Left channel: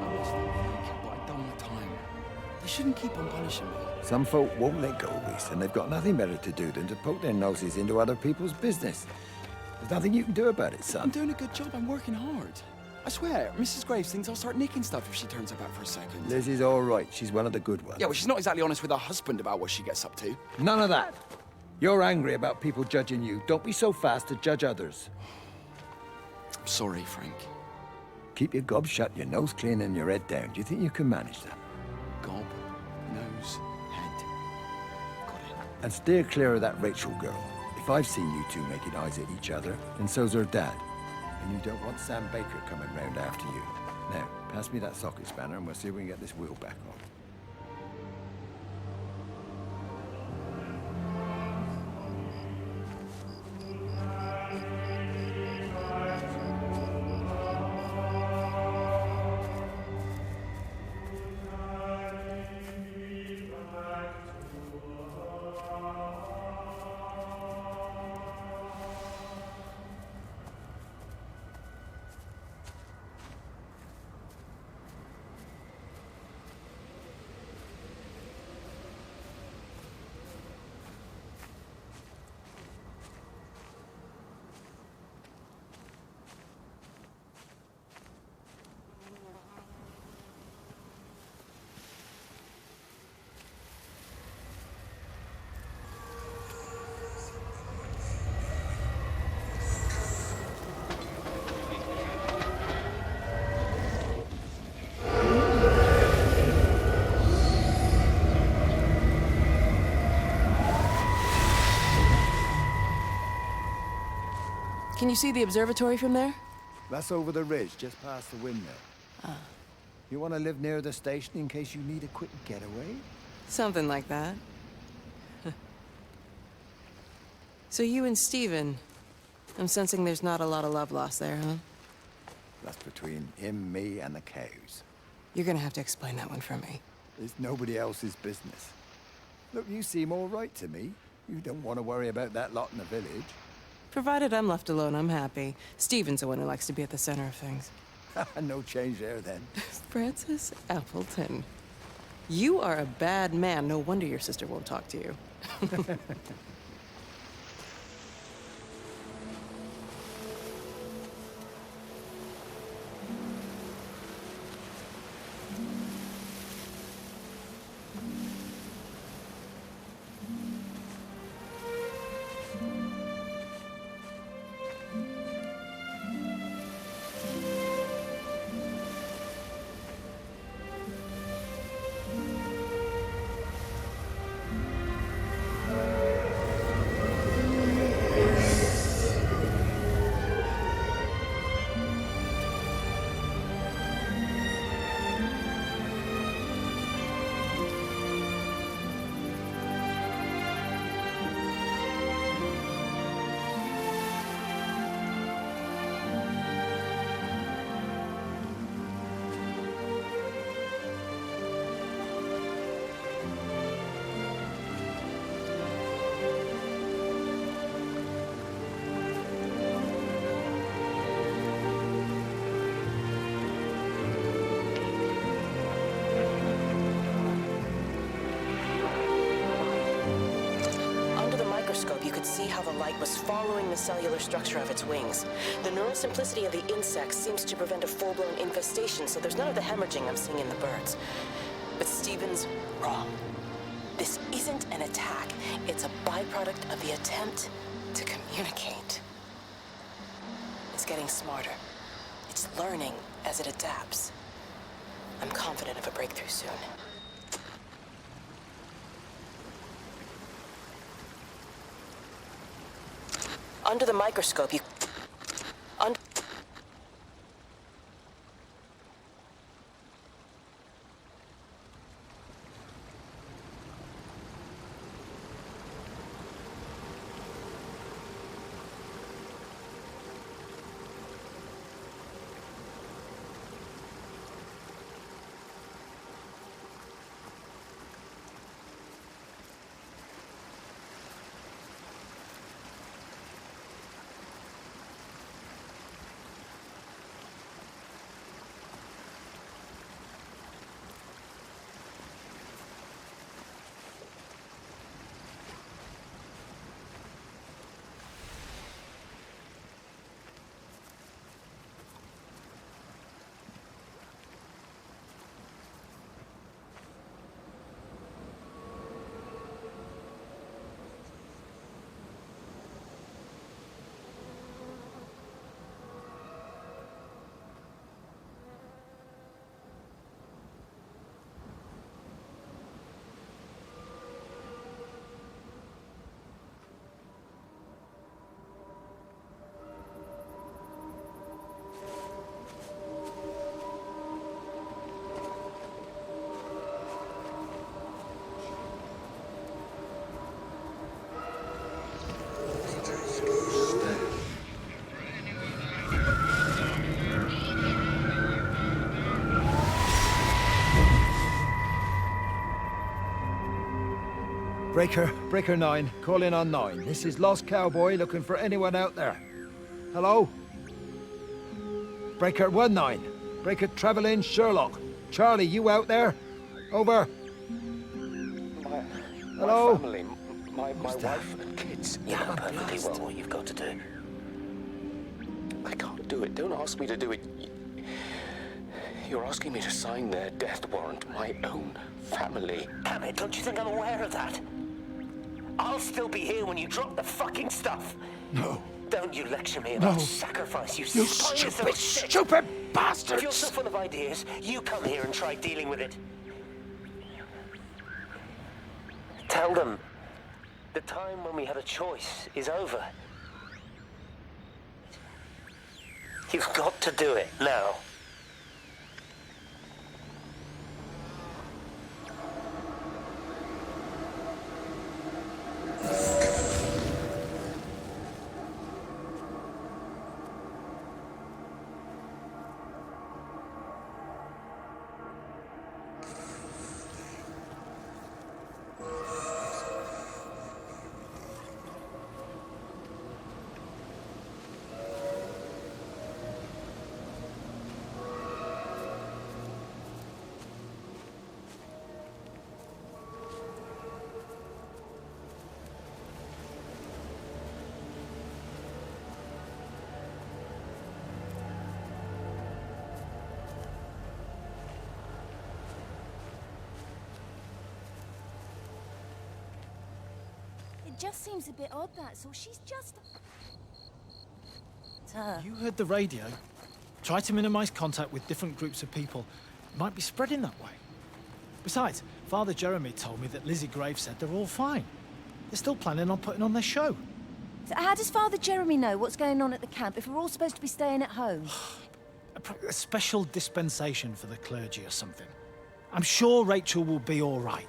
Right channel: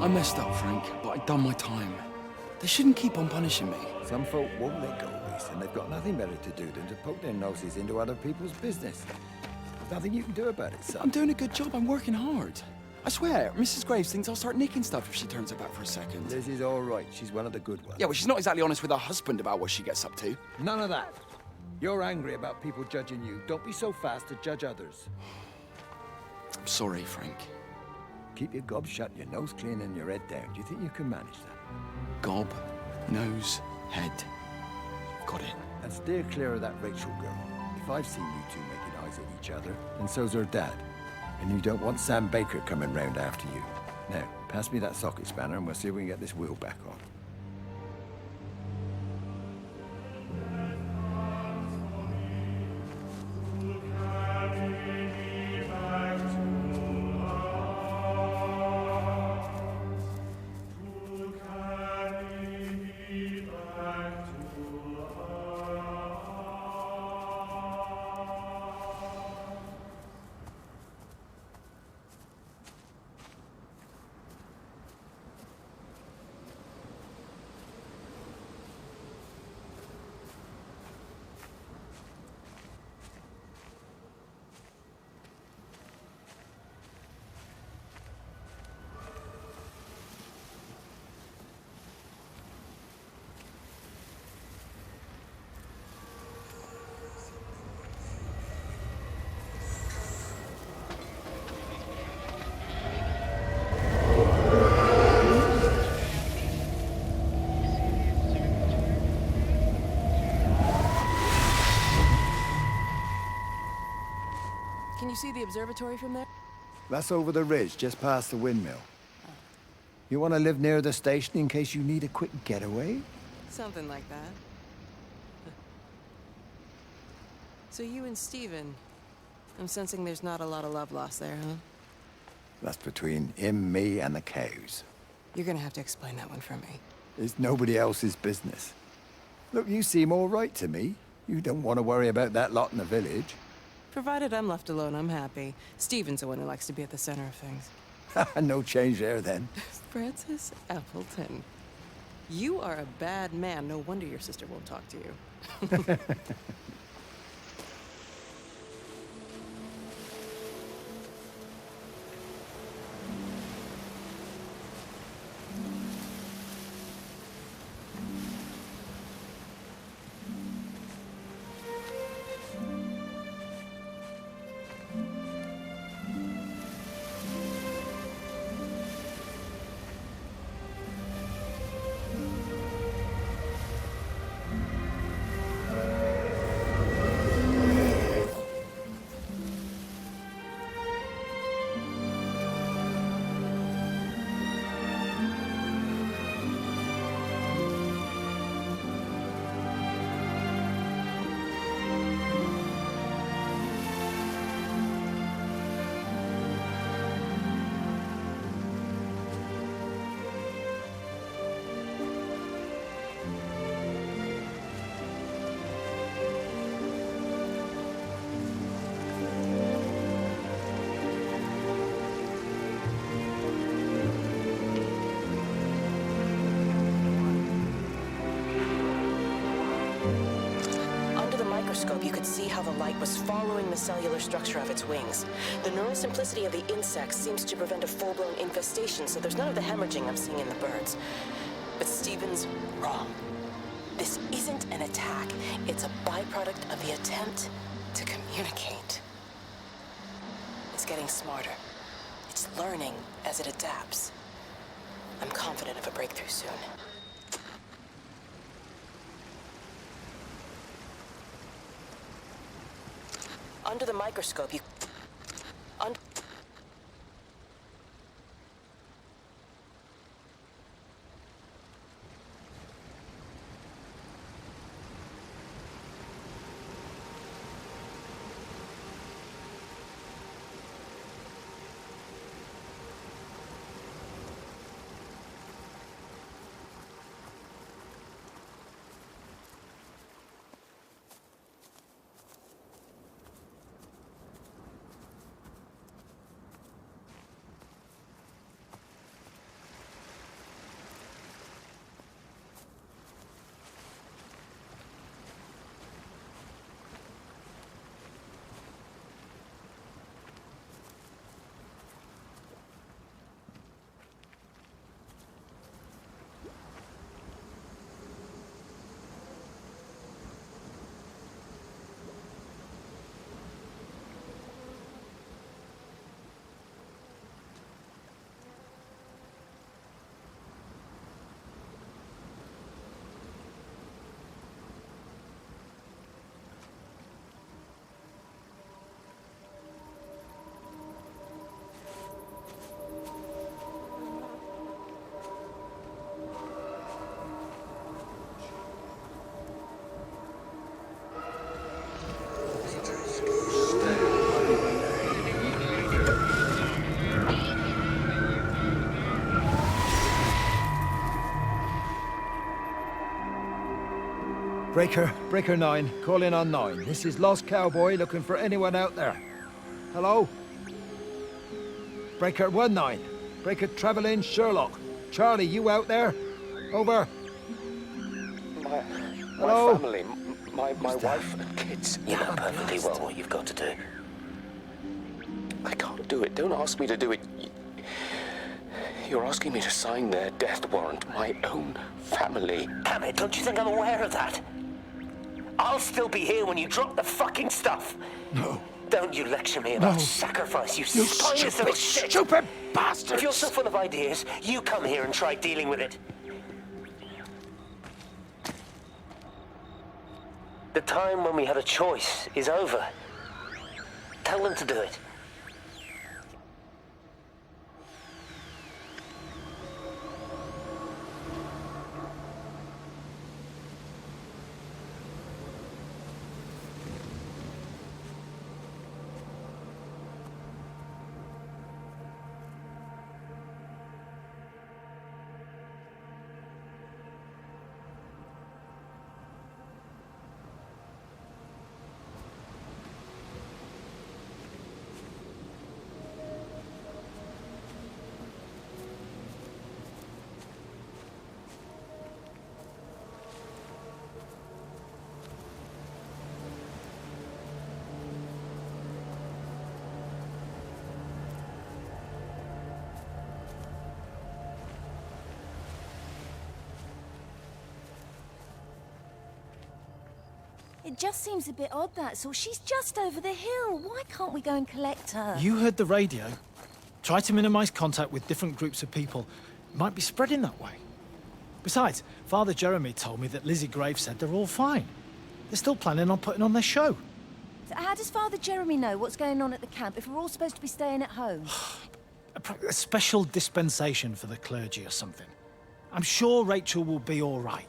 I messed up, Frank, but I'd done my time. They shouldn't keep on punishing me. Some folk won't let go, Reese, and they've got nothing better to do than to poke their noses into other people's business. There's nothing you can do about it, son. I'm doing a good job. I'm working hard. I swear, Mrs. Graves thinks I'll start nicking stuff if she turns her back for a second. Liz is all right. She's one of the good ones. Yeah, well, she's not exactly honest with her husband about what she gets up to. None of that. You're angry about people judging you. Don't be so fast to judge others. I'm sorry, Frank. Keep your gob shut, your nose clean, and your head down. Do you think you can manage that? Gob, nose, head. Got it. And steer clear of that Rachel girl. If I've seen you two making eyes at each other, and so's her dad. And you don't want Sam Baker coming round after you. Now, pass me that socket spanner and we'll see if we can get this wheel back on. Can you see the observatory from there? That's over the ridge, just past the windmill. You want to live near the station in case you need a quick getaway? Something like that. So you and Steven, I'm sensing there's not a lot of love lost there, huh? That's between him, me, and the cows. You're gonna have to explain that one for me. It's nobody else's business. Look, you seem all right to me. You don't want to worry about that lot in the village. Provided I'm left alone, I'm happy. Steven's the one who likes to be at the center of things. No change there, then. Francis Appleton. You are a bad man. No wonder your sister won't talk to you. Microscope, you could see how the light was following the cellular structure of its wings. The neural simplicity of the insects seems to prevent a full-blown infestation, so there's none of the hemorrhaging I'm seeing in the birds. But Steven's wrong. This isn't an attack. It's a byproduct of the attempt to communicate. It's getting smarter. It's learning as it adapts. I'm confident of a breakthrough soon. Under the microscope, you... Under... Breaker 9, call in on 9. This is Lost Cowboy looking for anyone out there. Hello? Breaker 19. Breaker Travelin' Sherlock. Charlie, you out there? Over. Hello? My family, my wife and kids. You know perfectly well what you've got to do. I can't do it. Don't ask me to do it. You're asking me to sign their death warrant. My own family. Damn it, don't you think I'm aware of that? I'll still be here when you drop the fucking stuff. No. Don't you lecture me about No. sacrifice, you You spineless little shit. stupid If bastards! you're so full of ideas, you come here and try dealing with it. Tell them the time when we had a choice is over. Tell them to do it. You've got to do it now. It just seems a bit odd, that's all. She's just over the hill. Why can't we go and collect her? You heard the radio. Try to minimize contact with different groups of people. It might be spreading that way. Besides, Father Jeremy told me that Lizzie Graves said they're all fine. They're still planning on putting on their show. So how does Father Jeremy know what's going on at the camp if we're all supposed to be staying at home? A special dispensation for the clergy or something. I'm sure Rachel will be all right.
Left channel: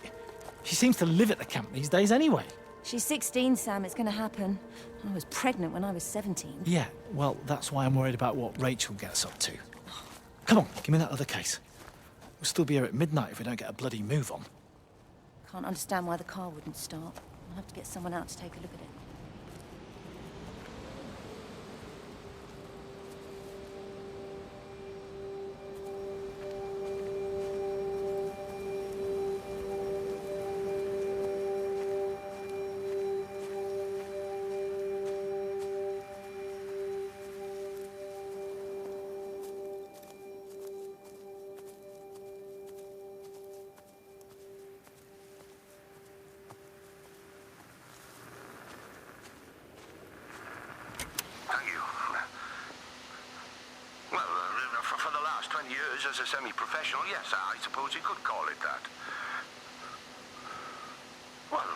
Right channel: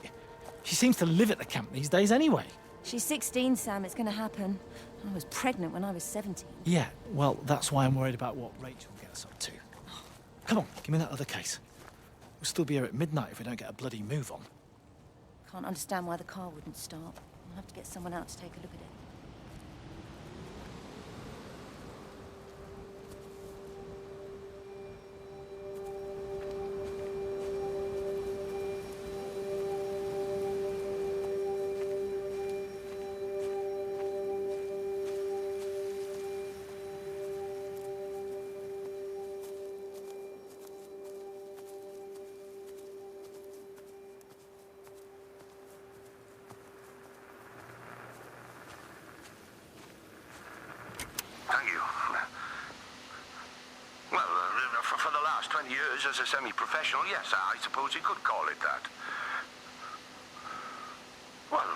She seems to live at the camp these days anyway. She's 16, Sam. It's going to happen. I was pregnant when I was 17. Yeah, well, that's why I'm worried about what Rachel gets up to. Come on, give me that other case. We'll still be here at midnight if we don't get a bloody move on. Can't understand why the car wouldn't start. I'll have to get someone out to take a look at it. years as a semi-professional, yes, I suppose you could call it that. Well,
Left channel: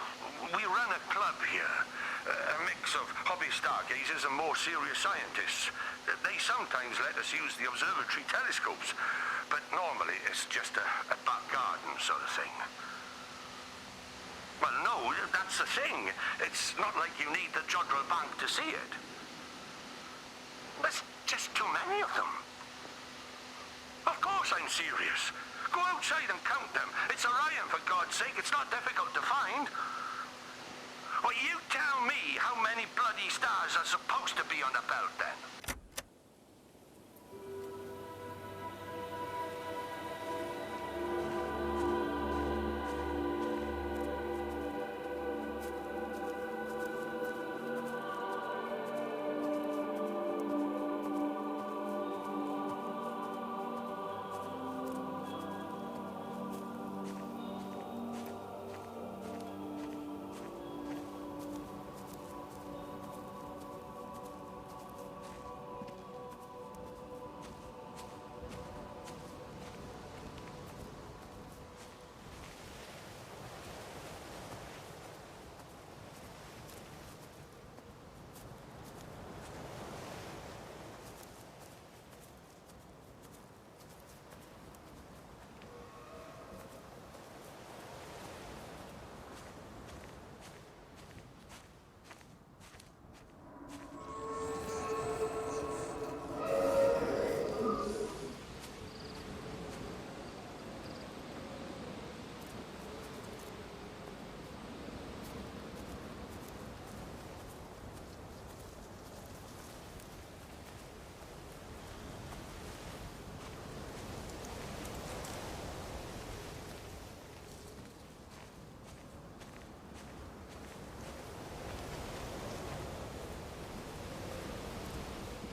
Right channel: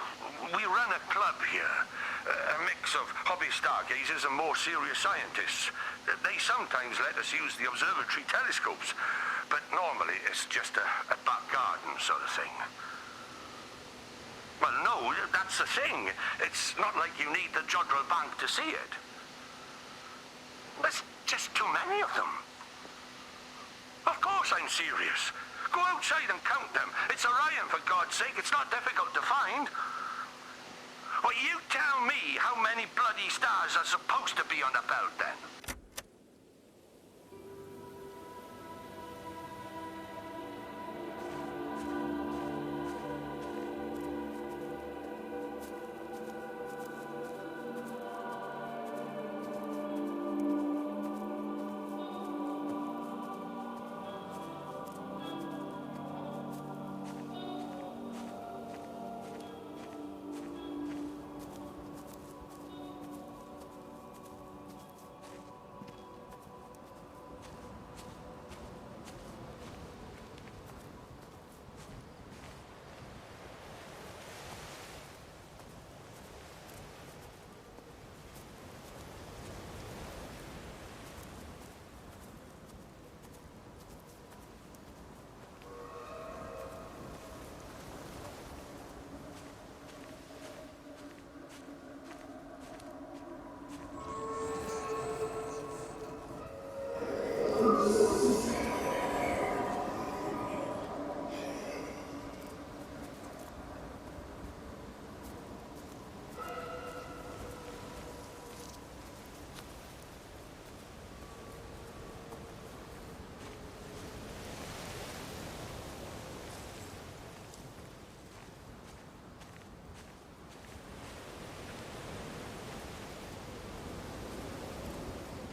we run a club here. A mix of hobby stargazers and more serious scientists. They sometimes let us use the observatory telescopes, but normally it's just a back garden sort of thing. Well, no, that's the thing. It's not like you need the Jodrell Bank to see it. There's just too many of them. Of course I'm serious. Go outside and count them. It's Orion, for God's sake. It's not difficult to find. Well, you tell me how many bloody stars are supposed to be on the belt, then.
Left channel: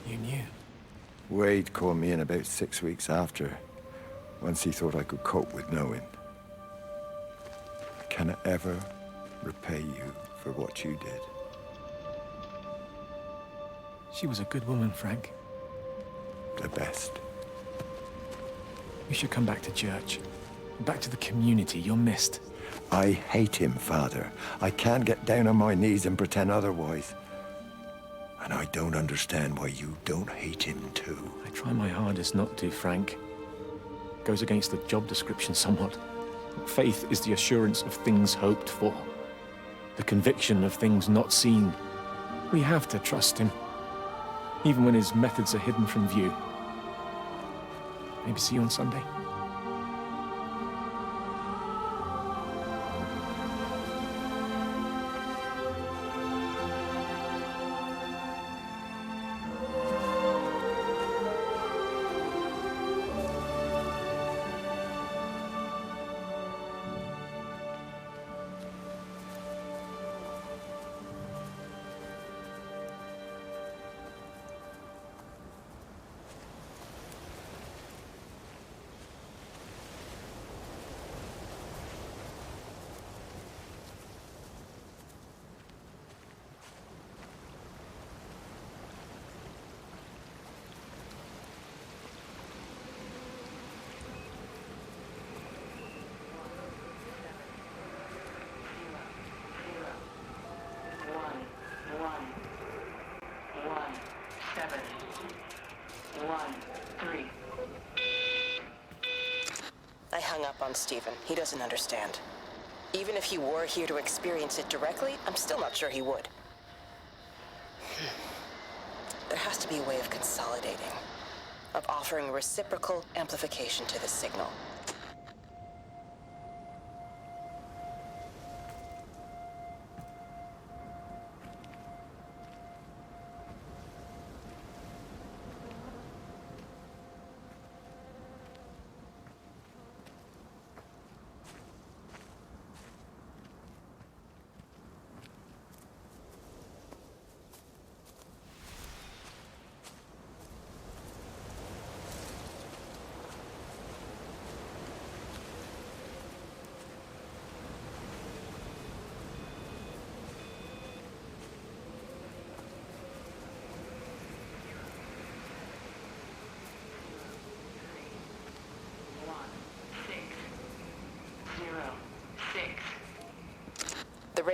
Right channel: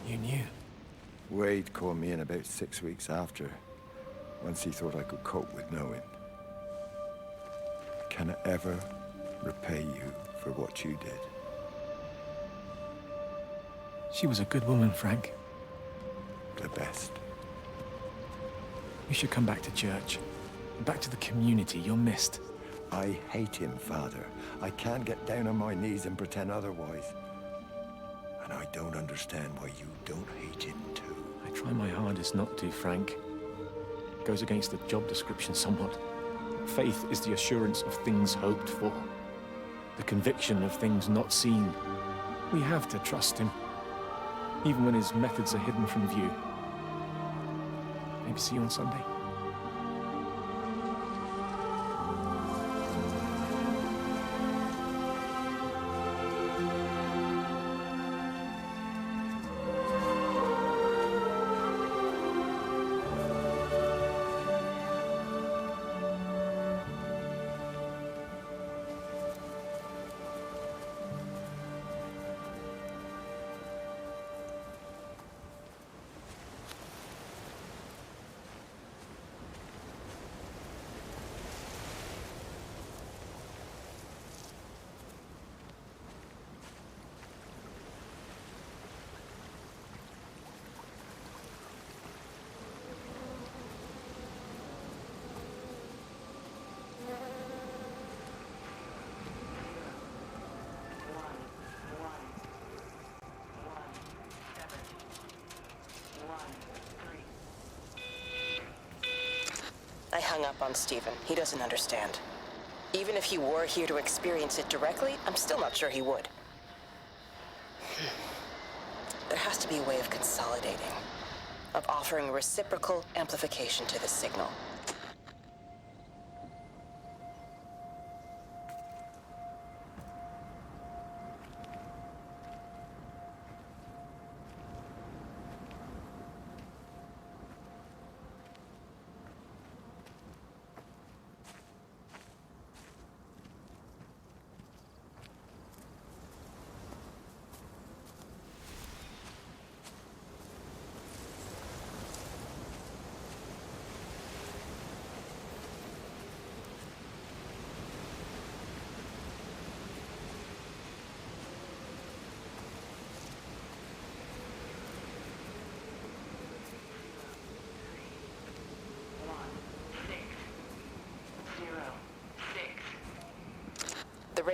You knew? Wade called me in about 6 weeks after, once he thought I could cope with knowing. Can I ever repay you for what you did? She was a good woman, Frank. The best. You should come back to church. Back to the community. You're missed. I hate him, Father. I can't get down on my knees and pretend otherwise. And I don't understand why you don't hate him too. I try my hardest not to, Frank. Goes against the job description somewhat. Faith is the assurance of things hoped for. The conviction of things not seen. We have to trust him. Even when his methods are hidden from view. Maybe see you on Sunday. I hung up on Stephen. He doesn't understand. Even if he were here to experience it directly, I'm still not sure he would. There has to be a way of consolidating, of offering reciprocal amplification to this signal.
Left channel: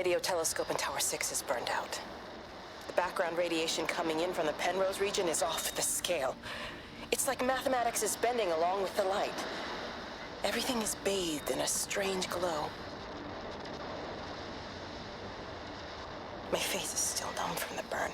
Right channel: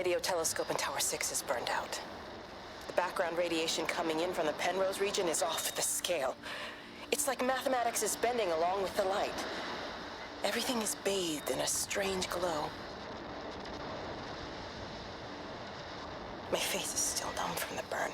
radio telescope in Tower 6 is burned out. The background radiation coming in from the Penrose region is off the scale. It's like mathematics is bending along with the light. Everything is bathed in a strange glow. My face is still numb from the burn.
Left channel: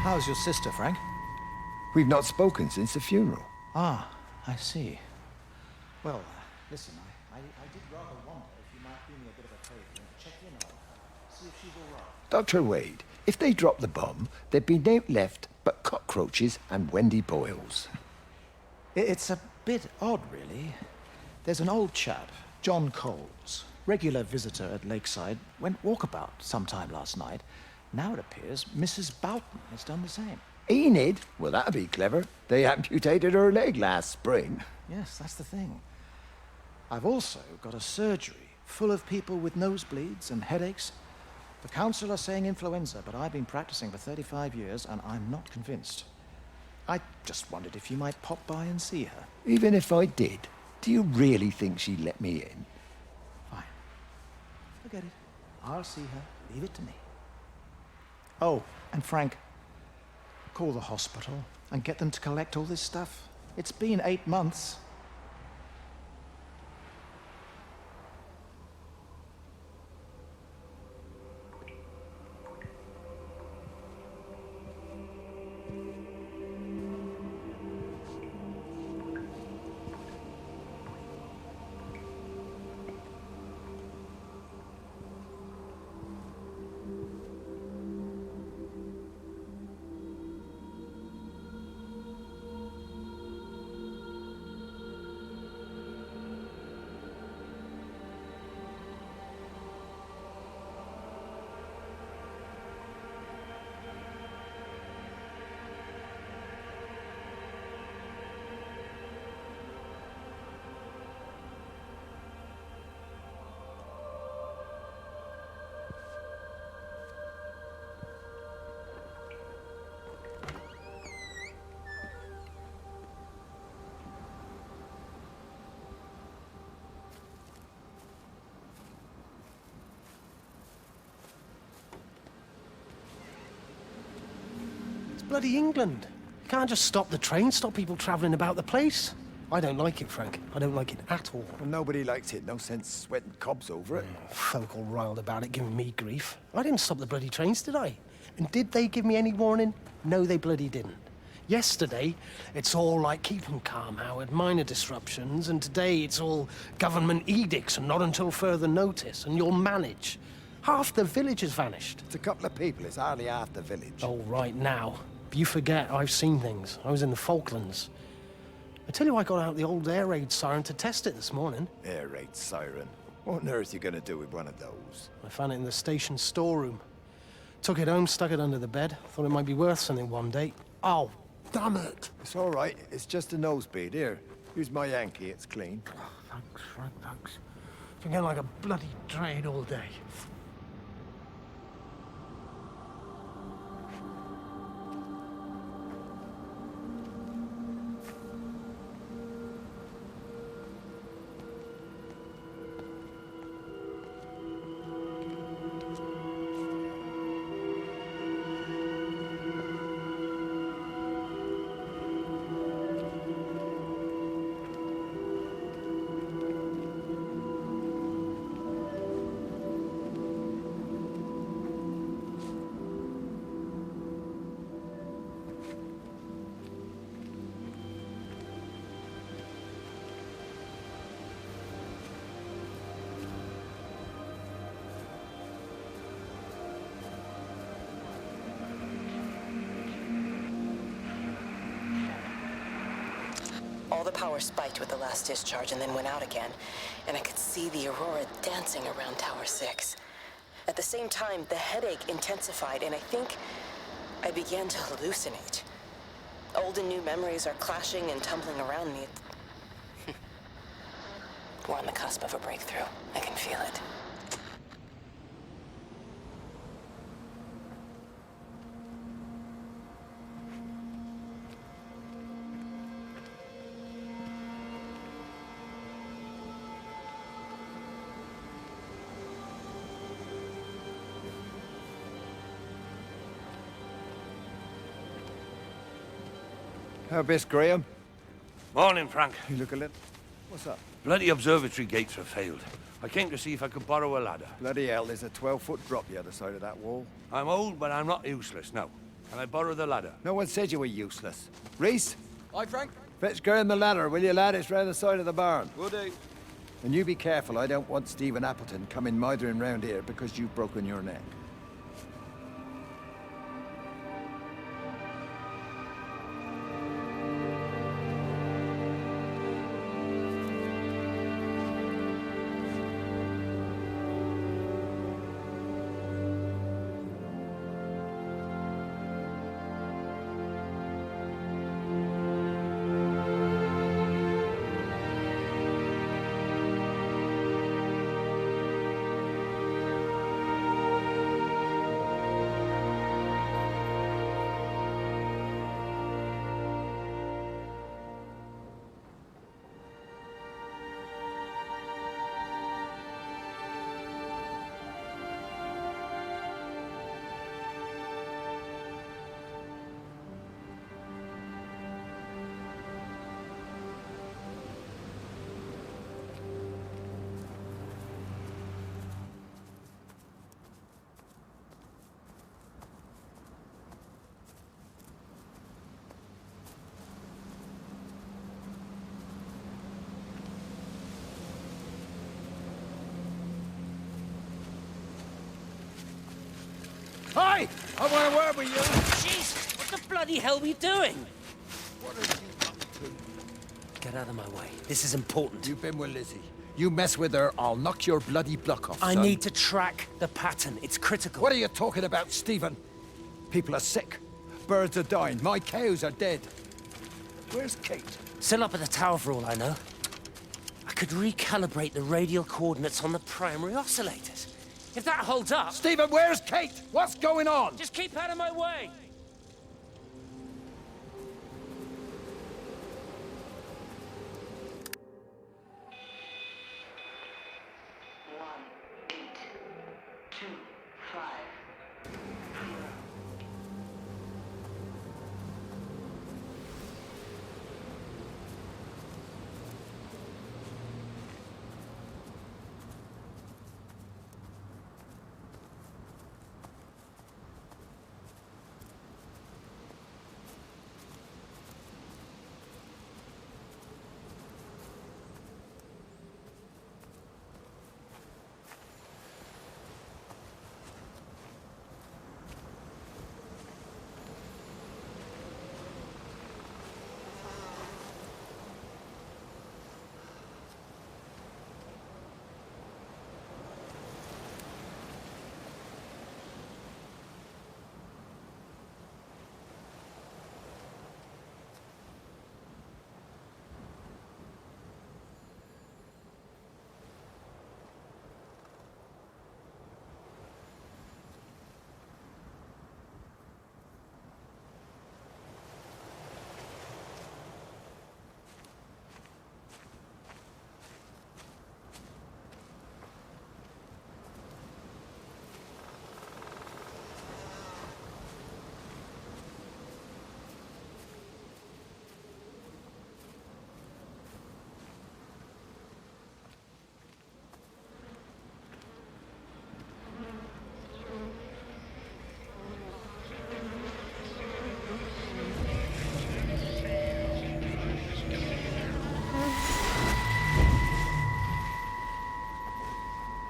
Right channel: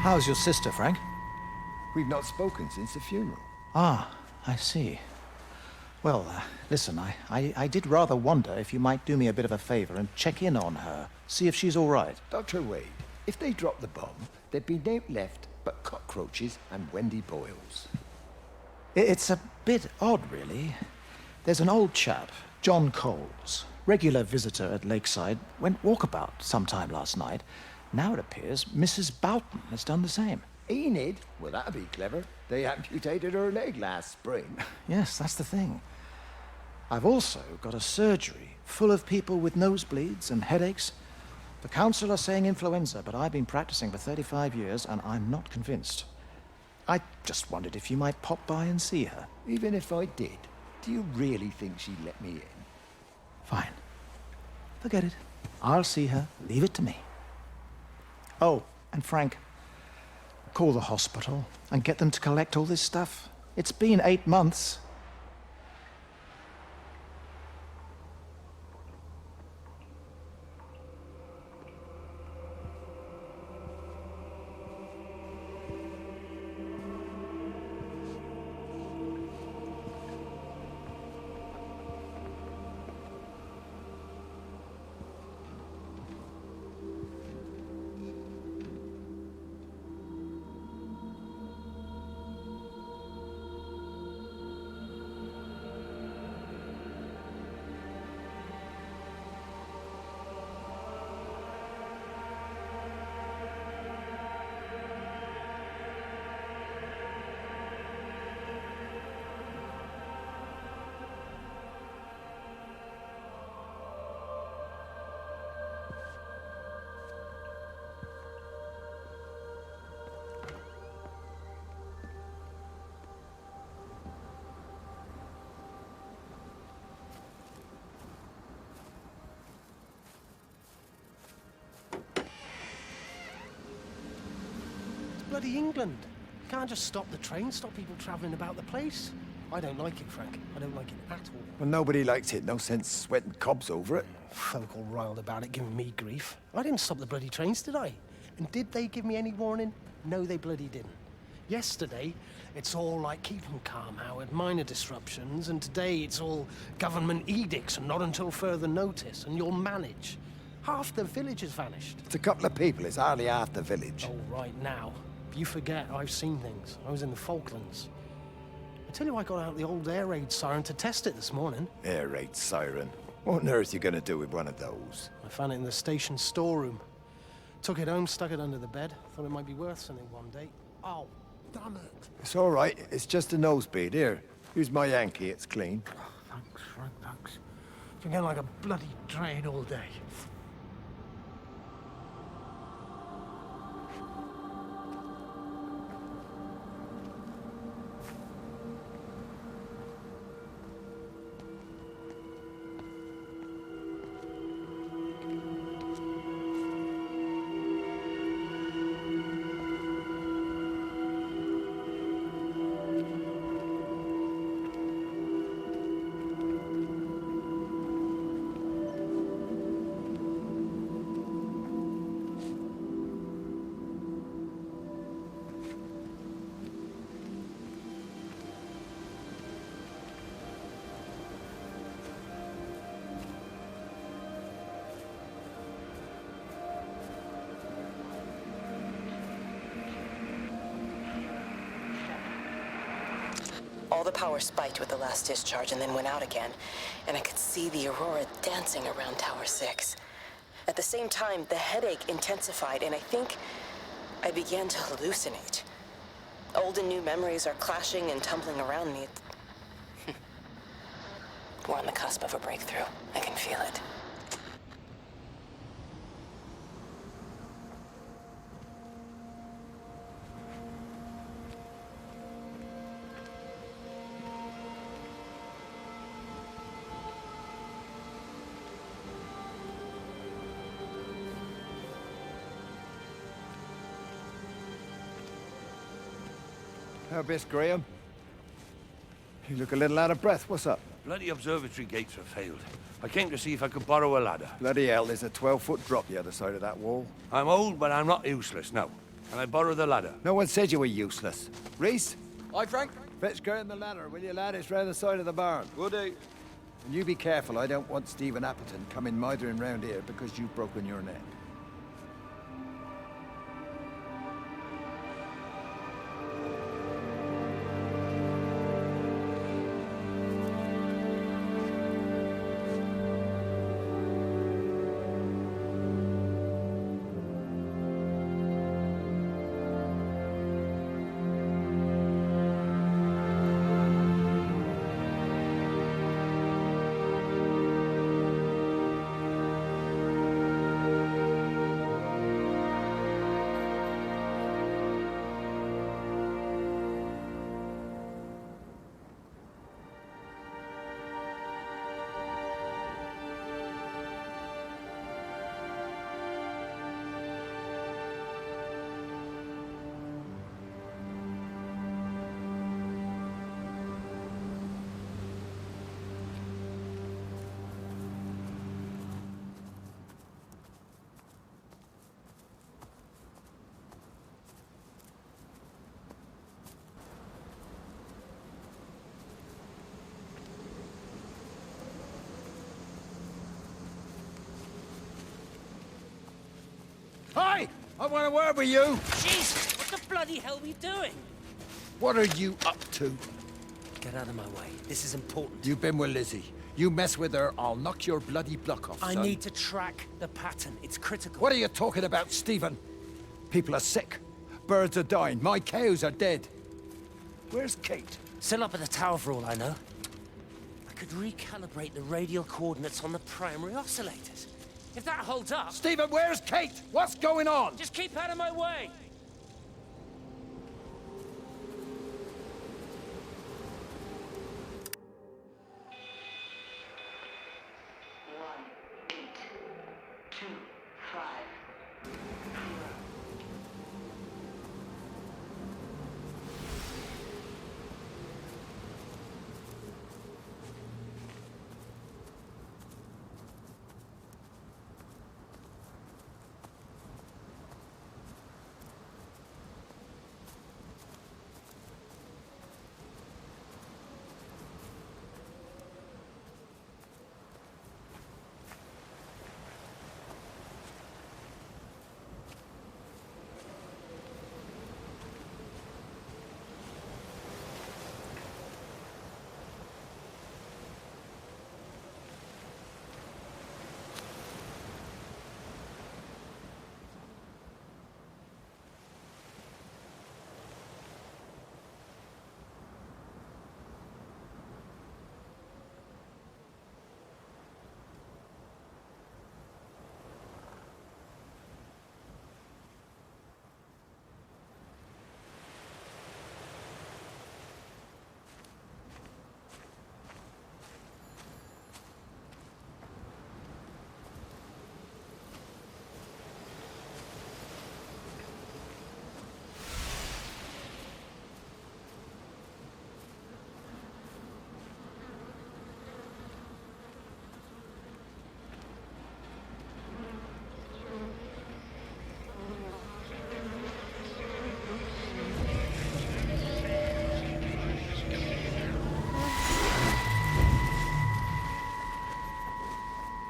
How's your sister, Frank? We've not spoken since the funeral. Ah, I see. Well, listen, I did rather wonder if you might do me a bit of a favor and check in on her, see if she's all right. Dr. Wade, if they dropped the bomb, there'd be no left but cockroaches and Wendy Boyles. It's a bit odd, really. There's an old chap, John Coles, regular visitor at Lakeside, went walkabout sometime last night. Now it appears Mrs. Boughton has done the same. Enid? Well, that'd be clever. They amputated her leg last spring. Yes, that's the thing. I've also got a surgery full of people with nosebleeds and headaches. The council are saying influenza, but I've been practicing for 35 years and I'm not convinced. I just wondered if you might pop by and see her. Even if I did, do you really think she'd let me in? Fine. Forget it. I'll see her. Leave it to me. Oh, and Frank, call the hospital and get them to collect all this stuff. It's been 8 months. Bloody England. You can't just stop the train, stop people travelling about the place. I don't like it, Frank. I don't like it at all. Well, nobody likes it. No sense sweating cobs over it. Folk all riled about it, giving me grief. I didn't stop the bloody trains, did I? And did they give me any warning? No, they bloody didn't. Yesterday, it's all like, keep 'em calm, Howard, minor disruptions, and today it's all government edicts and not until further notice, and you'll manage. Half the village has vanished. It's a couple of people. It's hardly half the village. Oh, right now. You forget, I've seen things. I was in the Falklands. I tell you, I got out the old air raid siren to test it this morning. Air raid siren? What on earth are you going to do with one of those? I found it in the station storeroom. Took it home, stuck it under the bed. Thought it might be worth something one day. Oh, damn it. It's all right. It's just a nosebleed. Here, use my Yankee. It's clean. Oh, thanks, Frank, thanks. Been getting like a bloody drain all day. All the power spiked with the last discharge and then went out again, and I could see the aurora dancing around Tower 6. At the same time, the headache intensified, and I think I began to hallucinate. Old and new memories are clashing and tumbling around me. We're on the cusp of a breakthrough. I can feel it. How bis, Graham? Morning, Frank. You look a little out of breath. What's up? Bloody observatory gates have failed. I came to see if I could borrow a ladder. Bloody hell, there's a 12-foot drop the other side of that wall. I'm old, but I'm not useless, no. Can I borrow the ladder? No one said you were useless. Reese? Aye, Frank? Fetch Graham the ladder, will you, lad? It's round the side of the barn. Will do. And you be careful. I don't want Stephen Appleton coming mithering round here because you've broken your neck. Hi! I want a word with you! Jesus, what the bloody hell are we doing? What are you up to? Get out of my way. This is important. You've been with Lizzie. You mess with her, I'll knock your bloody block off, I son. need to track the pattern. It's critical. What are you talking about, Stephen? People are sick. Birds are dying. My cows are dead. Where's Kate? Still up at the tower for all I know. I could recalibrate the radial coordinates on the primary oscillators. If that holds up... Stephen, where's Kate? What's going on? Just keep out of my way!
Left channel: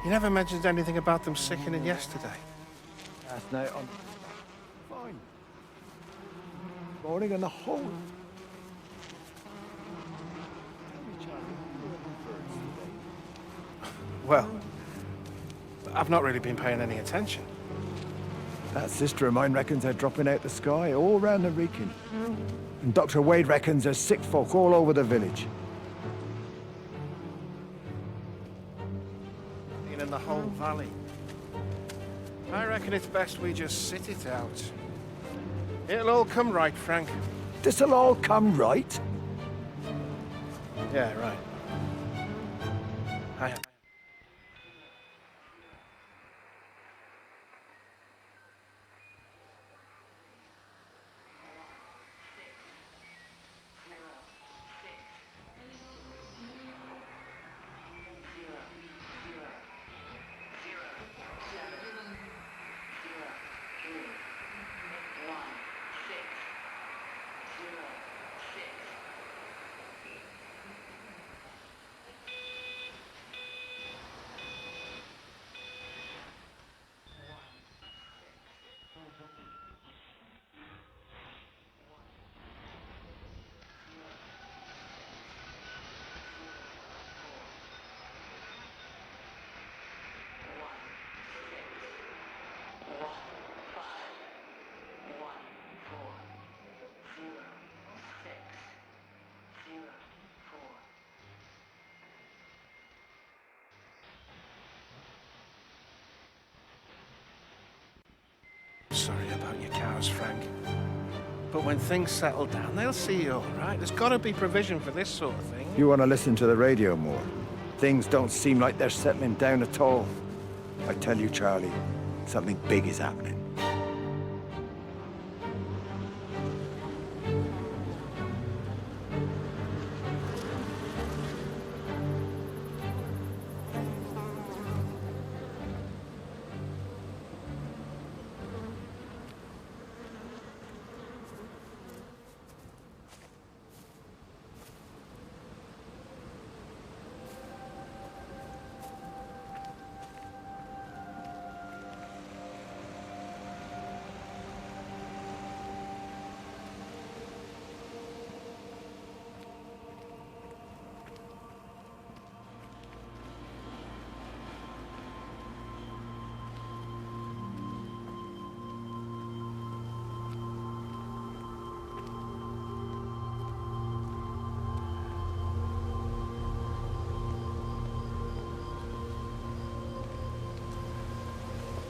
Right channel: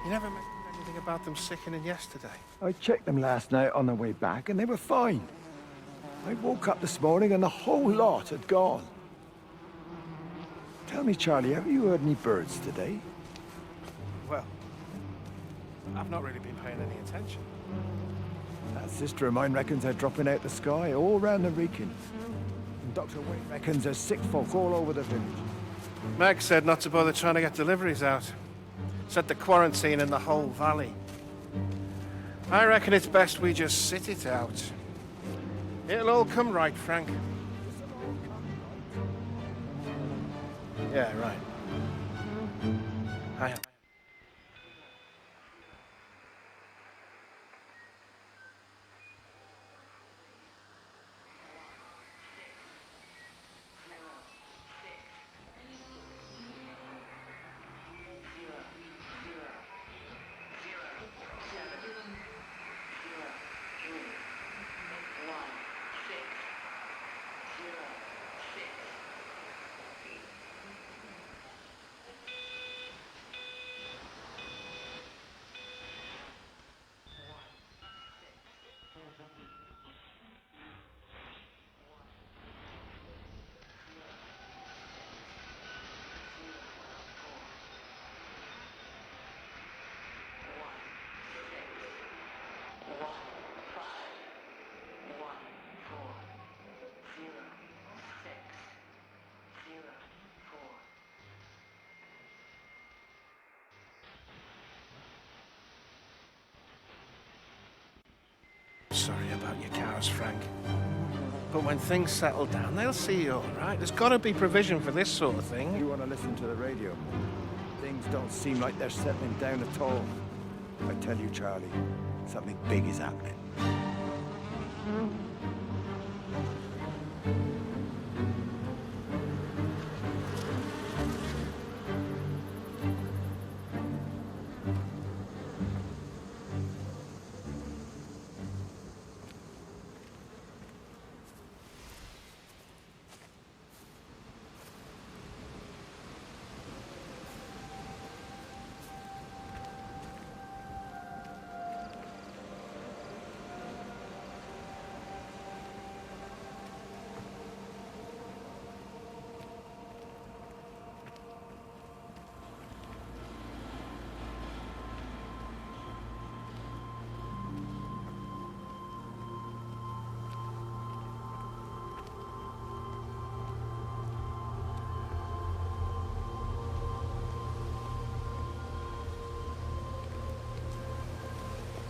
You never mentioned anything about them sickening yesterday. I checked them last night on the way back, and they were fine. I woke up this morning, and the whole lot had gone. Tell me, Charlie, have you heard any birds today? Well, I've not really been paying any attention. That sister of mine reckons they're dropping out the sky all round the Wrekin. And Dr. Wade reckons there's sick folk all over the village. Meg said not to bother trying to get deliveries out. Set the quarantine in the whole valley. I reckon it's best we just sit it out. It'll all come right, Frank. This'll all come right? Yeah, right. I am. Sorry about your cows, Frank. But when things settle down, they'll see you all right. There's got to be provision for this sort of thing. You want to listen to the radio more? Things don't seem like they're settling down at all. I tell you, Charlie, something big is happening.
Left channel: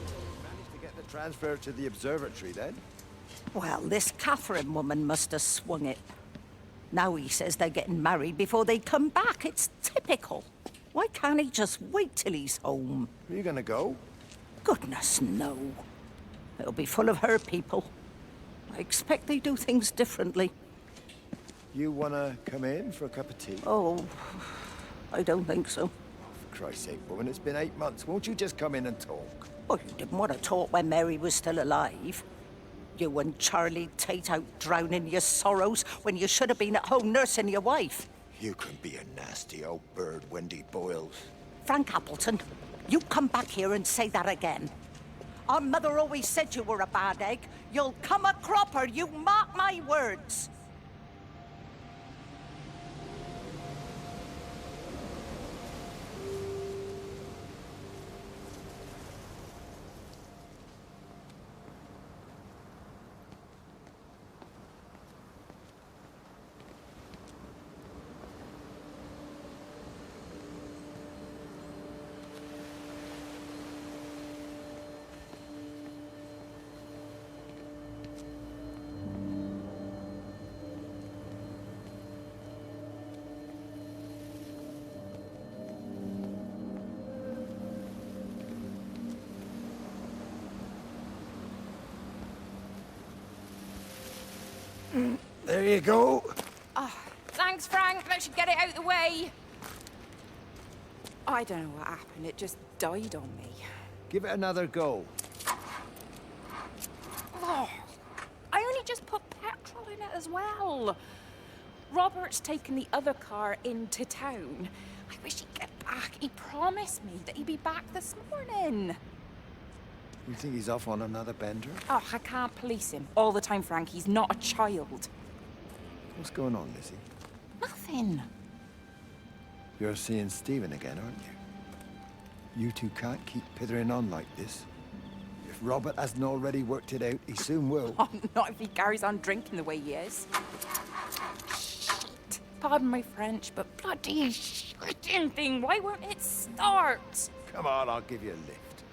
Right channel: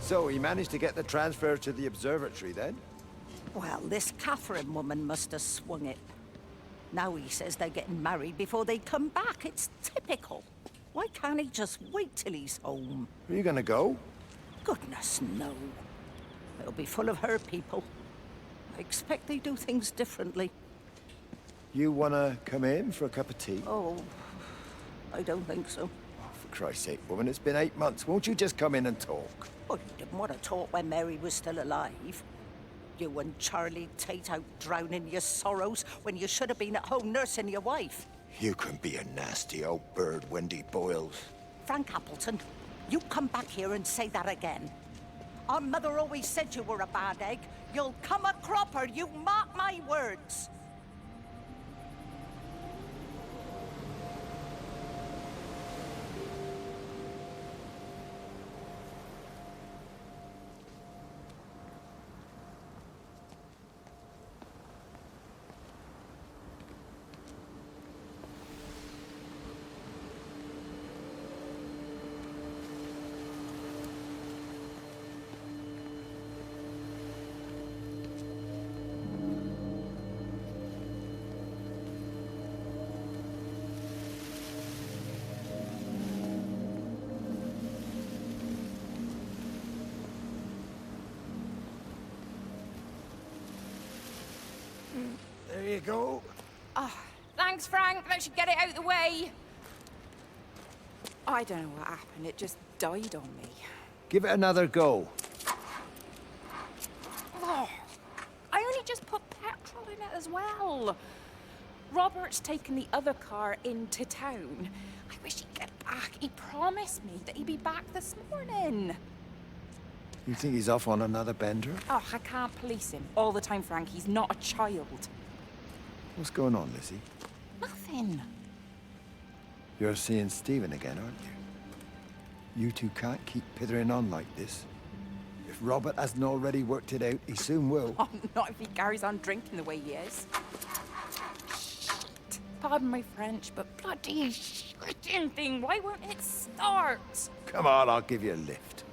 So he managed to get the transfer to the observatory then? Well, this Catherine woman must have swung it. Now he says they're getting married before they come back. It's typical. Why can't he just wait till he's home? Are you gonna go? Goodness, no. It'll be full of her people. I expect they do things differently. You wanna come in for a cup of tea? Oh, I don't think so. Oh, for Christ's sake, woman, it's been 8 months. Won't you just come in and talk? Well, you didn't want to talk when Mary was still alive. You and Charlie Tate out drowning your sorrows when you should have been at home nursing your wife. You can be a nasty old bird, Wendy Boyles. Frank Appleton, you come back here and say that again. Our mother always said you were a bad egg. You'll come a cropper, you mark my words. There you go. Oh, thanks, Frank. That should get it out of the way. I don't know what happened. It just died on me. Give it another go. Oh, I only just put petrol in it as well. Robert's taken the other car into town. I wish he'd get back. He promised me that he'd be back this morning. You think he's off on another bender? Oh, I can't police him all the time, Frank. He's not a child. What's going on, Lizzie? Nothing. You're seeing Stephen again, aren't you? You two can't keep pithering on like this. If Robert hasn't already worked it out, he soon will. Oh, not if he carries on drinking the way he is. Shit. Pardon my French, but bloody shitting thing, why won't it start? Come on, I'll give you a lift.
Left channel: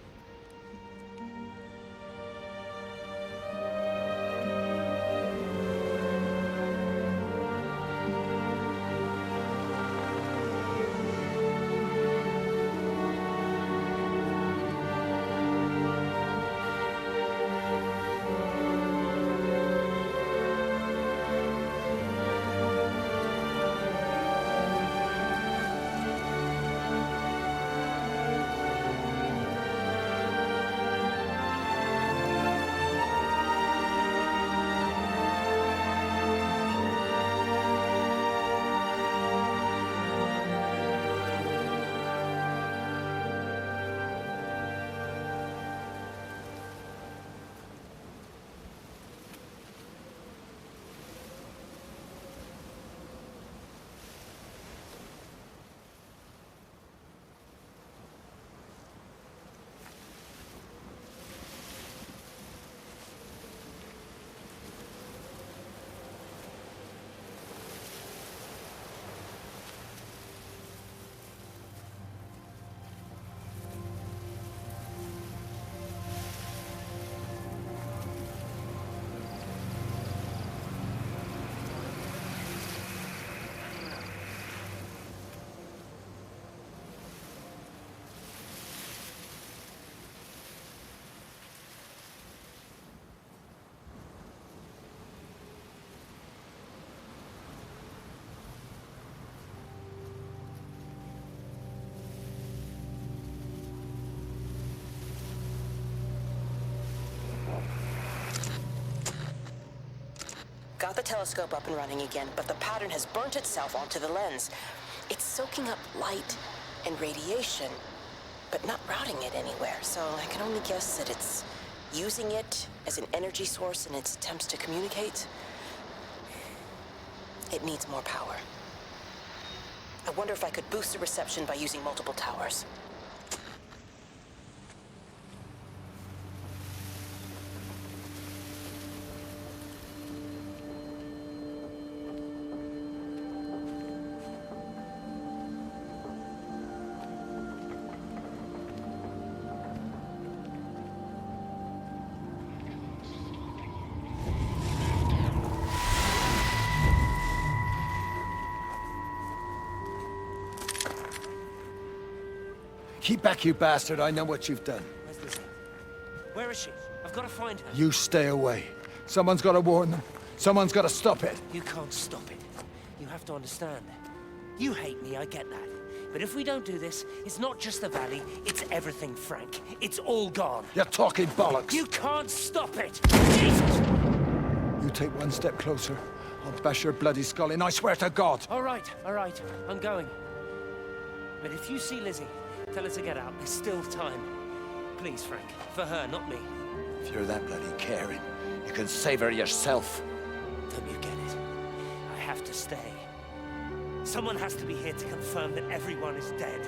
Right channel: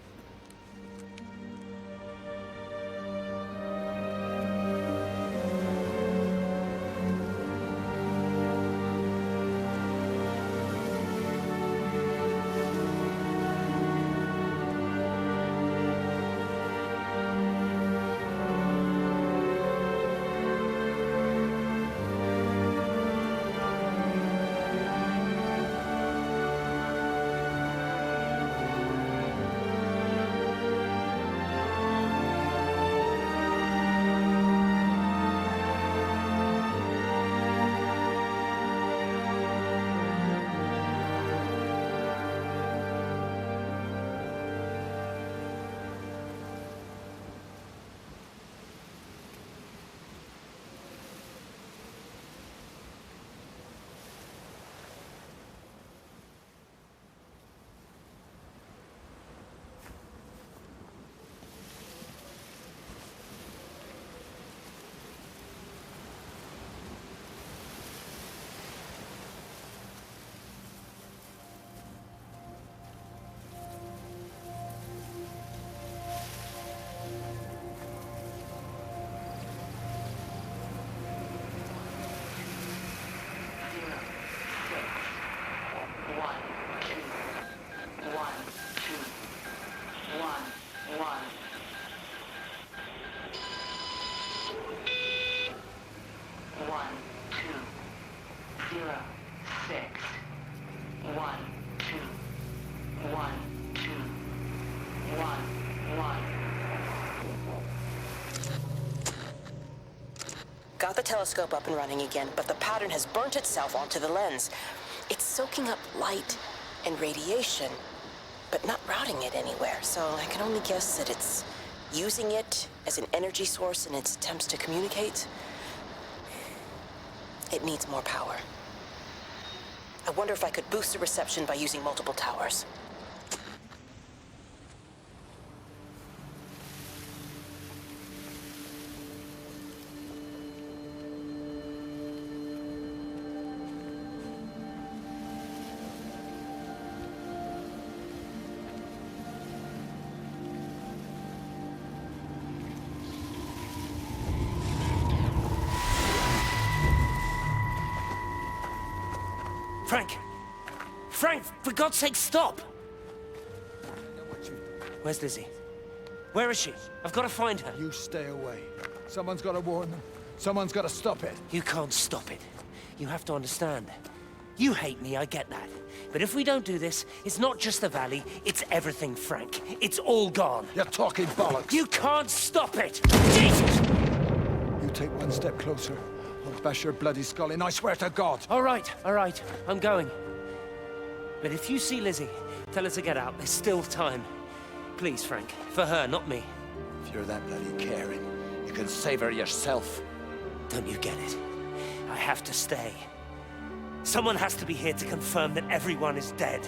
Got the telescope up and running again, but the pattern has burnt itself onto the lens. It's soaking up light and radiation, but not routing it anywhere, so I can only guess that it's using it as an energy source in its attempts to communicate. It needs more power. I wonder if I could boost the reception by using multiple towers. Frank! Frank, for God's sake, stop! Keep back, you bastard. I know what you've done. Where's Lizzie? Where is she? I've got to find her. You stay away. Someone's got to warn them. Someone's got to stop it. You can't stop it. You have to understand. You hate me, I get that. But if we don't do this, it's not just the valley, it's everything, Frank. It's all gone. You're talking bollocks. You can't stop it! Jesus! You take one step closer, I'll bash your bloody skull in, I swear to God. All right, I'm going. But if you see Lizzie, tell her to get out. There's still time. Please, Frank. For her, not me. If you're that bloody caring, you can save her yourself. Don't you get it? I have to stay. Someone has to be here to confirm that everyone is dead.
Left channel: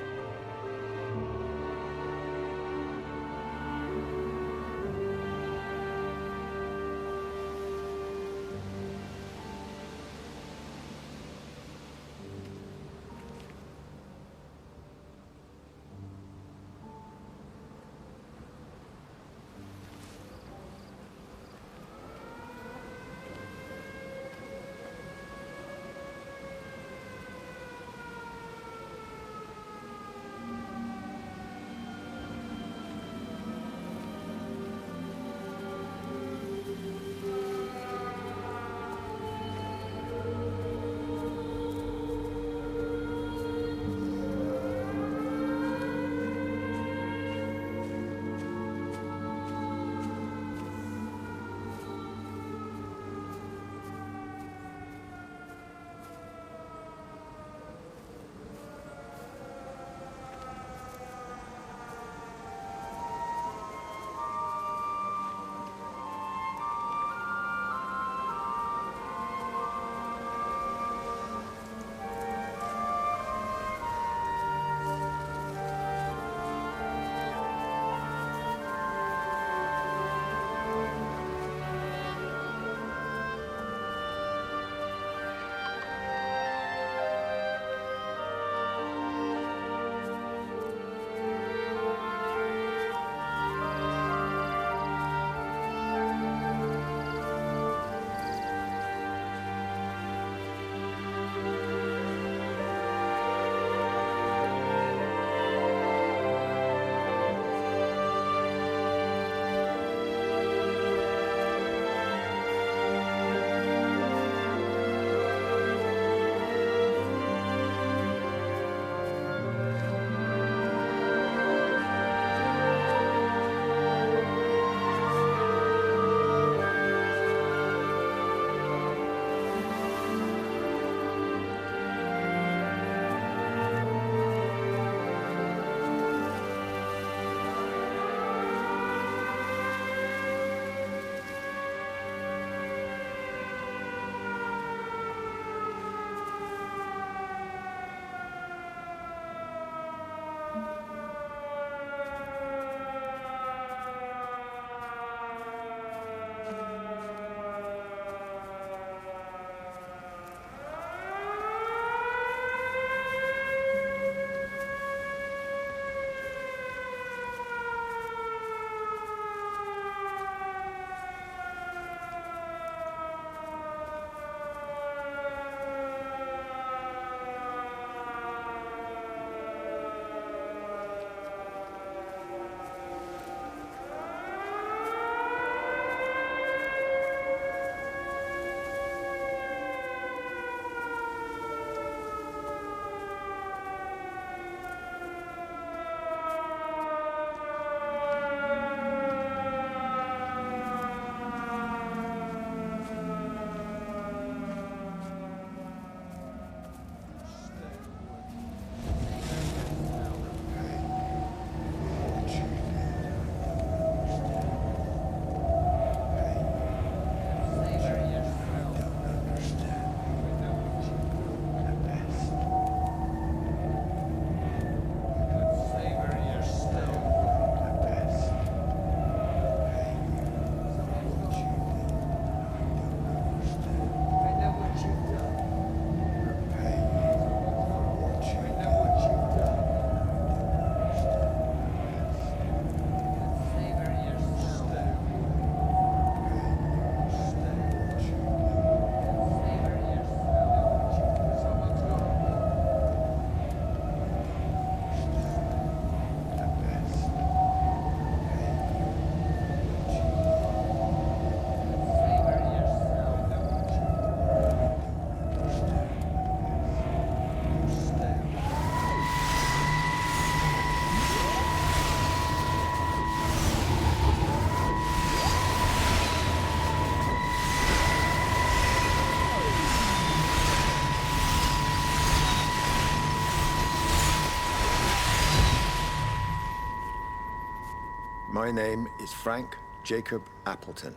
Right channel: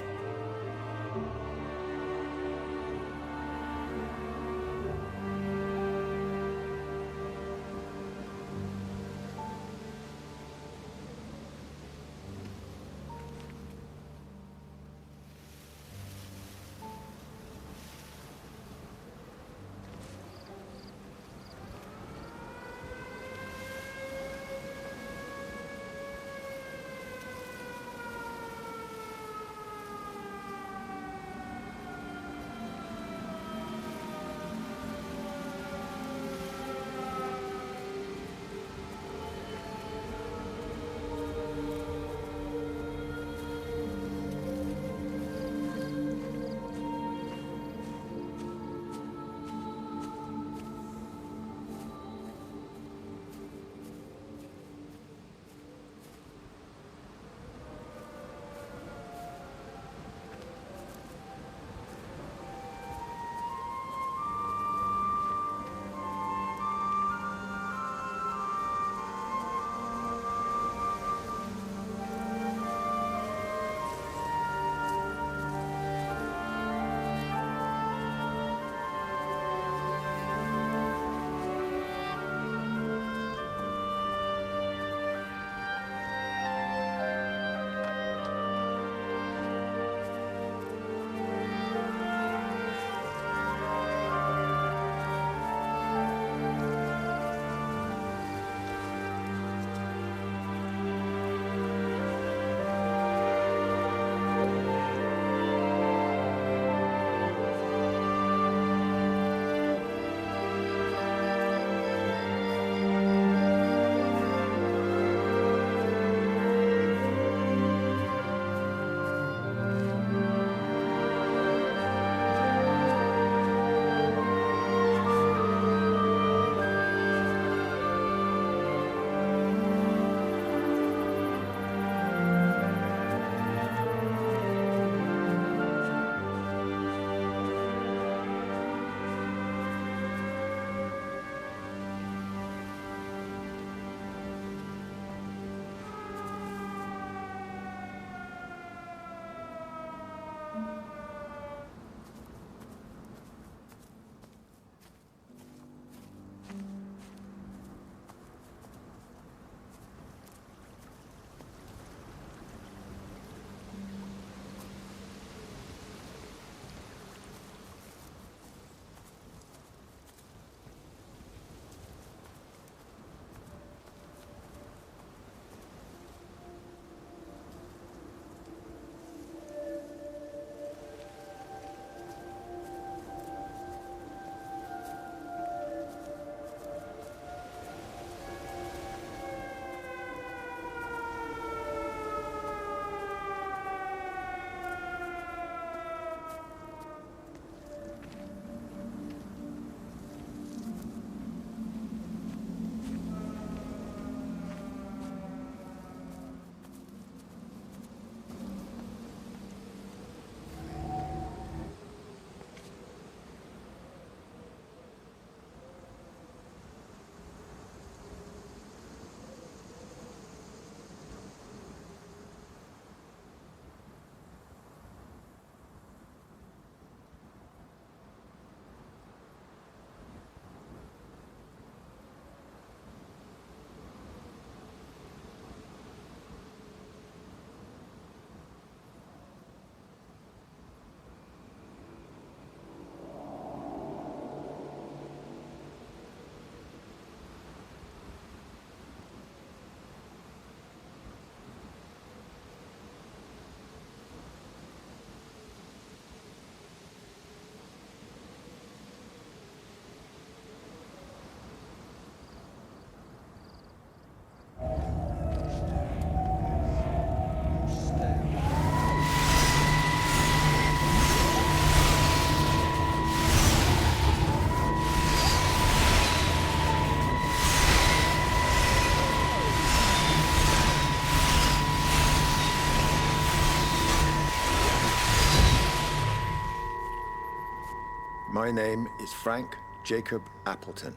My name is Frank Jacob Appleton.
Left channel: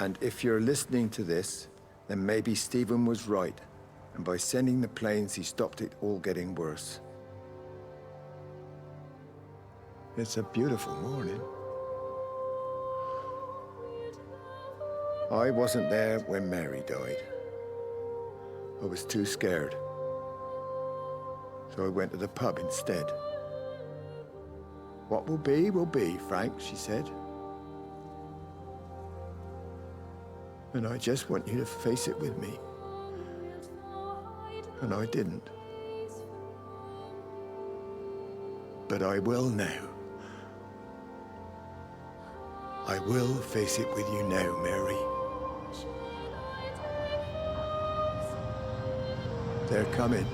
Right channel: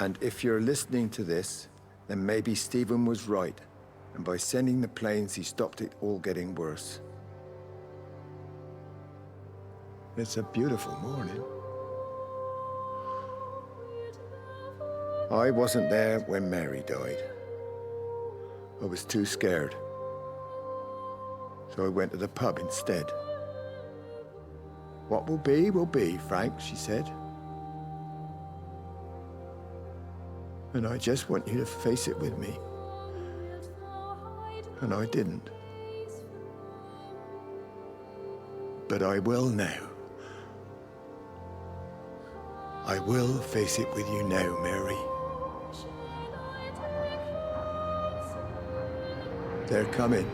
And if you're listening to this, then maybe Stephen was right. And by sending the planes, he stopped it all getting worse. It's a beautiful morning. I wasn't there when Mary died. I was too scared. So I went to the pub instead. What will be, Frank, she said. And I just want you to face it with me. And I didn't. But I will now. I will face it with you now, Mary. They're coming.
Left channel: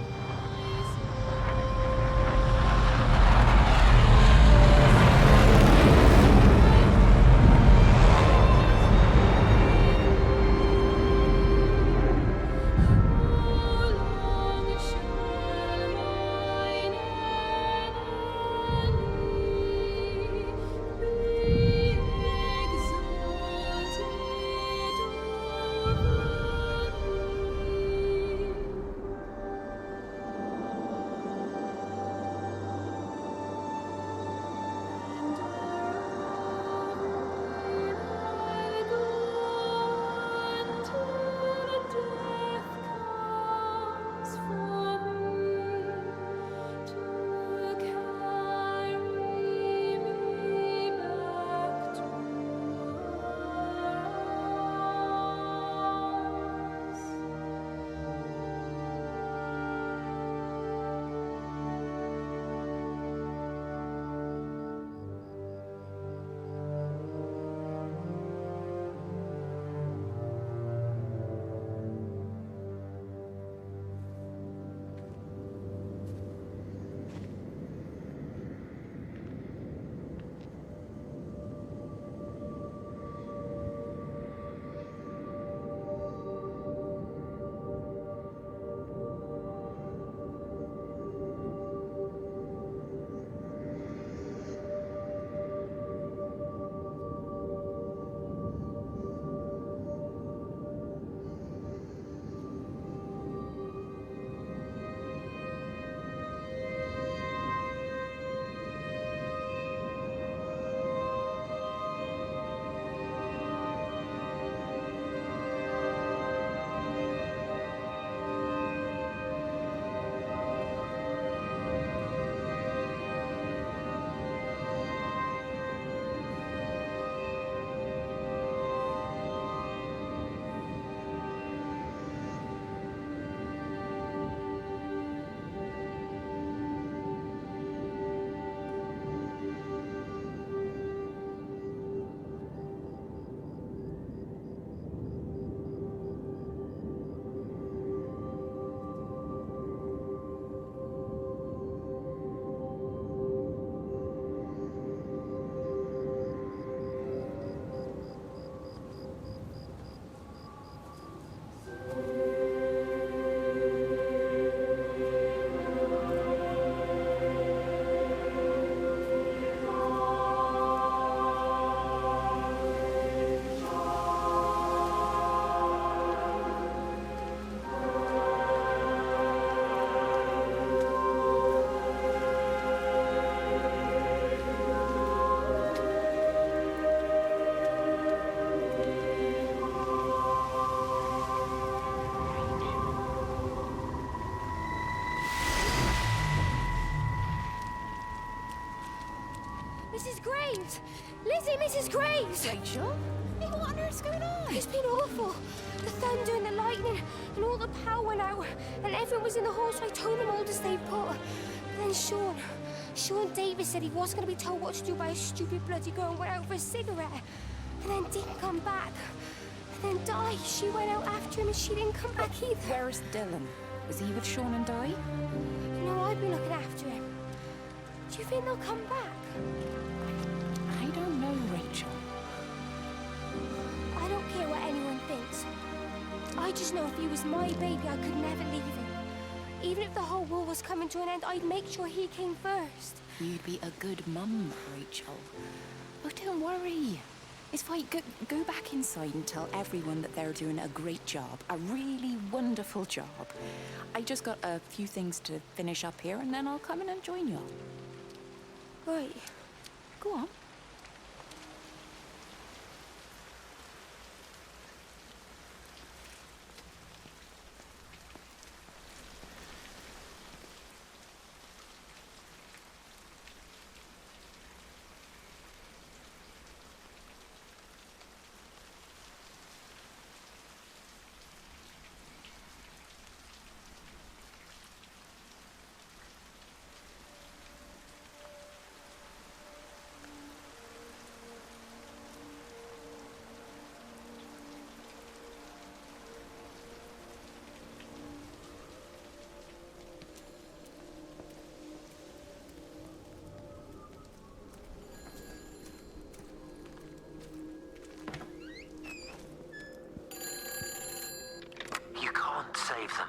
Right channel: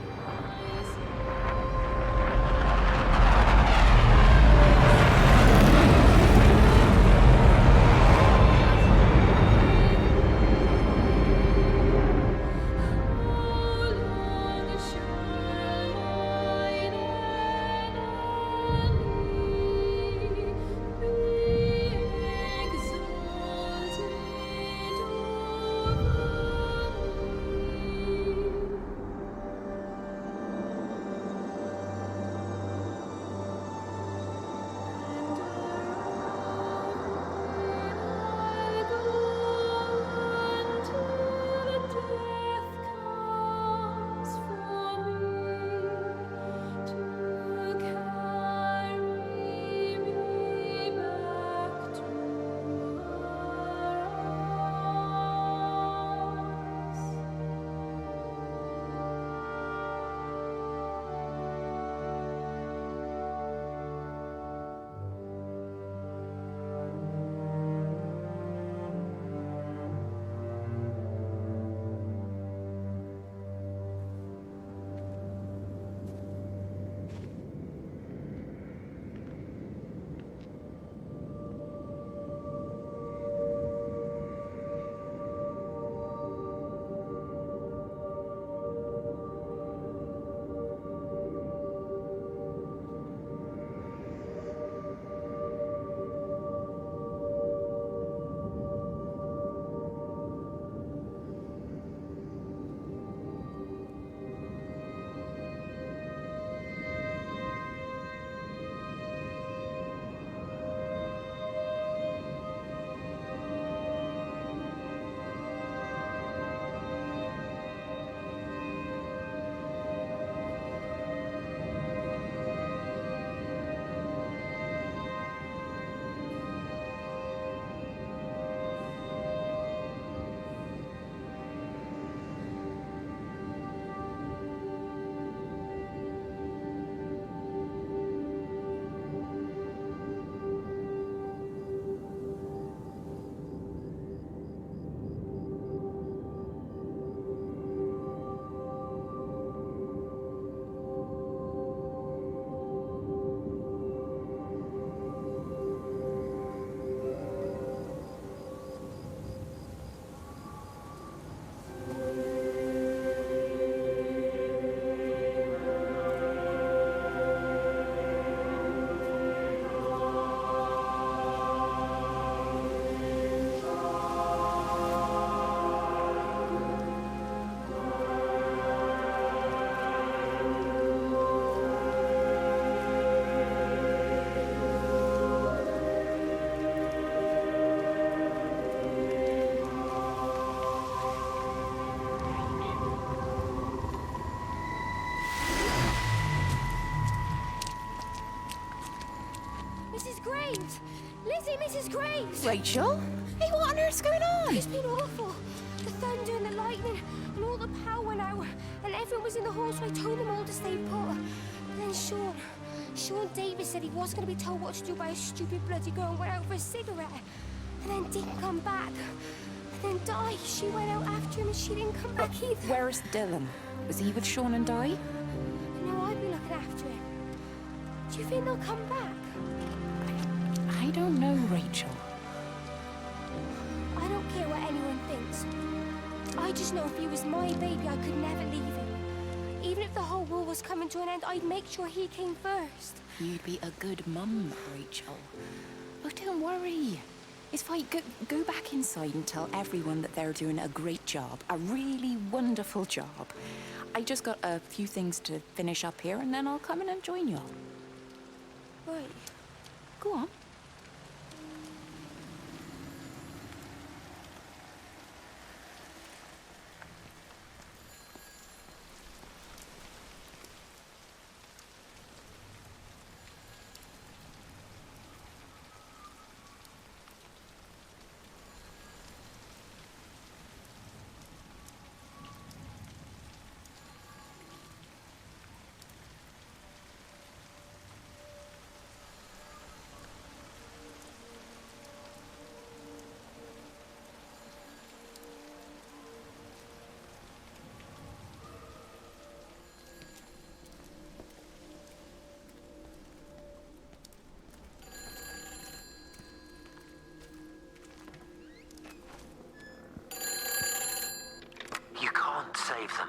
Mrs. Graves! Lizzie, Mrs. Graves! Rachel? Hey, what on earth's going on? It's been awful. The thunder and the lightning and all the power went out and everyone was in the hall, so I told them all to stay put. But then Sean Davis said he wasn't going to be told what to do by a stupid bloody girl and went out for a cigarette. And then didn't come back. And then Di, she went out after him and she didn't come back either. Where's Dylan? Was he with Sean and Di? No, I'd be looking after him. Do you think they'll come back? I don't know, Rachel. I don't care what anyone thinks. I just know if he was my baby, I could never leave him. Even if the whole world was coming to an end, I'd make sure he came first. You'd be a good mum, Rachel. Oh, don't worry. It's fine. Go back inside and tell everyone that they're doing a great job. A really wonderful job. I just got a few things to finish up here, and then I'll come in and join you all. Right. Go on. Save them.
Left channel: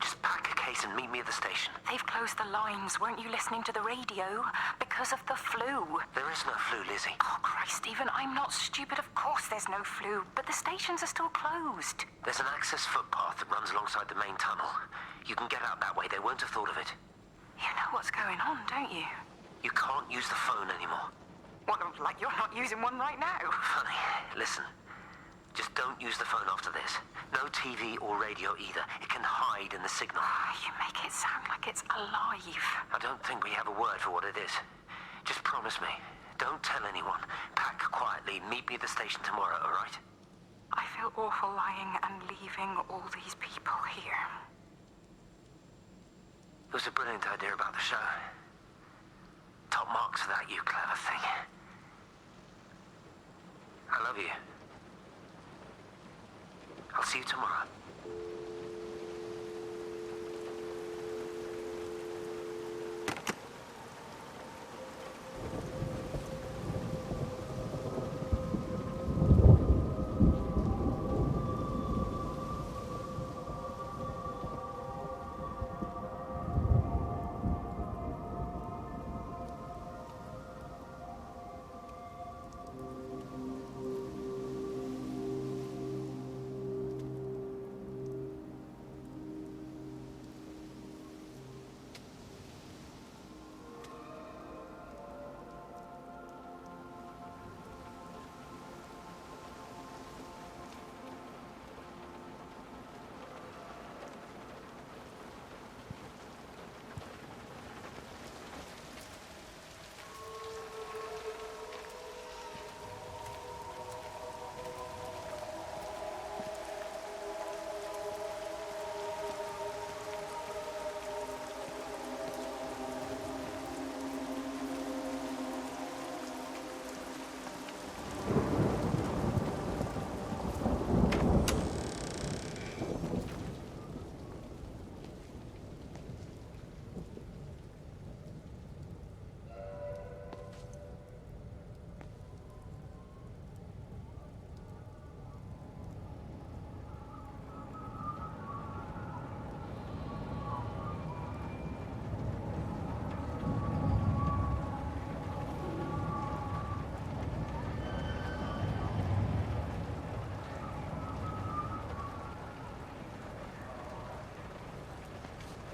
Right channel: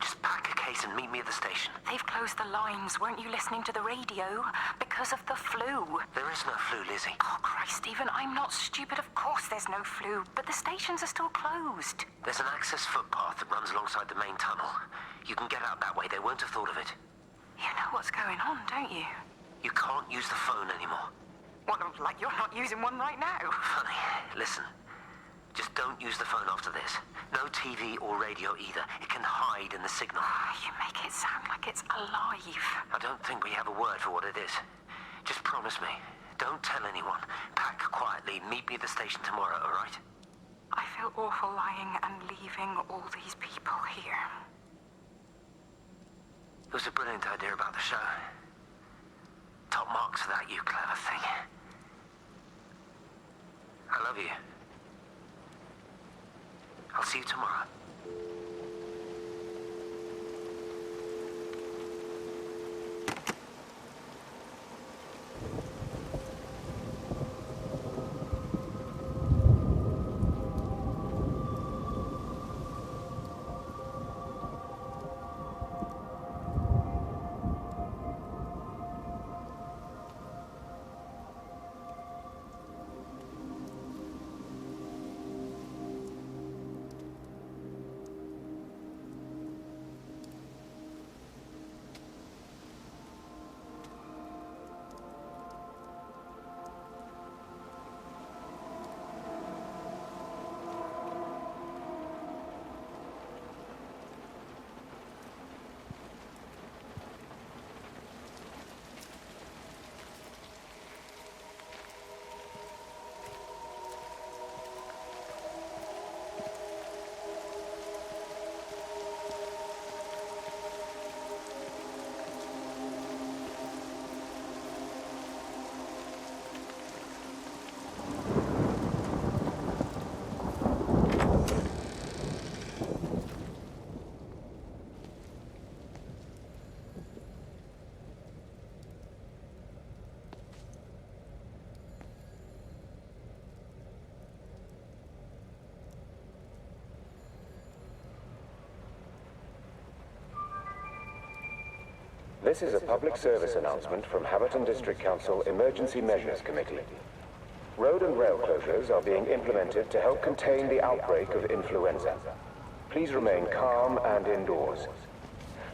Just pack a case and meet me at the station. They've closed the lines. Weren't you listening to the radio? Because of the flu. There is no flu, Lizzie. Oh, Christ, Stephen, I'm not stupid. Of course there's no flu. But the stations are still closed. There's an access footpath that runs alongside the main tunnel. You can get out that way. They won't have thought of it. You know what's going on, don't you? You can't use the phone anymore. What, like you're not using one right now? Funny. Listen. Just don't use the phone after this. No TV or radio either. It can hide in the signal. You make it sound like it's alive. I don't think we have a word for what it is. Just promise me. Don't tell anyone. Pack quietly. Meet me at the station tomorrow, all right? I feel awful lying and leaving all these people here. It was a brilliant idea about the show. Top marks for that, you clever thing. I love you. I'll see you tomorrow. This is a public service announcement from Haverton District Council Emergency Measures Committee. Road and rail closures are being implemented to help contain the outbreak of influenza. Please remain calm and indoors.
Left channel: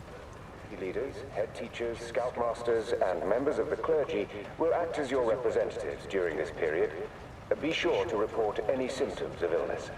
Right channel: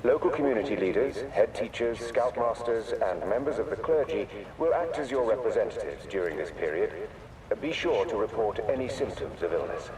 Local community leaders, head teachers, scoutmasters, and members of the clergy will act as your representatives during this period. Be sure to report any symptoms of illness.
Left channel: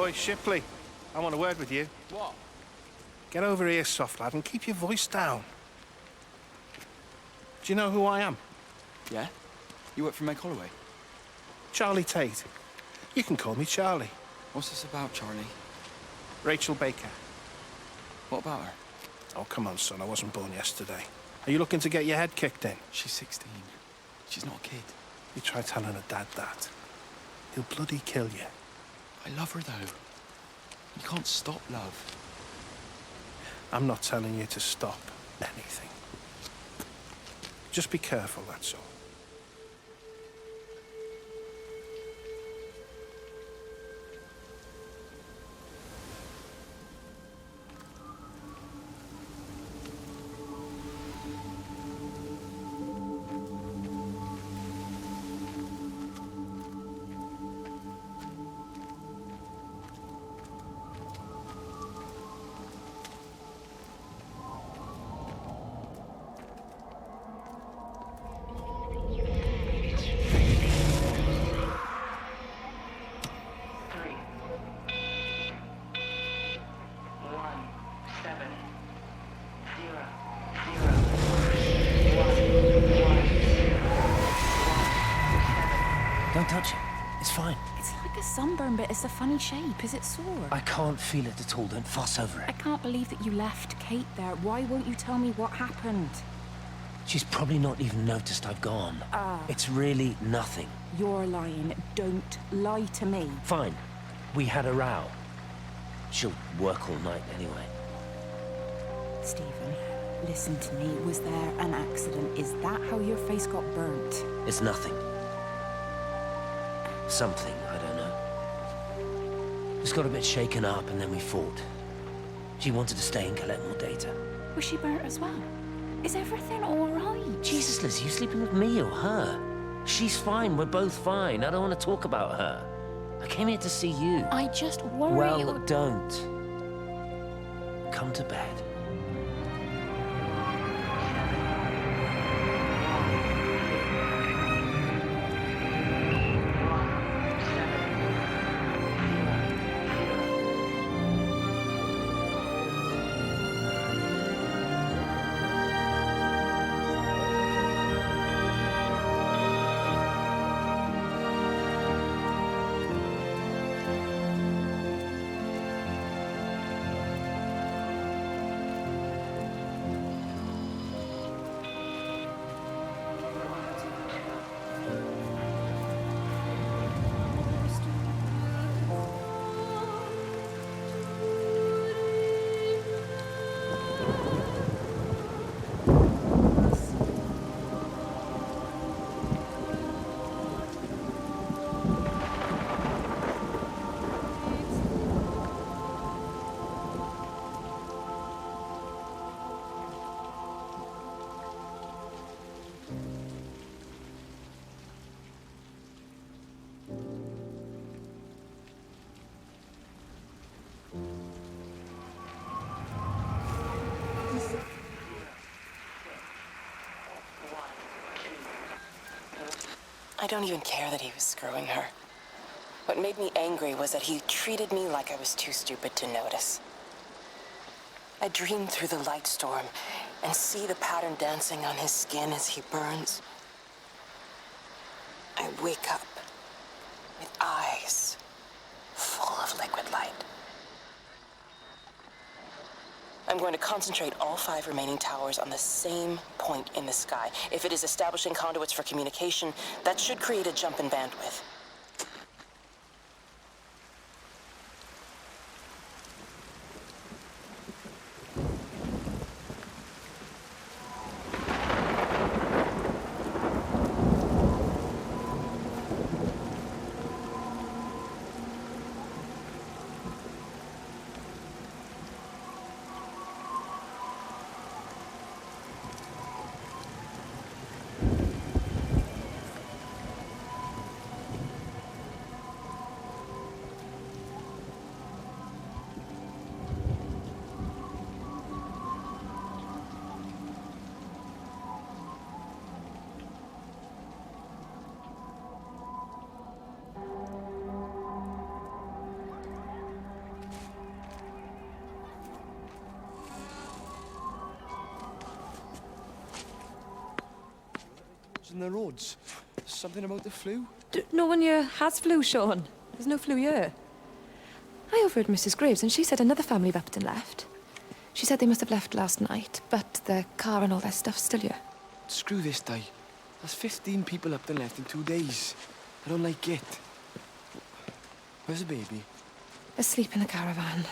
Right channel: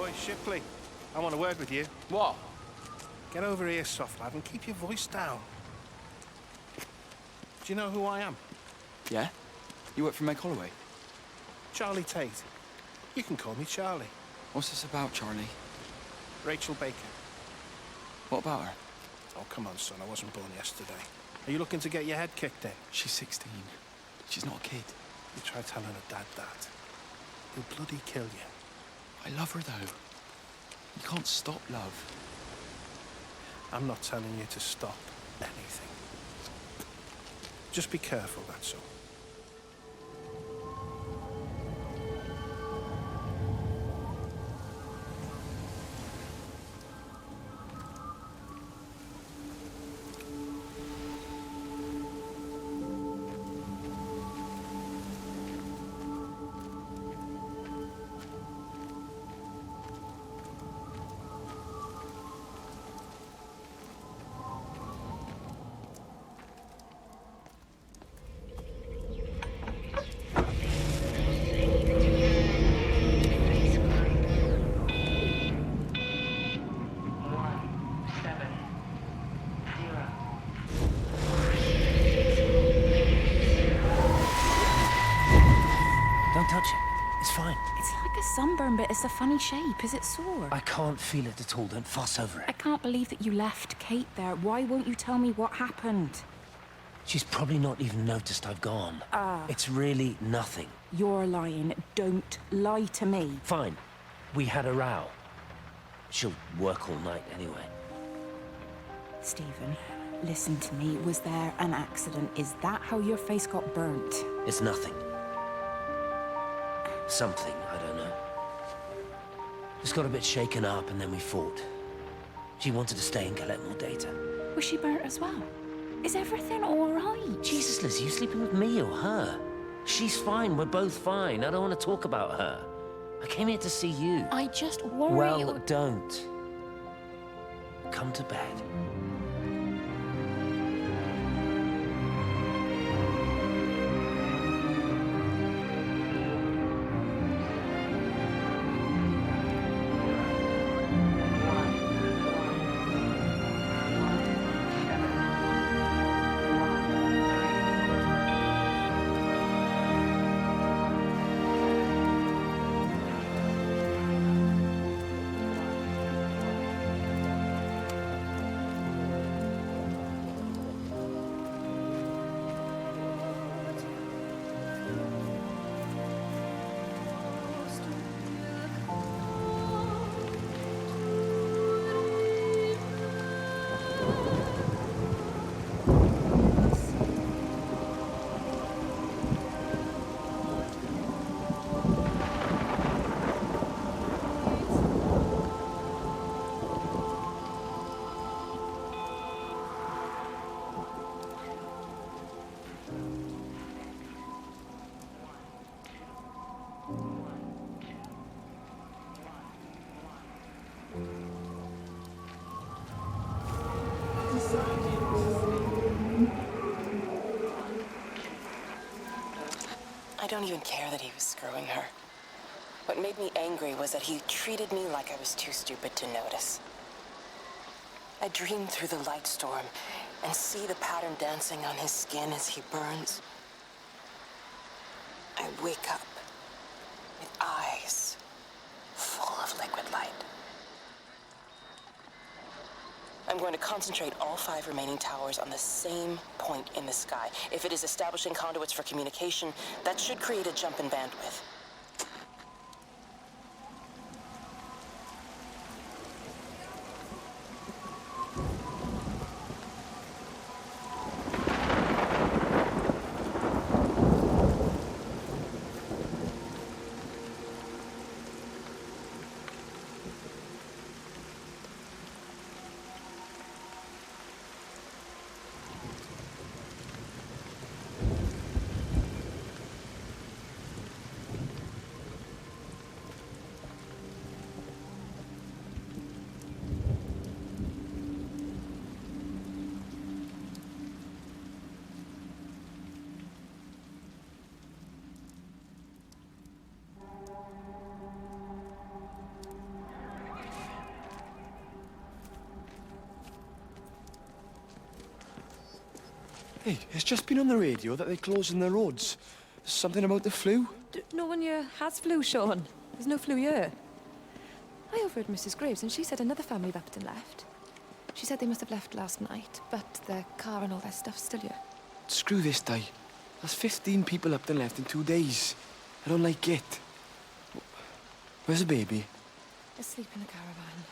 Boy, Shipley, I want a word with you. What? Get over here, soft lad, and keep your voice down. Do you know who I am? Yeah? You work for Meg Holloway? Charlie Tate. You can call me Charlie. What's this about, Charlie? Rachel Baker. What about her? Oh, come on, son, I wasn't born yesterday. Are you looking to get your head kicked in? She's 16. She's not a kid. You try telling her dad that. He'll bloody kill you. I love her, though. You can't stop love. I'm not telling you to stop anything. Just be careful, that's all. Don't touch it. It's fine. It's like a sunburn, but it's a funny shape. Is it sore? I can't feel it at all. Don't fuss over I it. can't believe that you left Kate there. Why won't you tell me what happened? She's probably not even noticed I've gone. It's really nothing. You're lying. Don't lie to me. Fine. We had a row. She'll work all night anyway. Stephen, listen to me. Was there an accident? Is that how your face got burnt? It's nothing. Something, I don't know. Just got a bit shaken up and then we fought. She wanted to stay and collect more data. Was she burnt as well? Is everything all right? Jesus, Liz, are you sleeping with me or her? She's fine, we're both fine. I don't want to talk about her. I came here to see you. I just worry. Well, don't. Come to bed. I don't even care that he was screwing her. What made me angry was that he treated me like I was too stupid to notice. I dream through the light storm and see the pattern dancing on his skin as he burns. I wake up with eyes full of liquid light. I'm going to concentrate all 5 remaining towers on the same point in the sky. If it is establishing conduits for communication, that should create a jump in bandwidth. Hey, it's just been on the radio that they're closing the roads. Something about the flu? No one here has flu, Sean. There's no flu here. I overheard Mrs. Graves, and she said another family of Upton left. She said they must have left last night, but their car and all their stuff's still here. Screw this, Di. That's 15 people up and left in 2 days. I don't like it. Where's the baby? Asleep in the caravan.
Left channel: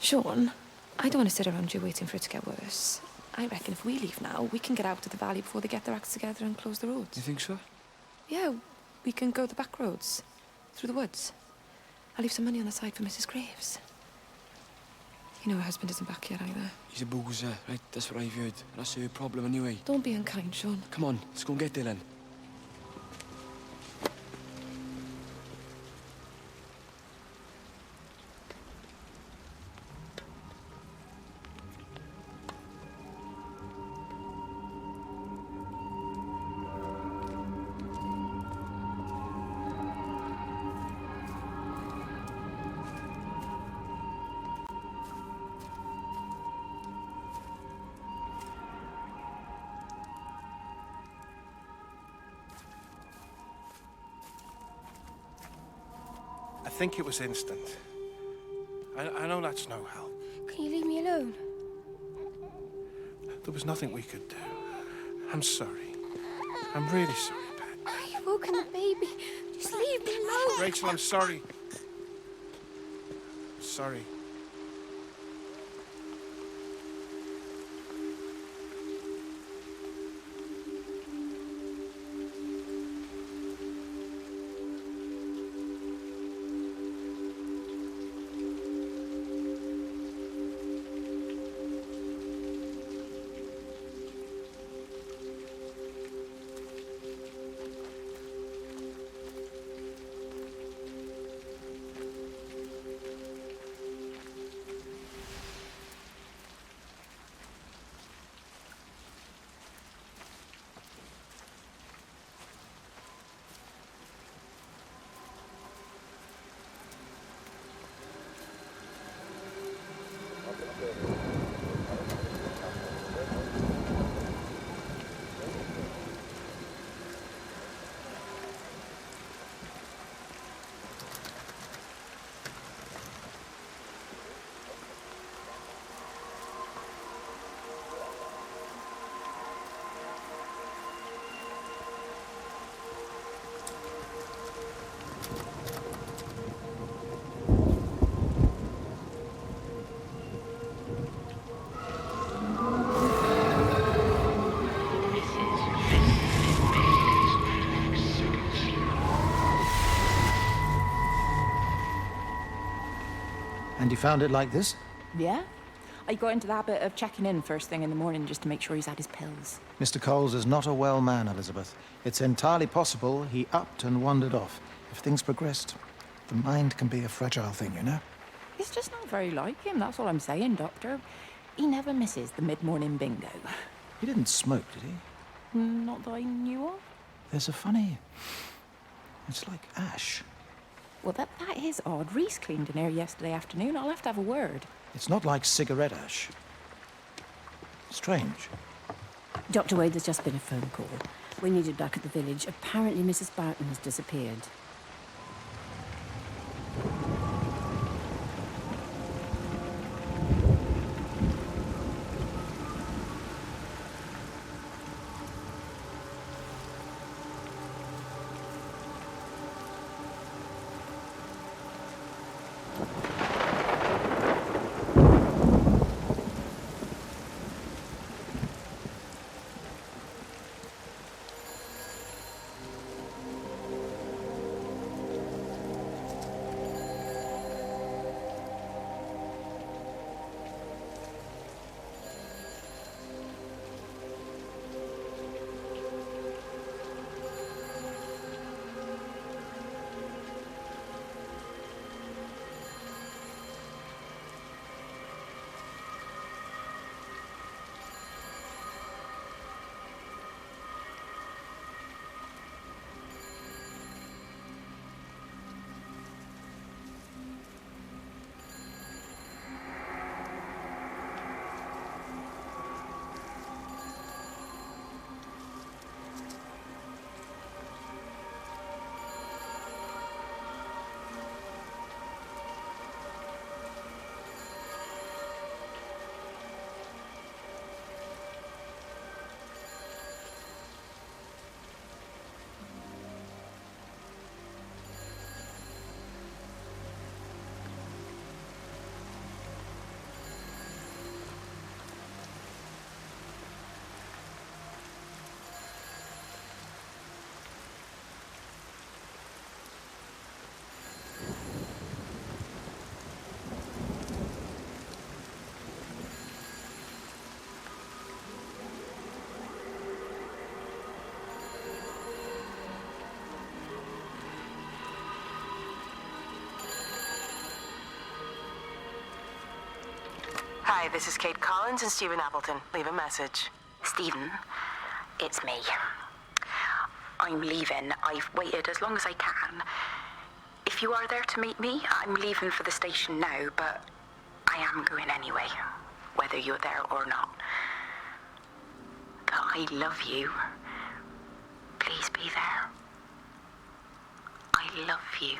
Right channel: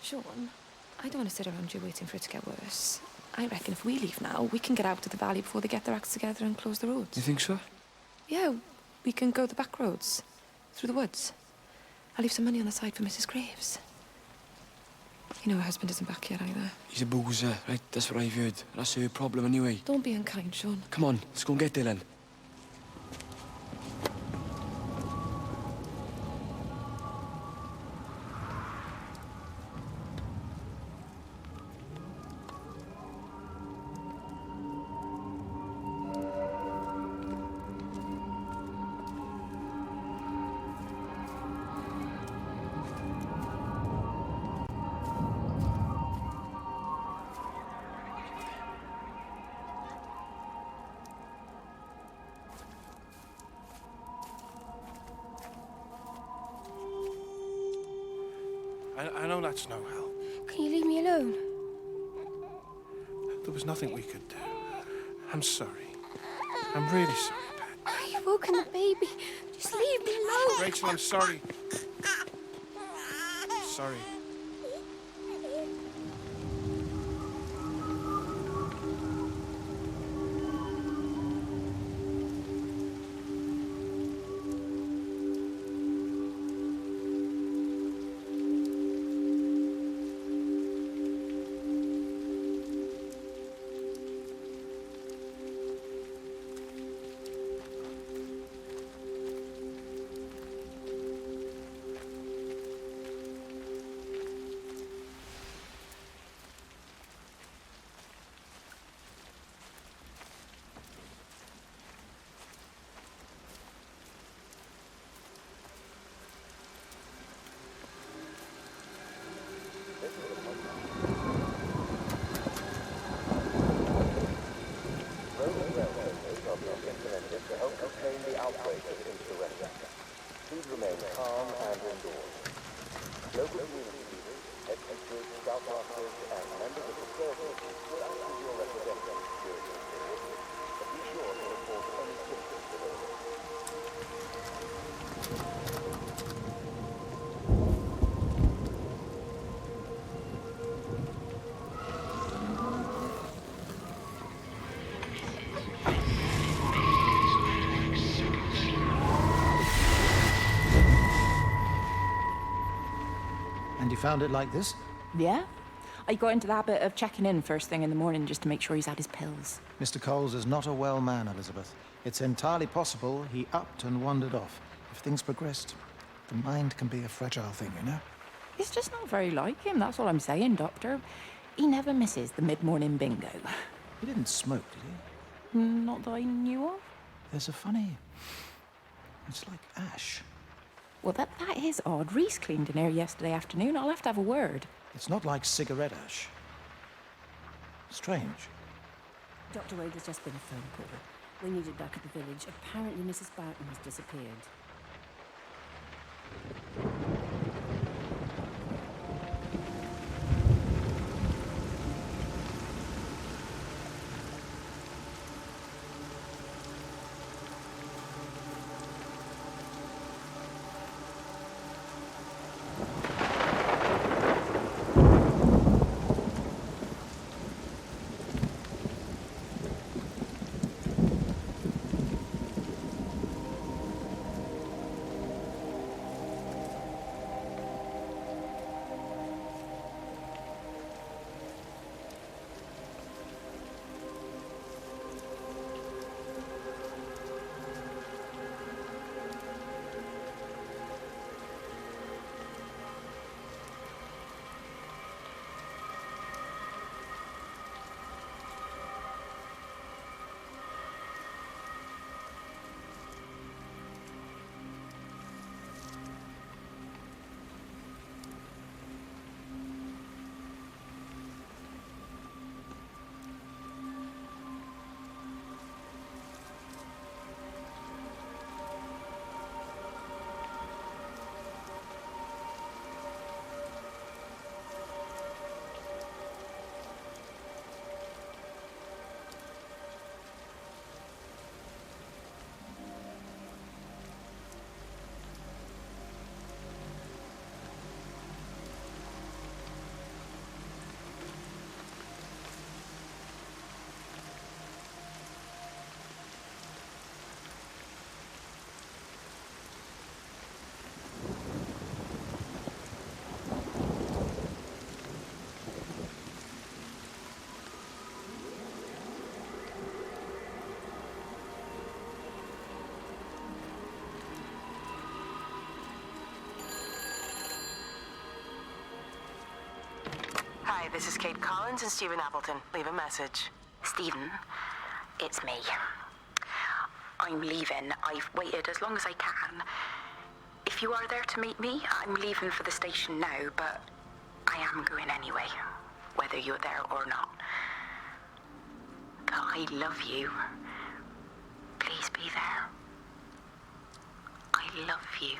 Sean, I don't want to sit around here waiting for it to get worse. I reckon if we leave now, we can get out of the valley before they get their acts together and close the roads. You think so? Yeah, we can go the back roads, through the woods. I'll leave some money on the side for Mrs. Graves. You know her husband isn't back yet either. He's a boozer, right? That's what I've heard. That's her problem anyway. Don't be unkind, Sean. Come on, let's go and get Dylan. I think it was instant. I know that's no help. Can you leave me alone? There was nothing we could do. I'm sorry. I'm really sorry, Pat. You've woken the baby. Just leave me alone. Rachel, I'm sorry. Sorry. And you found it like this? Yeah. I got into the habit of checking in first thing in the morning just to make sure he's had his pills. Mr. Coles is not a well man, Elizabeth. It's entirely possible he upped and wandered off. If things progressed, the mind can be a fragile thing, you know? It's just not very like him, that's all I'm saying, Doctor. He never misses the mid-morning bingo. He didn't smoke, did he? Not that I knew of. There's a funny... It's like ash. Well, that is odd. Reese cleaned in here yesterday afternoon. I'll have to have a word. It's not like cigarette ash. Strange. Dr. Wade, there's just been a phone call. We need it back at the village. Apparently Mrs. Barton has disappeared. Hi, this is Kate Collins and Stephen Appleton. Leave a message. Stephen, it's me. I'm leaving. I've waited as long as I can. If you are there to meet me, I'm leaving for the station now, but I am going anyway, whether you're there or not. But I love you. Please be there. I love you.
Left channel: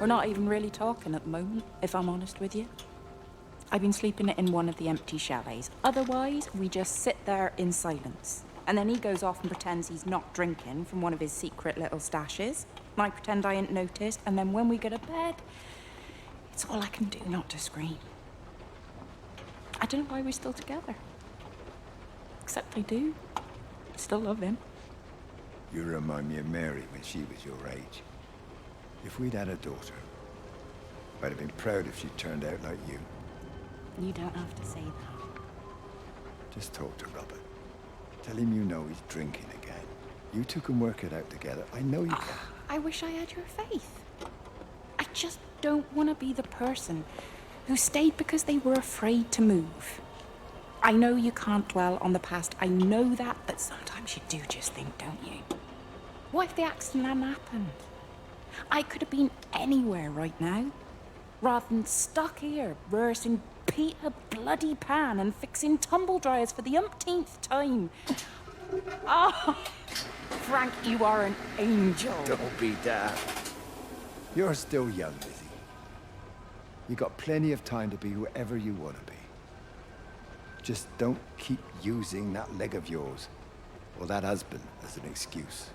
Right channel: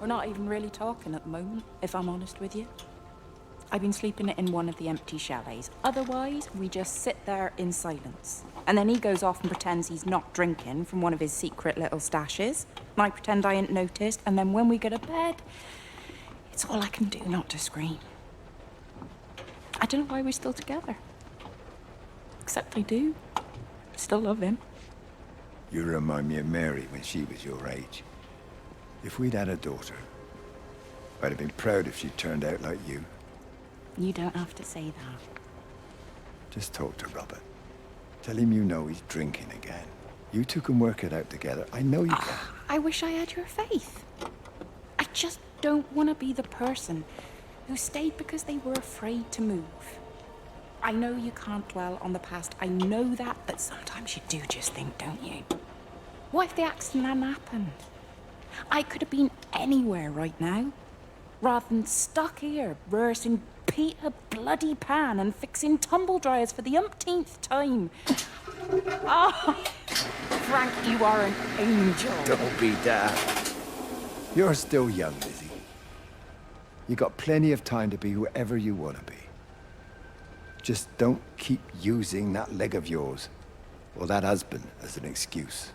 We're not even really talking at the moment, if I'm honest with you. I've been sleeping in one of the empty chalets. Otherwise, we just sit there in silence. And then he goes off and pretends he's not drinking from one of his secret little stashes. And I pretend I ain't noticed. And then when we go to bed, it's all I can do not to scream. I don't know why we're still together. Except I do. Still love him. You remind me of Mary when she was your age. If we'd had a daughter, I'd have been proud if she turned out like you. You don't have to say that. Just talk to Robert. Tell him you know he's drinking again. You two can work it out together. I know you can. I wish I had your faith. I just don't want to be the person who stayed because they were afraid to move. I know you can't dwell on the past. I know that, but sometimes you do just think, don't you? What if the accident hadn't happened? I could have been anywhere right now, rather than stuck here rehearsing Peter bloody Pan and fixing tumble dryers for the umpteenth time. Oh, Frank, you are an angel. Don't be daft. You're still young, Lizzie. You got plenty of time to be whoever you want to be. Just don't keep using that leg of yours, or that husband, as an excuse.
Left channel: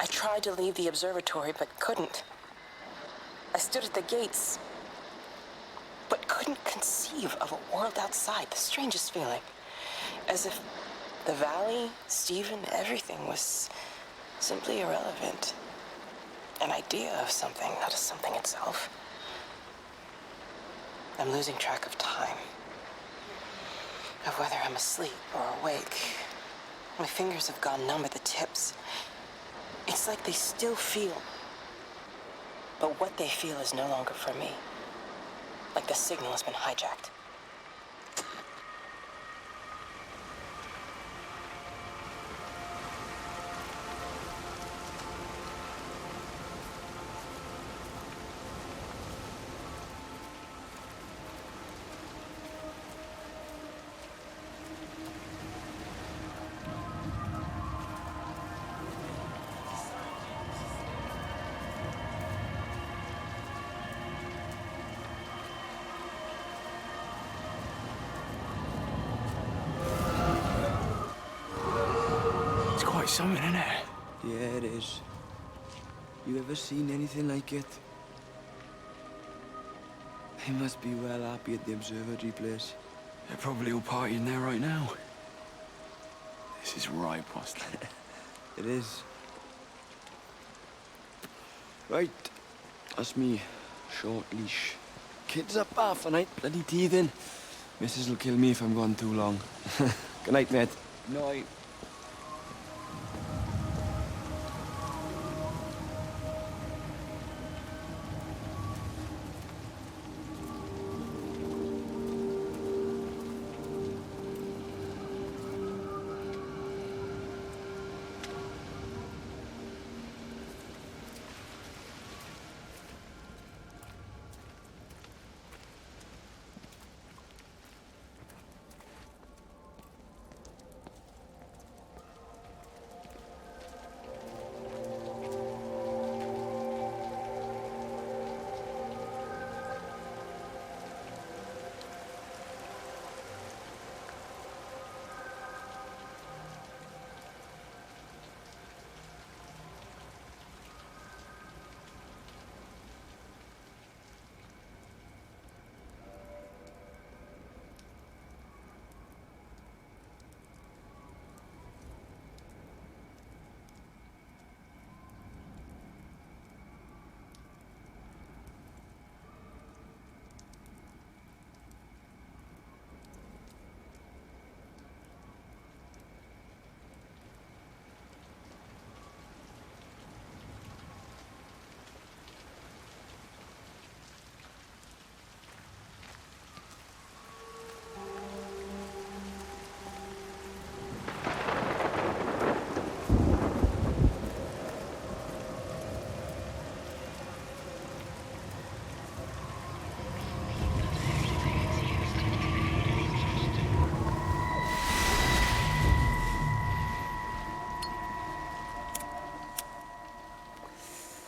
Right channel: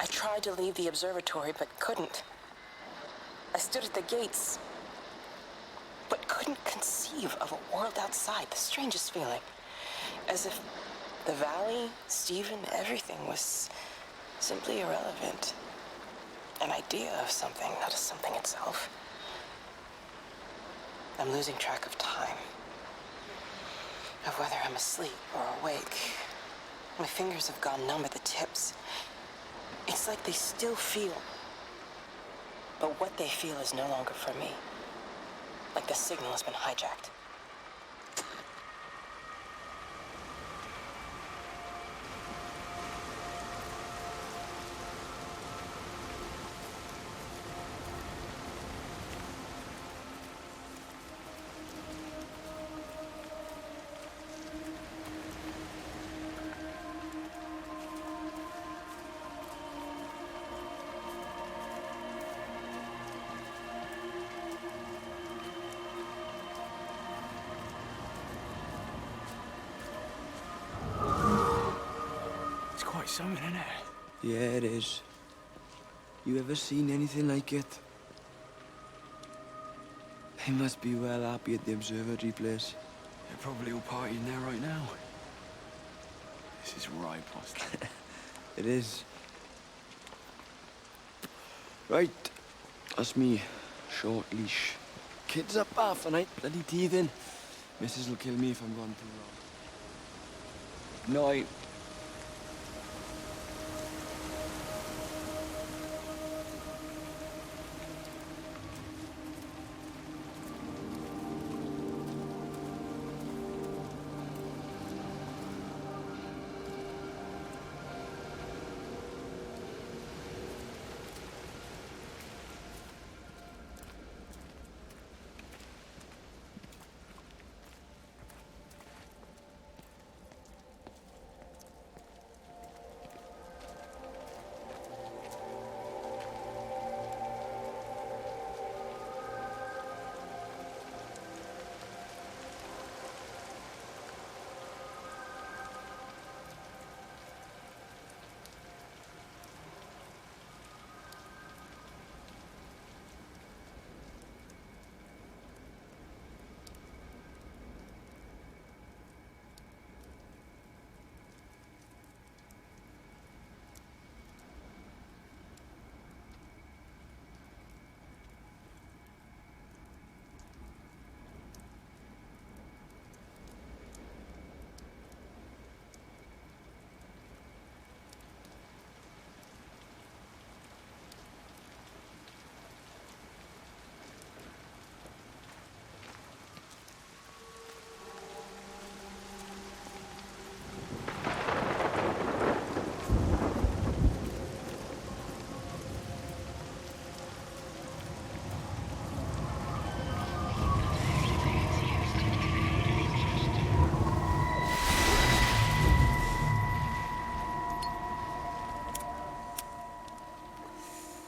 I tried to leave the observatory, but couldn't. I stood at the gates, but couldn't conceive of a world outside. The strangest feeling. As if The valley, Stephen, everything was simply irrelevant. An idea of something, not as something itself. I'm losing track of time. Of whether I'm asleep or awake. My fingers have gone numb at the tips. It's like they still feel. But what they feel is no longer for me. Like the signal has been hijacked. It's quite something, isn't it? Yeah, it is. You ever seen anything like it? They must be well happy at the observatory place. They're probably all partying there right now. This is right, Boston. It is. Right. That's me. Short leash. Kids up half a night, bloody teething. Missus will kill me if I'm gone too long. Good night, mate. Night.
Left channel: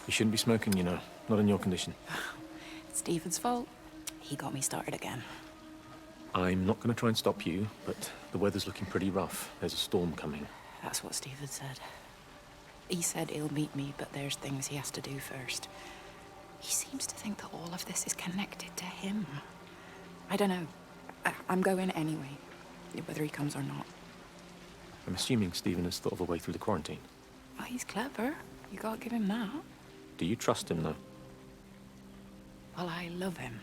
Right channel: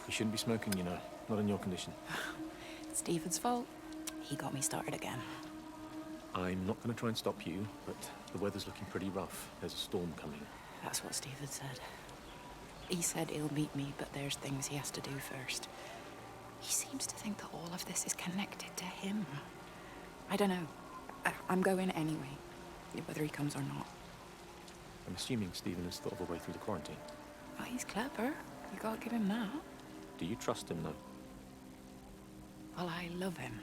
You shouldn't be smoking, you know. Not in your condition. It's Stephen's fault. He got me started again. I'm not going to try and stop you, but the weather's looking pretty rough. There's a storm coming. That's what Stephen said. He said he'll meet me, but there's things he has to do first. He seems to think that all of this is connected to him. I don't know. I'm going anyway, whether he comes or not. I'm assuming Stephen has thought of a way through the quarantine. Well, he's clever. You gotta give him that. Do you trust him, though? Well, I love him.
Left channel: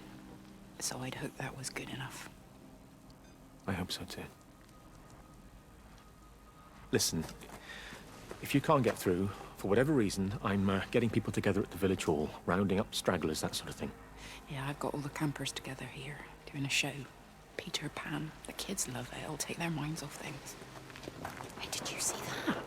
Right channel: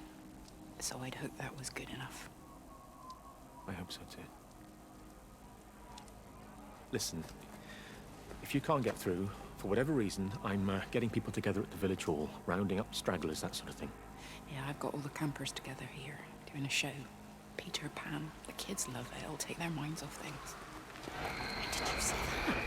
So I'd hope that was good enough. I hope so, too. Listen, if you can't get through, for whatever reason, I'm getting people together at the village hall, rounding up stragglers, that sort of thing. Yeah, I've got all the campers together here, doing a show. Peter Pan. The kids love it. It'll take their minds off things. Hey, did you see that?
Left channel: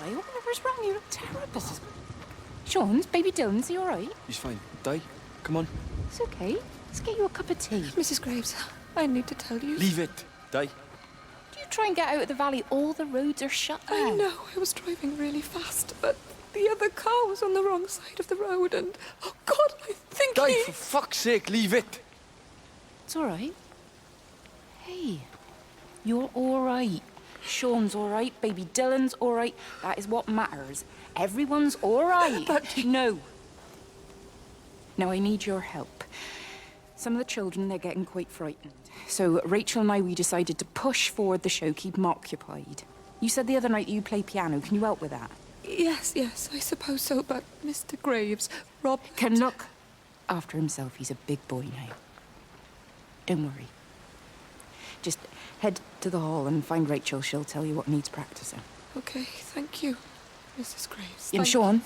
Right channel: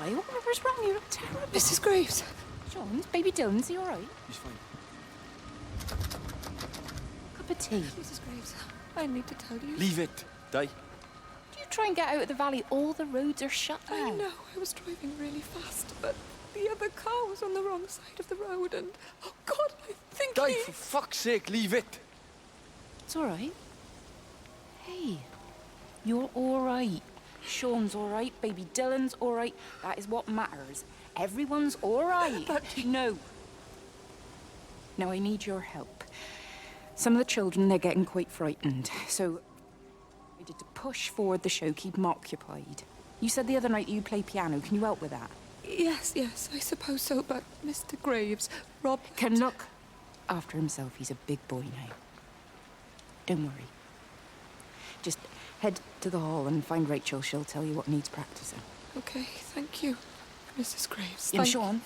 Di, whatever's wrong? You look terrible. Mrs. Graves. Sean's, baby Dylan's, he all right? He's fine. Di, come on. It's okay. Let's get you a cup of tea. Mrs. Graves, I need to tell you. Leave it, Di. You try and get out of the valley, all the roads are shut now. I know, I was driving really fast, but the other car was on the wrong side of the road and... Oh, God, I think Di, for fuck's sake, leave it. It's all right. Hey, you're all right. Sean's all right, baby Dylan's all right. That is what matters. Everyone's all right. But... No. Now, I need your help. Some of the children, they're getting quite frightened. So Rachel and I, we decided to push forward the show, keep them occupied. You said the other night you play piano. Can you help with that? Yes, I suppose so, but Mr. Graves, Rob... Can look after himself. He's a big boy now. Don't worry. Just head to the hall and find Rachel. She'll tell you what needs practicing. Okay, thank you, Mrs. Graves. And Sean,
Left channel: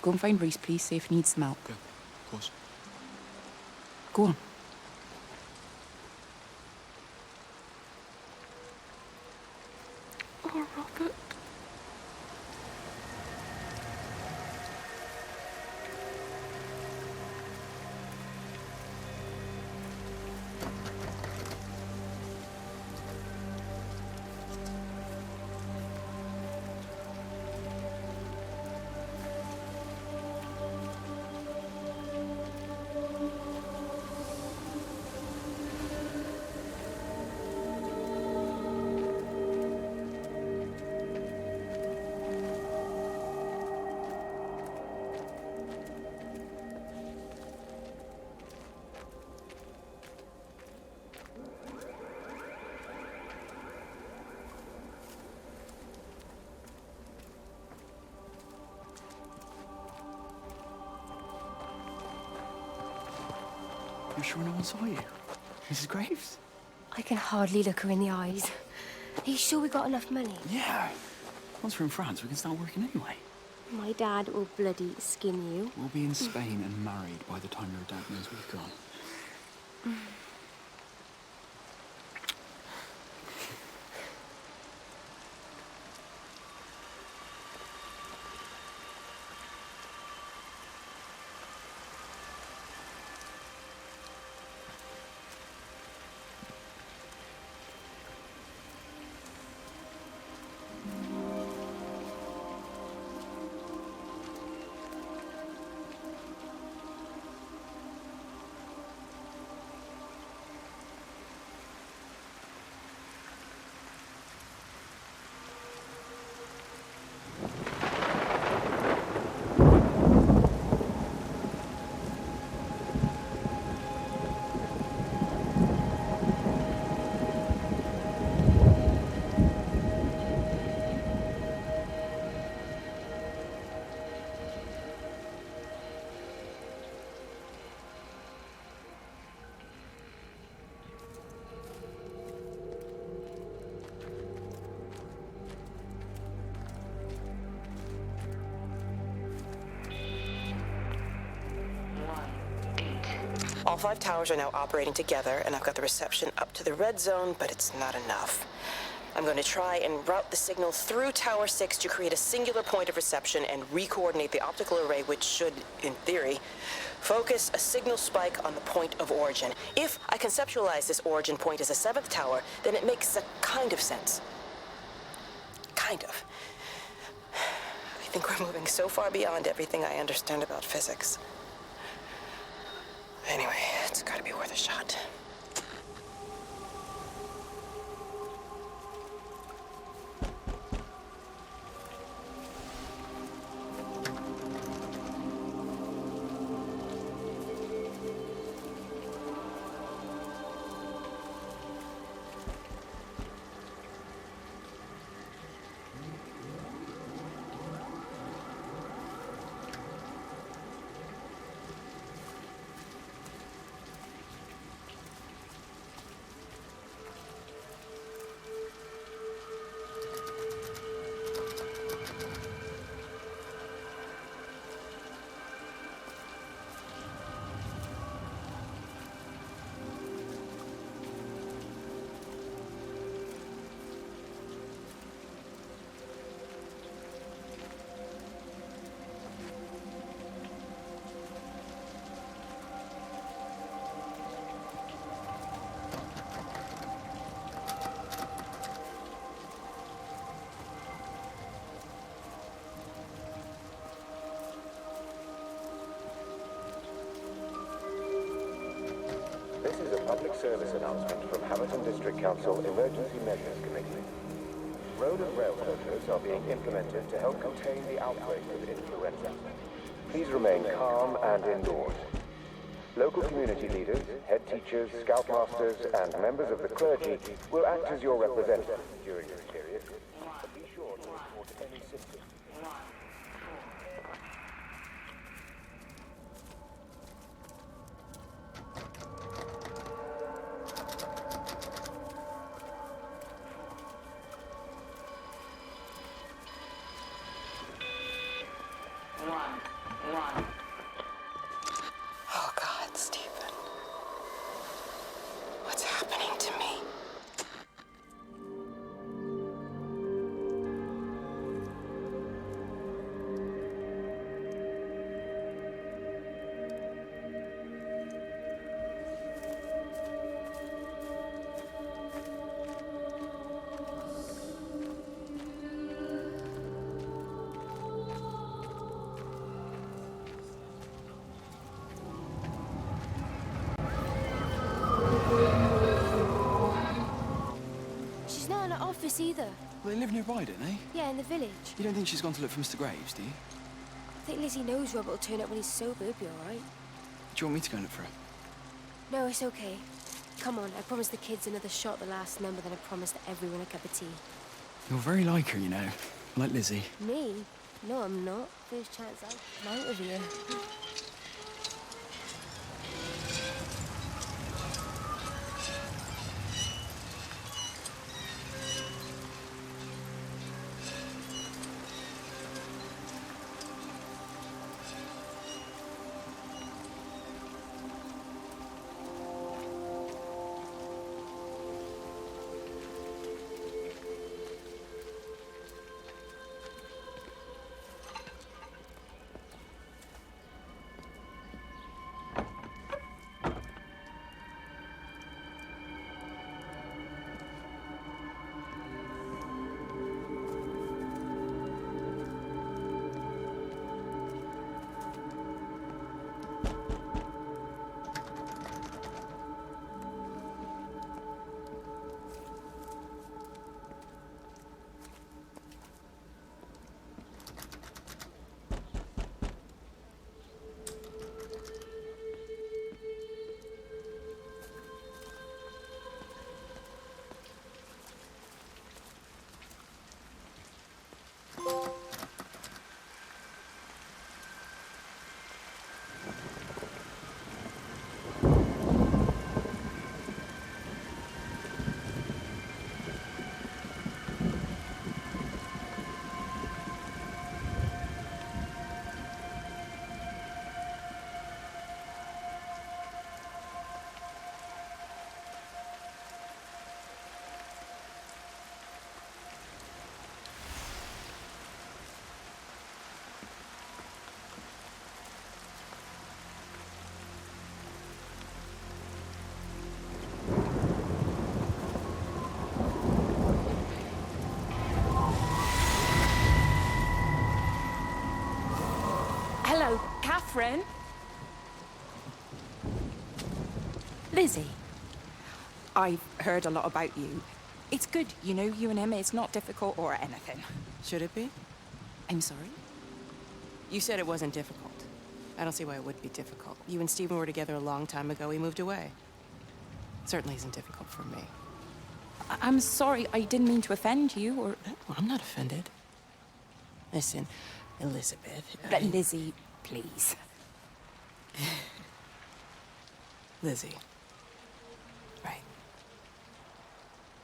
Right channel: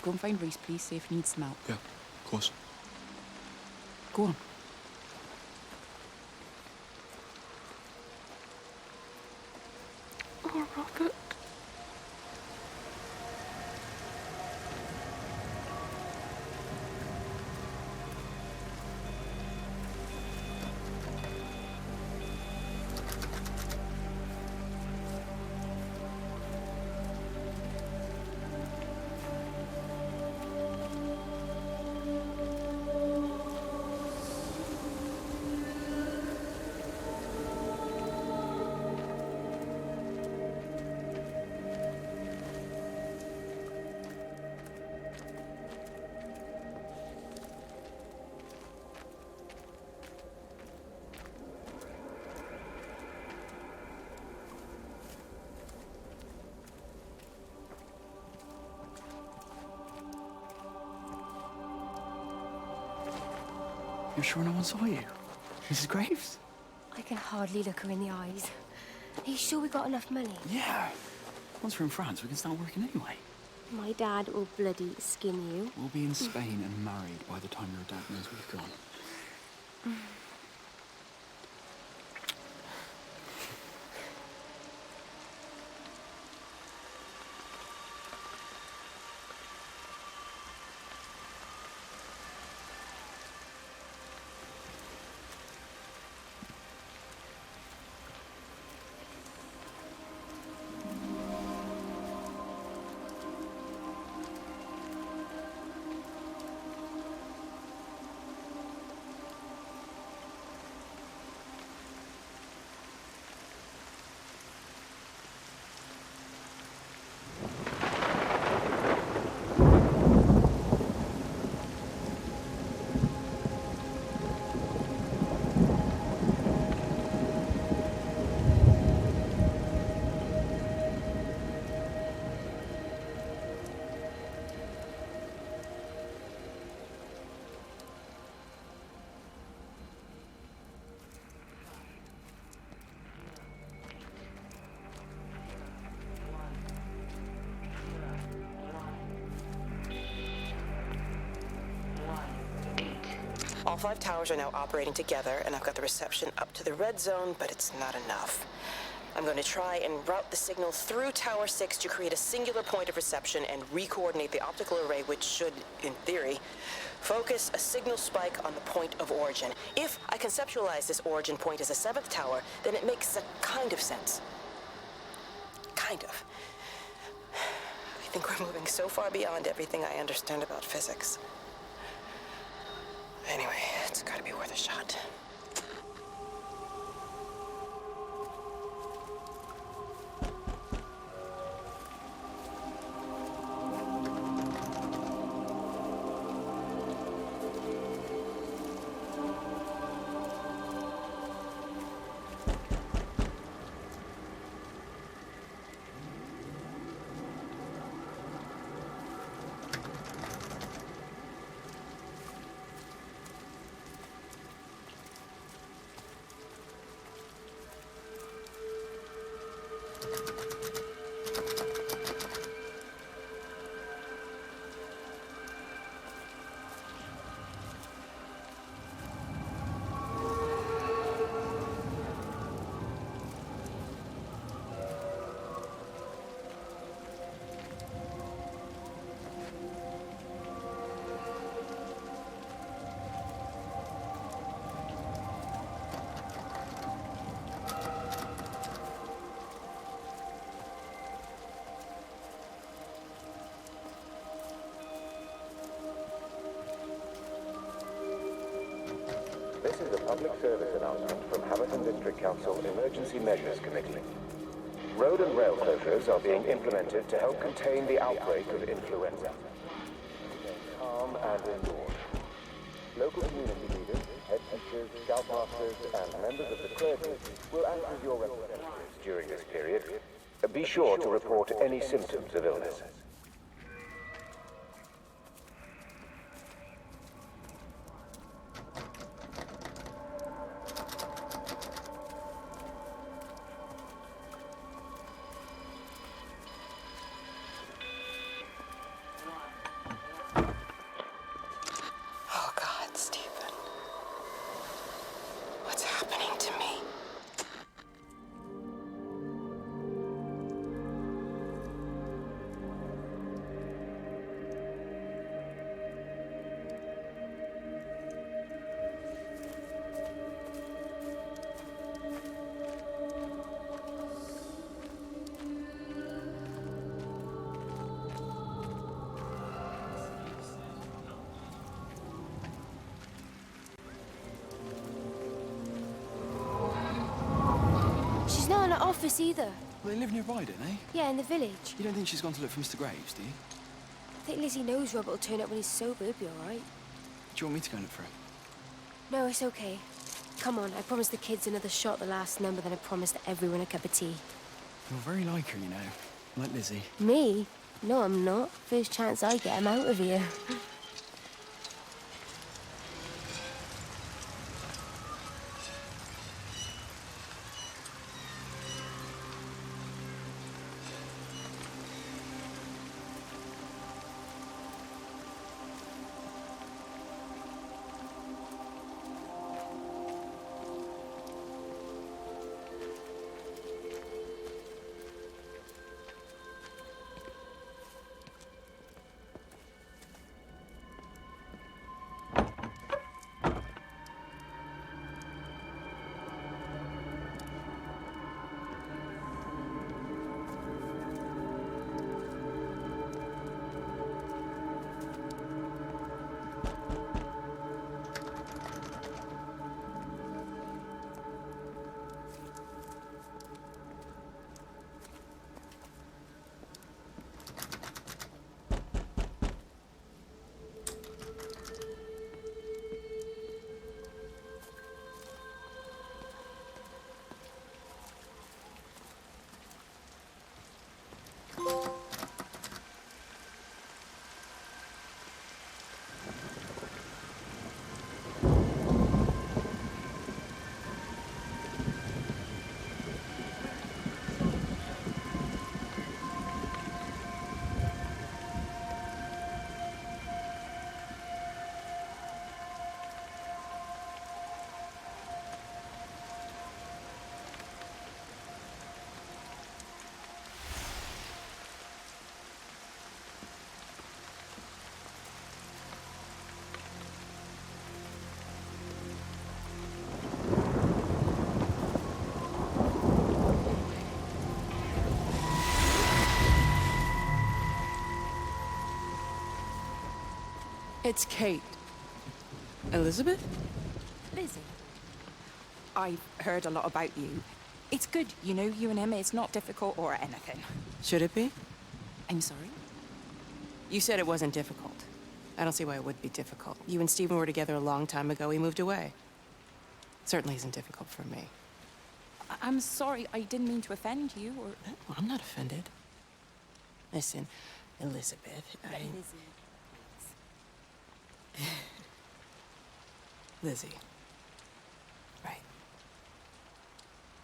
go and find Reese, please, see if he needs some help. Yeah, of course. Go on. Oh, Robert. You're sure no one saw you? Mrs. Graves? I can hardly look her in the eyes. Are you sure we got enough money? Yeah. Once we're in France, we can start working anyway. My dad will bloody skin you. We'll be in Spain and married by the time your dad knows we've gone. All 5 towers are now operating together, and I've got the reception up to the red zone, but it's not enough. I'm going to try and route the signal through Tower 6 to create a singular point of reception and re-coordinate the optical array, which should, in theory, focus a signal spike on the point of origin. If I conceptualize this origin point as a 7th tower, then it makes a kind of sense. Kind of. I think we're moving so far beyond everything I understand about physics. Anyway, it's gotta be worth a shot. This is a public service announcement from Hamilton District Council Emergency Measures Committee. Road and rail closures are being implemented to help contain the outbreak of influenza. Please remain calm and indoors. Local community leaders, head teachers, scoutmasters, and members of the clergy will act as your representatives during this period. Be sure to report any symptoms of illness. Oh God, Stephen. What's happening to me? She's not in her office either. Well, they live nearby, don't they? Yeah, in the village. You don't think she's gone to look for Mr. Graves, do you? I think Lizzie knows Robert will turn up when he's sober. He'll be all right. Do you want me to go and look for her? No, it's okay. Come on, I promised the kids another shot the last number, then I promised everyone a cup of tea. You're very like her, you know. Like Lizzie. Me? No, I'm not. First chance I get, I'm out of here. Hello, Catherine. It's Kate. Elizabeth? Lizzie. I've heard a lot about you. It's good, you know, you and him. It's not difficult or anything. Should it be? I'm sorry? You said it wasn't difficult. I don't see why it would be difficult. You and Stephen were together a long time ago. He moved away. Certainly isn't difficult for me. I'm sorry. I didn't mean to offend you or... Well, I'm not offended. Listen, Elizabeth... Lizzie, please. Lizzie. Right.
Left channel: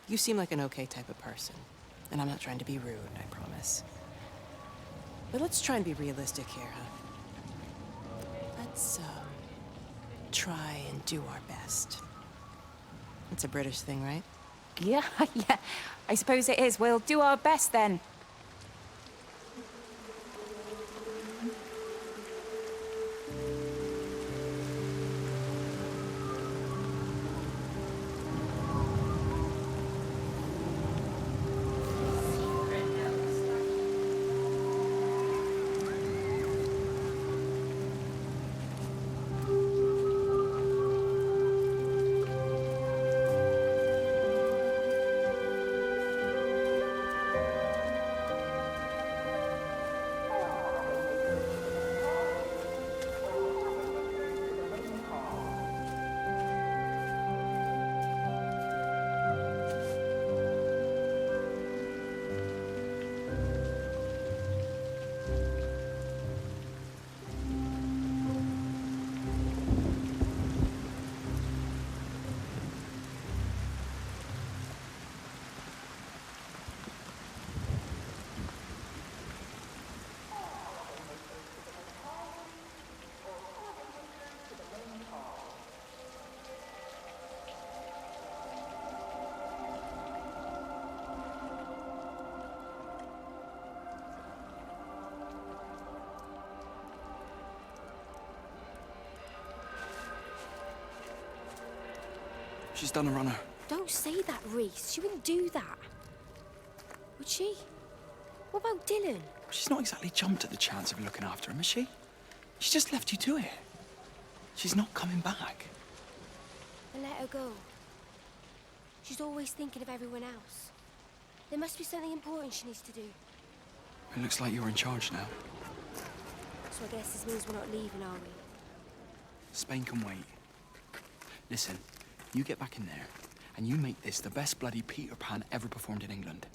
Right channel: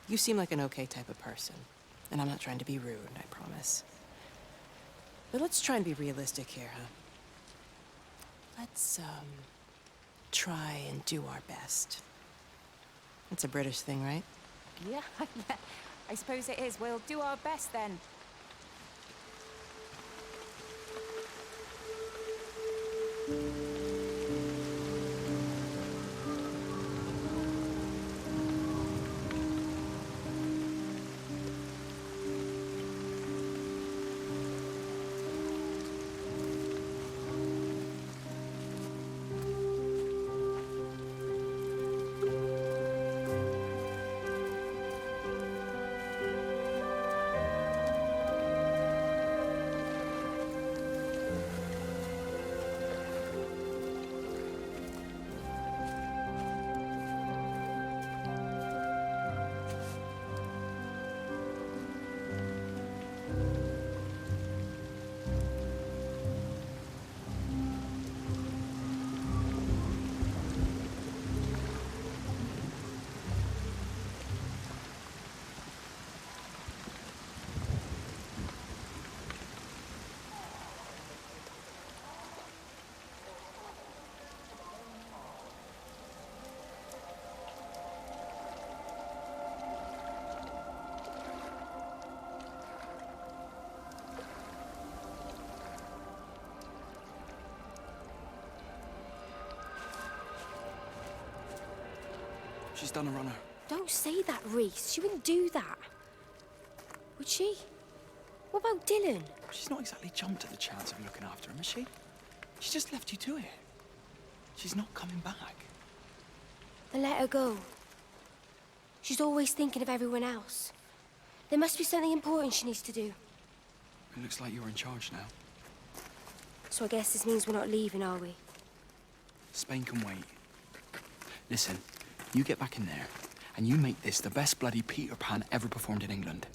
You seem like an okay type of person. And I'm not trying to be rude, I promise. But let's try and be realistic here, huh? Let's, try and do our best. It's a British thing, right? Yeah, yeah. I suppose it is. We'll do our best then. She's done a runner. Don't say that, Reese. She wouldn't do that. Would she? What about Dylan? She's not exactly jumped at the chance of looking after him, has she? She just left you to it. She's not coming back. Then let her go. She's always thinking of everyone else. There must be something important she needs to do. It looks like you're in charge now. So I guess this means we're not leaving, are we? Spain can wait. Listen, you get back in there, and you make this the best bloody Peter Pan ever performed in England.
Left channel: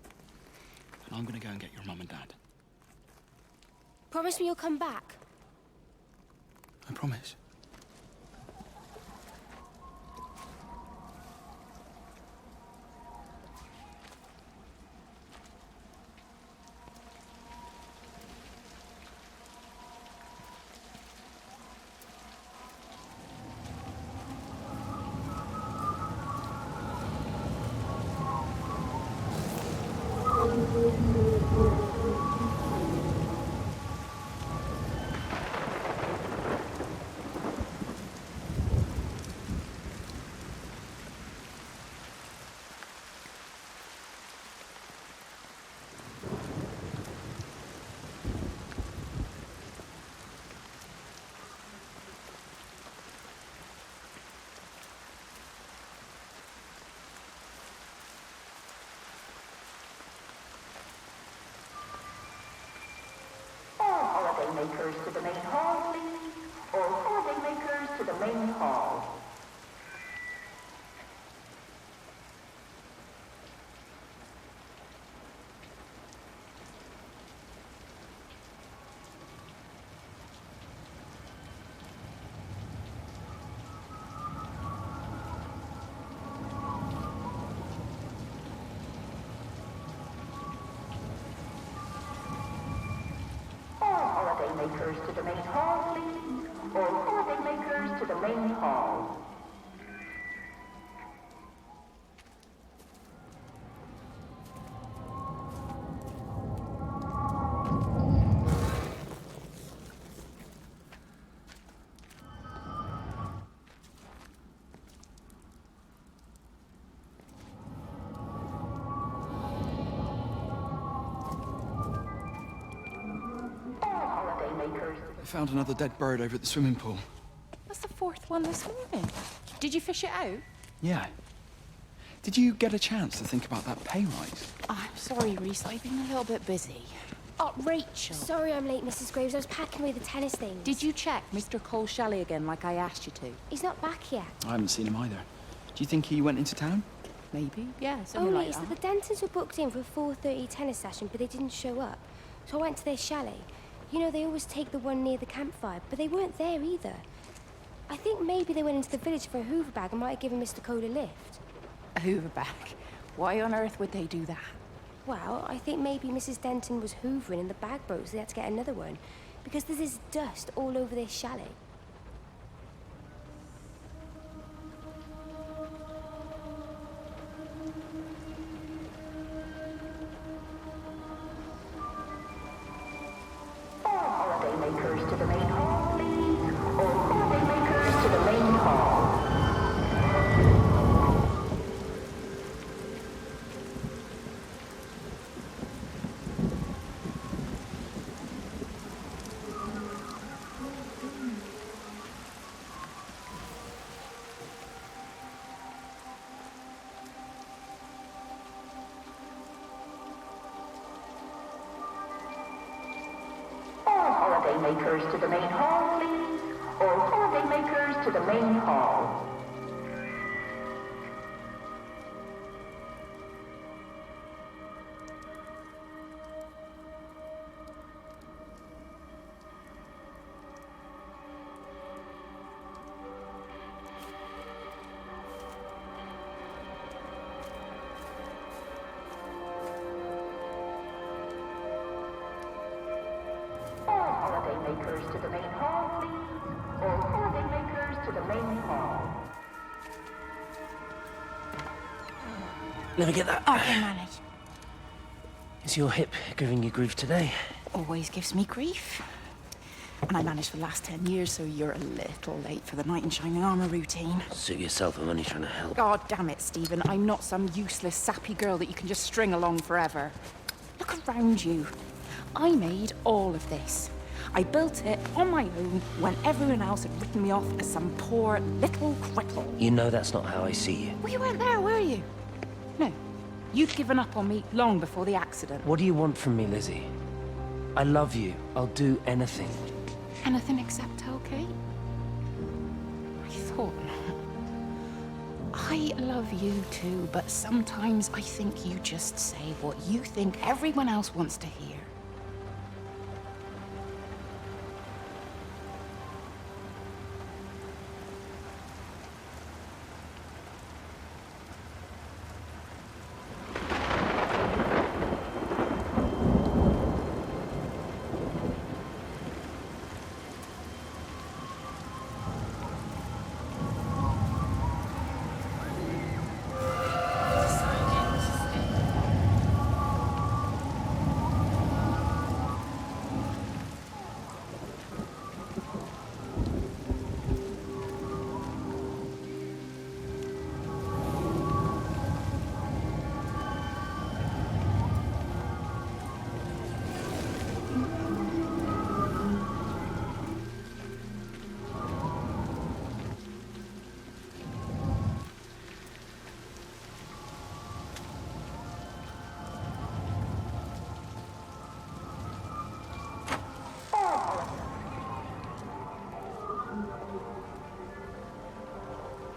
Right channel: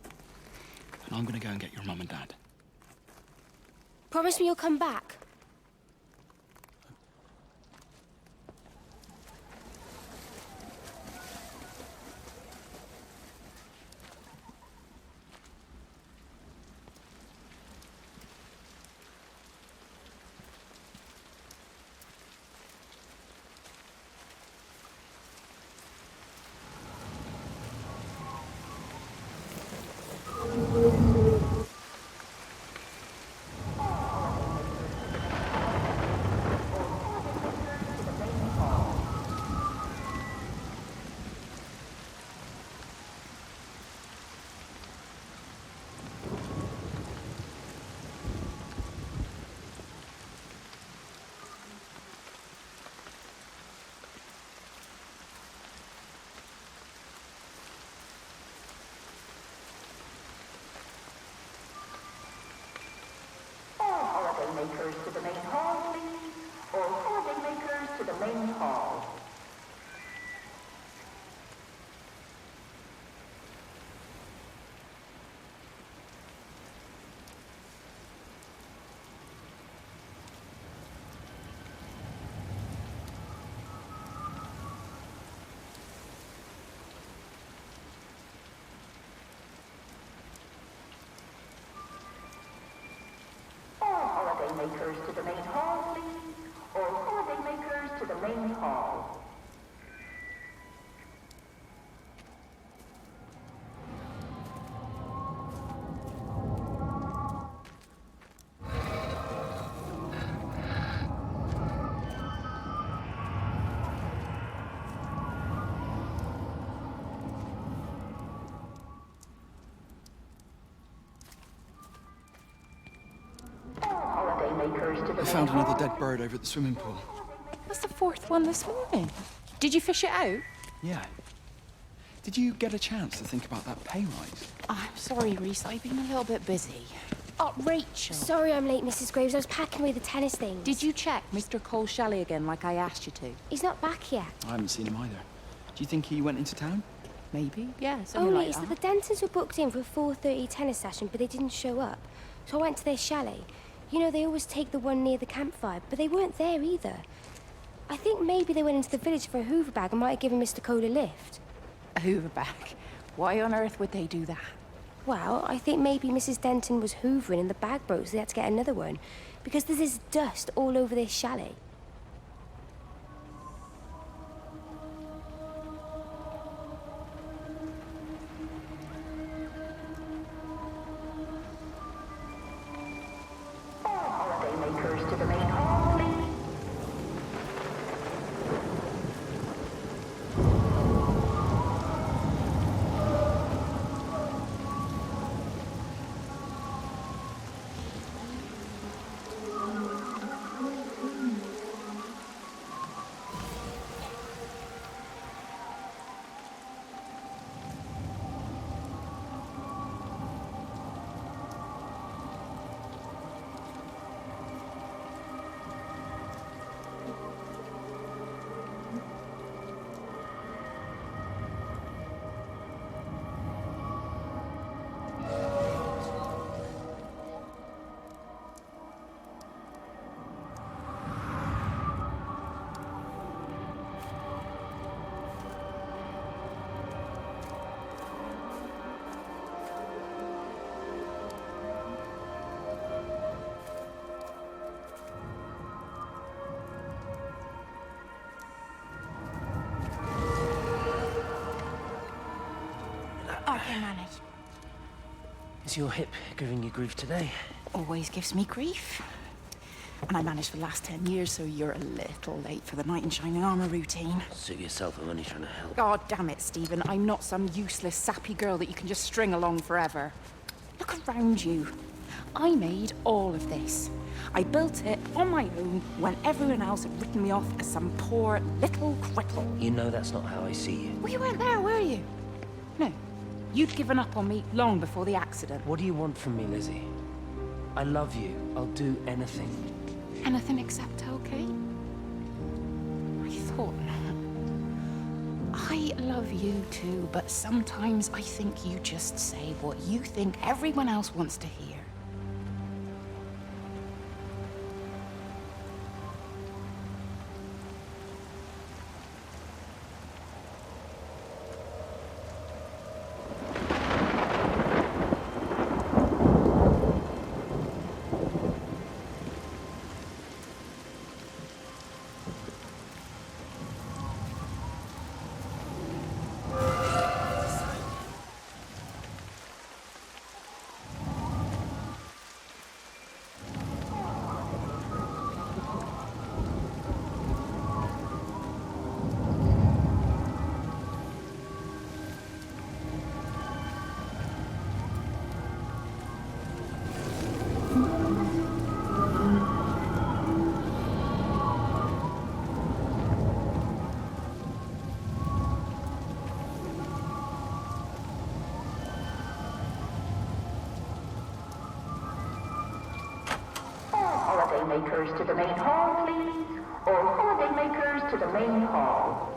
And I'm gonna go and get your mum and dad. Promise me you'll come back. I promise. Makers to the main hall, please. All holiday makers to the main hall. Makers to the main hall, please. All holiday makers to the main hall. I found another dead bird over at the swimming pool. That's the fourth one this morning. Did you fish it out? Yeah. Did you get a chance to think about that pay rise? Oh, I'm sorry, Reese. I've been a little bit busy. Oh, Rachel. Sorry I'm late, Mrs. Graves. I was packing away the tennis things. Did you check Mr. Cole Shelley again like I asked you to? He's not back yet. I haven't seen him either. Do you think he went into town? Maybe, yeah, something Only like it's that. that the Dentons were booked in for a 4:30 tennis session, but they didn't show up. So I went to their chalet. You know, they always take the one near the campfire, but they weren't there either. I think maybe they went into the village for a Hoover bag and might have given Mr. Cole a lift. A Hoover bag? Why on earth would they do that? Well, I think maybe Mrs. Denton was hoovering and the bag broke, so they had to get another one. Because there's this dust all over this chalet. Holiday makers to the main hall, please. All holiday makers to the main hall. Holiday makers to the main hall, please. All holiday makers to the main hall. Holiday makers to the main hall, please. All holiday makers to the main hall. Let me get that. I can manage. Is your hip giving you grief today? Always gives me grief. And I managed for the last 10 years, so you're a little late for the knight in shining armor routine. Suit yourself, I'm only trying to help. God damn it, Stephen. I'm not some useless, sappy girl that you can just string along forever. Look around you. I made all of this. I built it on my own when everyone else had written me off as some poor little cripple. You know that's not how I see you. Well, you weren't there, were you? No. You'd given up on me long before the accident. What do you want from me, Lizzie? I love you. I'll do anything. Anything except okay? I thought not. I love you too, but sometimes I think you just say what you think everyone else wants to hear. Makers to the main hall, please. All holiday makers to the main hall.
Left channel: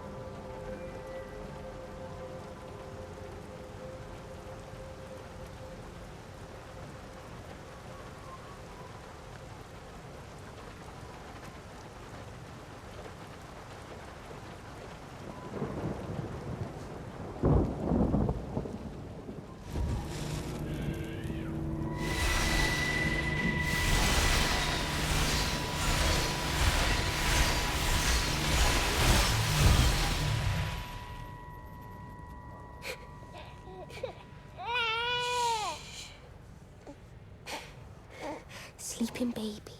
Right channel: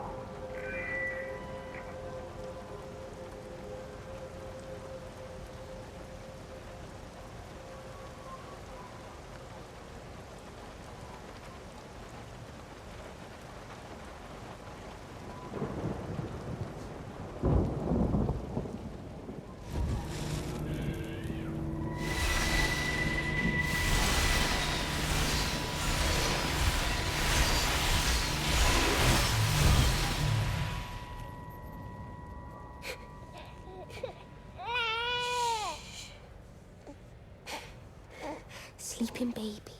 Sleeping baby,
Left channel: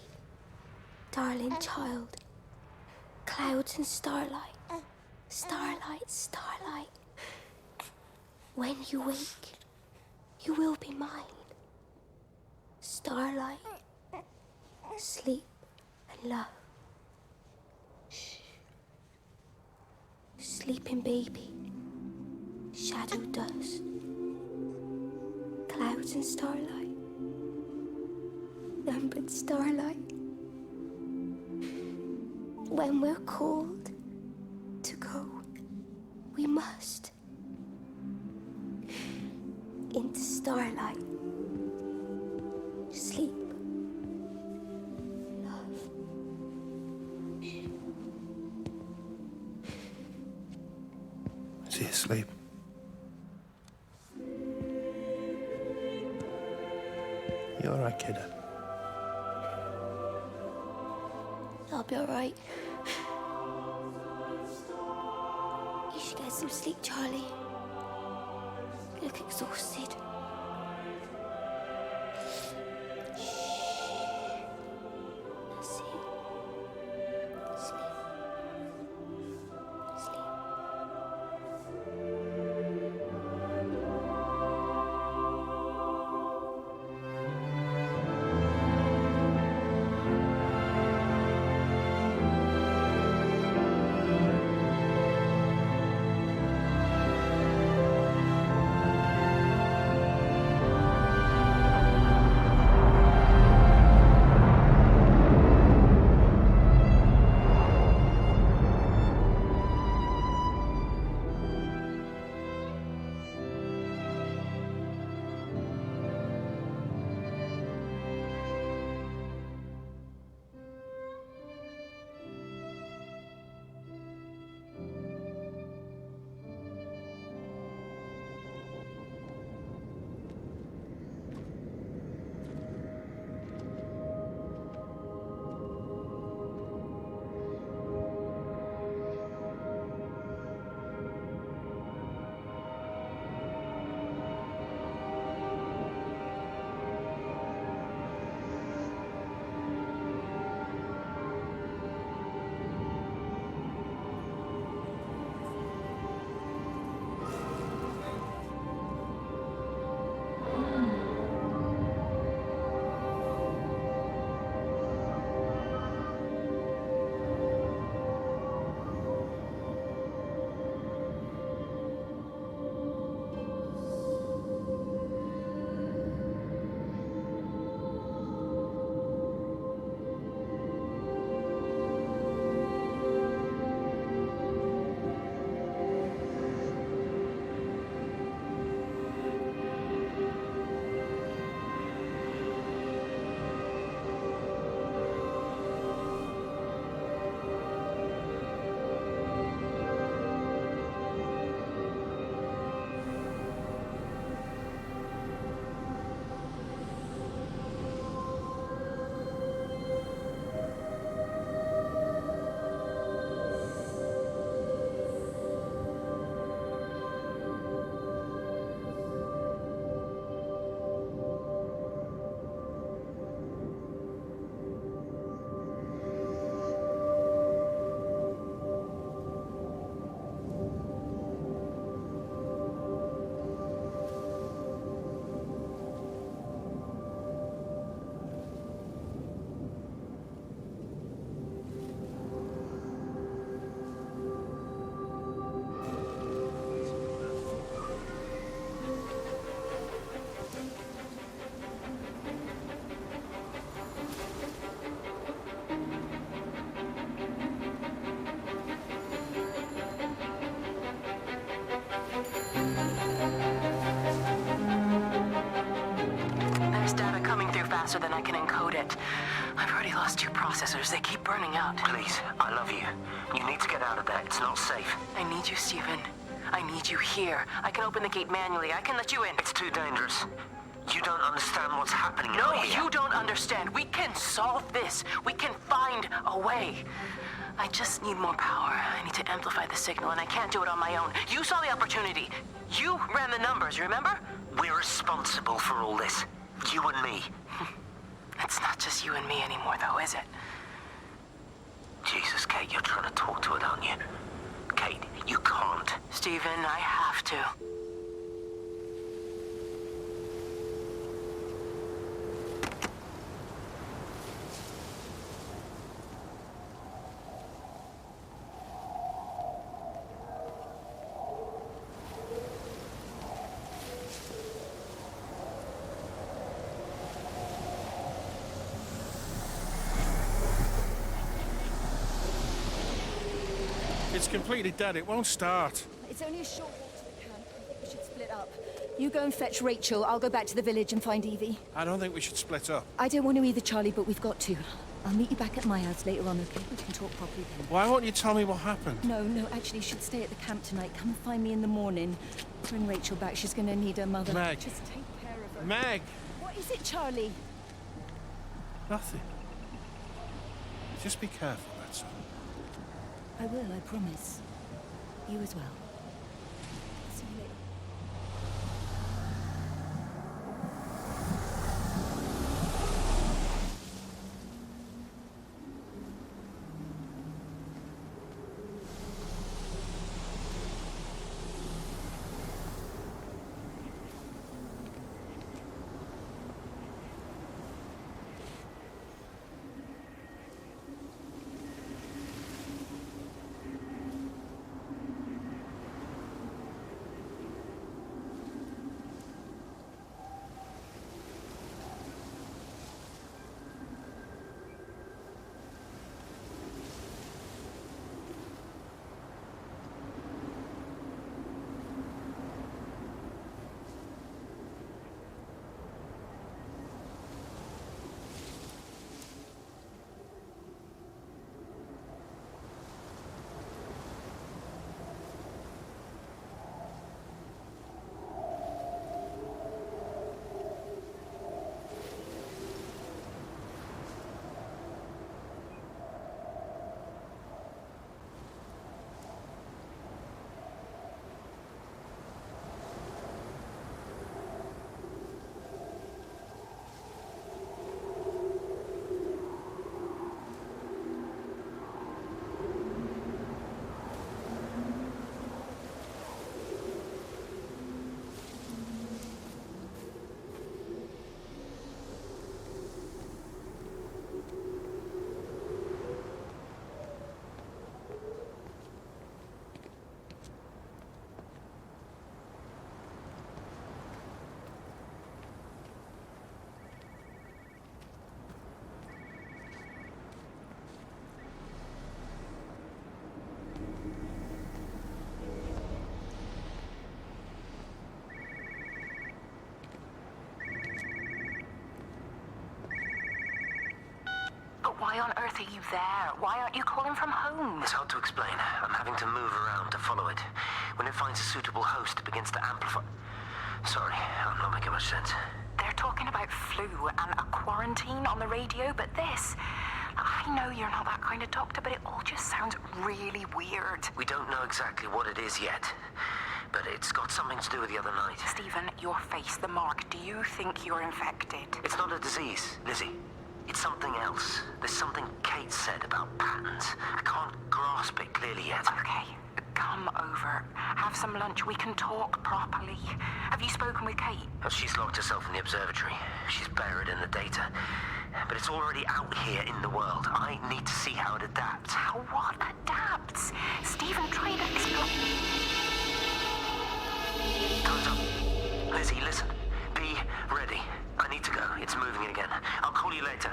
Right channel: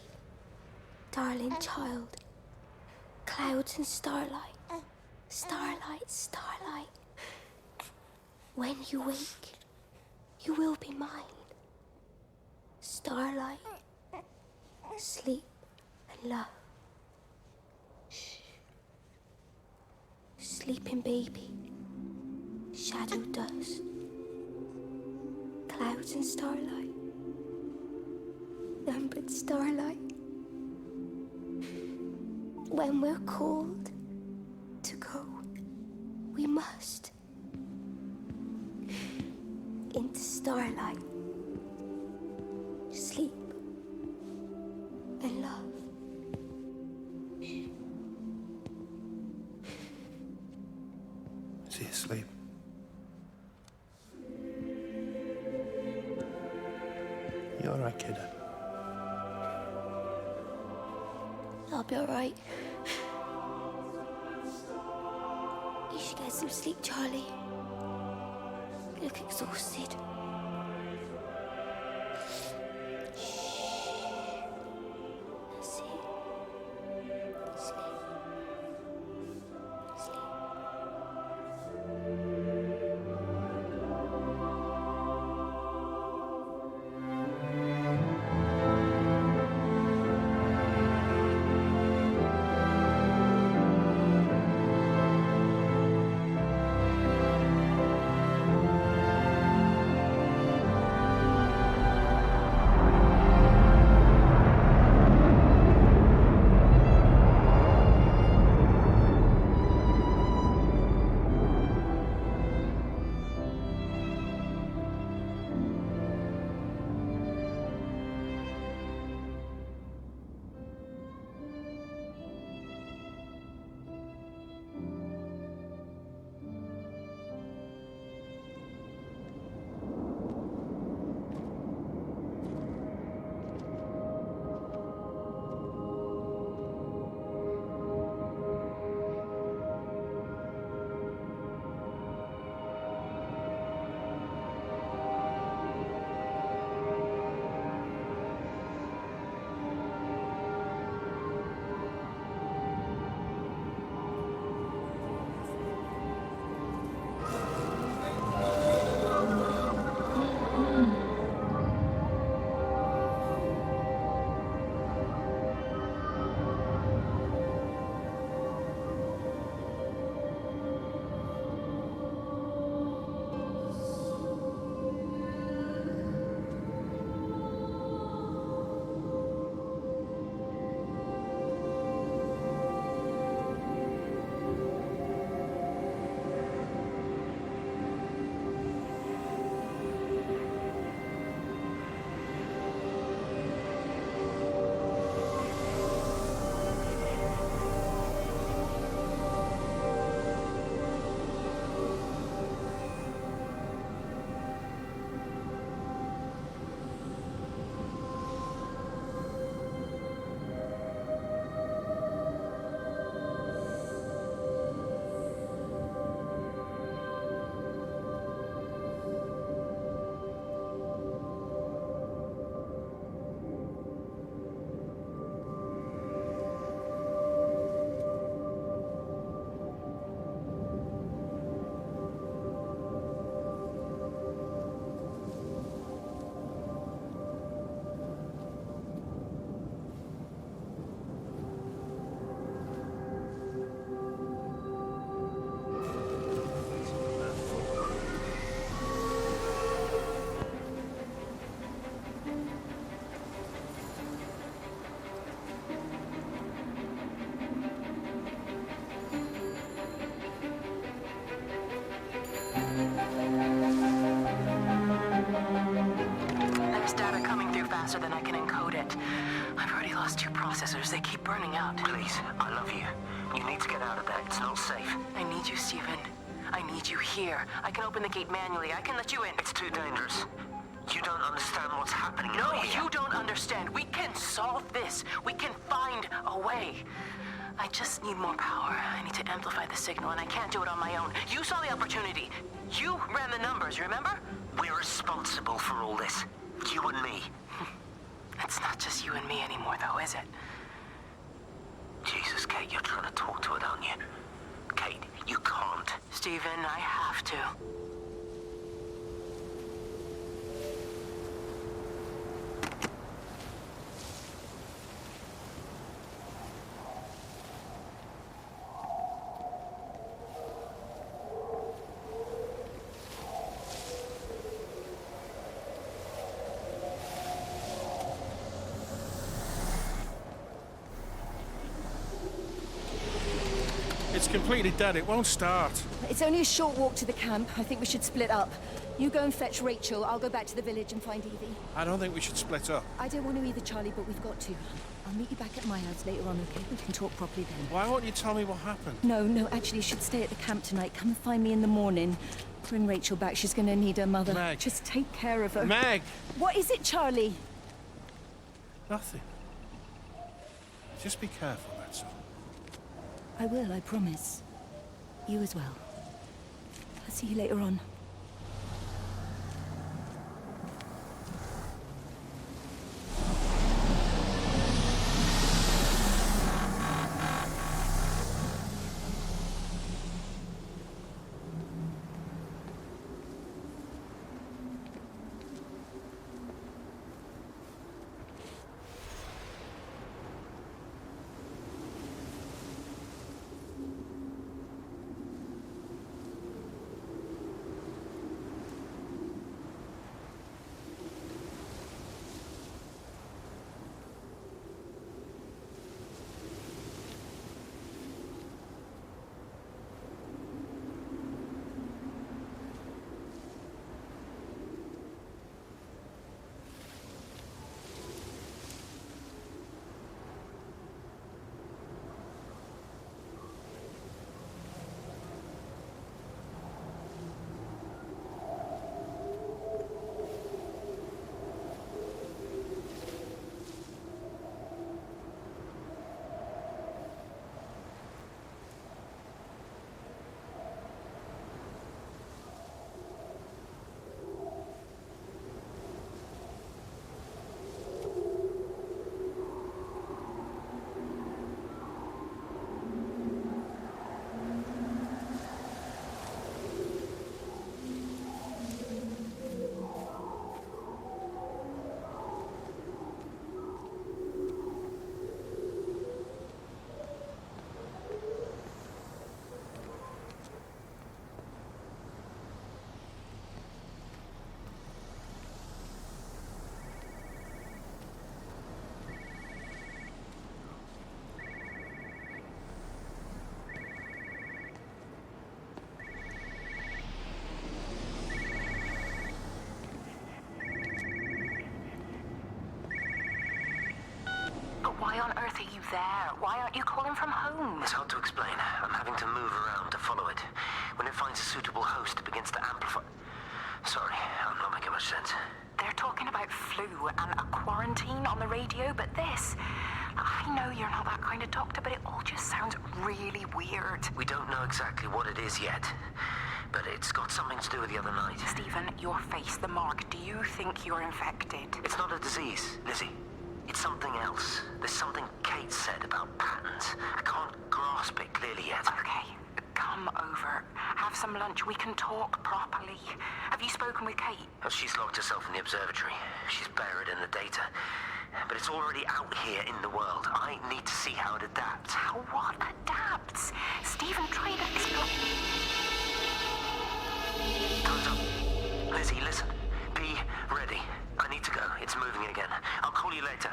darling child, clouds and starlight, starlight, starlight. When you wake, you will be mine. Starlight, sleep and love. Shh. Sleeping baby, shadow dust, clouds and starlight. Numbered starlight. When we're called to go, we must into starlight, sleep and love. Is he asleep? You all right, kiddo? I'll be all right. You should get some sleep, Charlie. You look exhausted. Shh. That's it. Sleep. Sleep. There's data coming through faster than I can encode it. I've already lost 2 processors. They keep burning out. Please, I love you. You need to get out of there. It's not safe. I need you, Stephen. I need you here. I can open the gate manually. I can let you in. It's too dangerous. You don't understand what's happening No, out here. you don't understand. We can solve this. We can find a way. I just need more power. I need to amplify the signal, and I can't do it on my own. You saw the opportunity. You ran the numbers, remember? We're responsible for all this. You and me. It's not just you and me anymore, though, is it? Jesus, Kate, you're trying to talk to it, aren't you? Kate, you can't. Stephen, I have to. It's completely dead. It won't start. It's only a short walk to the camp. I think we should split up. You go and fetch Rachel. I'll go back to the village and find Evie. I don't think we should split up. I don't want to either, Charlie, but we've got to. I'll meet you back at my house later on, okay? We can talk properly then. Why won't you tell me what happened? No, actually, you should stay at the camp tonight. Come and find me in the morning. Bring Rachel back. She's going to need her mother. Meg. Just take care of her. Meg! What is it, Charlie? Nothing. Just be careful, that's all. I will, I promise. You as well. I'll see you later on. Why on earth are you there? Why aren't you calling from home? It's hard to explain. I'm having to move around to follow it. When it finds a suitable host, it begins to amplify. Sorry, I'm not making much sense. They're talking about flu and a quarantine on the radio, but this... I know you're not that kind of doctor, but it all just sounds really weird. We don't know exactly what it is yet, but it's got something to do with the other night. Stephen, your face, the mark, do you think you're infected? It's not a disease, Lizzie. It's something else. There's something Kate said about patterns. I can't grasp it clearly yet. Okay, come over. Have some lunch. We can talk properly. Have you spoken with Kate? She's locked herself in the observatory. She's buried in the data. But it's already out here in the world. I need to see how it adapts. How what adapts? Stephen, try to explain. Time's up. Lizzie, listen. Be ready. I need to go. It's moving again. I'll call you later.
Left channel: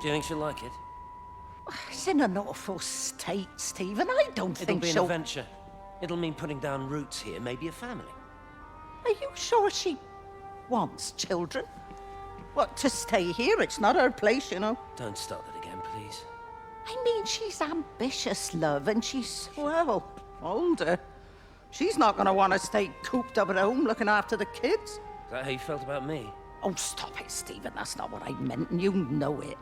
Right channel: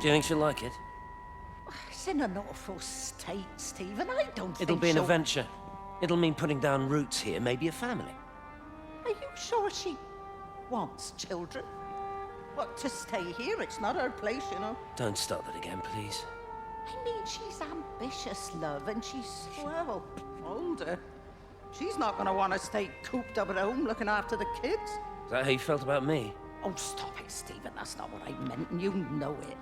Do you think she'll like it? It's in an awful state, Stephen. I don't think It'll be an she'll... adventure. It'll mean putting down roots here, maybe a family. Are you sure she wants children? What, to stay here? It's not her place, you know. Don't start that again, please. I mean, she's ambitious, love, and she's, well, older. She's not going to want to stay cooped up at home looking after the kids. Is that how you felt about me? Oh, stop it, Stephen. That's not what I meant, and you know it.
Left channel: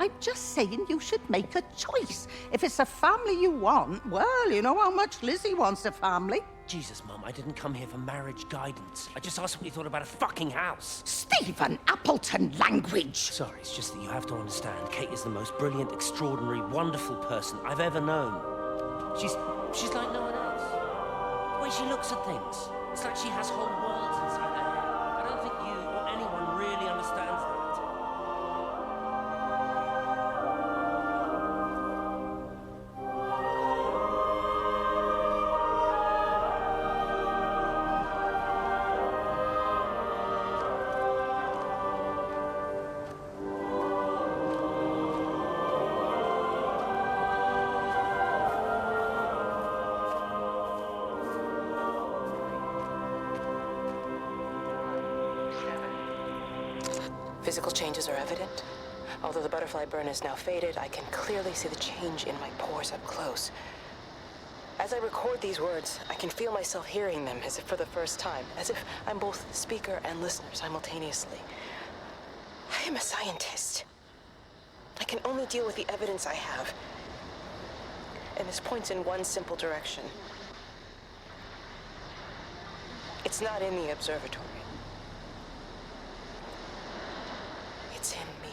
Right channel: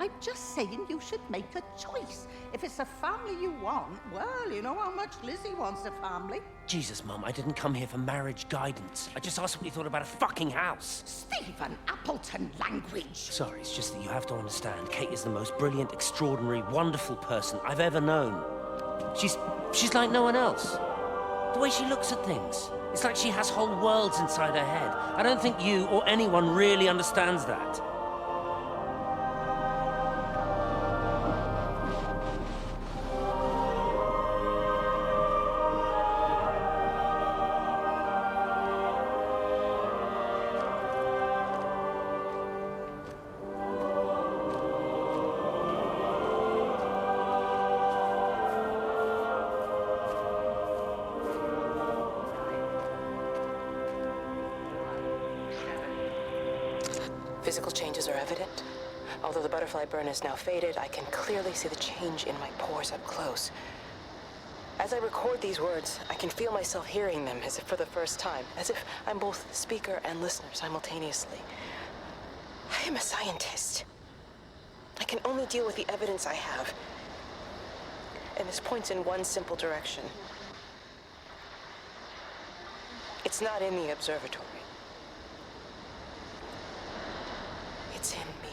I'm just saying you should make a choice. If it's a family you want, well, you know how much Lizzie wants a family. Jesus, Mum, I didn't come here for marriage guidance. I just asked what you thought about a fucking house. Stephen Appleton language! Sorry, it's just that you have to understand, Kate is the most brilliant, extraordinary, wonderful person I've ever known. She's like no one else. The way she looks at things, it's like she has whole worlds inside her head. I don't think you or anyone really understands that. Physical changes are evident. Although the butterfly burn is now faded, I can clearly see the change in my pores up close. As I record these words, I can feel myself hearing them as if for the first time, as if I'm both speaker and listener simultaneously. I am a scientist. I can only deal with the evidence I have. And this points in one simple direction. It's not in the observatory. It's in me.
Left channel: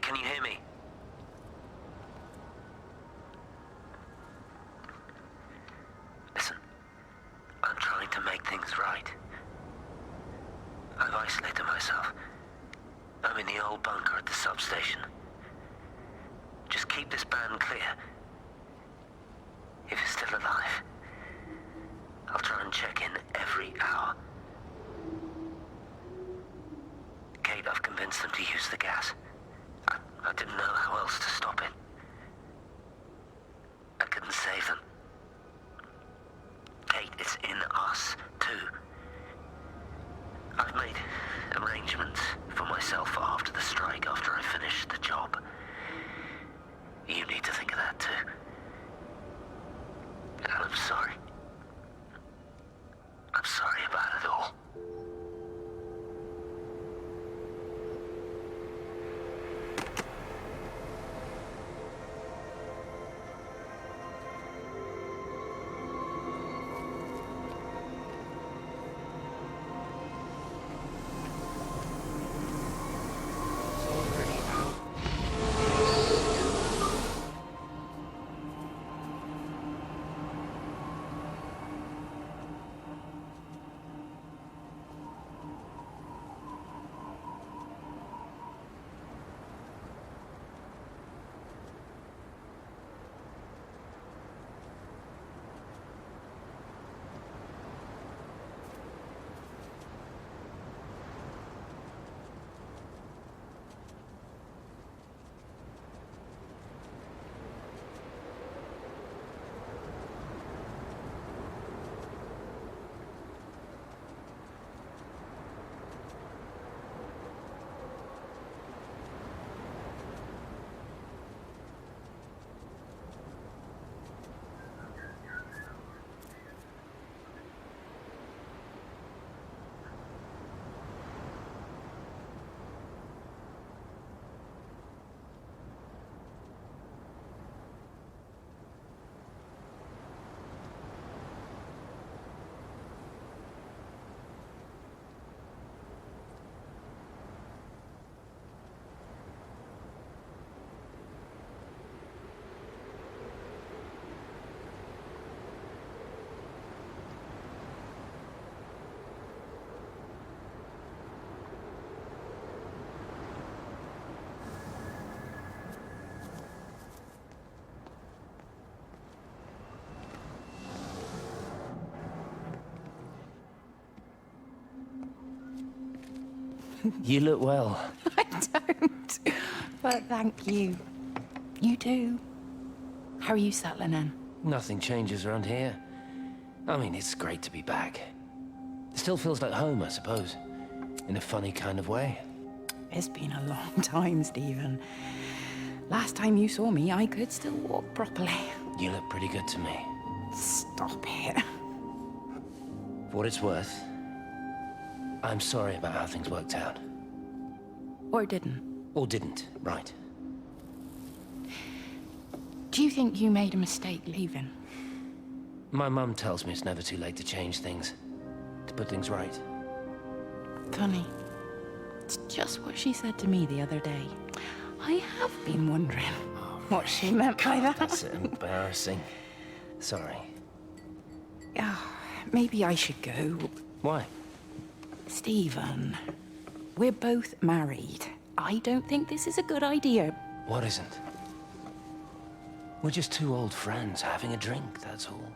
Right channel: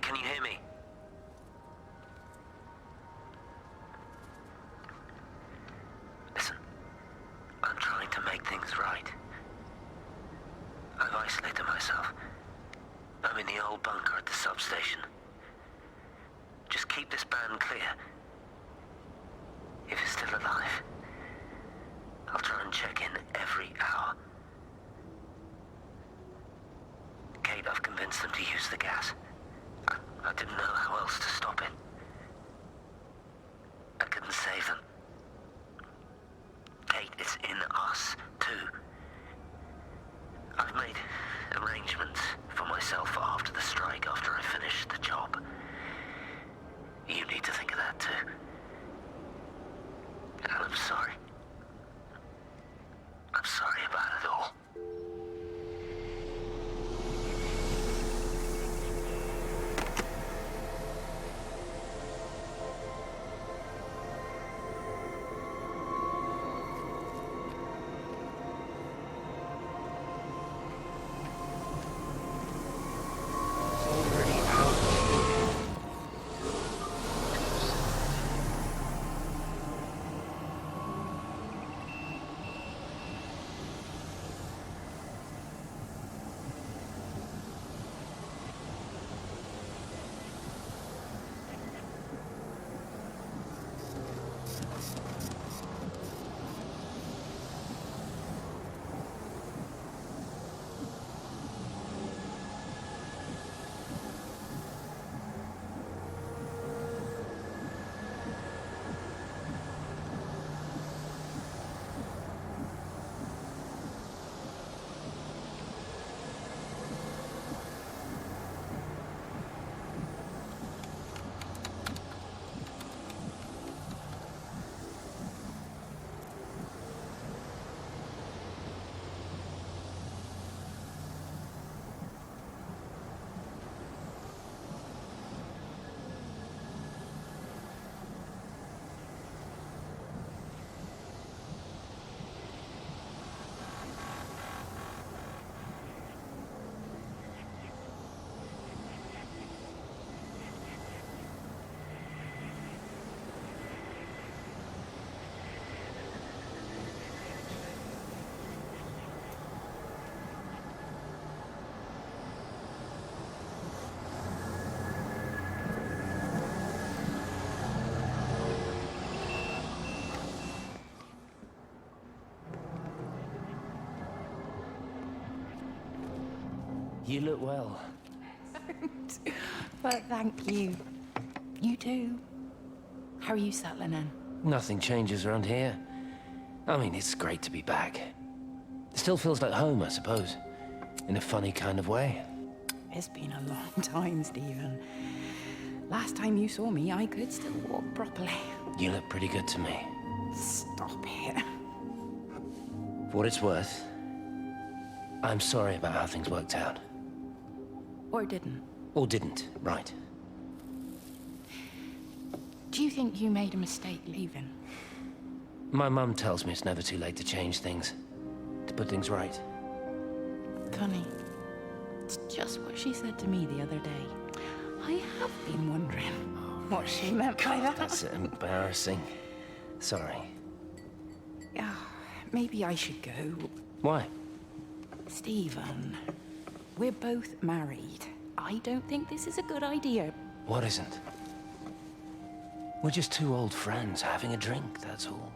Can you hear me? Listen, I'm trying to make things right. I've isolated myself. I'm in the old bunker at the substation. Just keep this band clear. If it's still alive, I'll try and check in every hour. Kate, I've convinced them to use the gas. I didn't know how else to stop it. I couldn't save them. Kate, it's in us, too. I've made arrangements for myself after the strike, after I finish the job. You need to think of that, too. And I'm sorry. I'm sorry about it all. You look well. I don't. But thank you. You too. How are you settling in? Nothing changes around here. I mean, it's great to be back. It still feels like home, I suppose. In a funny kind of way. It's been a long time, Stephen. Last time you saw me, I could still walk properly. You look pretty good to me. Stop it. For what it's worth, I'm sorry about how things worked out. Or didn't. Or didn't, right. Do you think you made a mistake leaving? My mum tells me it's never too late to change things. To put things right. Funny. It's just what she said to me the other day. I have been wondering what she meant by that. That's embarrassing. Sorry. Yeah, maybe I should go. Why? Stephen, we're both married. I don't think this is a good idea. What isn't? We're just two old friends having a drink, that's all.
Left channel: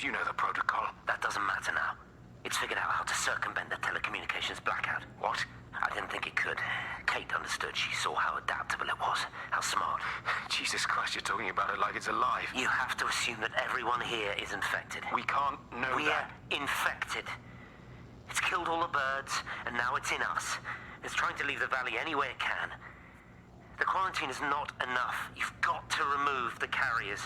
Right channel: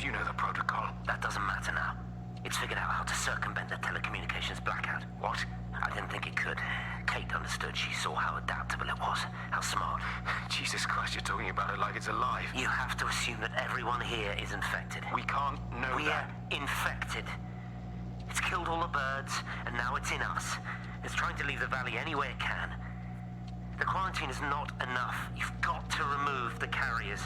You know the protocol. That doesn't matter now. It's figured out how to circumvent the telecommunications blackout. What? I didn't think it could. Kate understood. She saw how adaptable it was. How smart. Jesus Christ, you're talking about it like it's alive. You have to assume that everyone here is infected. We can't know that. We're infected. It's killed all the birds, and now it's in us. It's trying to leave the valley any way it can. The quarantine is not enough. You've got to remove the carriers.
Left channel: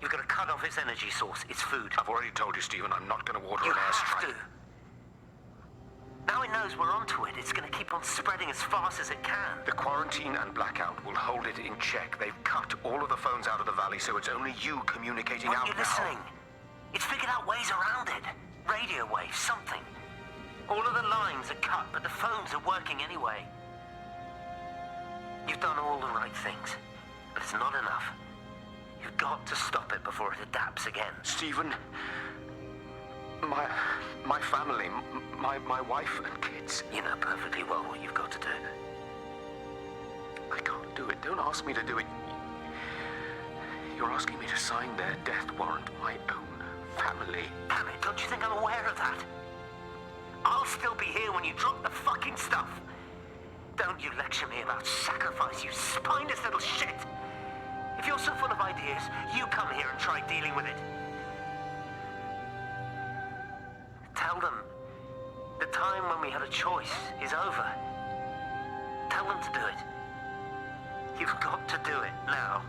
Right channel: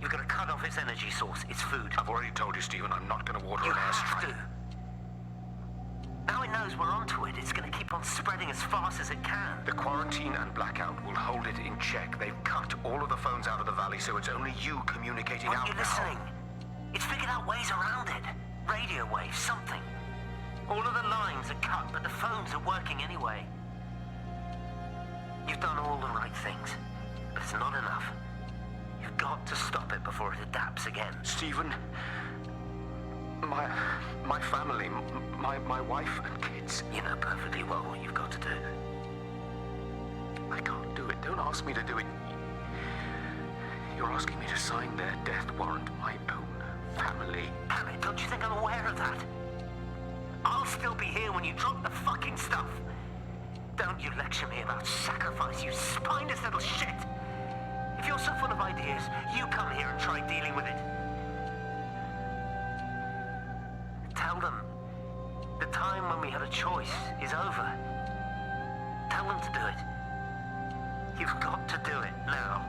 You've got to cut off its energy source, its food. I've already told you, Stephen, I'm not going to order an airstrike. You have to. Now it knows we're onto it. It's going to keep on spreading as fast as it can. The quarantine and blackout will hold it in check. They've cut all of the phones out of the valley, so it's only you communicating out now. Aren't you listening? It's figured out ways around it. Radio waves, something. All of the lines are cut, but the phones are working anyway. You've done all the right things, but it's not enough. You've got to stop it before it adapts again. Stephen, my family, my wife and kids. You know perfectly well what you've got to do. I can't do it. Don't ask me to do it. You're asking me to sign their death warrant, my own family. Damn it, don't you think I'm aware of that? I'll still be here when you drop the fucking stuff. Don't you lecture me about sacrifice, you spineless little shit. If you're so full of ideas, you come here and try dealing with it. Tell them the time when we had a choice is over. Tell them to do it. You've got to do it now.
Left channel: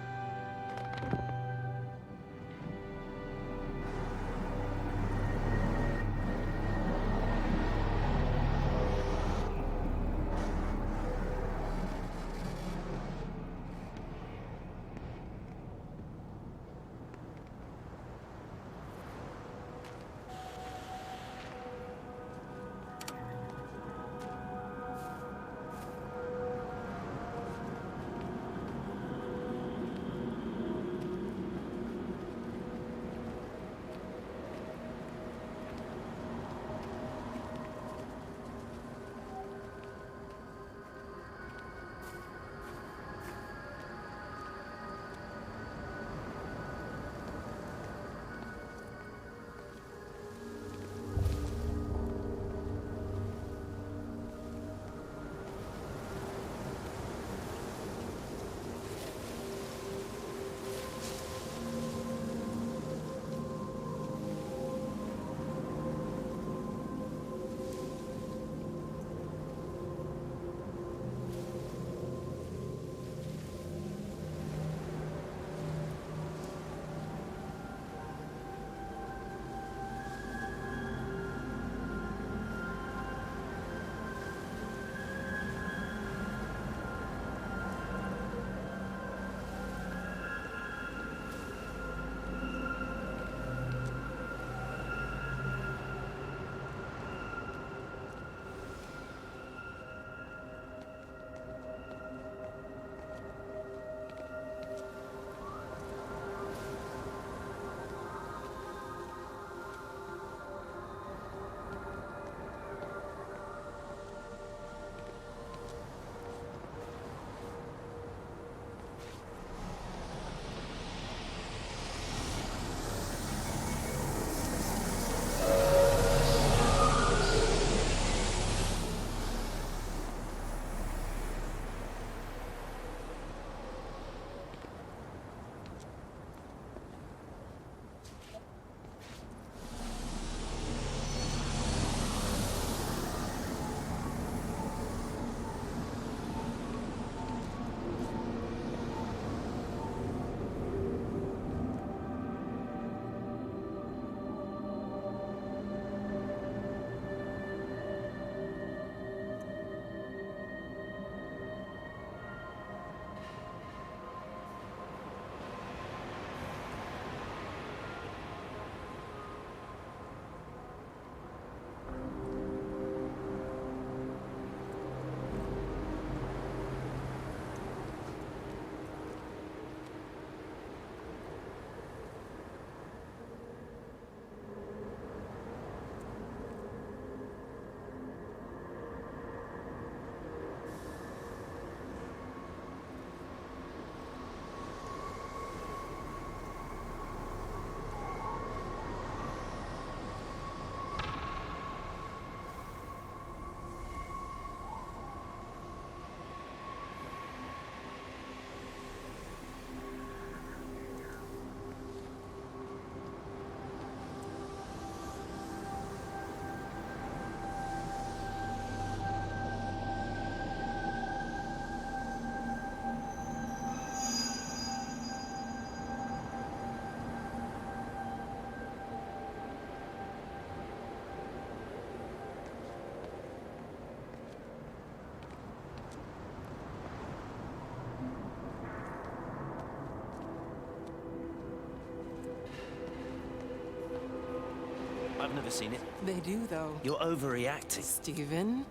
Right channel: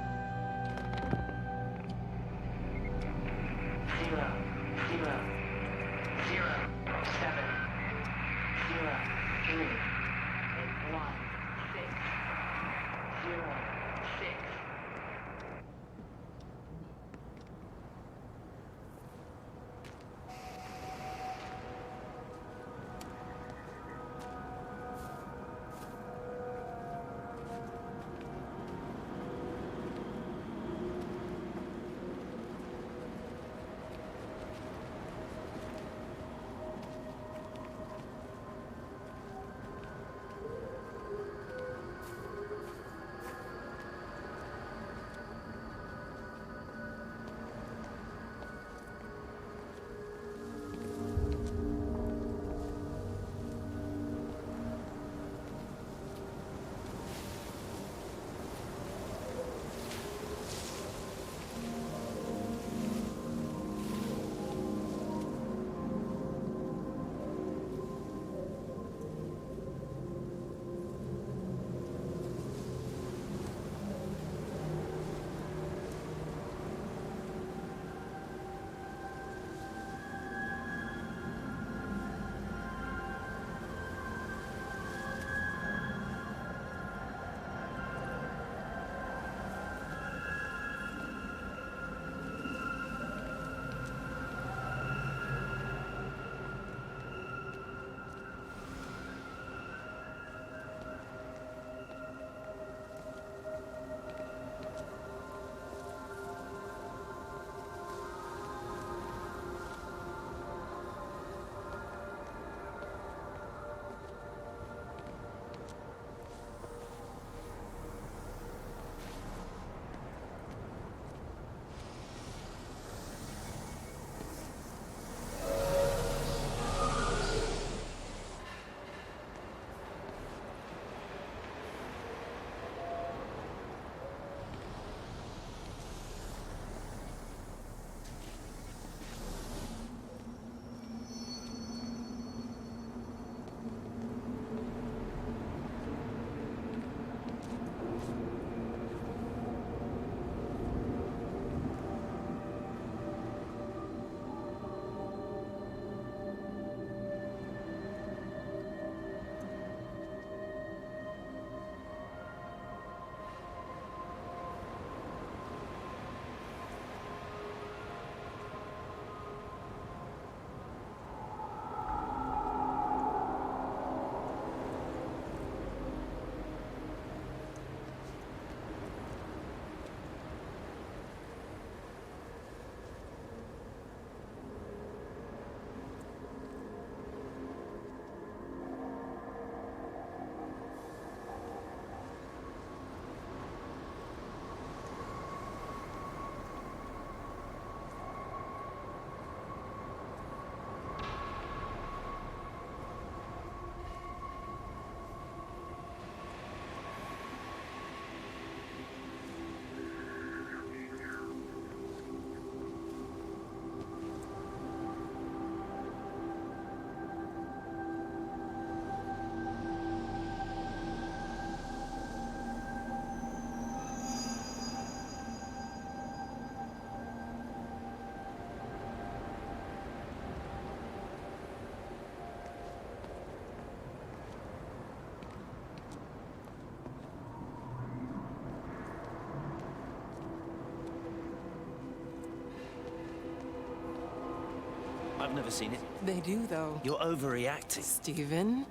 I've never seen it. They do, though. You're overreacting. Stephen,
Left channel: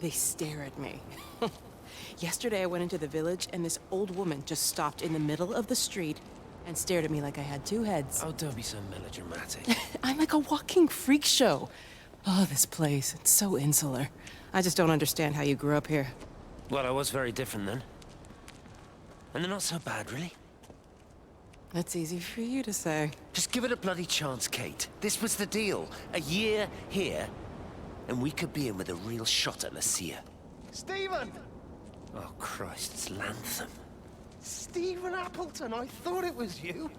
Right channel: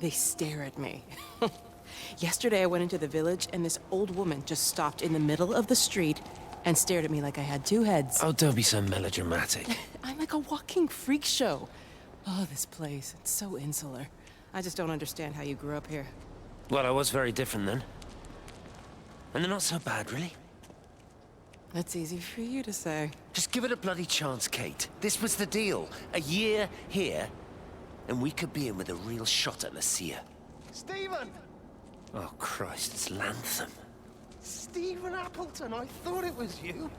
they stare at me. Yesterday I went into the village and this old woman just stopped in the middle of the street and stared at me like I had two heads. Oh, don't be so melodramatic. I'm like a walking freak show. Oh, this place, it's so insular. I just don't understand how you grew up here. Well, I was very different then. And they're not so bad, really. That's easy for you to say. Just give it a bloody chance, Kate. This was the deal. A year here, and we could be in with a real shot at Lucia. Stephen! Oh, Christ, it's Lantham. Stephen Appleton, I thought it was you.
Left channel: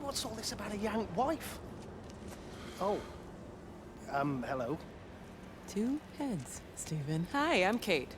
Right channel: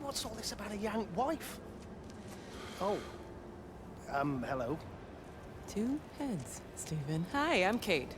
What's all this about a Yank wife? Oh. Hello. Two heads, Stephen. Hi, I'm Kate.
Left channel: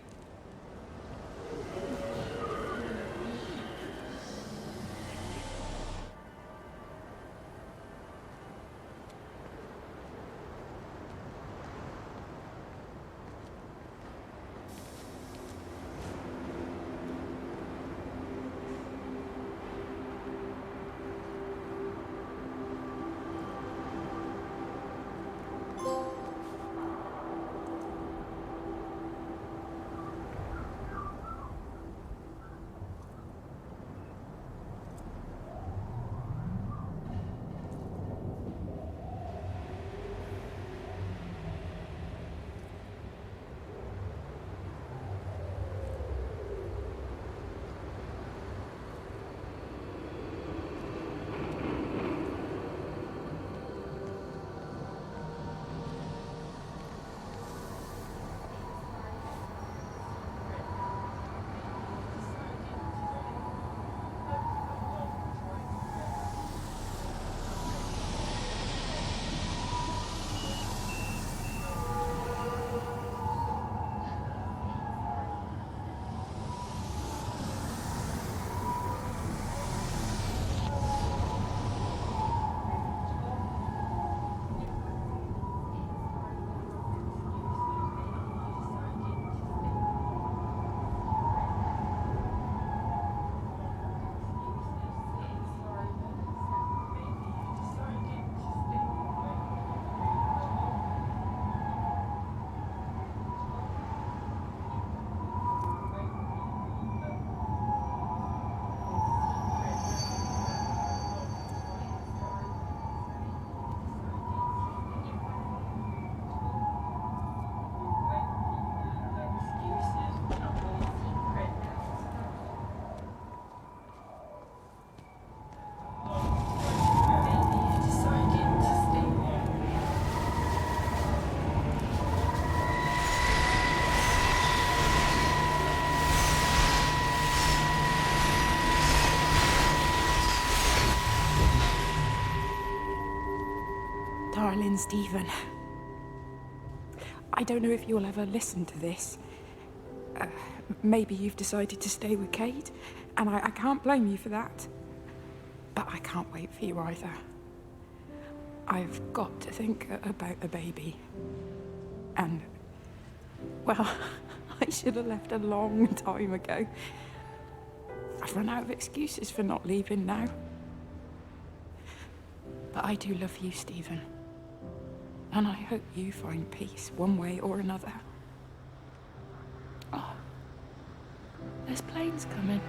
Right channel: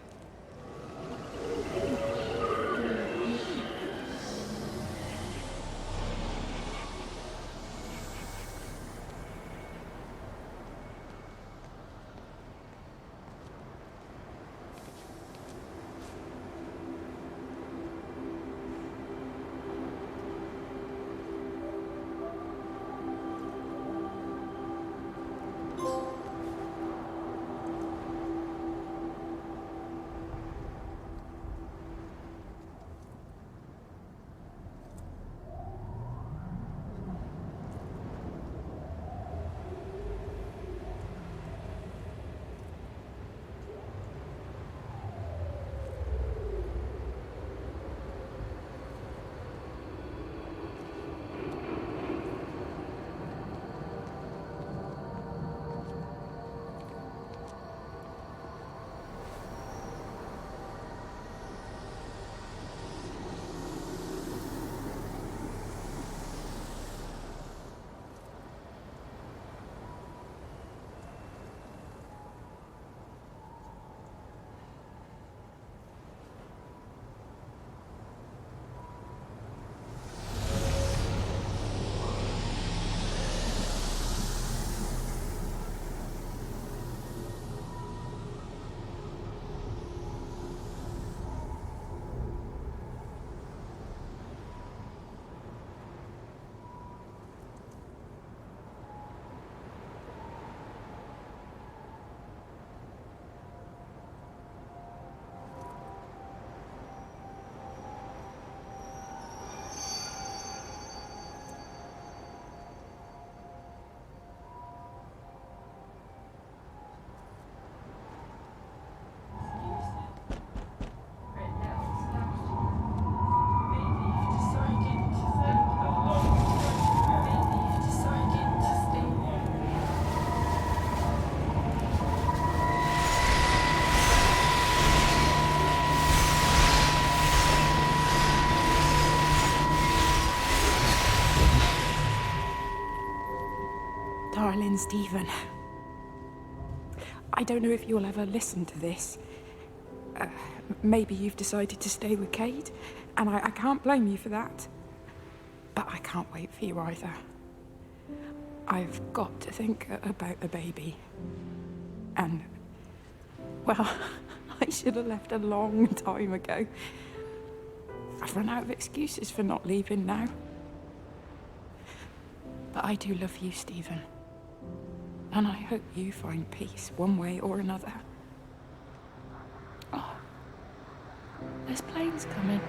Darling Stephen, I don't know if you'll ever listen to this. Maybe you've decided to stay with Kate, and I can't blame you for that. But I can't wait for you either. I've got to think about the baby. And, well, I should have left a long time ago. I've run out of excuses for not leaving now. But I do love you, Stephen. And I hope you find peace one way or another. Oh, there's planes coming.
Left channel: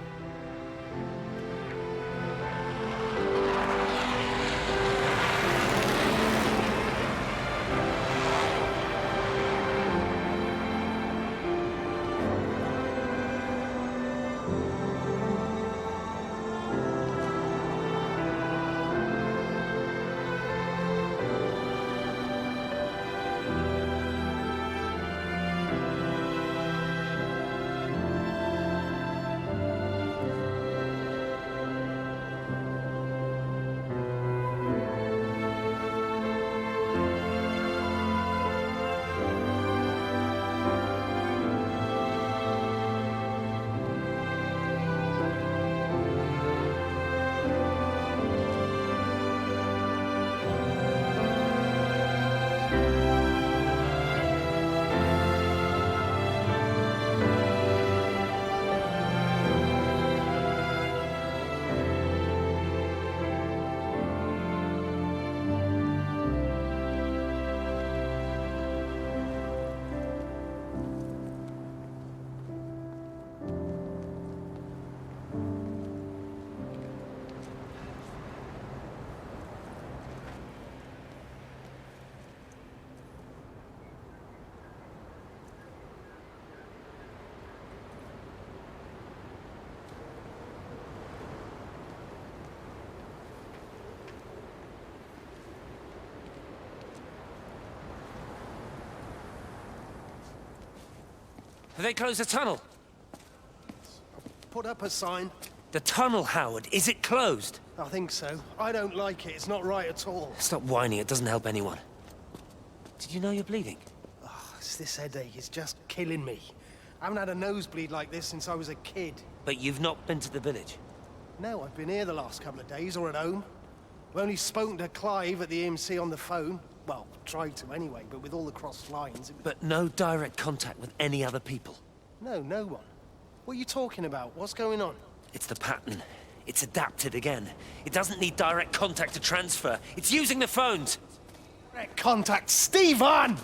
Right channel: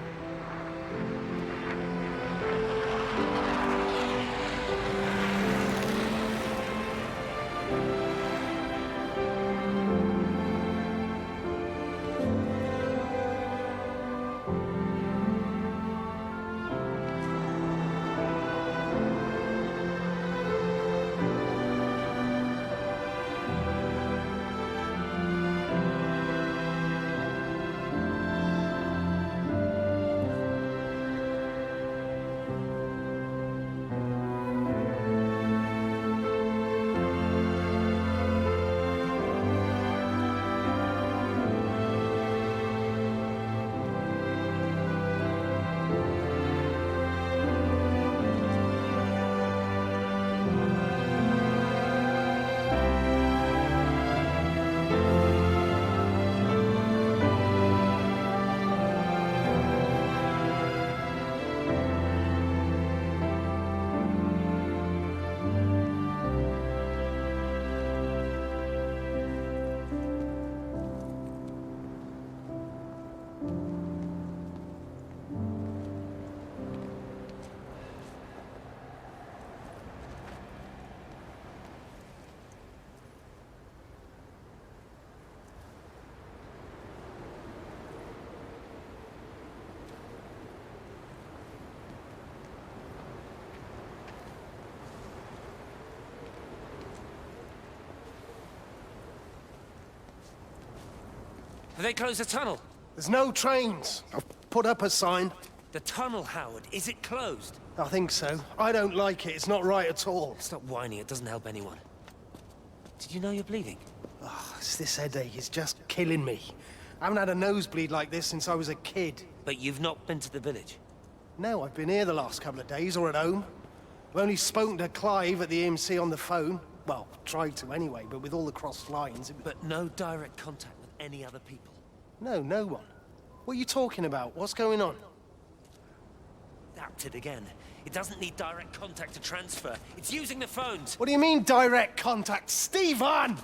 Have they closed the tunnel? There's no trains. I've put up a sign. The tunnel, Howard, is it closed? I think so. I don't like it. It's not right at all. Stop whining, it doesn't help anyone. Did you know you're bleeding? Oh, it's this headache. It's just killing me. I haven't had a nosebleed like this since I was a kid. But you've not been to the village? No, I've been here the last couple of days, or at home. I've only spoken to Clive at the EMC on the phone. Well, tried to anyway, but with all the crossed lines... But no direct contact with any other people? No, no one. What are you talking about? What's going on? It's the pattern. It's adapted again. It doesn't need direct contact to transfer. It's using the phones. What do you mean, direct contact? Stephen!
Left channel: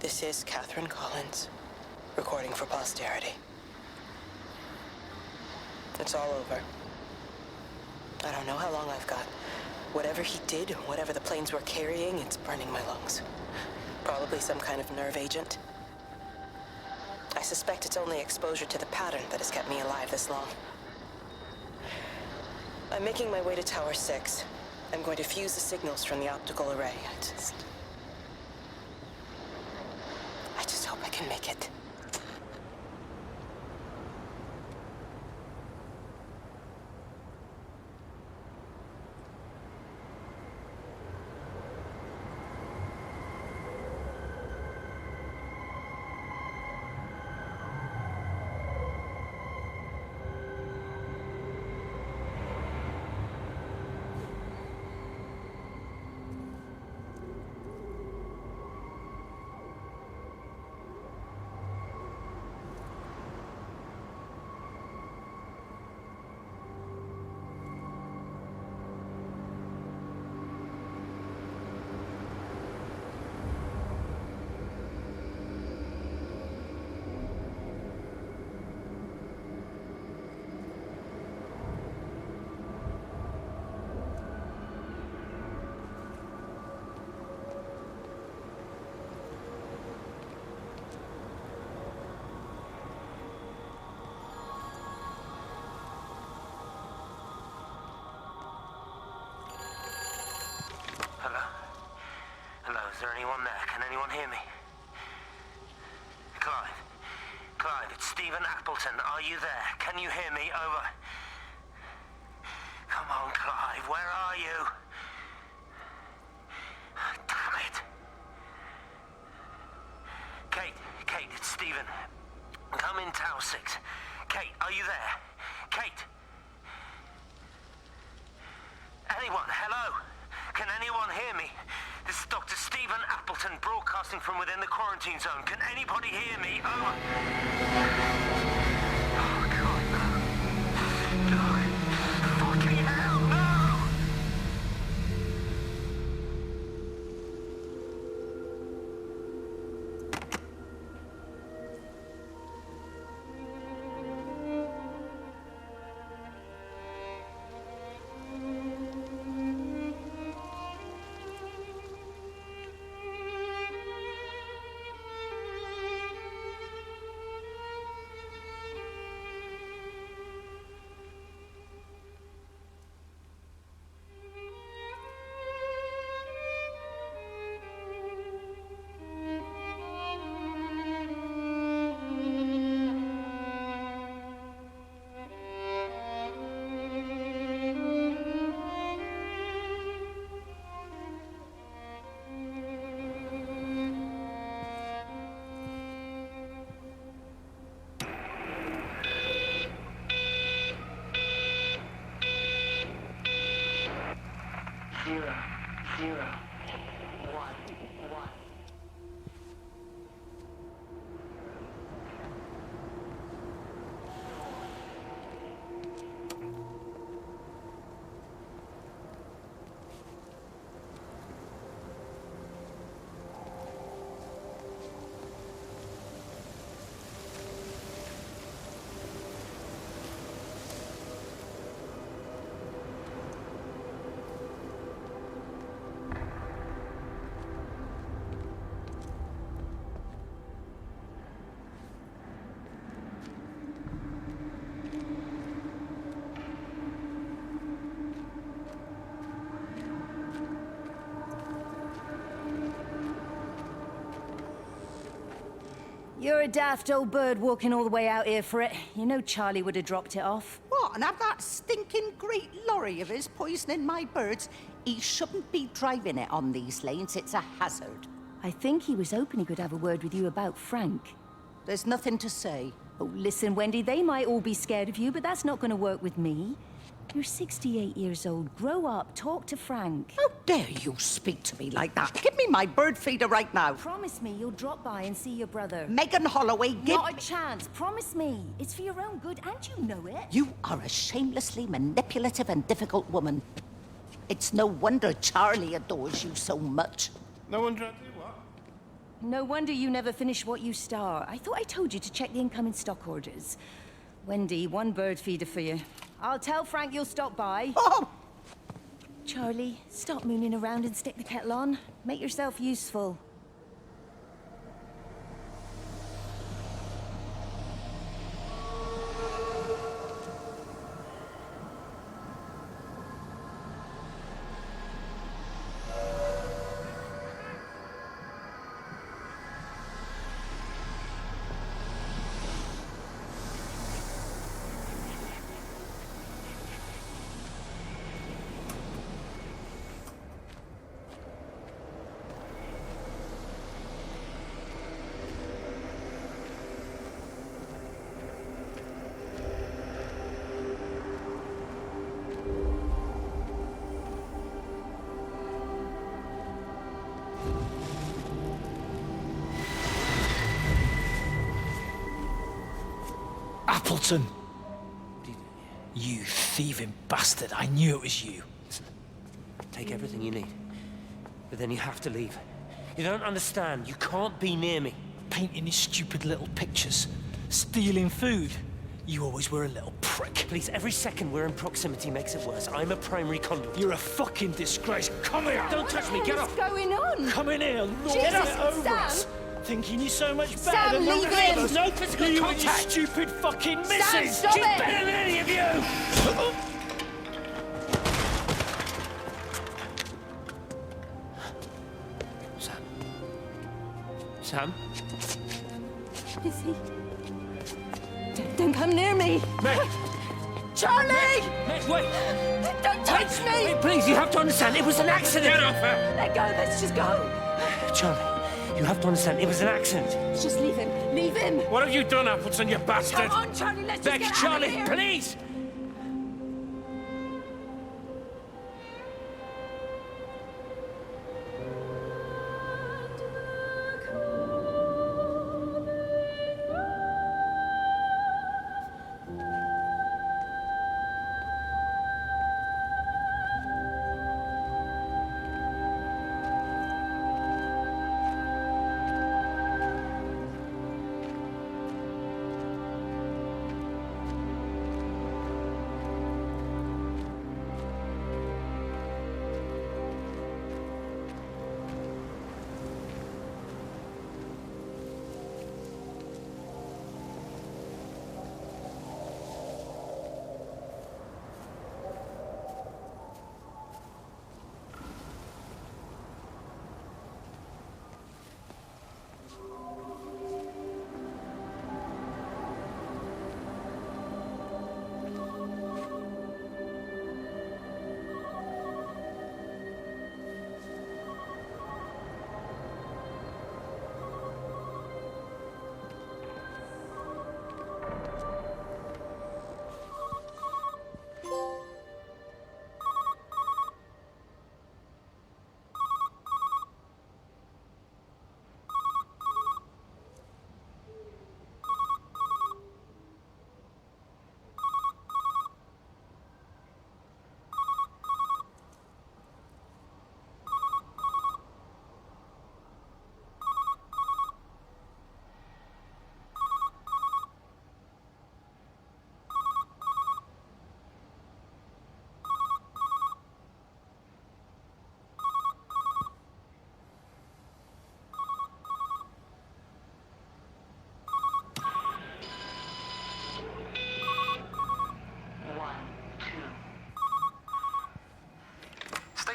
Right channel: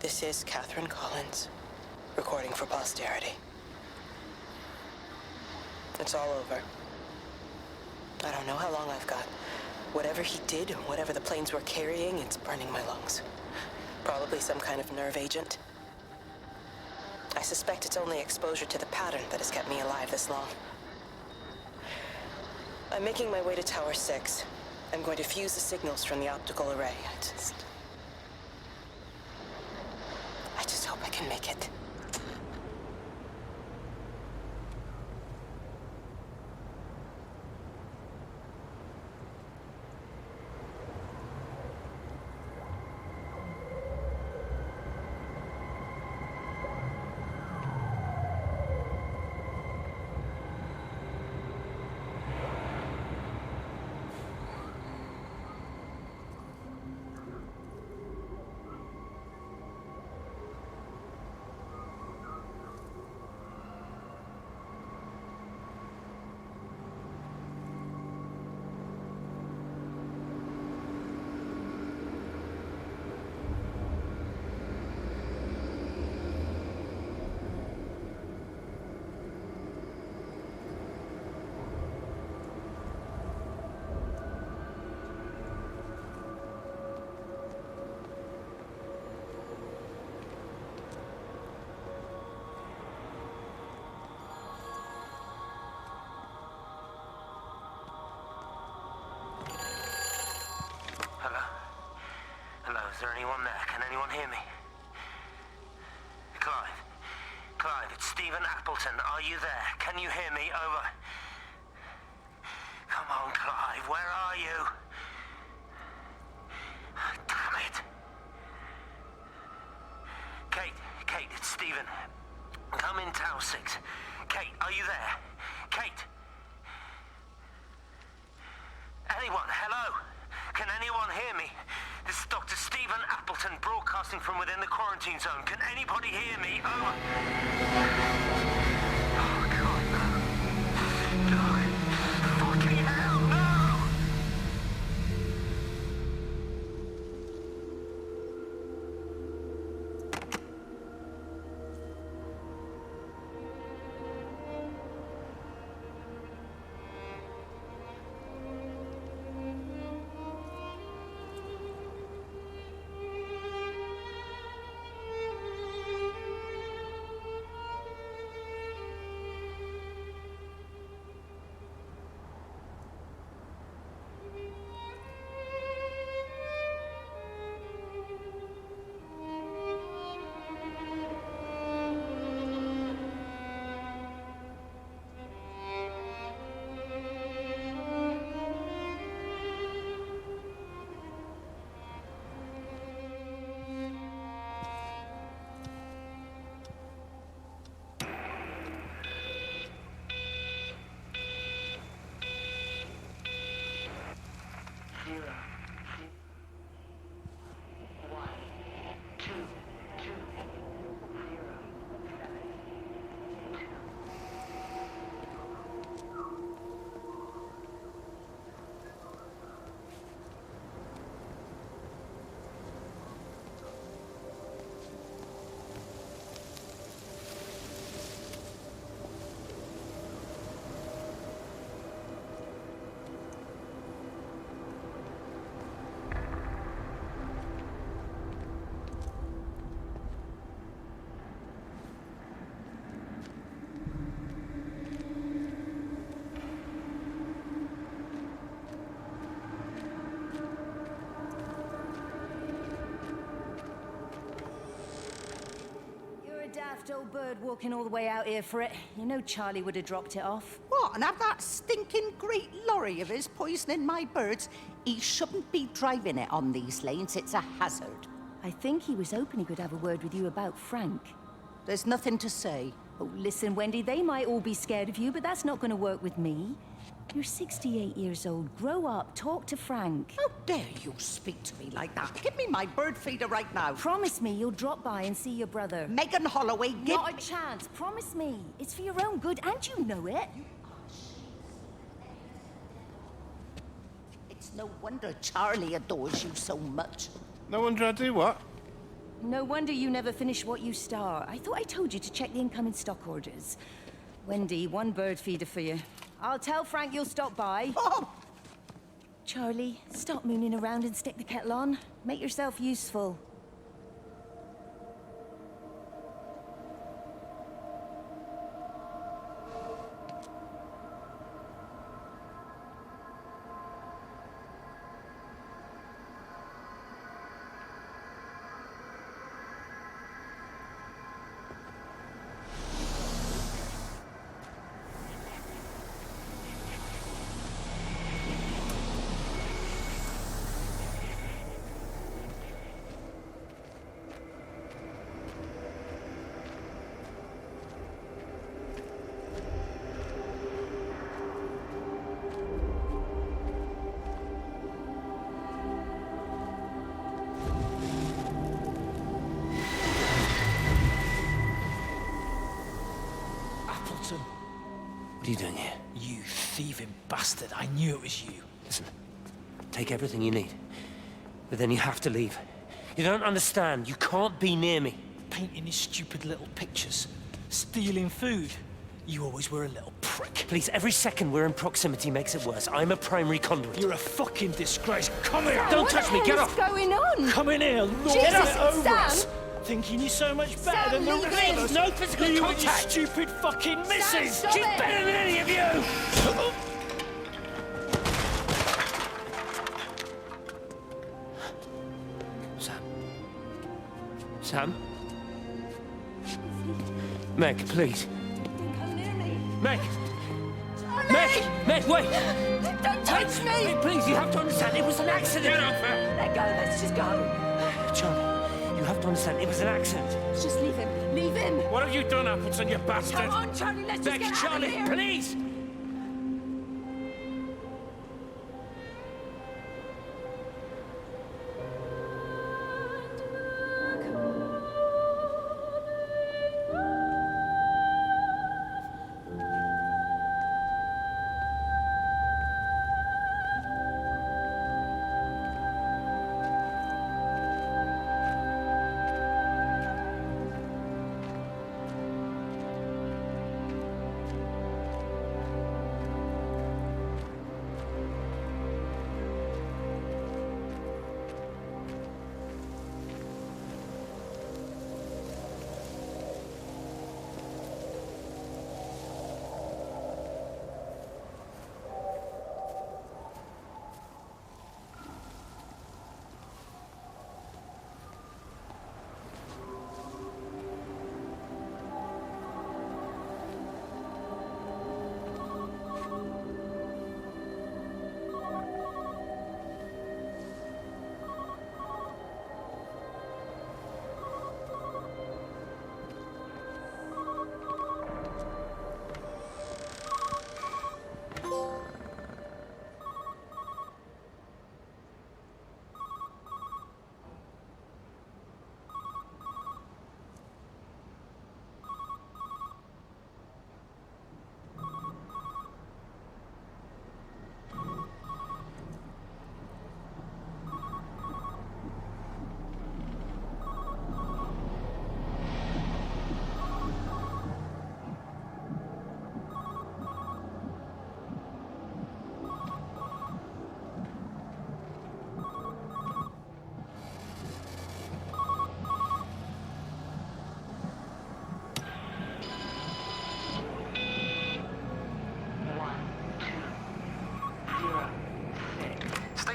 This is Catherine Collins, recording for posterity. It's all over. I don't know how long I've got. Whatever he did, whatever the planes were carrying, it's burning my lungs. Probably some kind of nerve agent. I suspect it's only exposure to the pattern that has kept me alive this long. I'm making my way to Tower 6. I'm going to fuse the signals from the optical array. I just hope I can make it. Is there anyone there? Can anyone hear me? Clive? Clive, it's Stephen Appleton. Are you there? Can you hear me? Over. Come on, Clive. Where are you? Damn it. Kate, it's Stephen. Come in Tower 6. Kate, are you there? Kate? Anyone? Hello? Can anyone hear me? This is Dr. Stephen Appleton broadcasting from within the quarantine zone. Can anybody hear me? Over. Oh, God, no. No. Fucking hell, no! You're a daft old bird walking all the way out here for it. You know Charlie would have dropped it off. What, and have that stinking great lorry of his poisoning my birds? He shouldn't be driving it on these lanes. It's a hazard. I think he was hoping he could have a word with you about Frank. There's nothing to say. Oh, listen, Wendy, they might all be scared of you, but that's not going to work with me. You're 68 years old. Grow up. Talk to Frank. How dare you speak to me like that? Give me my bird feeder right now. Promise me you'll drop by and see your brother. Megan Holloway, give Not a chance. Promise me. It's for your own good, and you know it. You are a shamelessly manipulative and difficult woman. It's no wonder Charlie adores you so much. No wonder I do what? No wonder you never finish what you start. I thought I told you to check the incoming stock orders. Wendy, one bird feeder for you. I'll tell Frank you'll stop by. Oh! Charlie, stop mooning around and stick the kettle on. Make yourself useful. Appleton! What are you doing here? You thieving bastard. I knew it was you. Listen, take everything you need. But then you have to leave. You don't understand. You can't be near me. Painting his stupid little pictures. Stealing food. You always were a little prick. Please, every second we're in proximity makes it worse. I'm a primary conduit. You're a fucking disgrace. Come here! Don't touch me, get off! What's going on? Come in here, lord Jesus, it over Sam! us. Thinking you're so much better Sam, than the leave rest him. of us. No physical you contact. and your stupid fucking missus. Sam, stop She's it. better than any of you! Sam? Lizzie, Meg, please. don't come near me. Meg! Charlie! Meg, wait! Don't touch me! Meg, please, you have to understand, it was an accident! Get off her! Let go, let's just go. Charlie, you have to understand, it was an accident. Just leave him. Leave him. What have you done, Appleton, you bastard? Come on, Charlie, let's just Meg, get out Charlie, of here. please!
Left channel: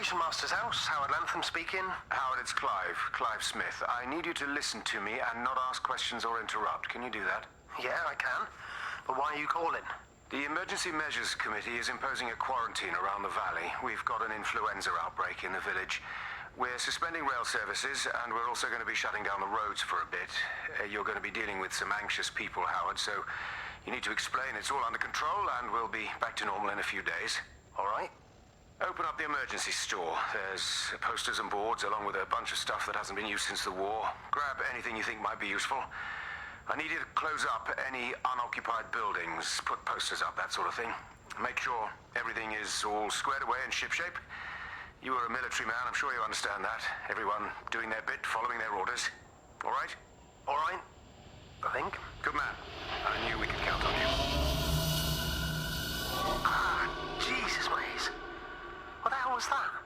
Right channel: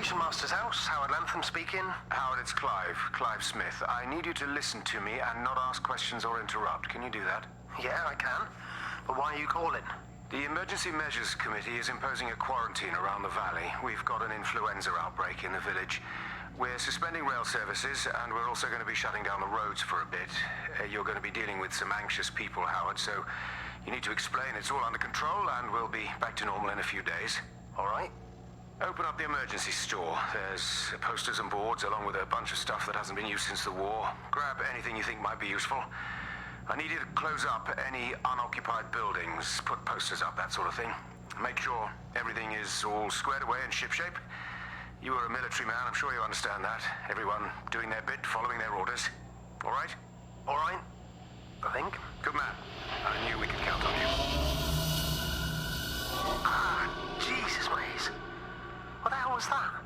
Station Master's house. Howard Lantham speaking. Howard, it's Clive. Clive Smith. I need you to listen to me and not ask questions or interrupt. Can you do that? Yeah, I can. But why are you calling? The Emergency Measures Committee is imposing a quarantine around the valley. We've got an influenza outbreak in the village. We're suspending rail services, and we're also going to be shutting down the roads for a bit. You're going to be dealing with some anxious people, Howard, so you need to explain it's all under control, and we'll be back to normal in a few days. All right. Open up the emergency store. There's posters and boards, along with a bunch of stuff that hasn't been used since the war. Grab anything you think might be useful. I need you to close up any unoccupied buildings, put posters up, that sort of thing. Make sure everything is all squared away and shipshape. You are a military man, I'm sure you understand that. Everyone doing their bit, following their orders. All right? All right. I think. Good man. I knew we could count on you. Ah, Jesus, Maze. What the hell was that?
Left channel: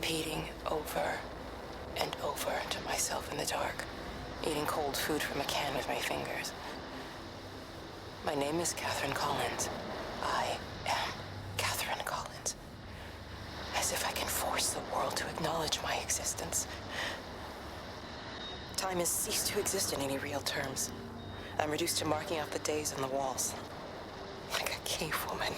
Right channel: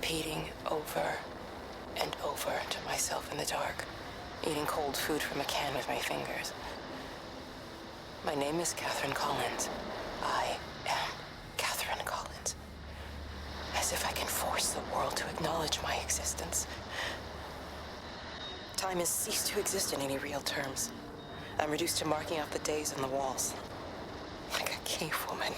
repeating over and over to myself in the dark, eating cold food from a can with my fingers. My name is Catherine Collins. I am Catherine Collins. As if I can force the world to acknowledge my existence. Time has ceased to exist in any real terms. I'm reduced to marking out the days on the walls. Like a cave woman.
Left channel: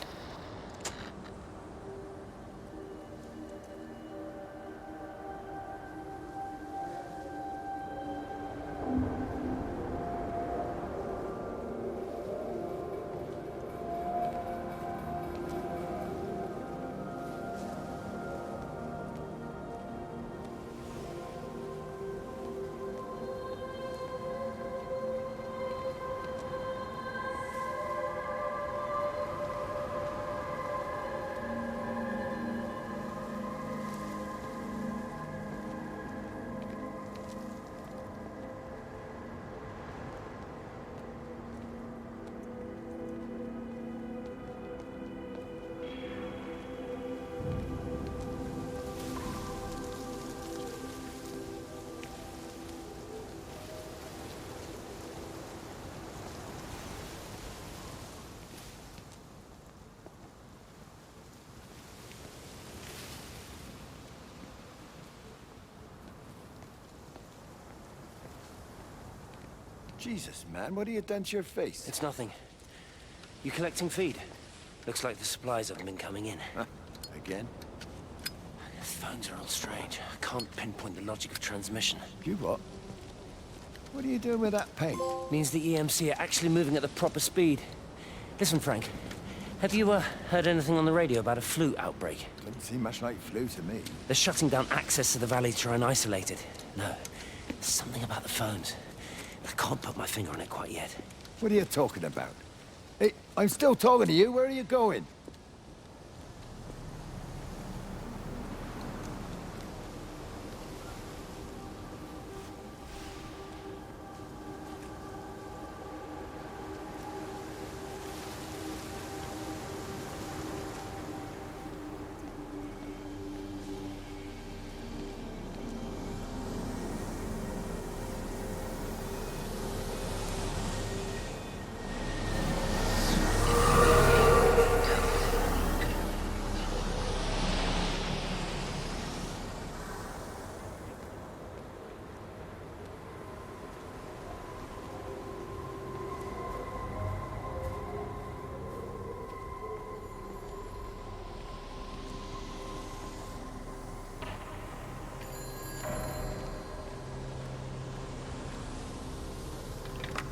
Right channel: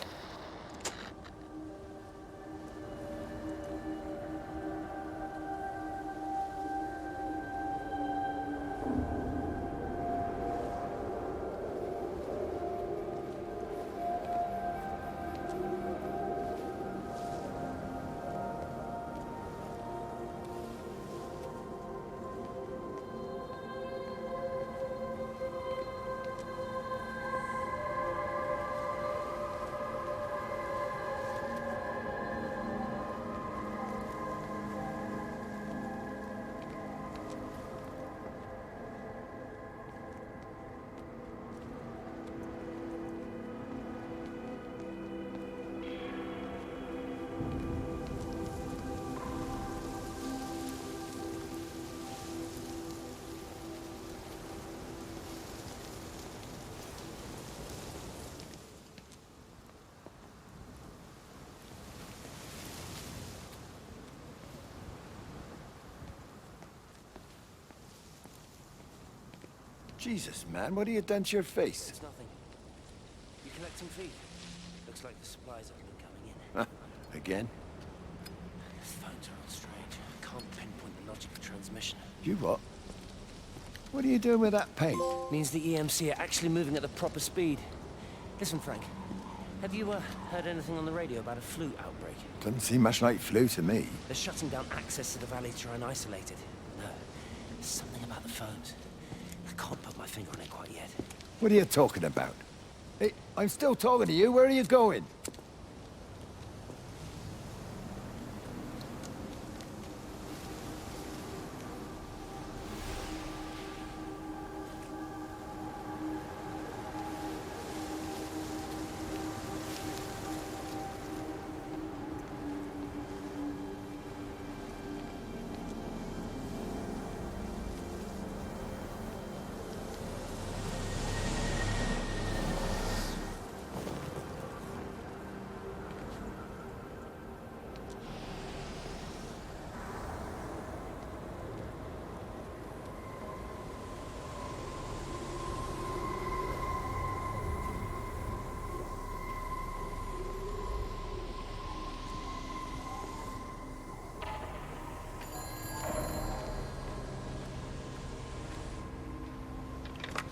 Jesus, man, what have you done to your face? It's nothing. You collecting feed? Looks like the supplies haven't been coming in. Again? The phones are all strange. I can't pinpoint the logic of transmission. You what? What are you doing with that paint? Means the EMC are actually moving at the proper speed. Listen, Frank. Have you heard anything on the radio about a flu outbreak? Doesn't seem much like flu to me. They're shutting down access to the valley to try and isolate it. No, there's something about the phones. I can't put my finger on it quite yet. What are you talking about? Hey, I'm still talking to you. Where are you going?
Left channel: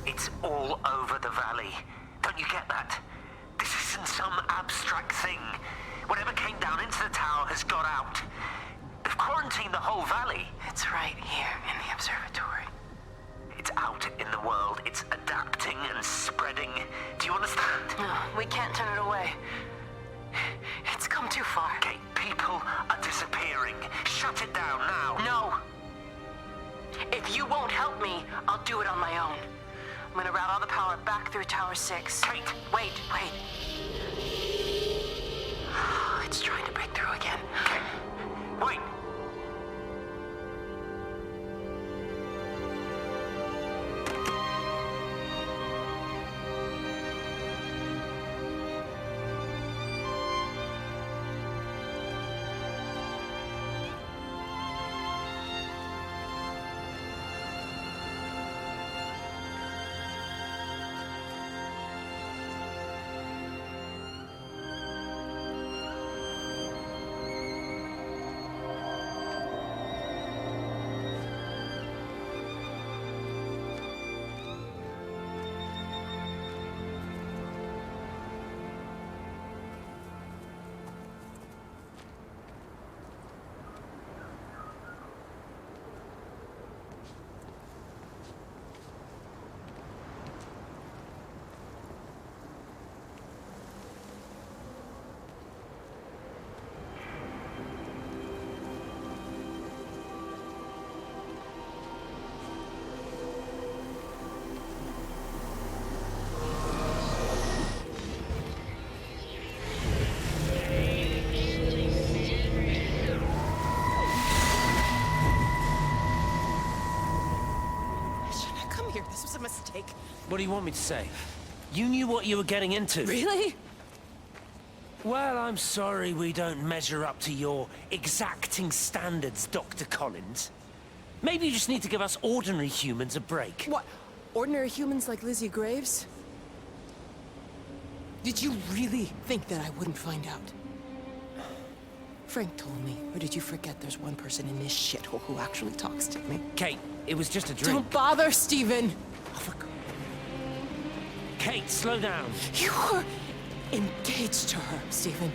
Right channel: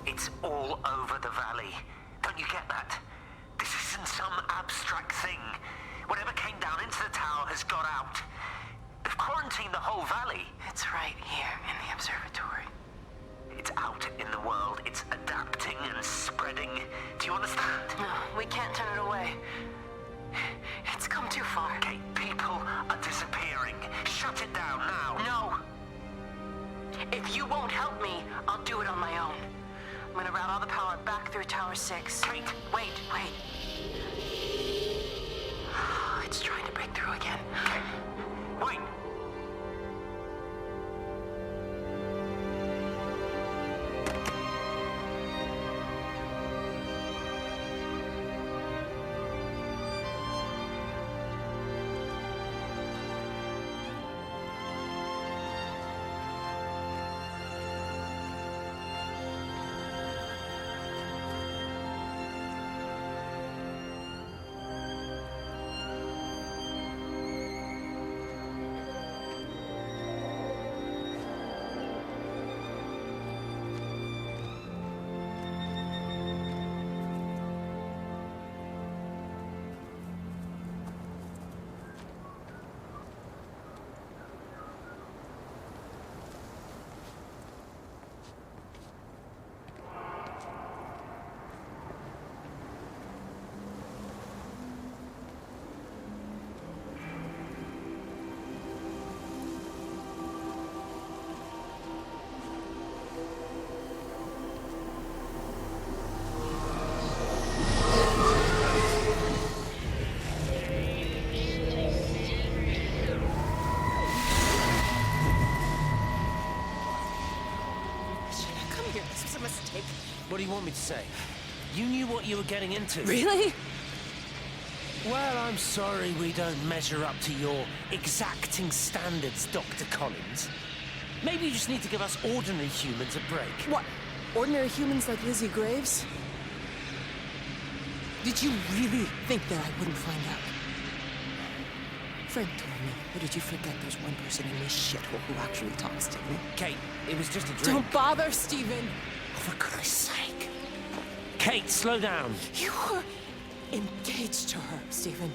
It's all over the valley. Don't you get that? This isn't some abstract thing. Whatever came down into the tower has got out. They've quarantined the whole valley. It's right here in the observatory. It's out in the world. It's adapting and spreading. Do you understand? No, we can't turn it away. It's come too far. Kate, people are disappearing. Shut it down now. No. If you won't help me, I'll do it on my own. I'm gonna route all the power back through Tower 6. Kate! Wait. It's trying to break through again. Kate, wait! What do you want me to say? You knew what you were getting into. Really? Well, I'm sorry we don't measure up to your exacting standards, Dr. Collins. Maybe you just need to give us ordinary humans a break. What? Ordinary humans like Lizzie Graves? Did you really think that I wouldn't find out? Frank told me, or did you forget there's one person in this shithole who actually talks to me? Kate, it was just a drink. Don't bother, Stephen! Oh, for Christ's sake. Kate, slow down. You were engaged to her, Stephen.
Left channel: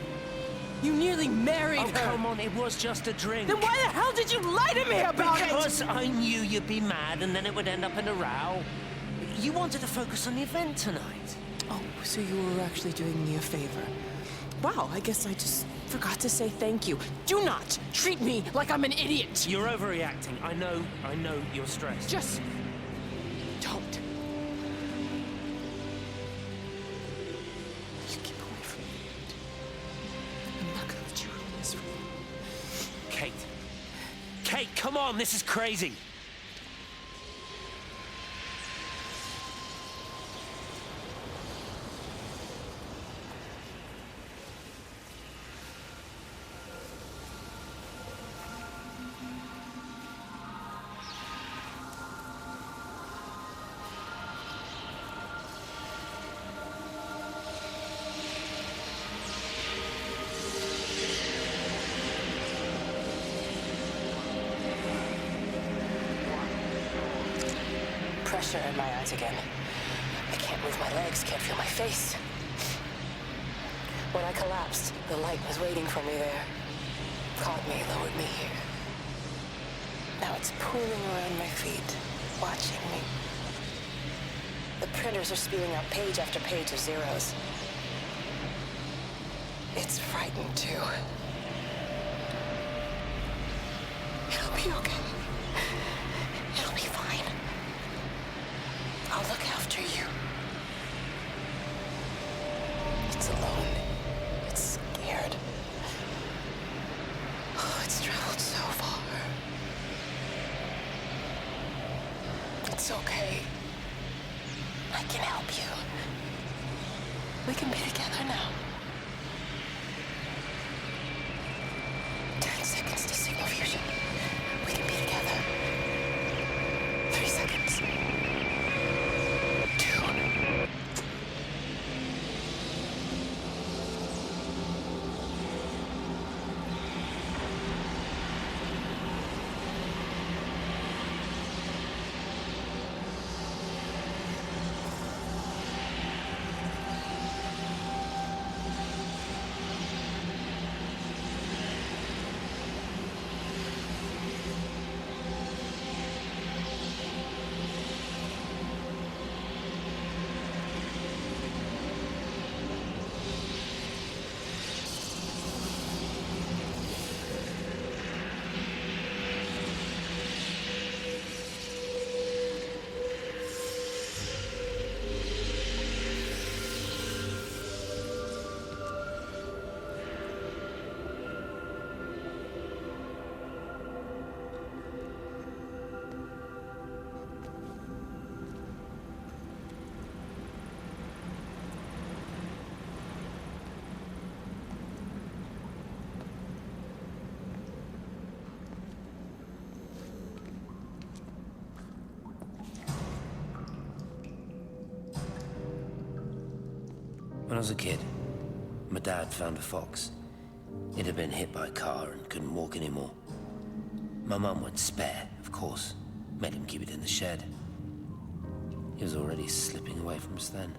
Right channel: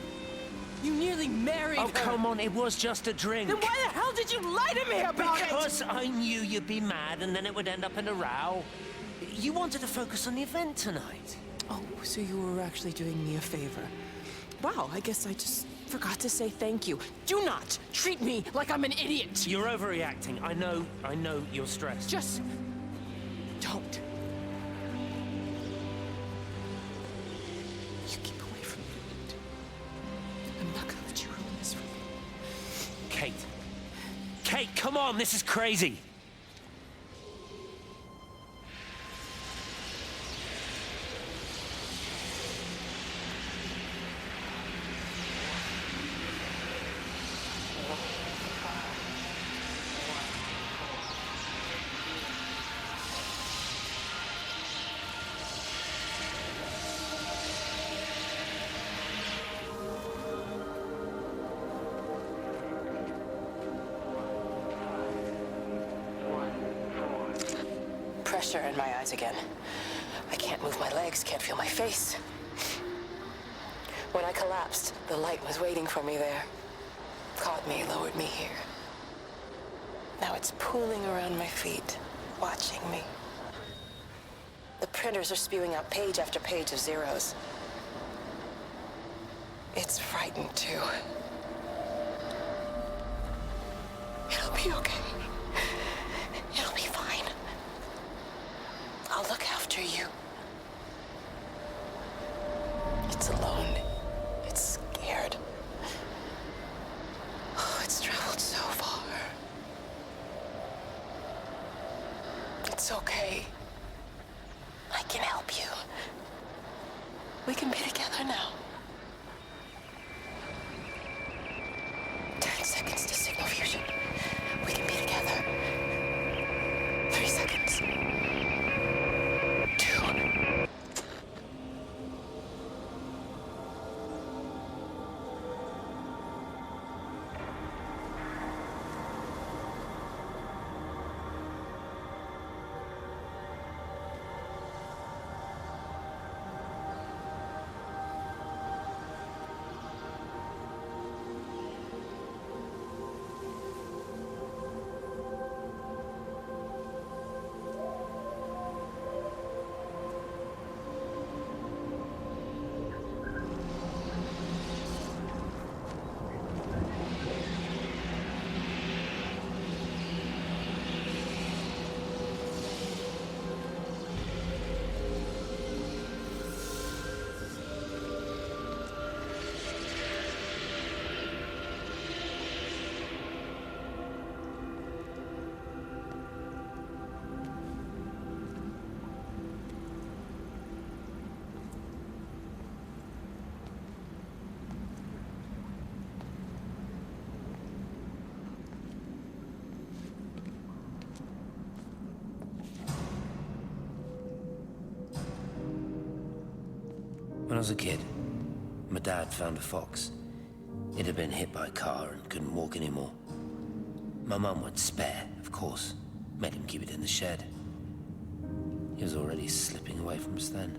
You nearly married her. Oh, come on, it was just a drink. Then why the hell did you lie to me about it? Because I knew you'd be mad and then it would end up in a row. You wanted to focus on the event tonight. Oh, so you were actually doing me a favor. Wow, I guess I just forgot to say thank you. Do not treat me like I'm an idiot. You're overreacting. I know you're stressed. Just don't. You keep away from me. I'm not gonna let you ruin this for me. Kate. Kate, come on, this is crazy. Pressure in my eyes again. I can't move my legs, can't feel my face. When I collapsed, the light was waiting for me there. Caught me, lowered me here. Now it's pooling around my feet, watching me. The printers are spewing out page after page of zeros. It's frightened too. It'll be okay. It'll be fine. I'll look after you. It's alone. It's scared. Oh, it's traveled so far. It's okay. I can help you. We can be together now. 10 seconds to signal fusion. We can be together. 3 seconds. 2. When I was a kid, my dad found a fox. It had been hit by a car and couldn't walk anymore. My mum went spare, of course. Made him keep it in the shed. He was already slipping away from us then.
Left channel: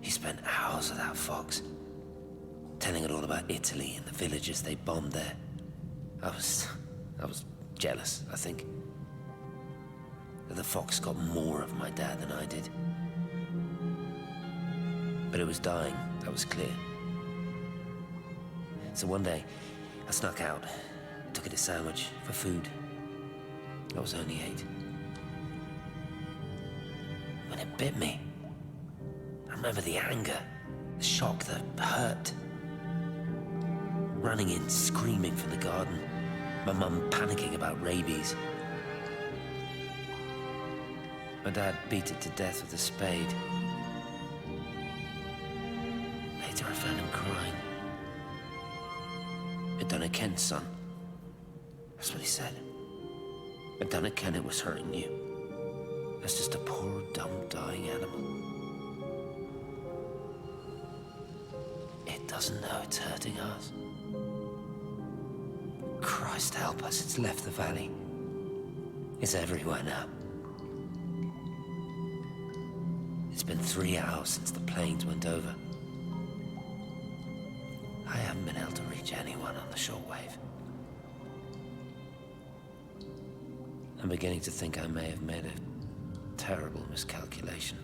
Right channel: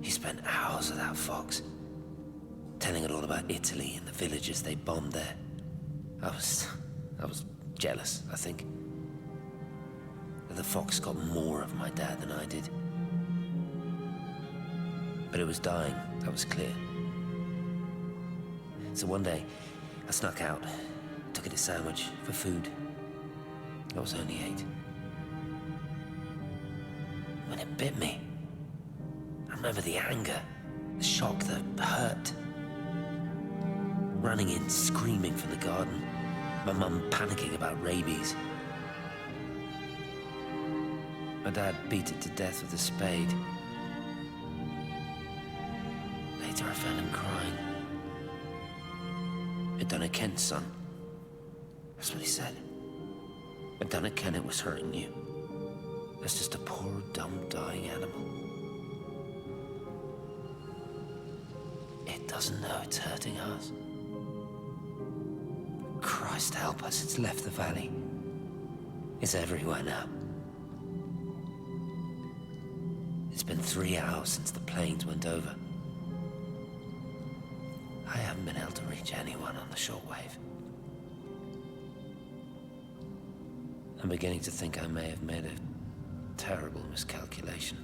He spent hours with that fox, telling it all about Italy and the villages they bombed there. I was jealous, I think. That the fox got more of my dad than I did. But it was dying, that was clear. So one day, I snuck out, took it a sandwich for food. I was only 8. When it bit me, I remember the anger, the shock, the hurt. Running in, screaming from the garden. My mum panicking about rabies. My dad beat it to death with a spade. Later I found him crying. I'd done it, Ken, son. That's what he said. I'd done it, Ken, it was hurting you. That's just a poor, dumb, dying animal. It doesn't know it's hurting us. Christ help us, it's left the valley. It's everywhere now. It's been 3 hours since the planes went over. I haven't been able to reach anyone on the shortwave. I'm beginning to think I may have made a terrible miscalculation.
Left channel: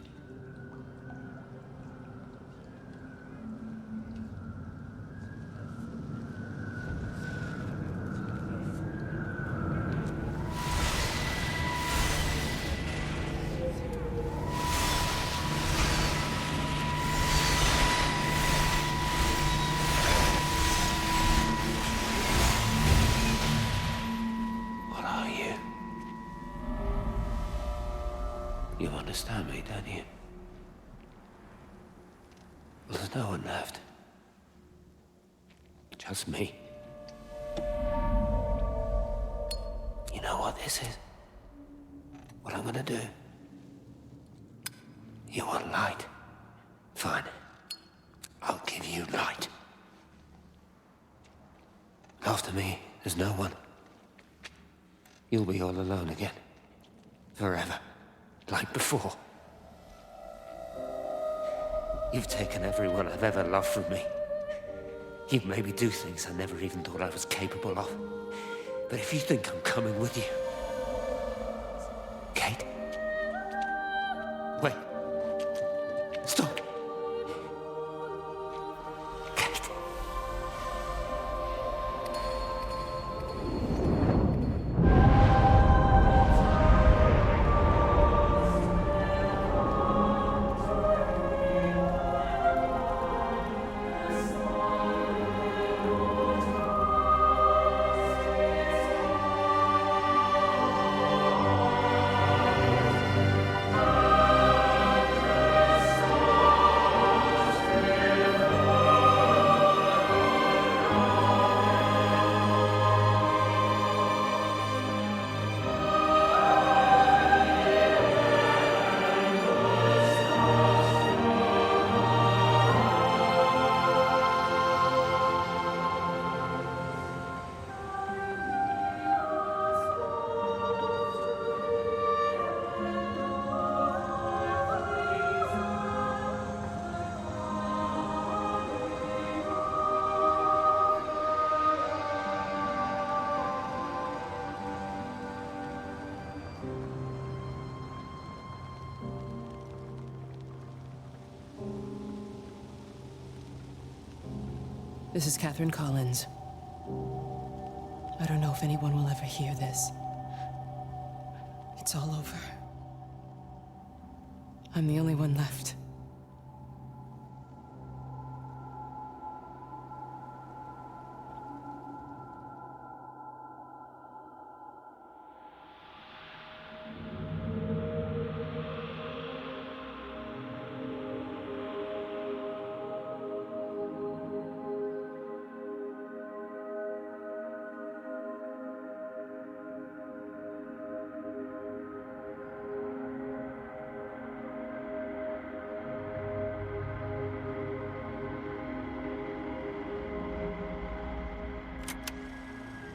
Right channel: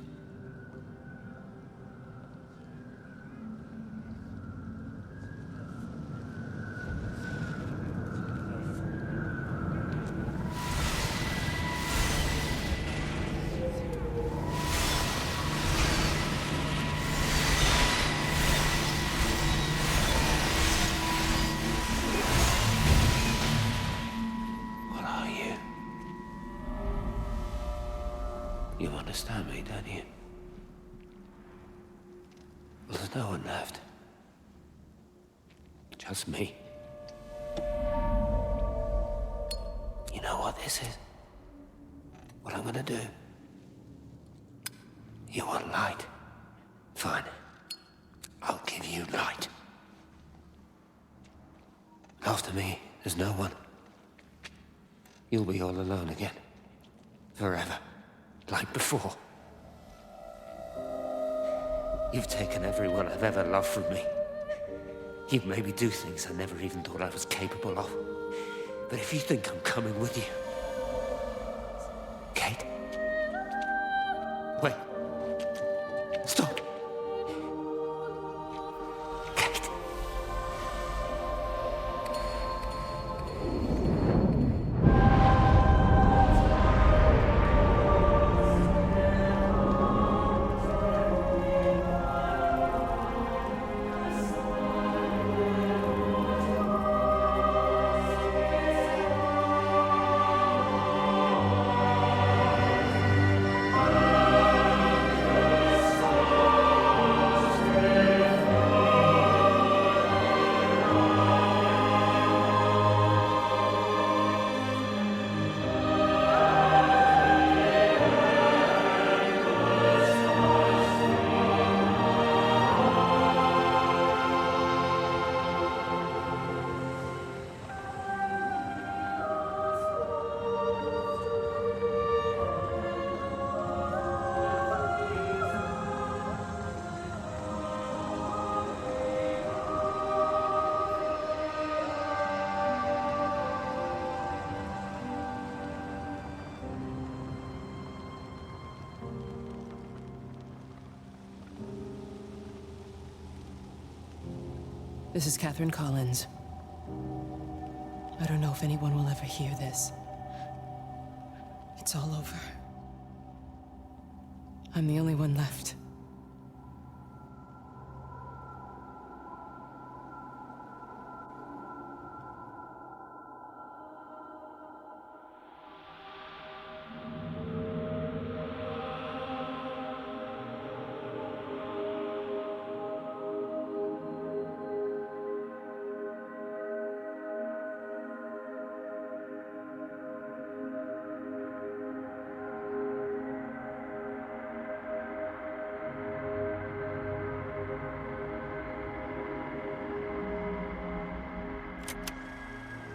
You understand me, don't you? Well, there's no one left. Just me. You know what this is? What I'm gonna do? You want light? Fine. I'll give you light. After me, there's no one. You'll be all alone again. Forever. Like before. You've taken everyone I've ever loved from me. You've made me do things I never even thought I was capable of. But if you think I'm coming with you... Kate? Wait. Stop. Kate. This is Catherine Collins. I don't know if anyone will ever hear this. It's all over. I'm the only one left.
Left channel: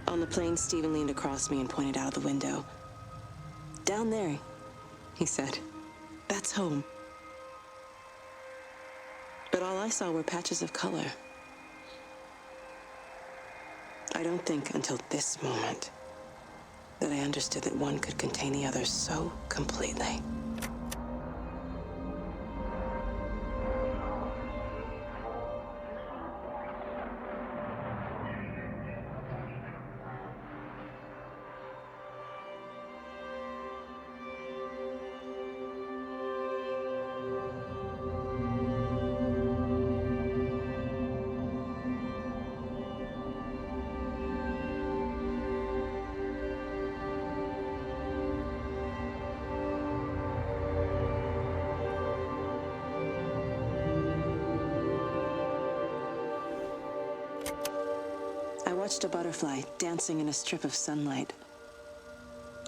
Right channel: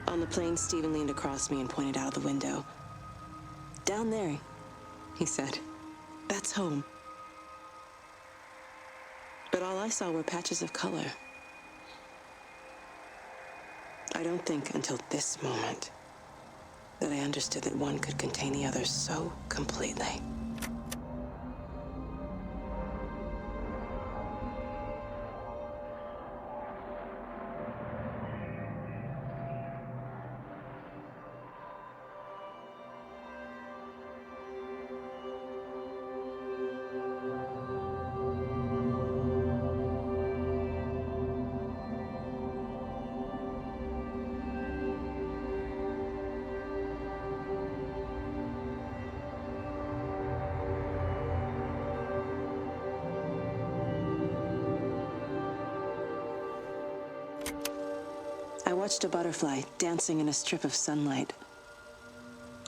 On the plane, Stephen leaned across me and pointed out of the window. Down there, he said. That's home. But all I saw were patches of color. I don't think until this moment that I understood that one could contain the other so completely. watched a butterfly dancing in a strip of sunlight.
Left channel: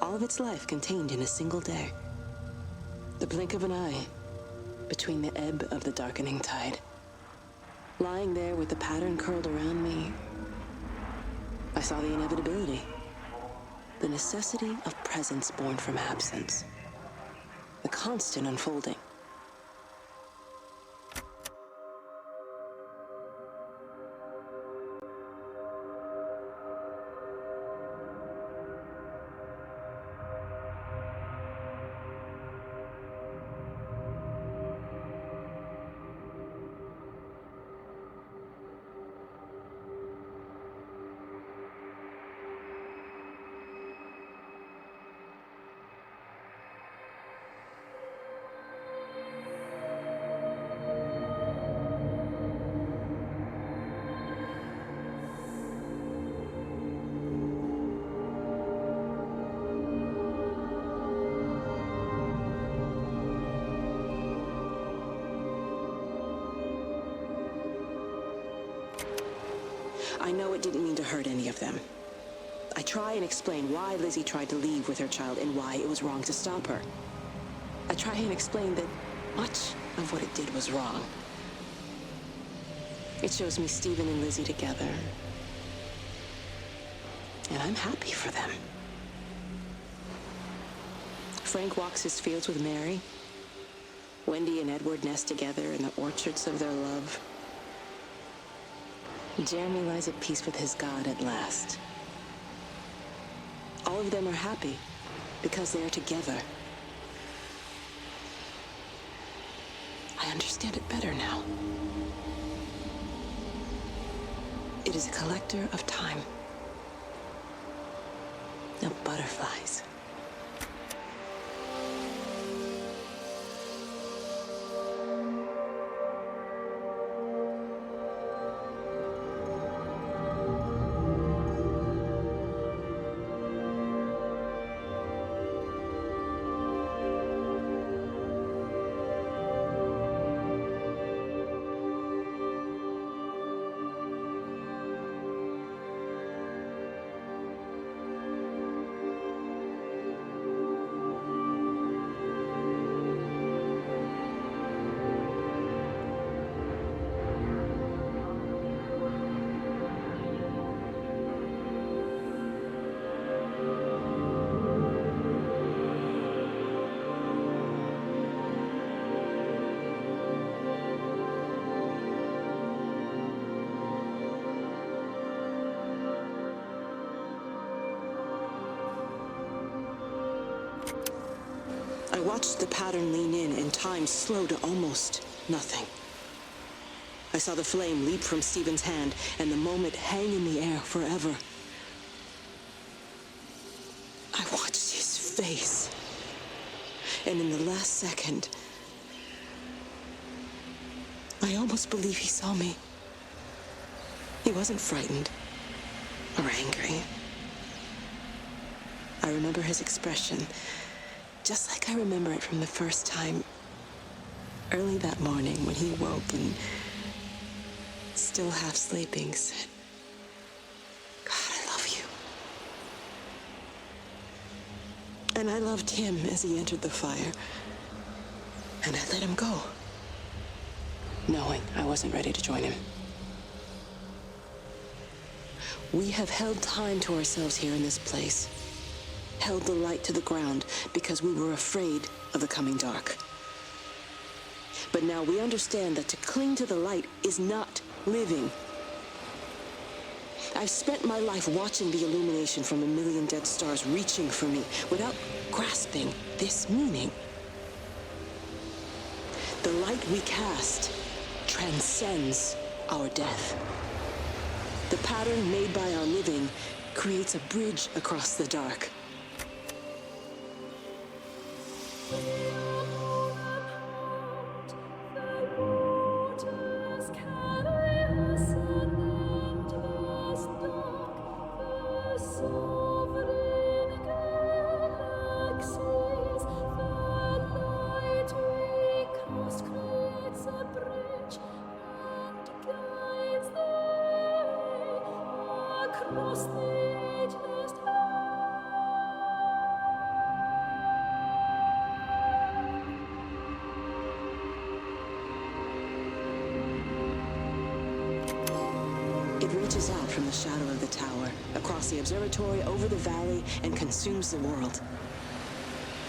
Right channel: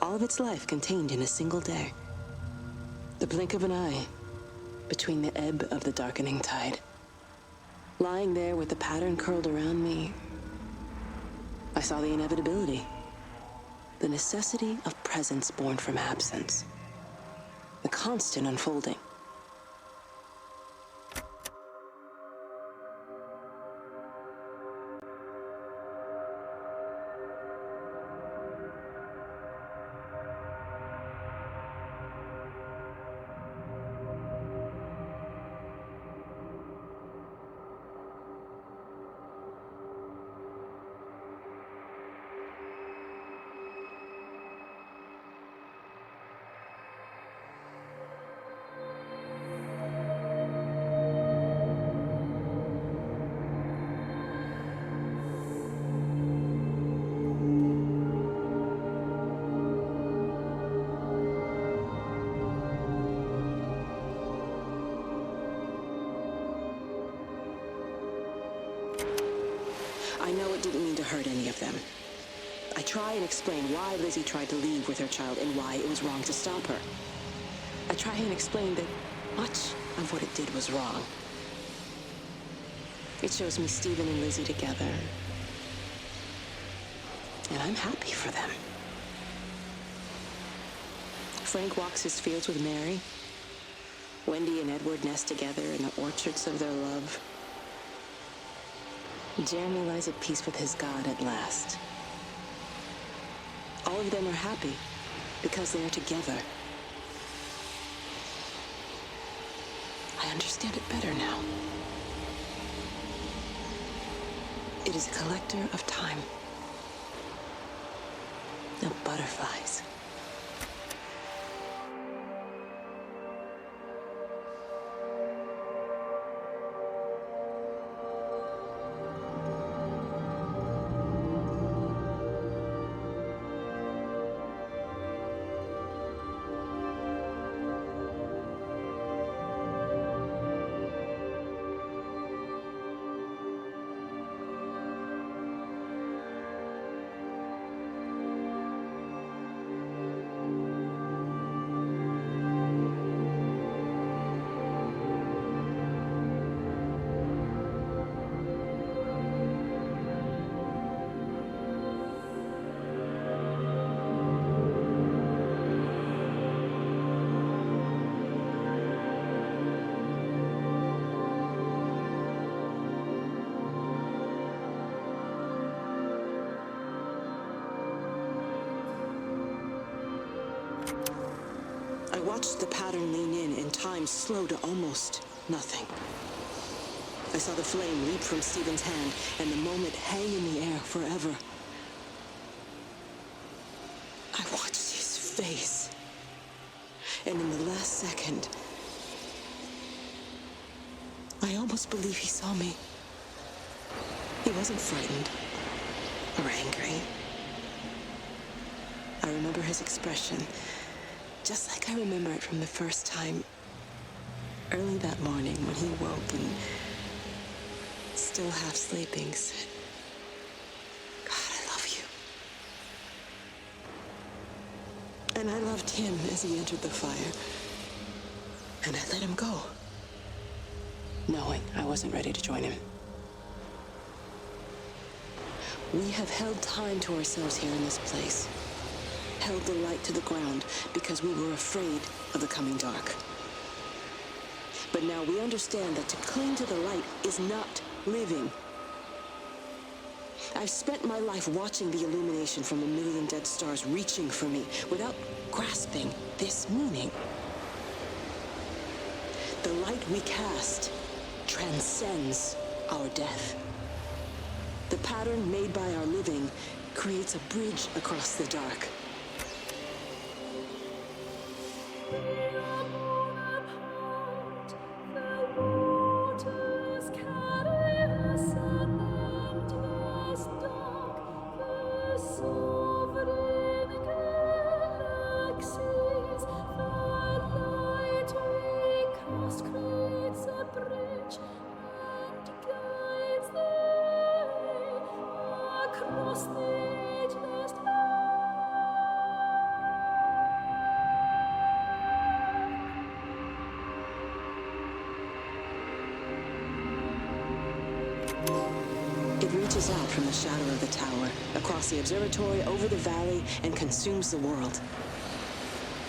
All of its life contained in a single day. The blink of an eye between the ebb of the darkening tide. Lying there with the pattern curled around me, I saw the inevitability. The necessity of presence born from absence. The constant unfolding. I know it didn't mean to hurt any of them. I try and explain why Lizzie tried to leave with her child and why it was wrong to stop her. I try and explain that much of what it did was wrong. It shows me Stephen and Lizzie together. And I'm happy for them. Frank walks his fields with Mary. Wendy and Edward nest together in the orchards of their love. Jeremy lies at peace with his God at last. All of them are happy because they are together. I understand it better now. It is a collector of time, of butterflies. I watched the pattern lean in and time slow to almost nothing. I saw the flame leap from Stephen's hand and the moment hang in the air forever. I watched his face. And in the last second, I almost believe he saw me. He wasn't frightened or angry. I remember his expression, just like I remember it from the first time, early that morning when he woke and, still half sleeping, said, "God, I love you." And I loved him as he entered the fire, and I let him go, knowing I wasn't ready to join him. We have held time to ourselves here in this place. Held the light to the ground because we were afraid of the coming dark. But now we understand that to cling to the light is not living. I've spent my life watching the illumination from a million dead stars reaching for me without grasping this meaning. The light we cast transcends our death. The pattern made by our living creates a bridge across the dark. across the ageless It reaches out from the shadow of the tower, across the observatory, over the valley, and consumes the world.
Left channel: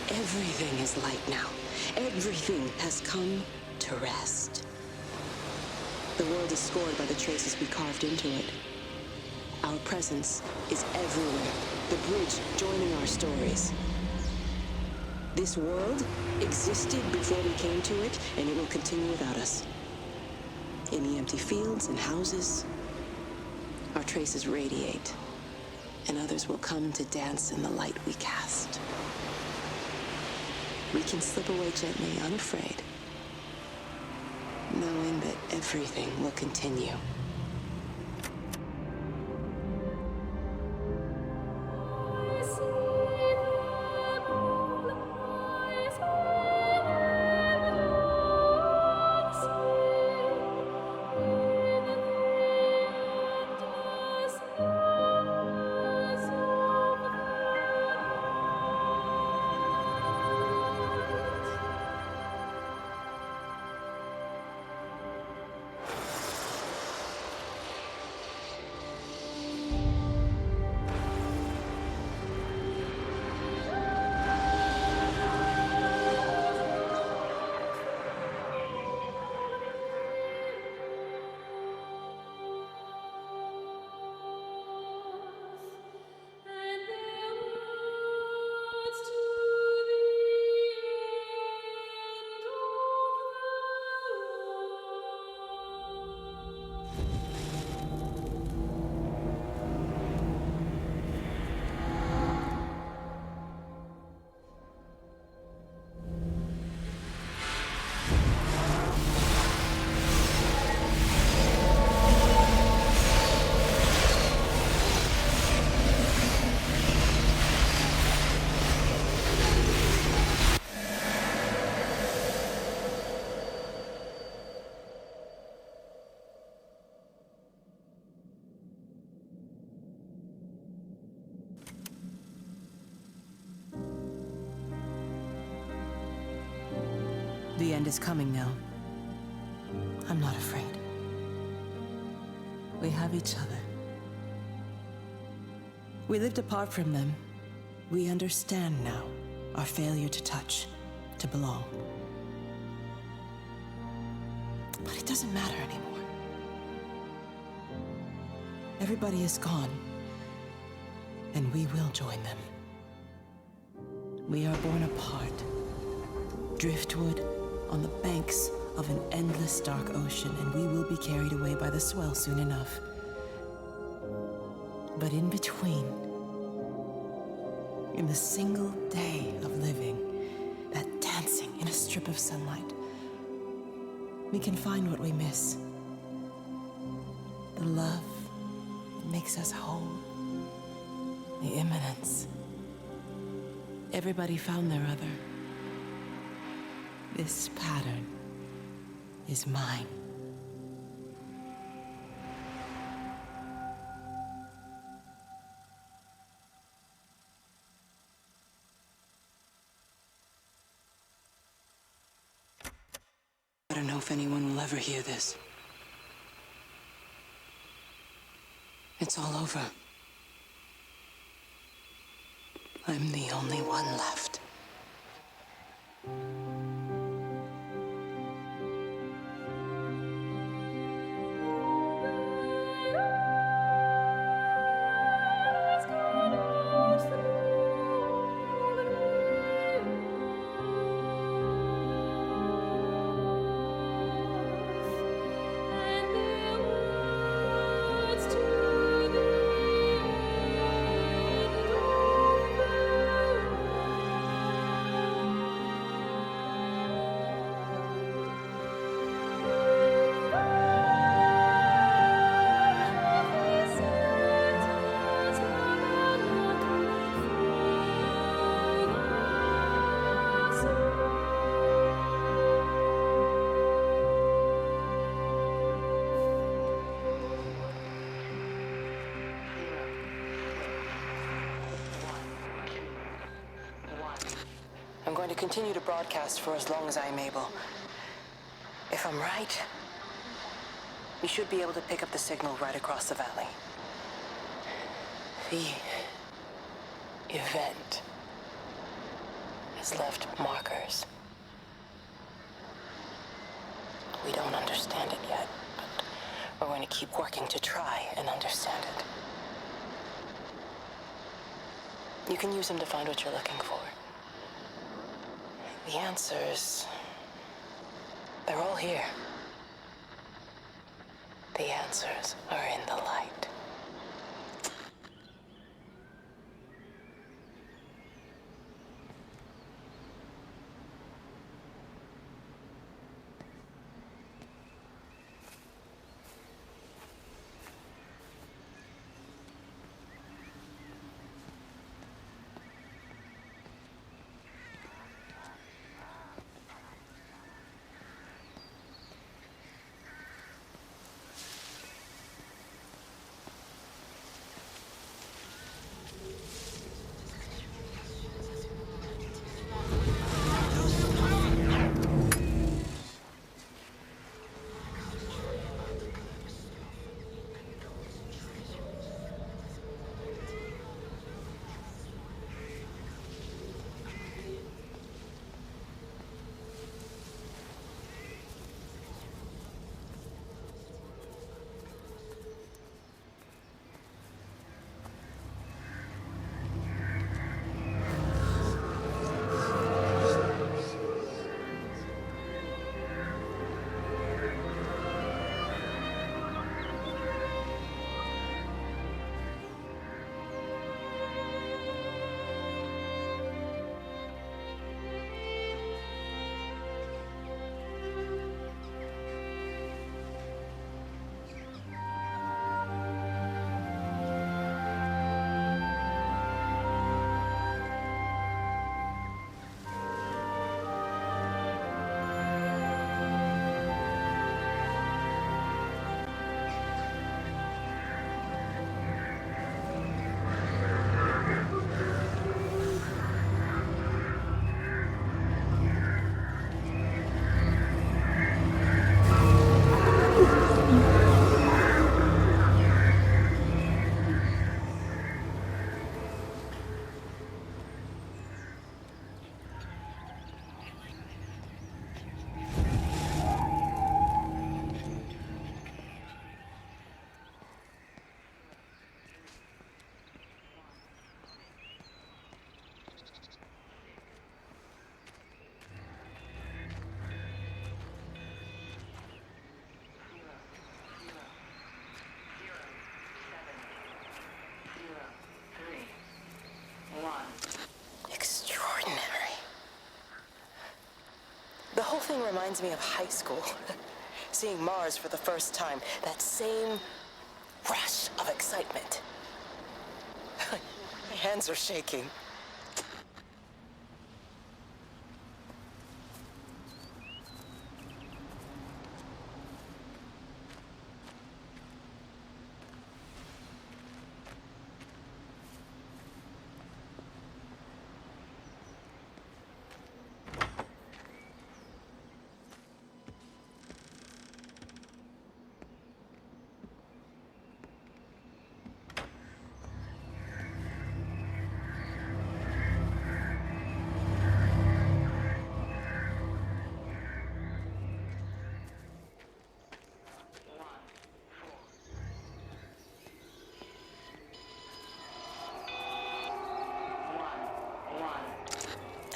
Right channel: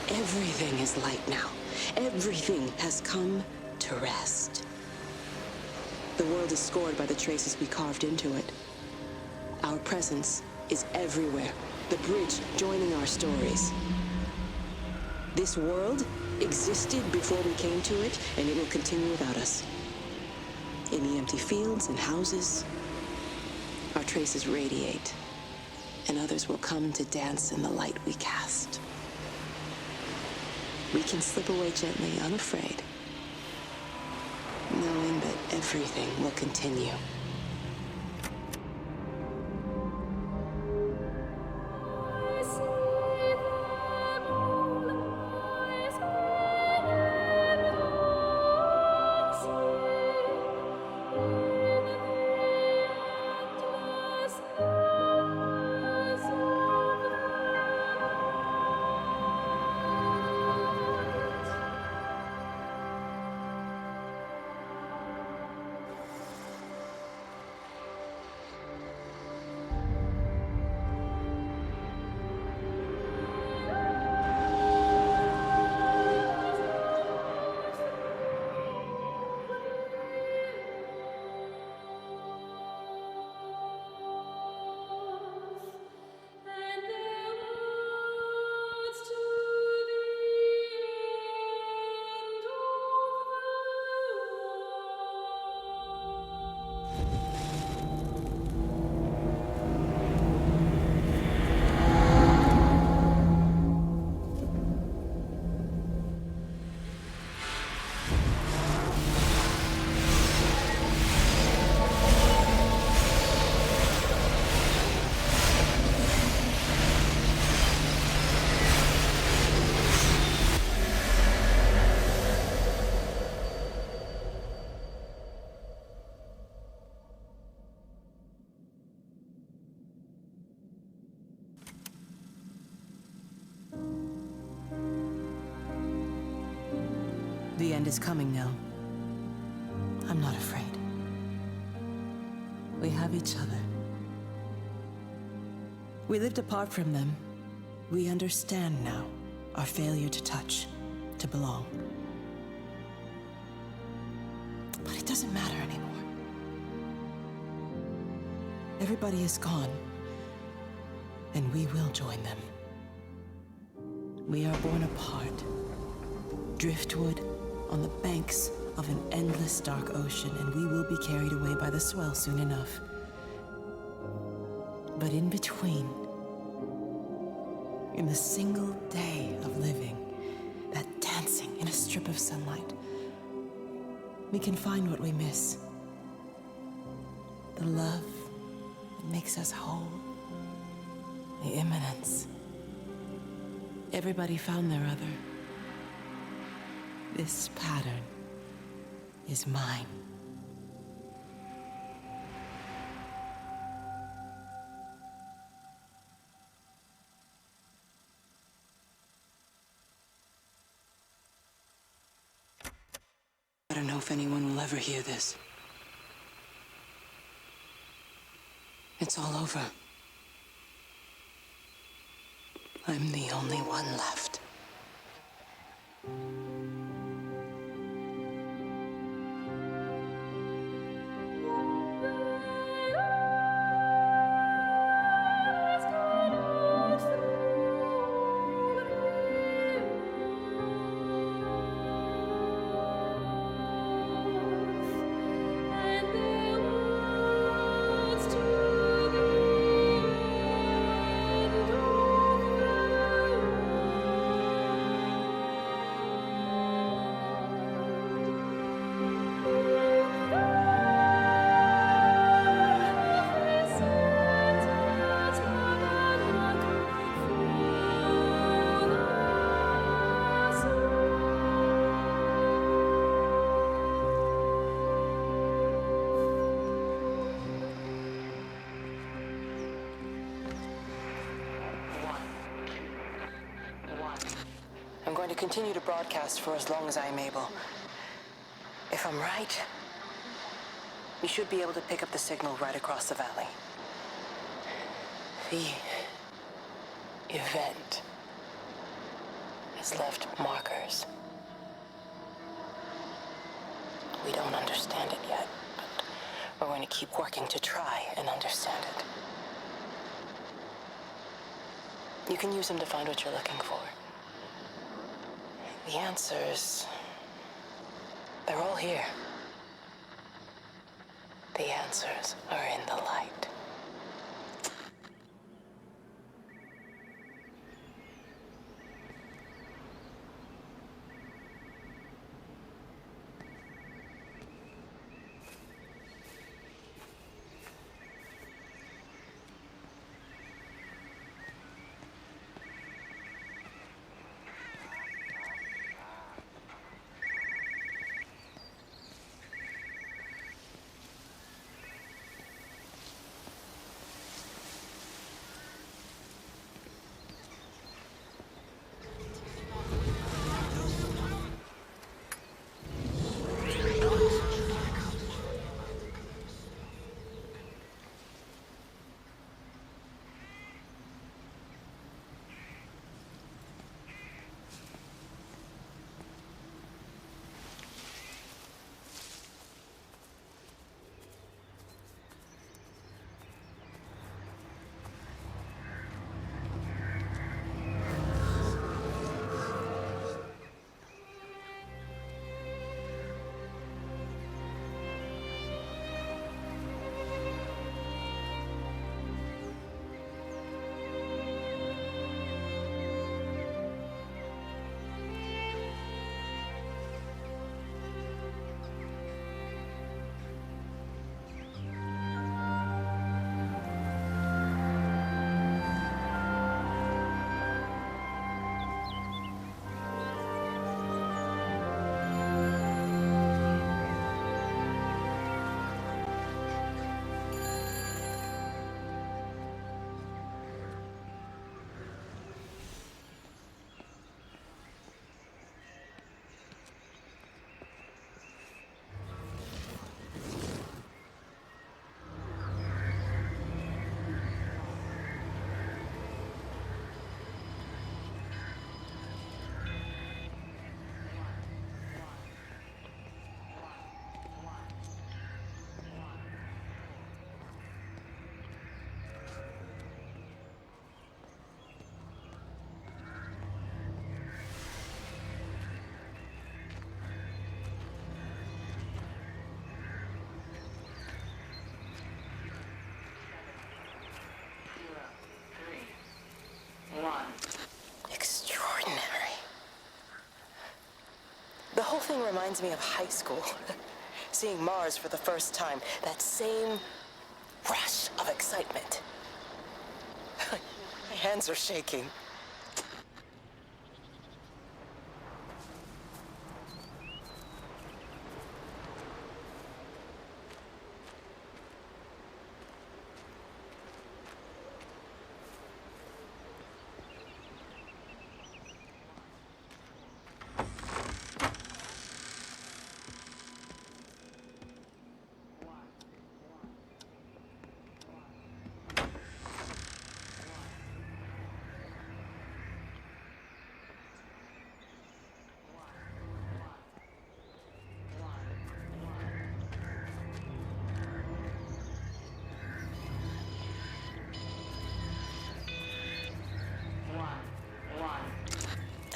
Everything is light now. Everything has come to rest. The world is scored by the traces we carved into it. Our presence is everywhere, the bridge joining our stories. This world existed before we came to it, and it will continue without us. In the empty fields and houses, our traces radiate, and others will come to dance in the light we cast. We can slip away gently, unafraid, knowing that everything will continue. The end is coming now. I'm not afraid. We have each other. We lived apart from them. We understand now our failure to touch, to belong. But it doesn't matter anymore. Everybody is gone, and we will join them. We are born apart, driftwood on the banks of an endless dark ocean, and we will be carried away by the swell soon enough. But in between, in the single day of living, that dancing in a strip of sunlight, we can find what we miss. The love that makes us whole. The imminence. Everybody found their other. This pattern is mine. I don't know if anyone will ever hear this. It's all over. I'm the only one left. continue to broadcast for as long as I'm able. If I'm right, we should be able to pick up the signal right across the valley. The event has left markers. We don't understand it yet, but we're going to keep working to try and understand it. You can use them to find what you're looking for. The answers, they're all here. The answers are in the light. Extraordinary. The whole thing reminds me of high school. Seeing Mars for the first time. That same rush of excitement. My hands are shaking.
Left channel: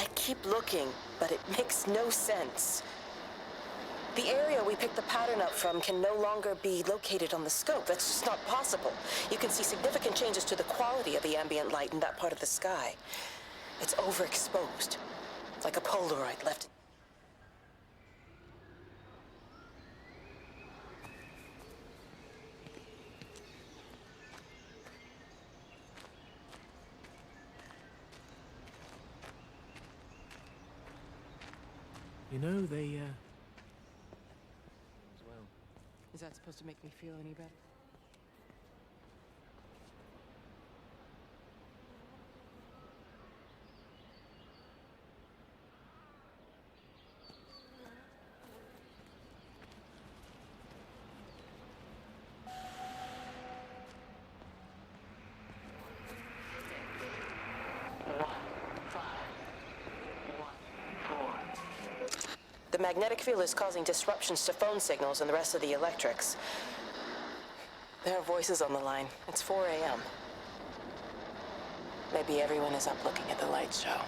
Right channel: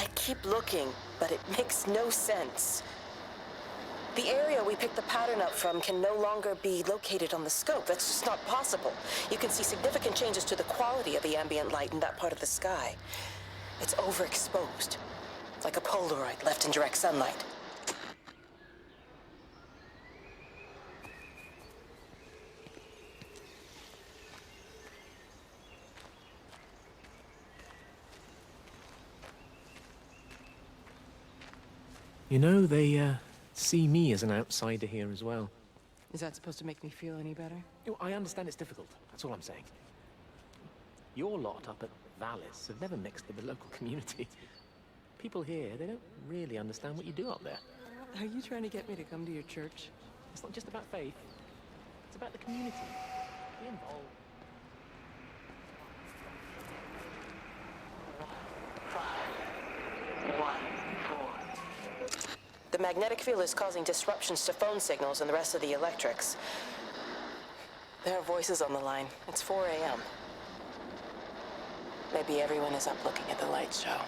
I keep looking, but it makes no sense. The area we picked the pattern up from can no longer be located on the scope. That's just not possible. You can see significant changes to the quality of the ambient light in that part of the sky. It's overexposed, like a Polaroid left in direct sunlight. You know, they see me as an outsider here as well. Is that supposed to make me feel any better? You know, I understand it's difficult. That's all I'm saying. Your lot up at Vallis have never mixed with the local community. People here, they don't really understand what you do up there. Are you trying to get me to come to your church? It's not just about faith. It's about the community. Be involved. The magnetic field is causing disruptions to phone signals and the rest of the electrics. There are voices on the line. It's 4 a.m. Maybe everyone is up looking at the light show.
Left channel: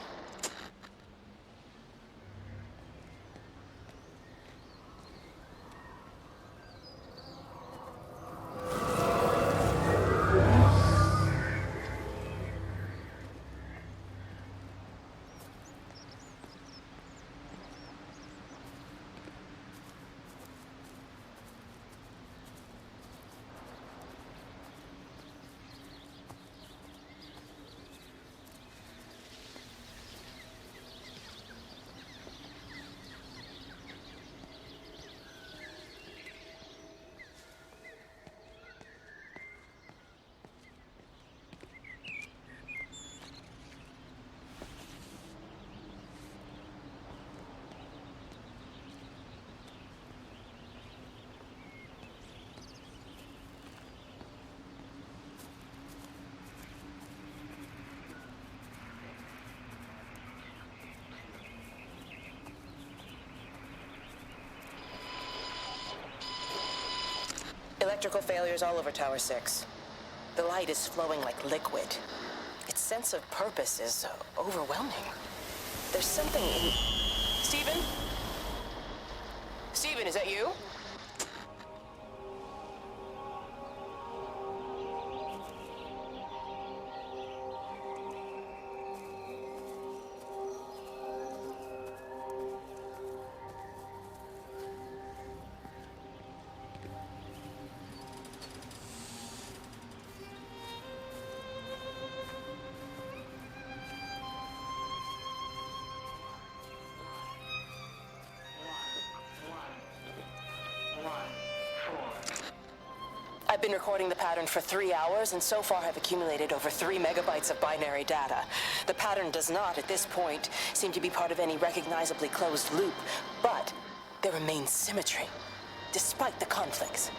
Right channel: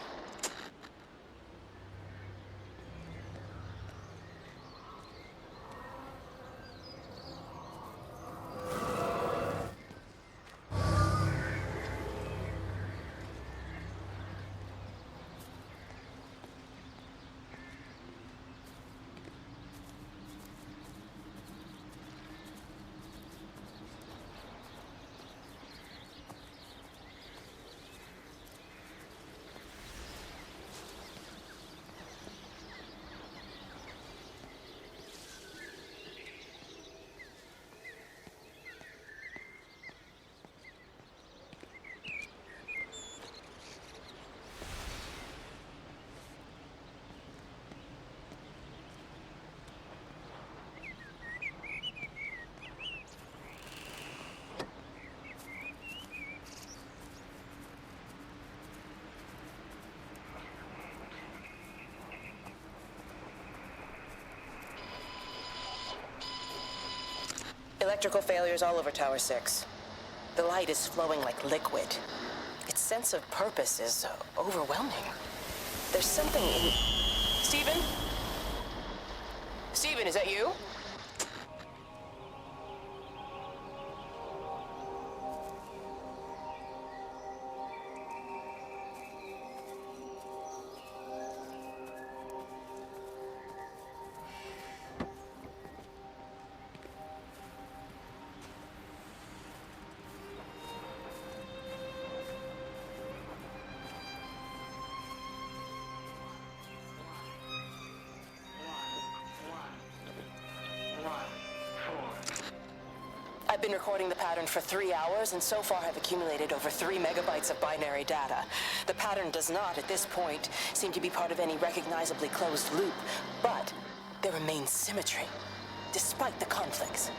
Electrical failures all over Tower 6. The light is flowing like liquid. Its sense of purpose is overwhelming. There's something in... Stephen? Stephen, is that you? I've been recording the pattern for 3 hours, and so far have accumulated over 3 megabytes of binary data. The pattern does not, at this point, seem to be part of any recognizably closed loop, but there remains symmetry, despite the conflicts.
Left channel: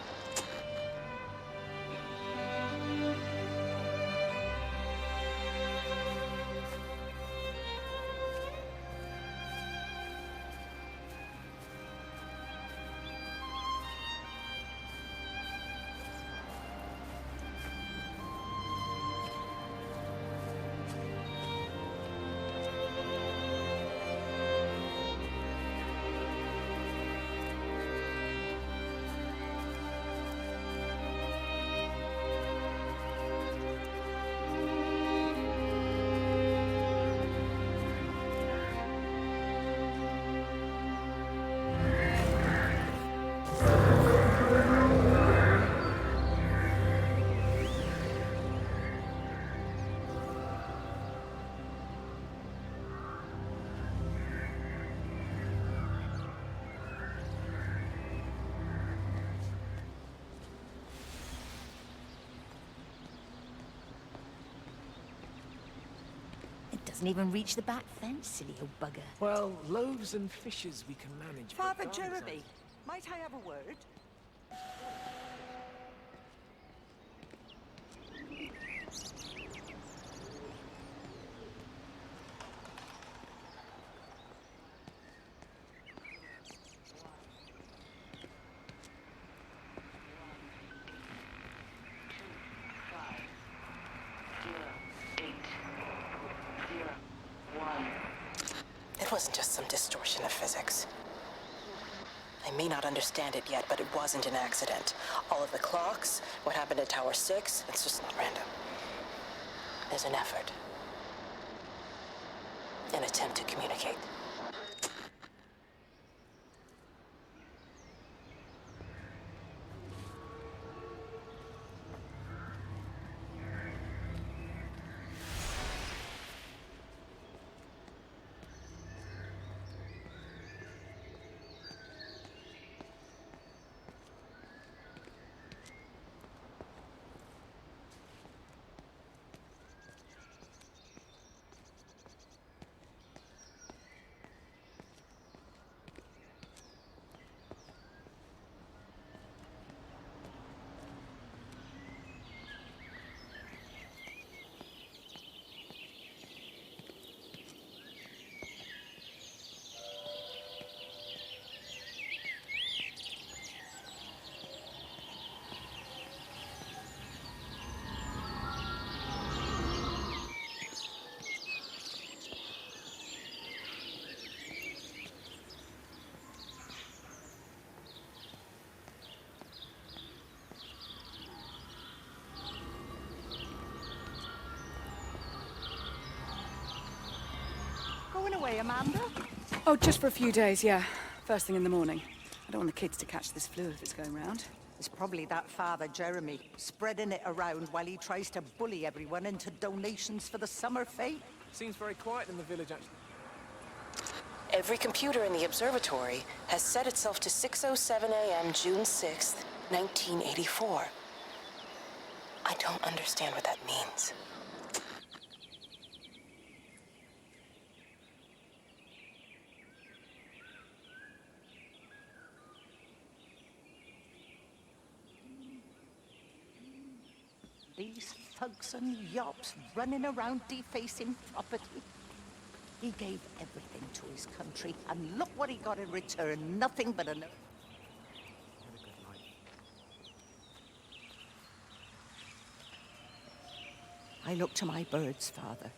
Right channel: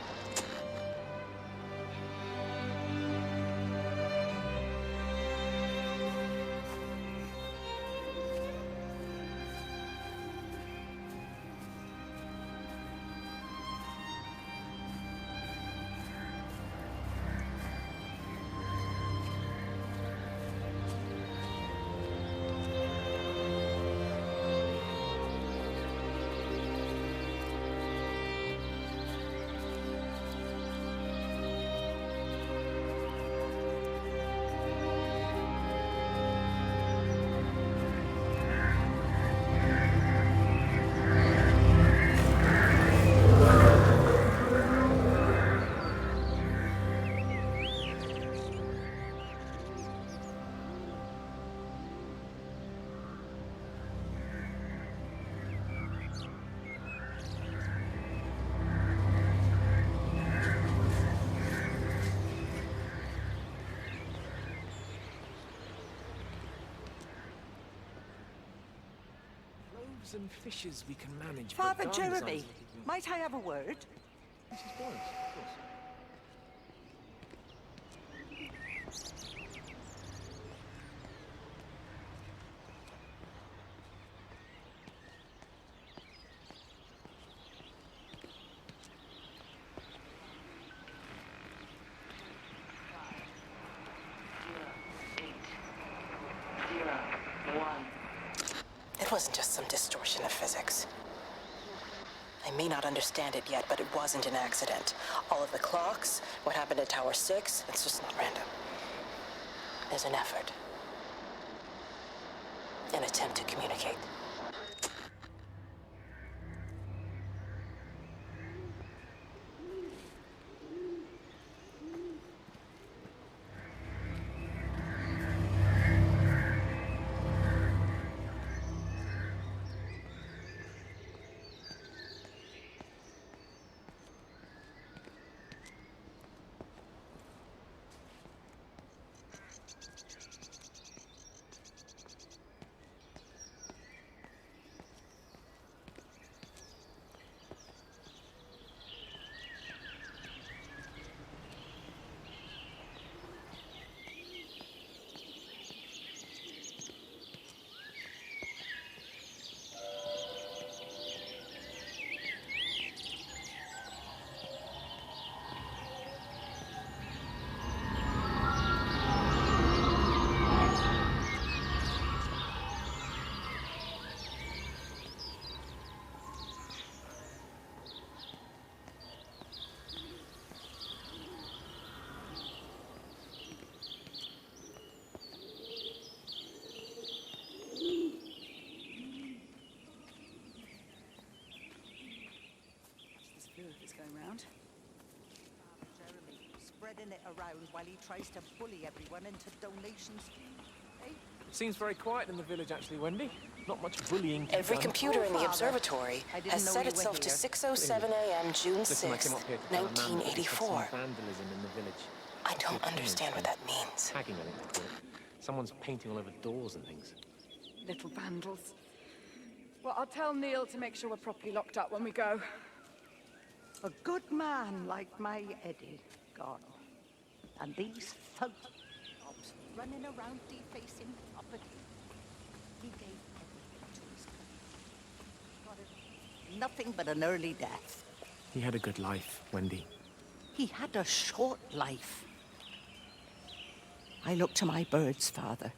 Doesn't even reach the back fence, silly old bugger. Well, loaves and fishes we can manage. but Father garden Jeremy, designs- might I have a word? Mrs. Boyce, of course. It wasn't just some distortion of physics. I may not understand it yet, but it wasn't an accident. All of the clocks, what happened at Tower 6, it's just not random. There's an effort. An attempt to communicate. Oh, just for a few days, yeah. First thing in the morning. I don't want the kids to catch this flu if it's going round. It's probably that Father Jeremy, spreading it around while he tries to bully everyone into donations for the summer fete. Seems very quiet in the village, actually, Wendy. Not much bullying. Every computer in the observatory has set itself to 6:07 a.m. June 6th, 1984. I don't understand what that means. Someone's painting all over doors and things. Little vandals. Well, I'll tell Neil to make sure we're properly locked up when we go. A good man like my Eddie gone. And these thugs and yobs running around defacing property. He gave everything to his country, and look what he got in return. Nothing but an early death. He had a good life, Wendy. He had a short life. I look to my birds, Father.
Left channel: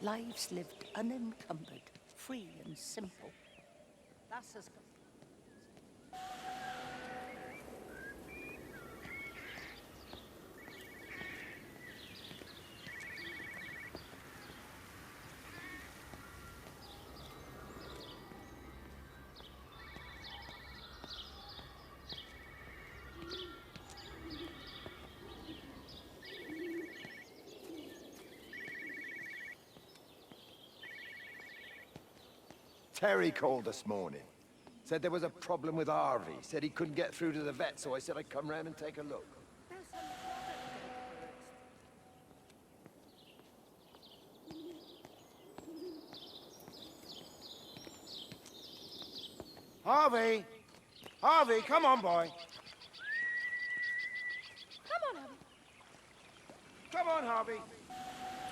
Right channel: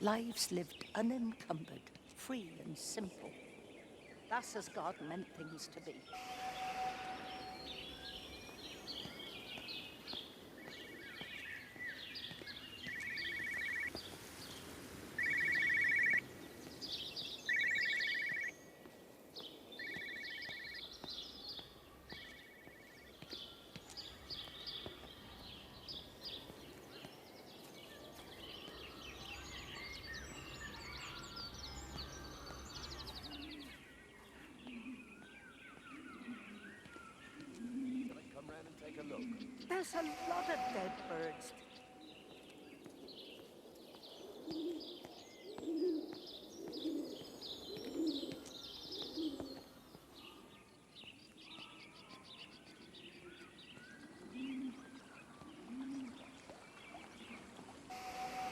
Lives lived unencumbered, free and simple. That's as God meant things to be. Terry called this morning. Said there was a problem with Harvey. Said he couldn't get through to the vet, so I said I'd come round and take a look. There's a lot of dead birds. Harvey! Harvey, come on, boy. Come on. Come on, Harvey.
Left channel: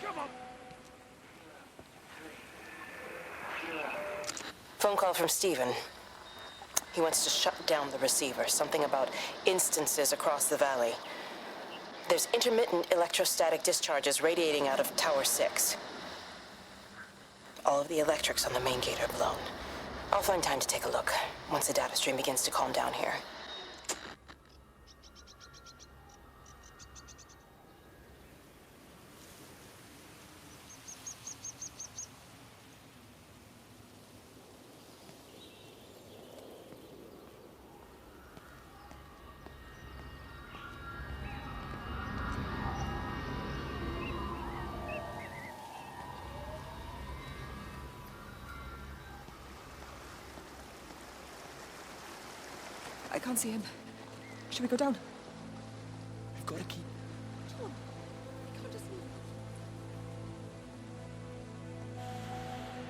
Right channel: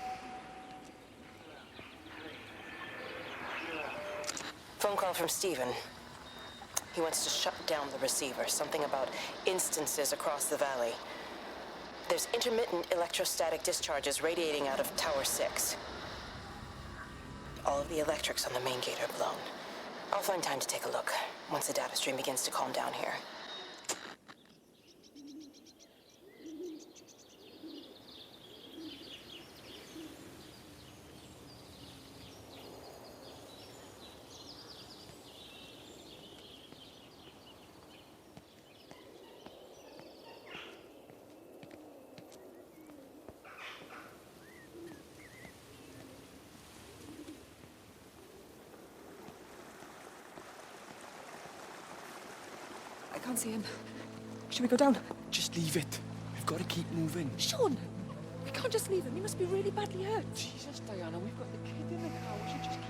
Come on. Phone call from Stephen. He wants to shut down the receiver. Something about instances across the valley. There's intermittent electrostatic discharges radiating out of Tower 6. All of the electrics on the main gate are blown. I'll find time to take a look once the data stream begins to calm down here. I can't see him. Should we go down? Just leave it. We've got to keep moving. Sean! We can't just leave him. He must be really badly hurt. Jesus, Diana, we've got the kid in the house. You just keep...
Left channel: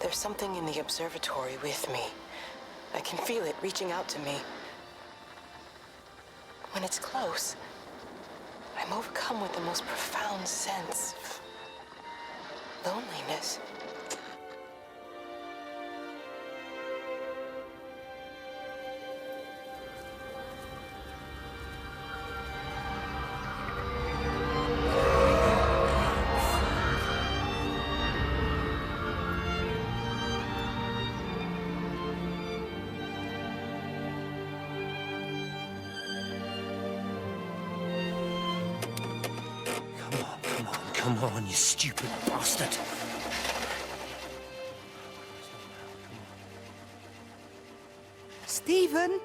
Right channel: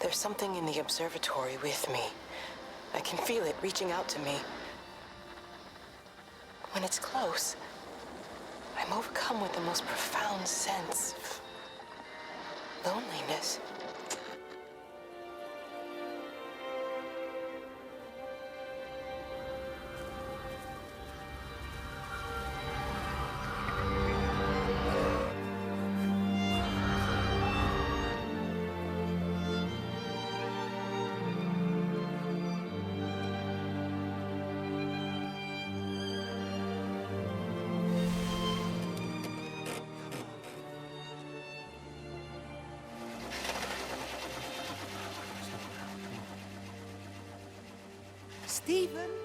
There's something in the observatory with me. I can feel it reaching out to me. When it's close, I'm overcome with the most profound sense of loneliness. Come on, you stupid bastard. Stephen?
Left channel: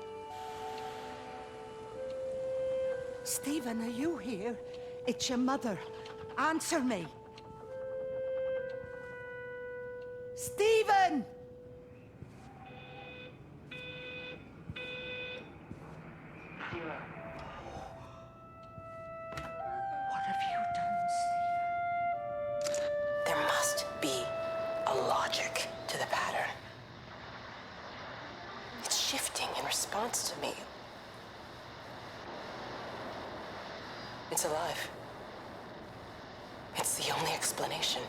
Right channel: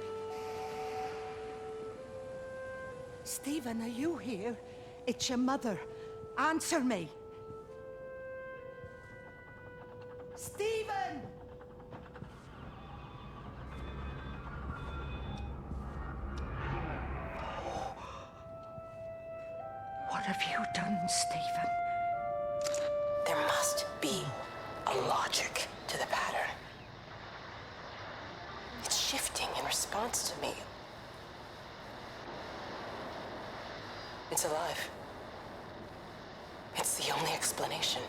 Stephen, are you here? It's your mother. Answer me. Stephen! What have you done, Stephen? There must be a logic to the pattern. It's shifting in response to me. It's alive. It's the only explanation.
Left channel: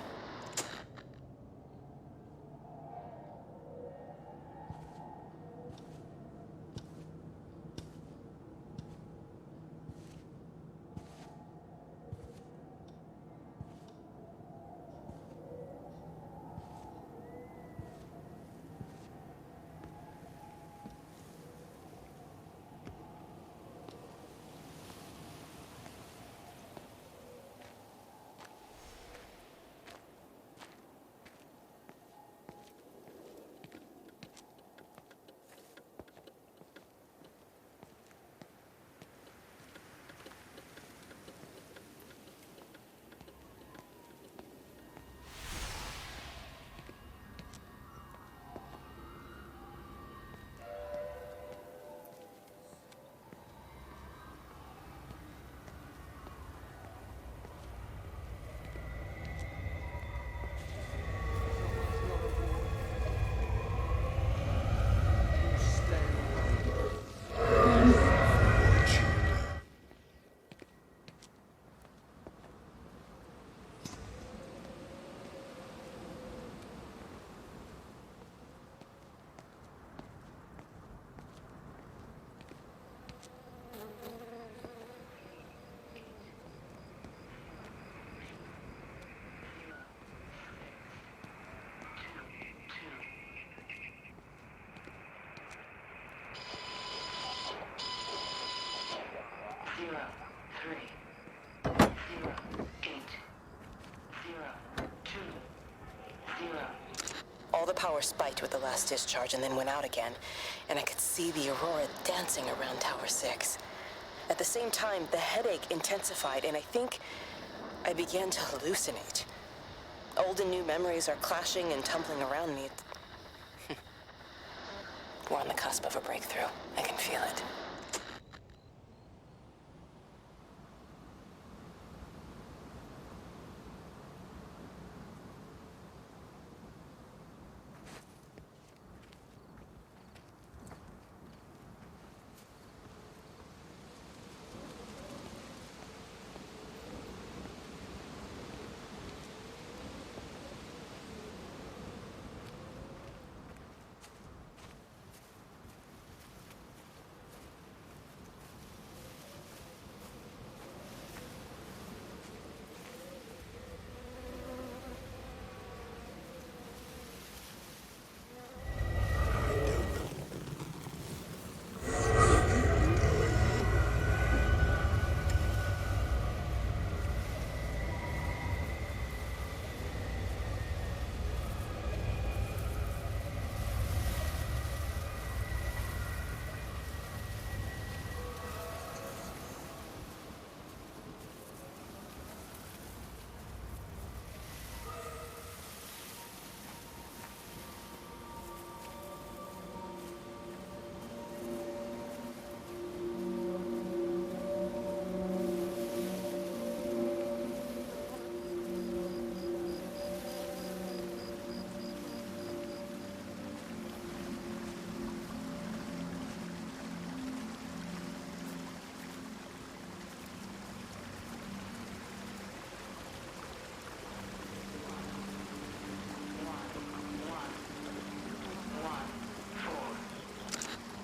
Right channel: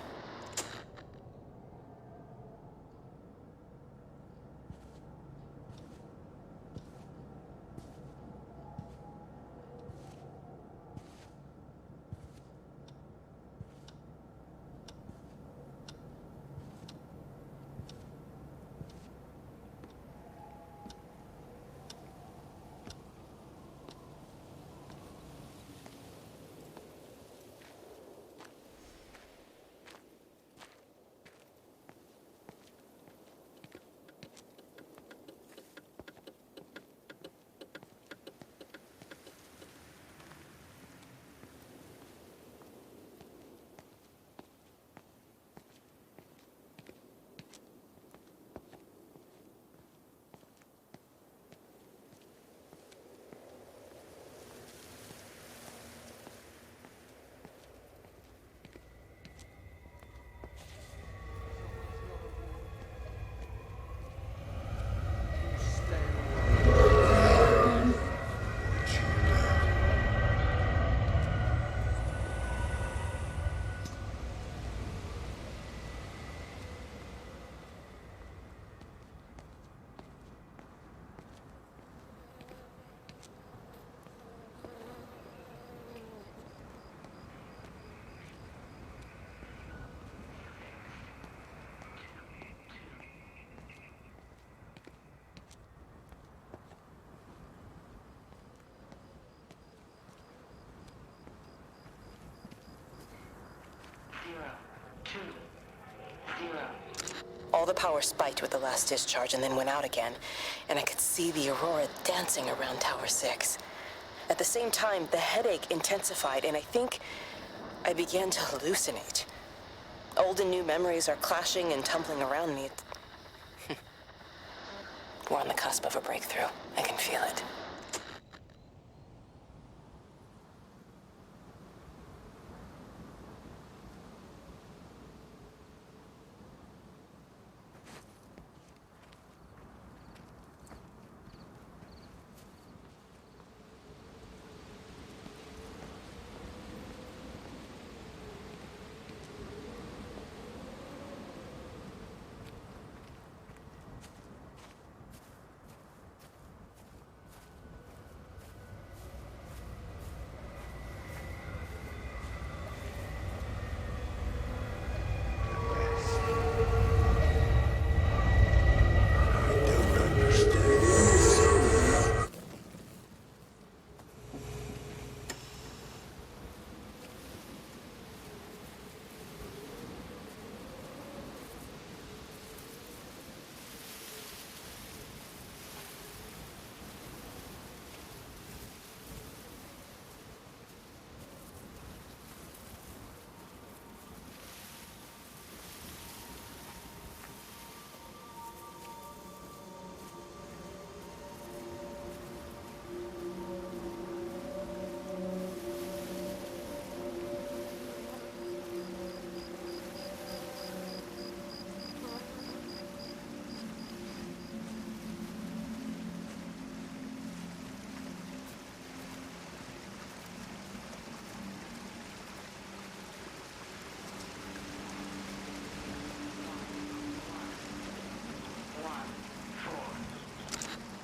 All the power spiked with the last discharge and then went out again, and I could see the aurora dancing around Tower 6. At the same time, the headache intensified, and I think I began to hallucinate. Old and new memories are clashing and tumbling around me. We're on the cusp of a breakthrough. I can feel it.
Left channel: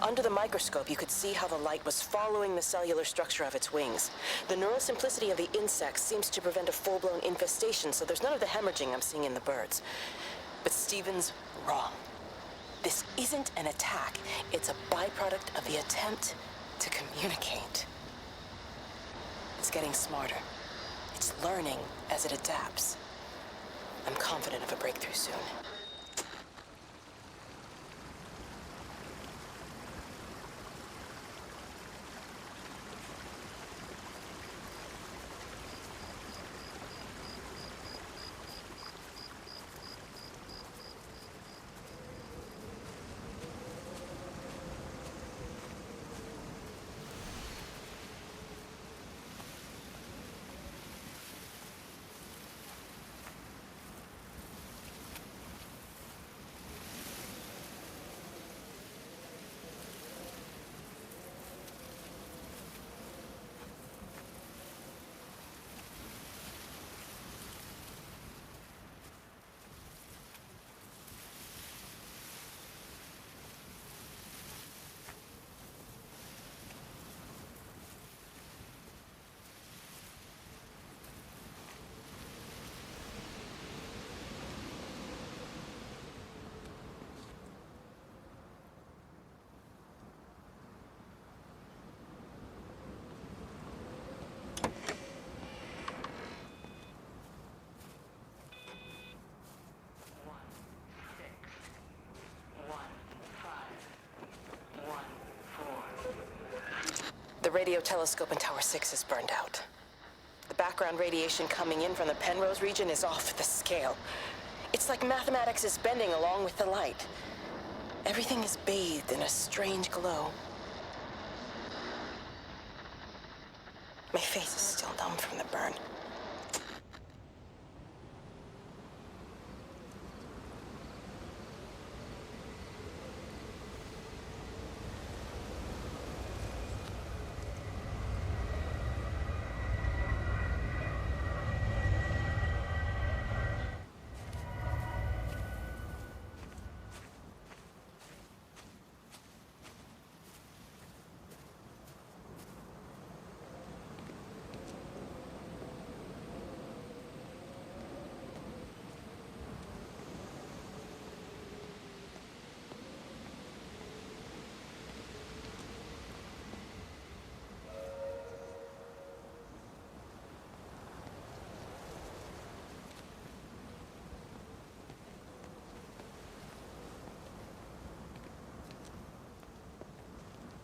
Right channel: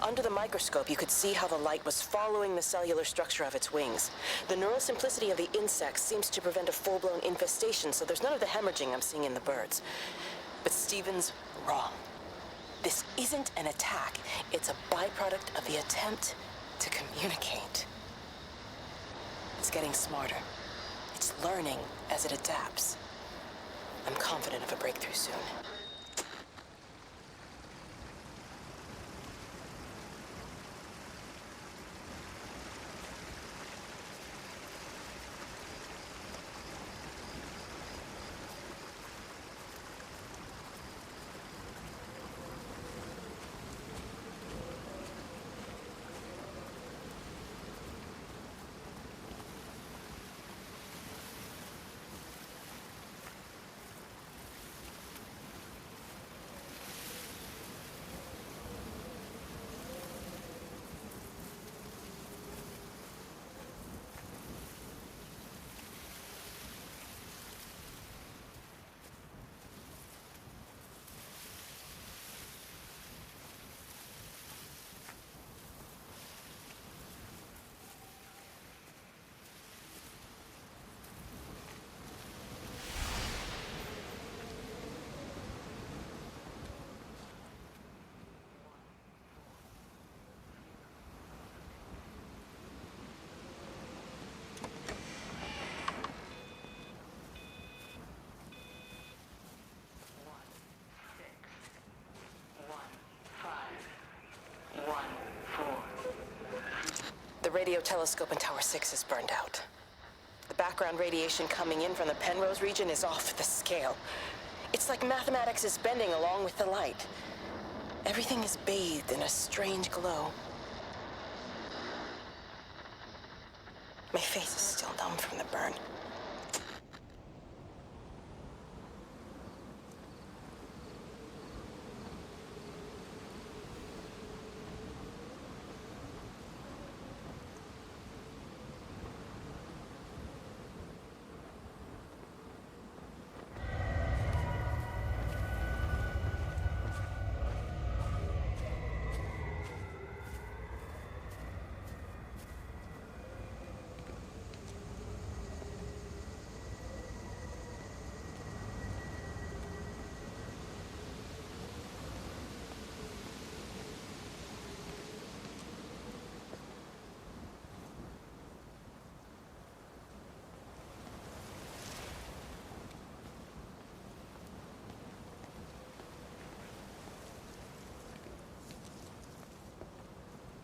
Under the microscope, you could see how the light was following the cellular structure of its wings. The neural simplicity of the insects seems to prevent a full-blown infestation, so there's none of the hemorrhaging I'm seeing in the birds. But Stephen's wrong. This isn't an attack. It's a byproduct of the attempt to communicate. It's getting smarter. It's learning as it adapts. I'm confident of a breakthrough soon. radio telescope in Tower 6 is burned out. The background radiation coming in from the Penrose region is off the scale. It's like mathematics is bending along with the light. Everything is bathed in a strange glow. My face is still numb from the burn.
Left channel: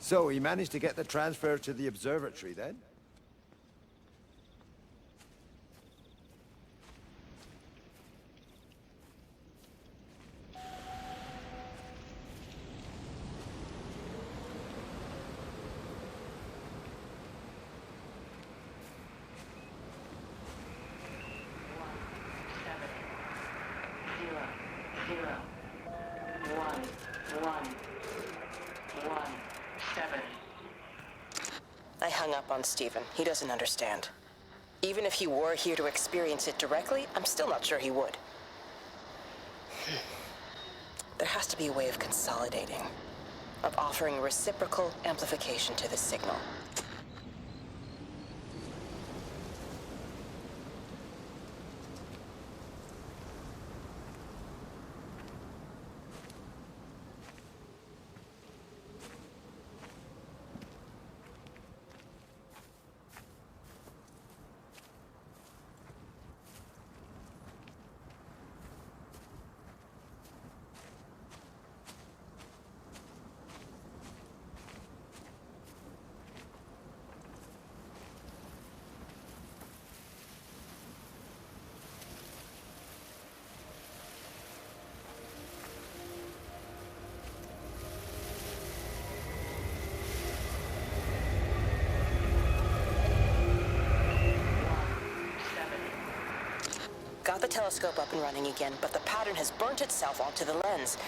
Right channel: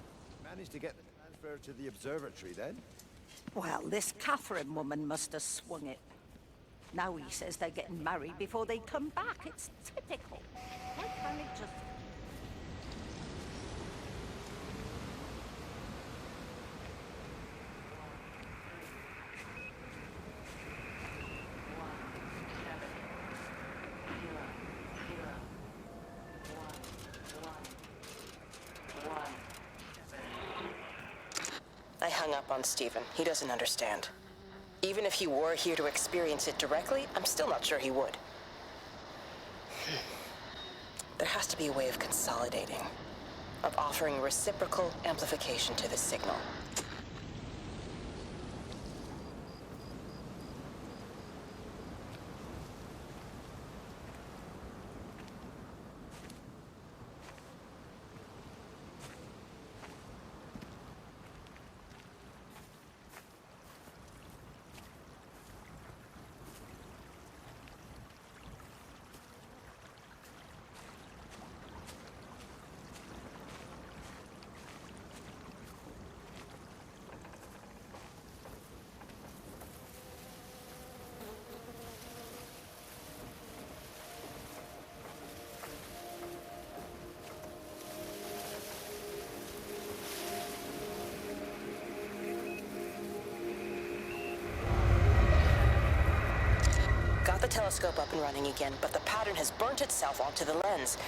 So, he managed to get the transfer to the observatory, then? Well, this Catherine woman must have swung it. Now he says they're getting married before they come back. It's typical. Why can't it just... I hung up on Stephen. He doesn't understand. Even if he were here to experience it directly, I'm still not sure he would. There has to be a way of consolidating, of offering reciprocal amplification to this signal. Got the telescope up and running again, but the pattern has burnt itself onto the lens.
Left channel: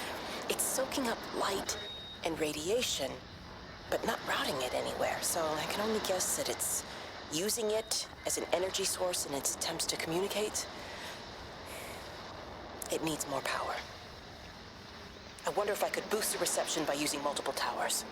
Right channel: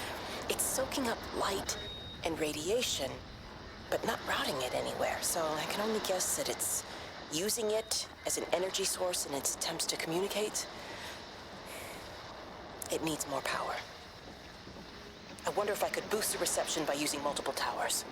It's soaking up light and radiation, but not routing it anywhere, so I can only guess that it's using it as an energy source in its attempts to communicate. It needs more power. I wonder if I could boost the reception by using multiple towers.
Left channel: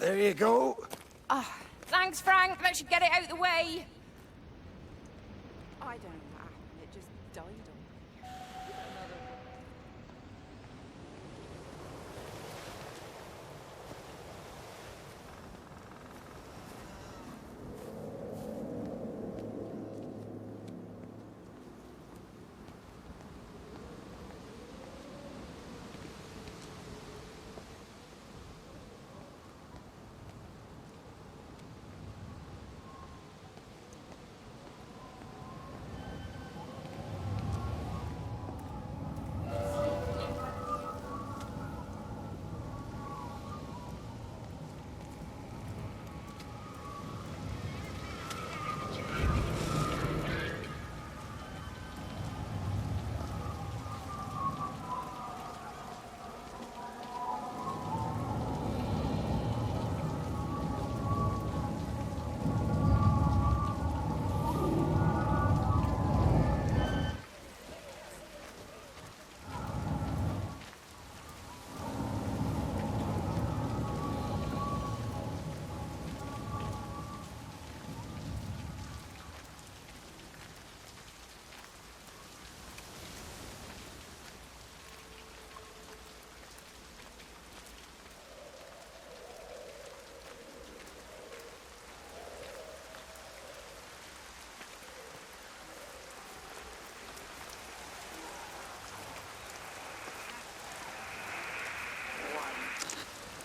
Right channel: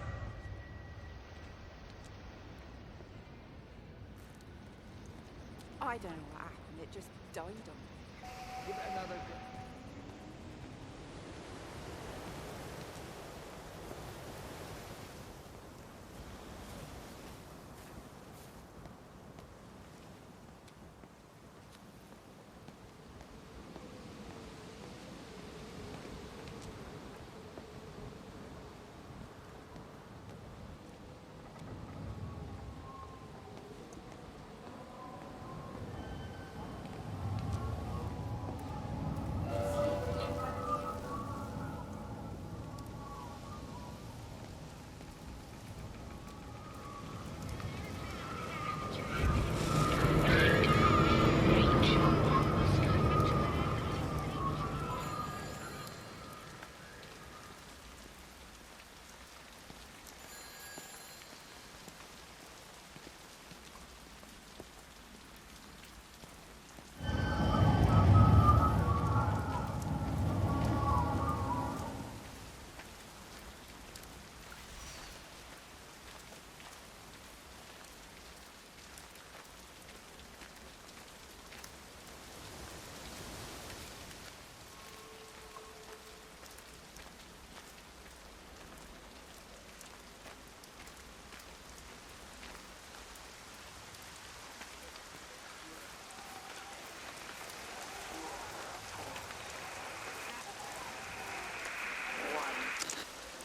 There you go. Oh, thanks, Frank. That should get it out of the way. I don't know what happened. It just died on me. Give it another go.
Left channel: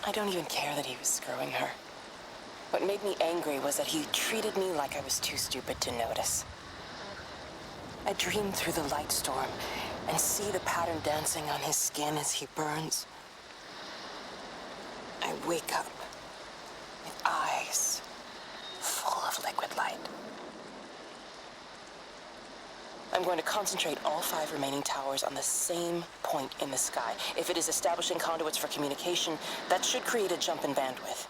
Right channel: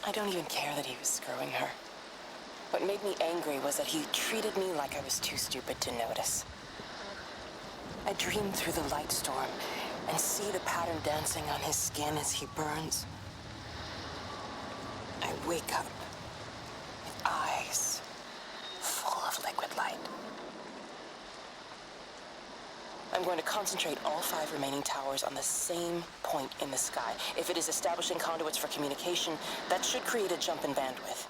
I don't even care that he was screwing her. What made me angry was that he treated me like I was too stupid to notice. I dream through the light storm and see the pattern dancing on his skin as he burns. I wake up with eyes full of liquid light. I'm going to concentrate all 5 remaining towers on the same point in the sky. If it is establishing conduits for communication, that should create a jump in bandwidth.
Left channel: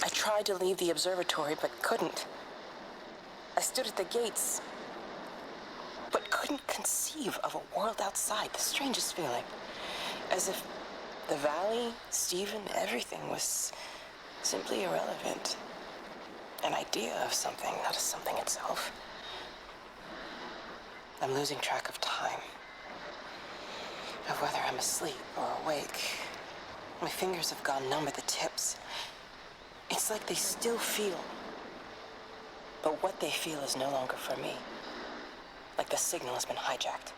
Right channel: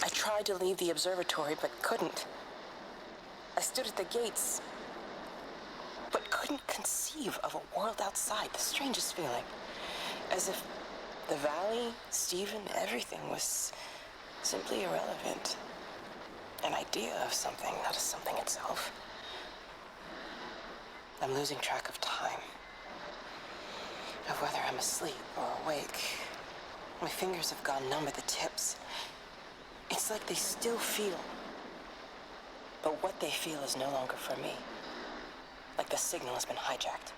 I tried to leave the observatory, but couldn't. I stood at the gates, but couldn't conceive of a world outside. The strangest feeling. As if the valley, Stephen, everything was simply irrelevant. An idea of something, not as something itself. I'm losing track of time. Of whether I'm asleep or awake. My fingers have gone numb at the tips. It's like they still feel. But what they feel is no longer for me. Like the signal has been hijacked.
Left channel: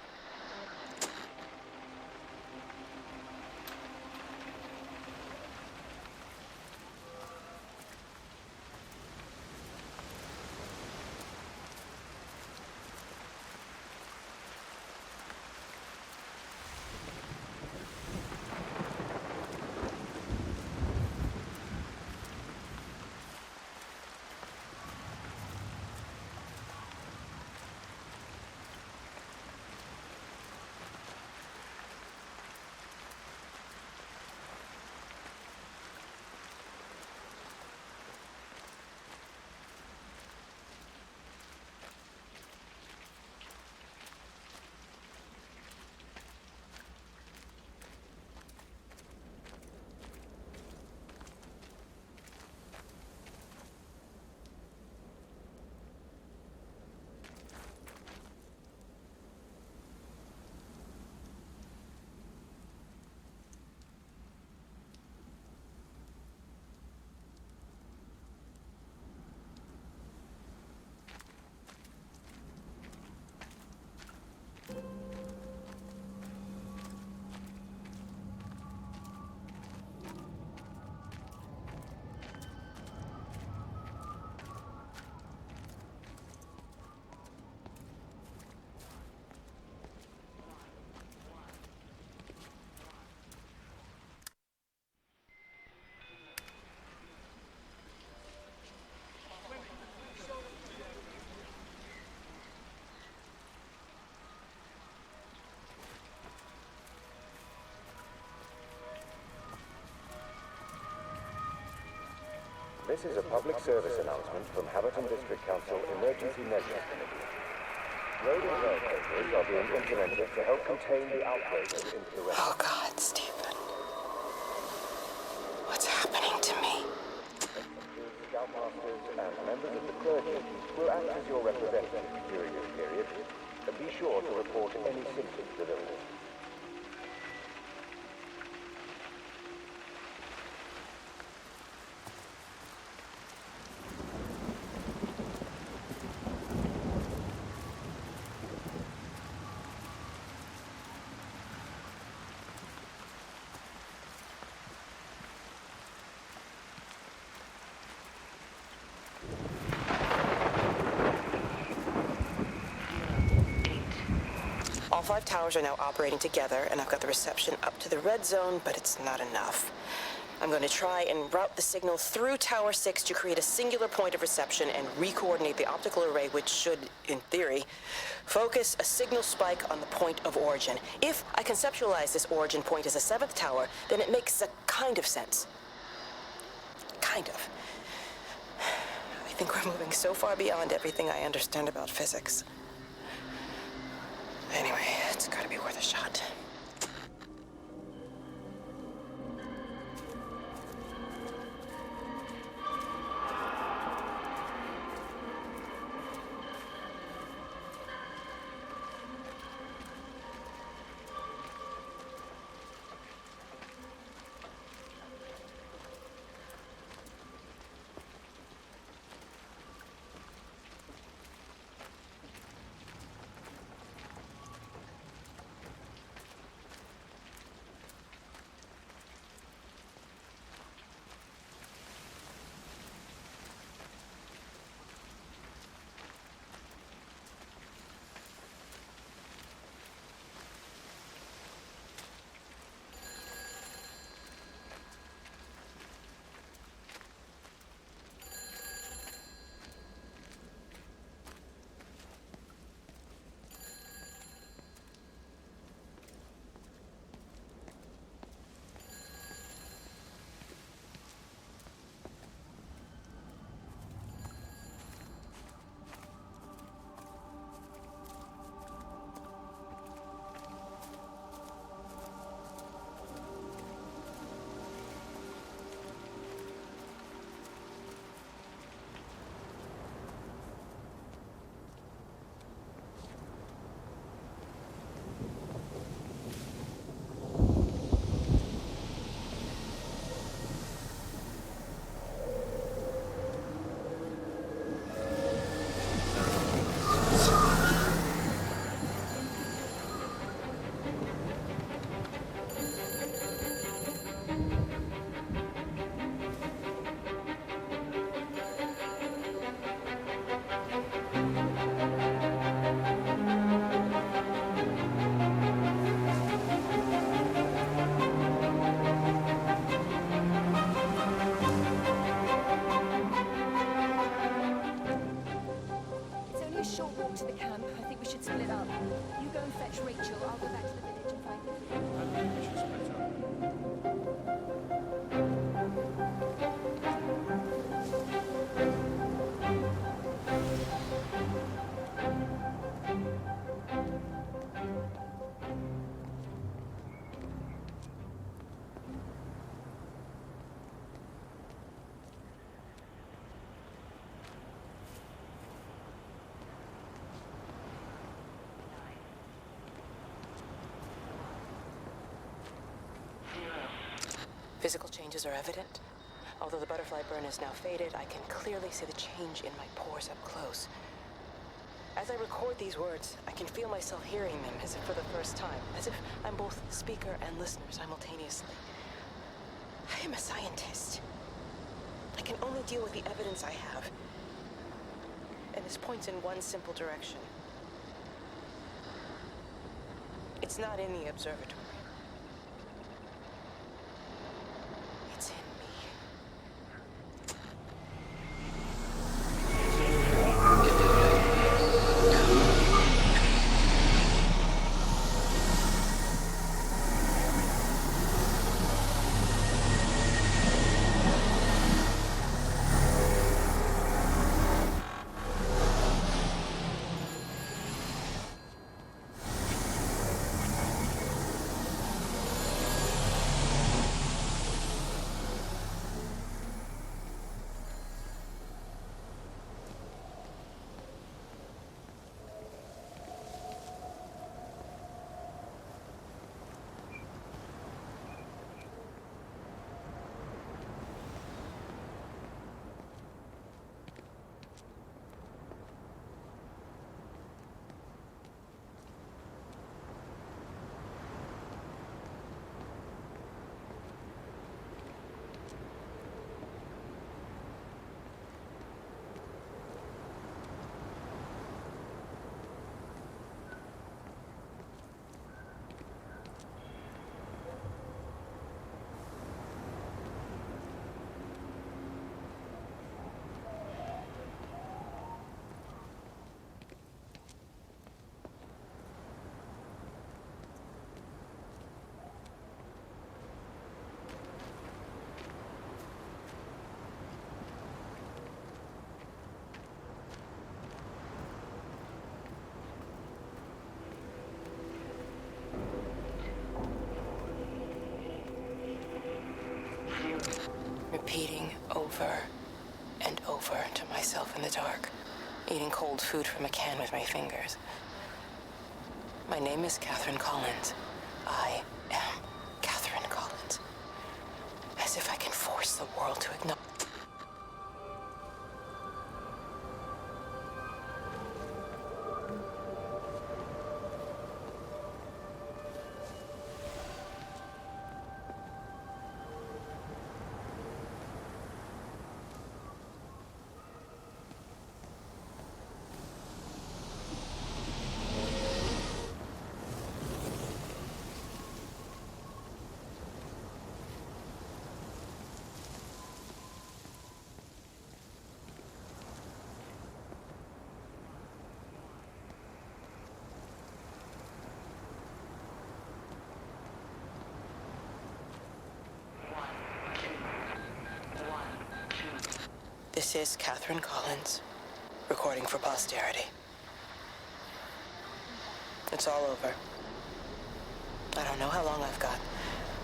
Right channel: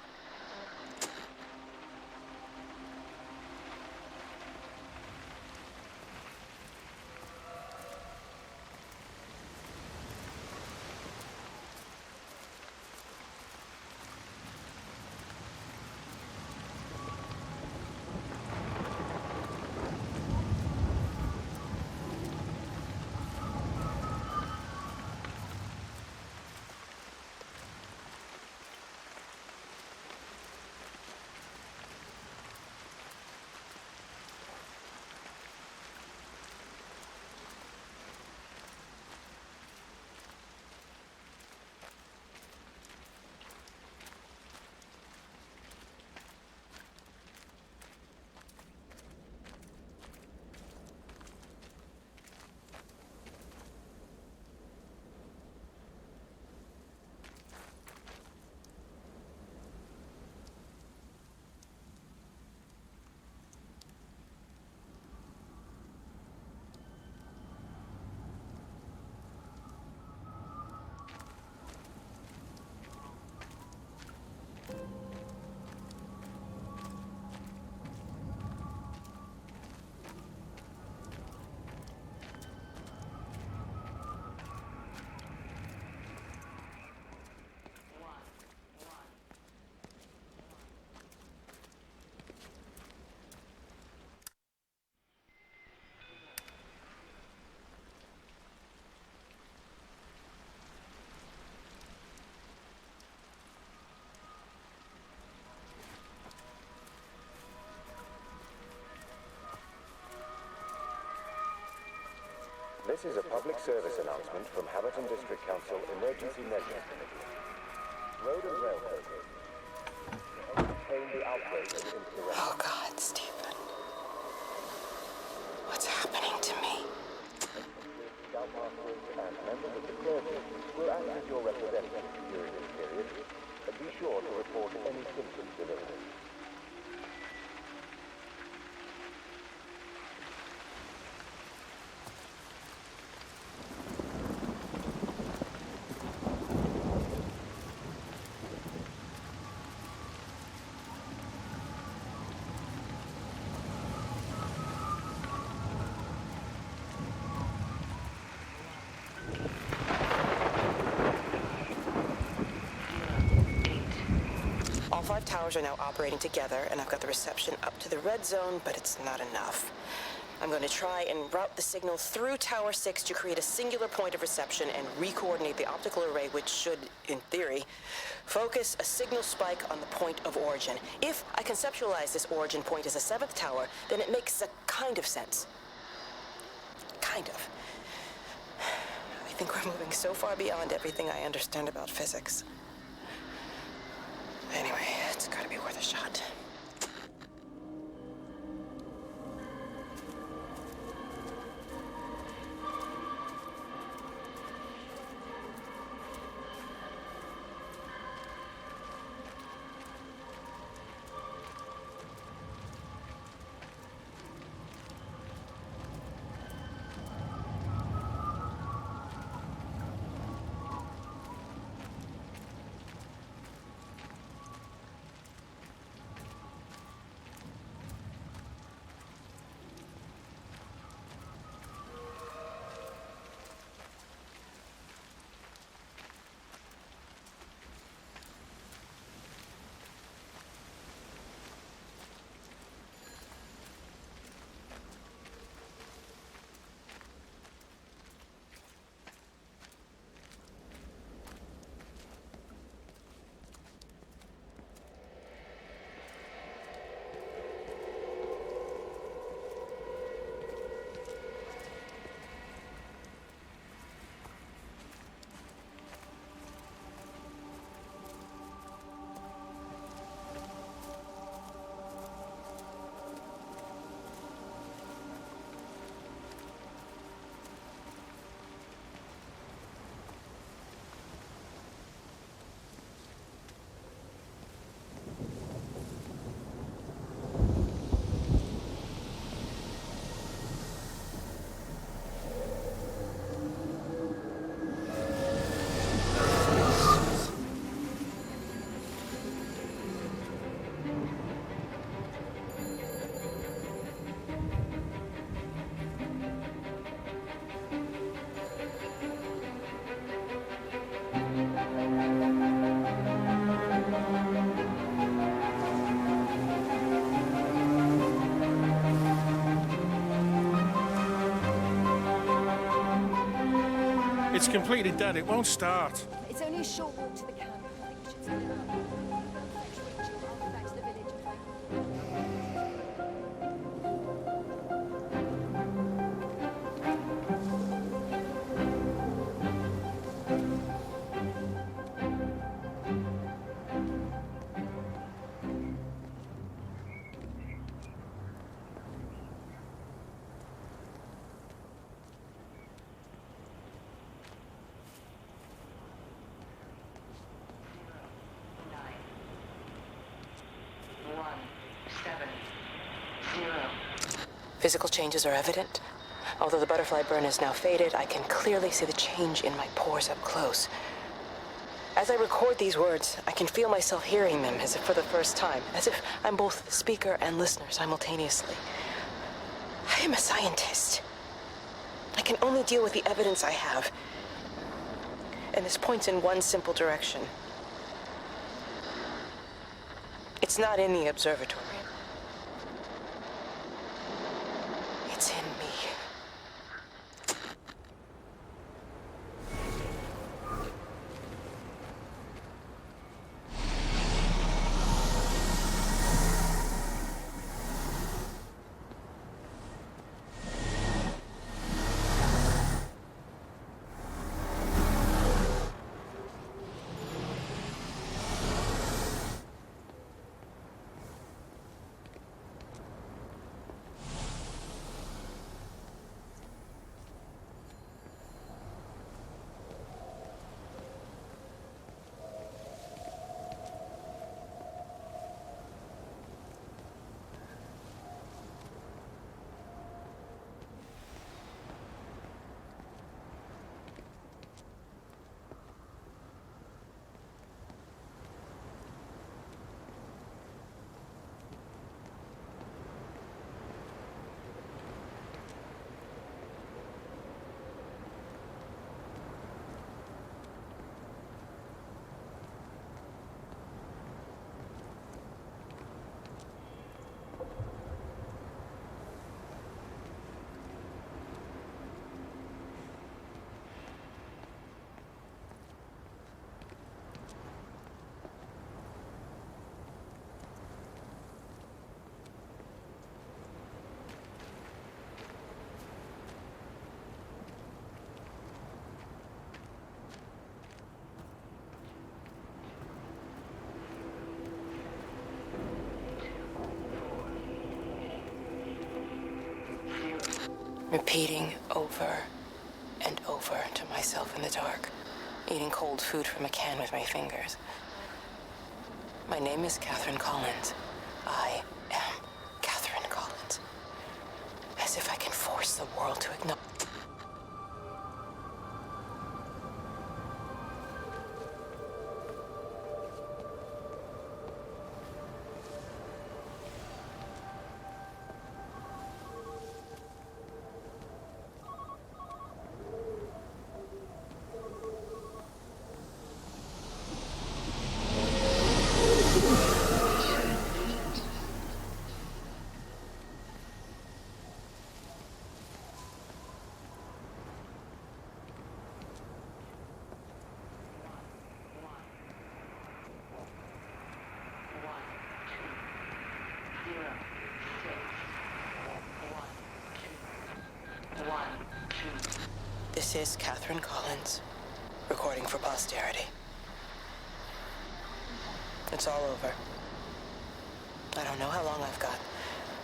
This is a public service announcement from Haverton District Council Emergency Measures Committee. Road and rail closures are being implemented to help contain the outbreak of insurrection. Oh God, Stephen. What's happening to me? Scoutmasters and members of the clergy will act as your representatives during this period. Be sure to report any symptoms of illness. All 5 towers are now operating together, and I've got the reception up to the red zone, but it's not enough. I'm going to try and route the signal through Tower 6 to create a singular point of reception and re-coordinate the optical array, which should, in theory, focus a signal spike on the point of origin. If I conceptualize this origin point as a 7th tower, then it makes a kind of sense. Kind of. I think we're moving so far beyond everything I understand about physics. Anyway, it's gotta be worth a shot. It's completely dead. It won't start. It's only a short walk to the camp. I think we should split up. You go and fetch Rachel. I'll go back to the village and find Physical changes are evident. Although the butterfly burn is now faded, I can clearly see the change in my pores up close. As I record these words, I can feel myself hearing them as if for the first time, as if I'm both speaker and listener simultaneously. I am a scientist. I can only deal with the evidence I have. And this points in one simple direction. It's not in the observatory. It's in me. repeating over and over to myself in the dark, eating cold food from a can with my fingers. My name is Catherine Collins. I am Catherine Collins. As if I can force the world to acknowledge. This is Catherine Collins, recording for posterity. It's all over. I don't know how long I've got.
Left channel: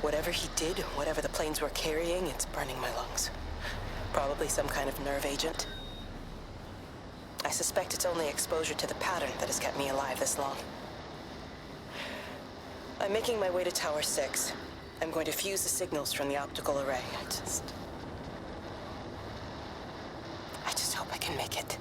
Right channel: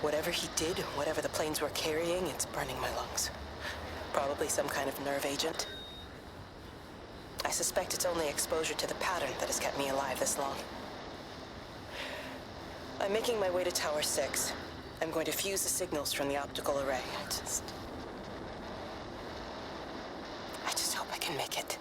Whatever he did, whatever the planes were carrying, it's burning my lungs. Probably some kind of nerve agent. I suspect it's only exposure to the pattern that has kept me alive this long. I'm making my way to Tower 6. I'm going to fuse the signals from the optical array. I just hope I can make it.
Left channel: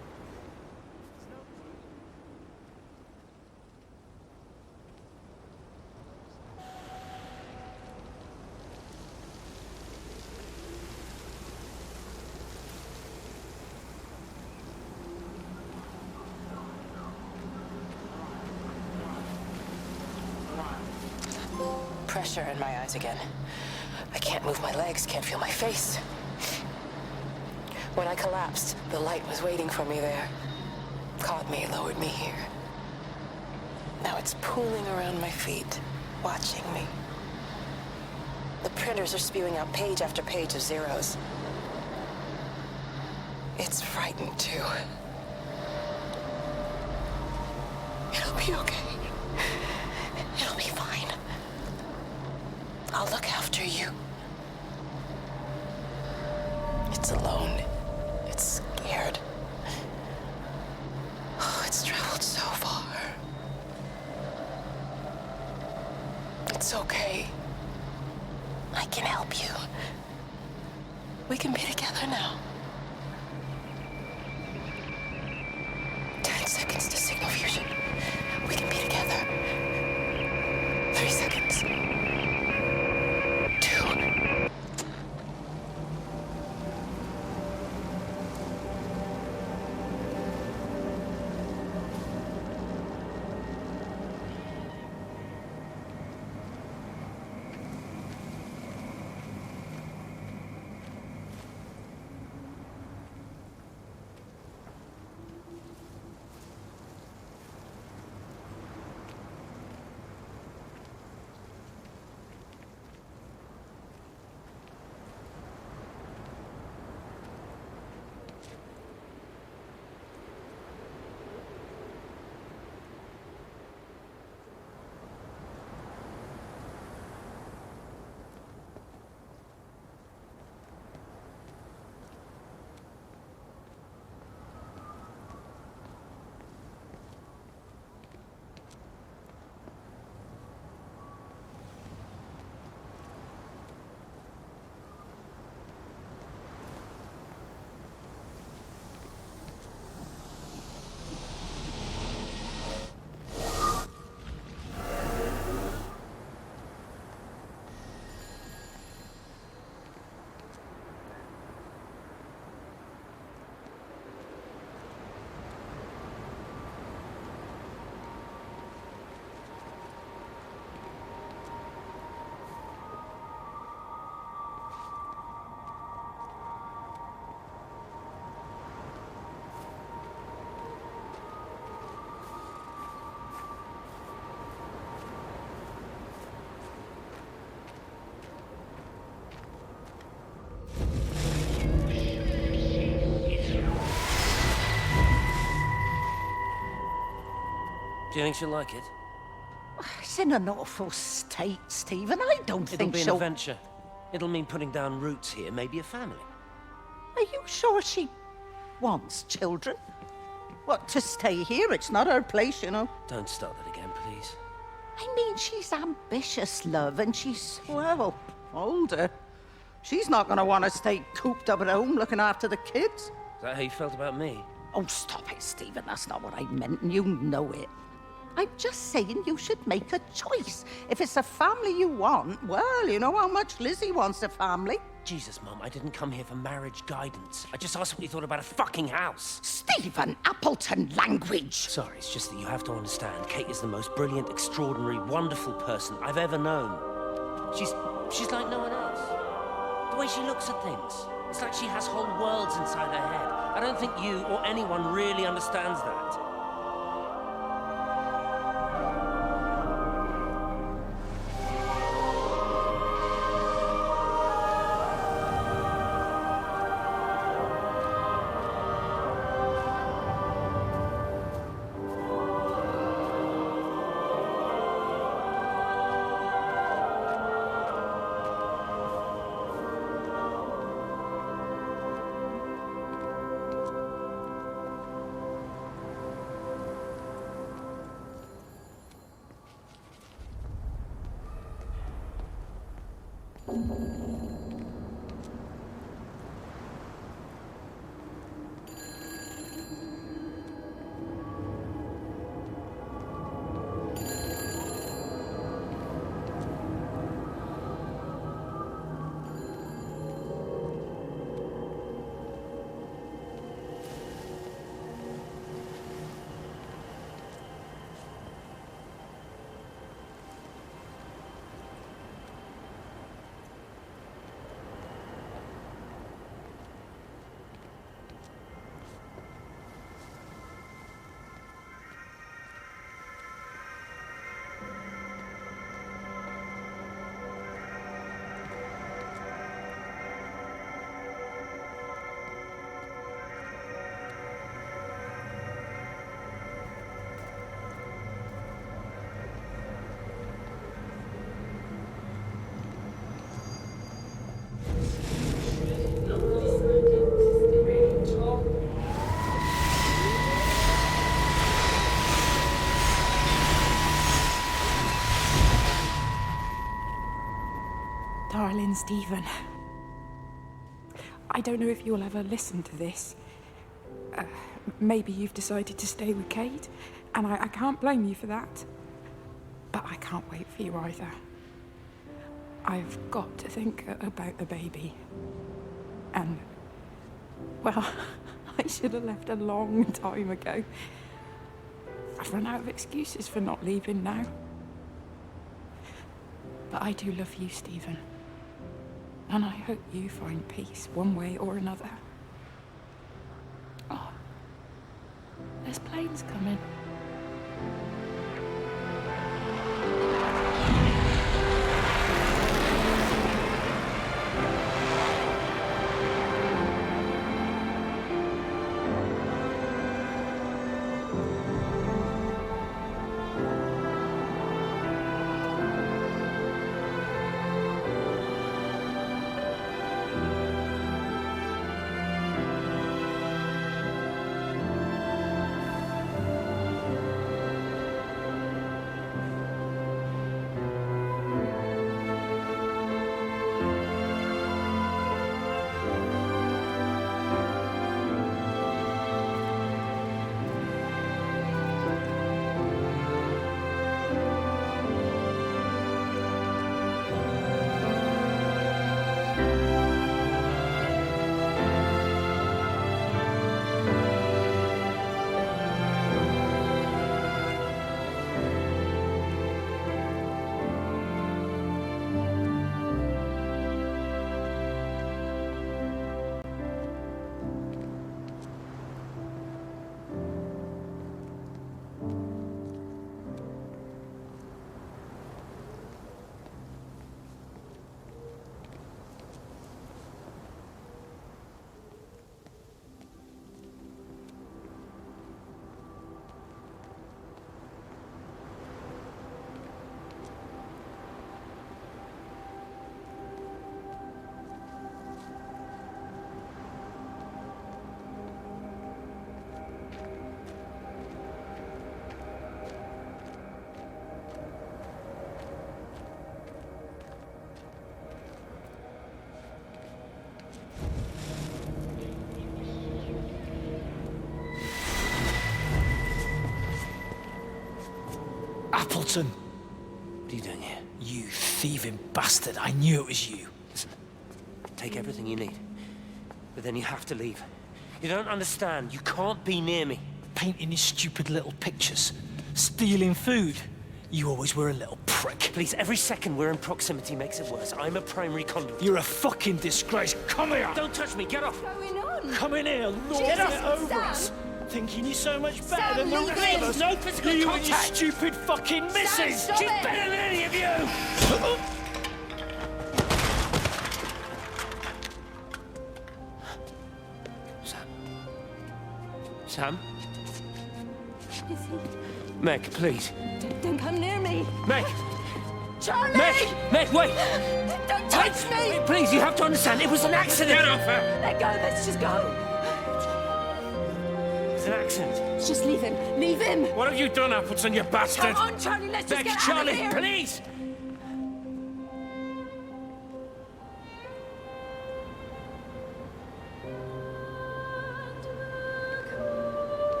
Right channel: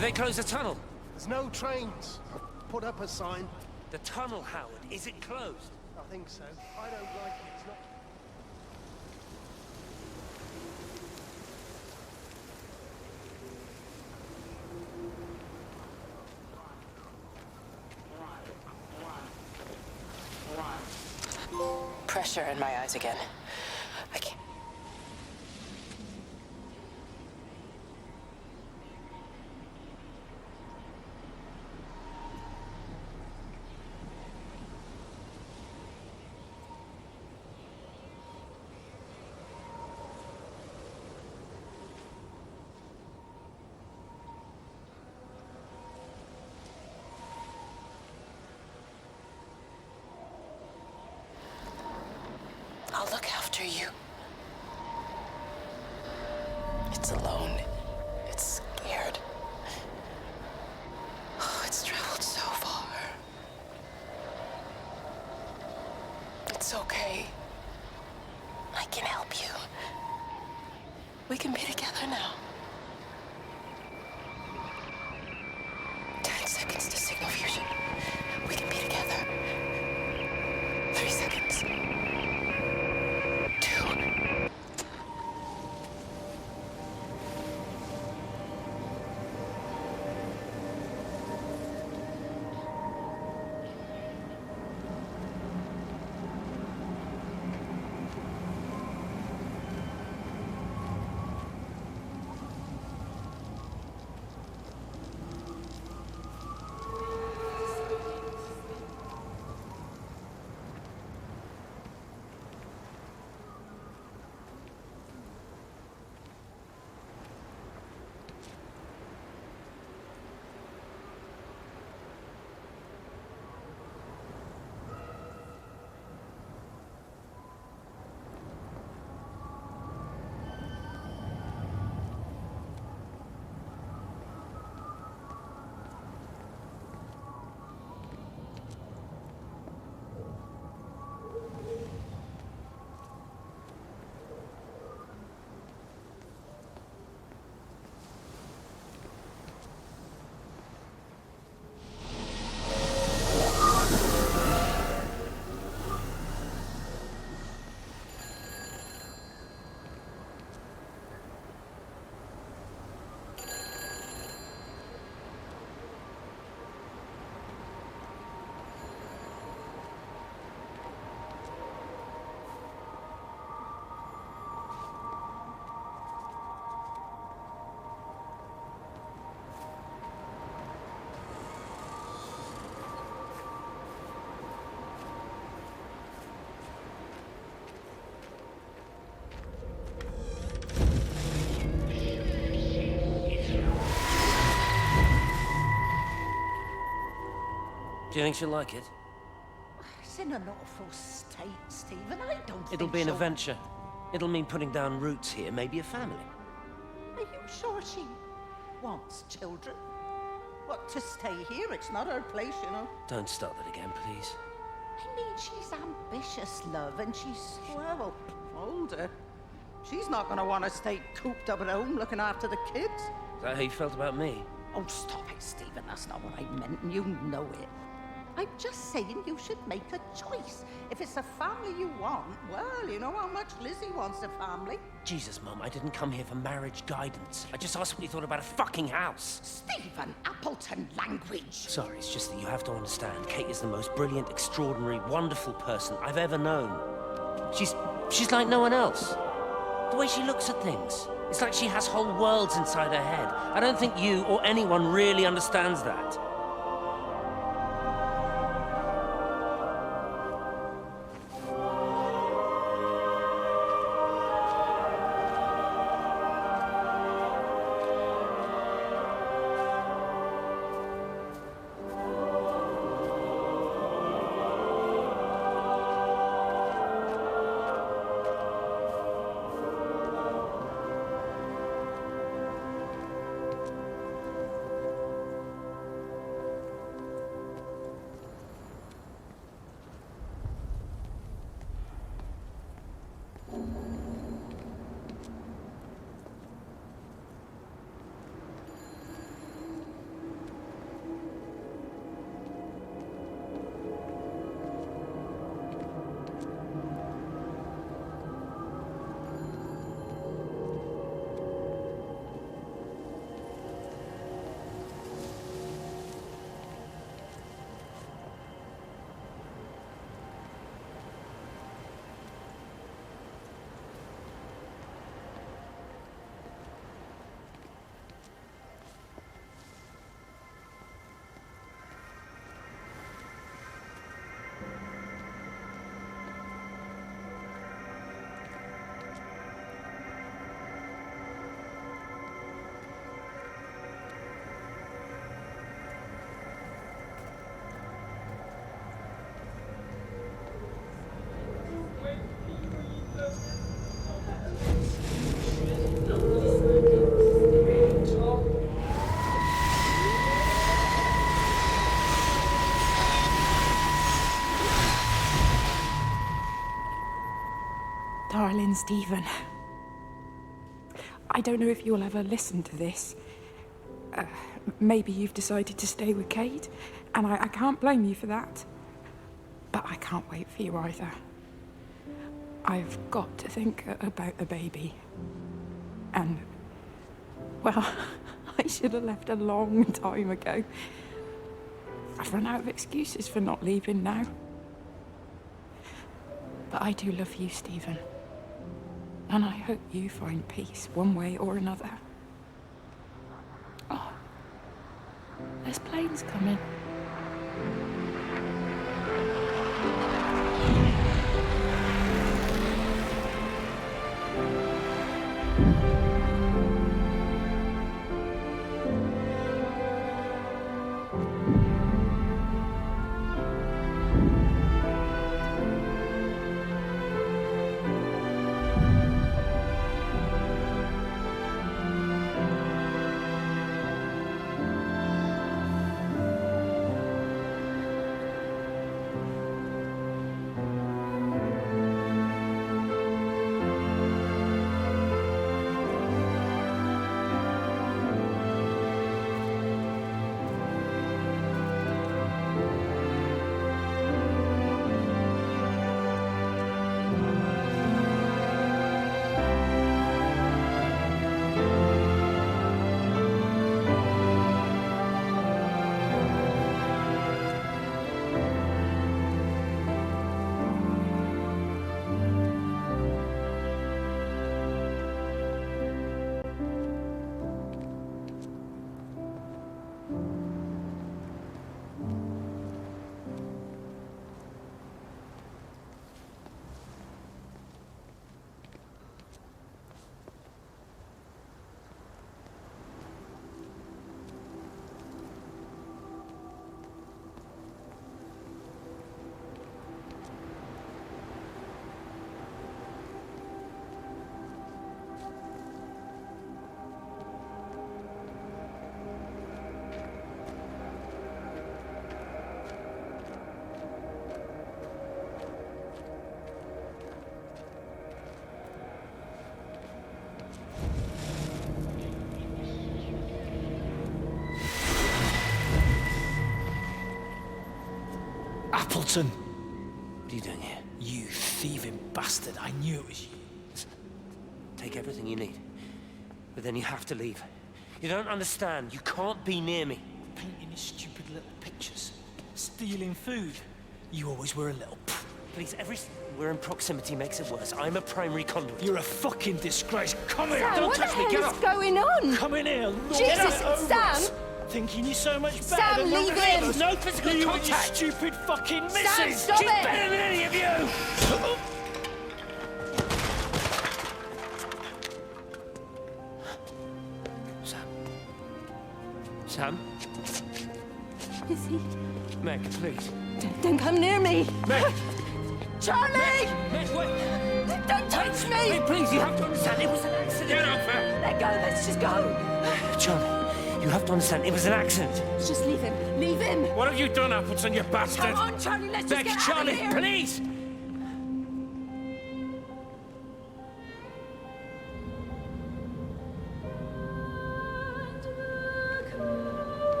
They closed the tunnel. There's no trains. Put up a sign. The tunnel, Howard. Is it closed? I think so. I don't like it. It's not... Pressure in my eyes again. I can't move my legs, can't feel my face. When I collapsed, the light was waiting for me there. Caught me, lowered me here. Now it's pooling around my feet, watching me. The printers are spewing out page after page of zeros. It's frightened too. It'll be okay. It'll be fine. I'll look after you. It's alone. It's scared. Oh, it's traveled so far. It's okay. I can help you. We can be together now. 10 seconds to signal fusion. We can be together. 3 seconds. 2. Do you think she'll like it? It's in an awful state, Stephen. I don't think It'll be an she'll... adventure. It'll mean putting down roots here, maybe a family. Are you sure she wants children? What, to stay here? It's not her place, you know. Don't start that again, please. I mean, she's ambitious, love, and she's, well, older. She's not going to want to stay cooped up at home looking after the kids. Is that how you felt about me? Oh, stop it, Stephen. That's not what I meant, and you know it. I'm just saying you should make a choice. If it's a family you want, well, you know how much Lizzie wants a family. Jesus, Mum, I didn't come here for marriage guidance. I just asked what you thought about a fucking house. Stephen, Appleton language. Sorry, it's just that you have to understand. Kate is the most brilliant, extraordinary, wonderful person I've ever known. She's like no one else. The way she looks at things. It's like she has whole worlds inside her head. I don't think you or anyone really understands that. Darling Stephen, I don't know if you'll ever listen to this. Maybe you've decided to stay with Kate, and I can't blame you for that. But I can't wait for you either. I've got to think about the baby. And, well, I should have left a long time ago. I've run out of excuses for not leaving now. But I do love you, Stephen. And I hope you find peace one way or another. Oh, there's planes coming. Appleton! What are you doing here? You thieving bastard. I knew it was you. Listen, take everything you need. But then you have to leave. You don't understand. You can't be near me. Painting your stupid little pictures. Stealing food. You always were a little prick. Please, every second we're in proximity makes it worse. I'm a primary conduit. You're a fucking disgrace. Come here! Don't touch me, get off! What's going on? Come in here, Lord. Jesus, Get over Sam! us. Thinking you're so much better Sam, than the leave rest of him. us. No physical you contact. And your stupid fucking missus. stop She's it. better than any of you! Sam? Lizzie, Meg, please. don't come near me. Meg! Charlie! Meg, wait! Don't touch me! Wait, please, you have to understand, it was an accident! Get off her! Let go, let's just go. Charlie, you have to understand, it was an accident. Just leave him. Leave him. What have you done, Appleton, you bastard? Come on, Charlie, let's just Meg, get Charlie, out of here. please!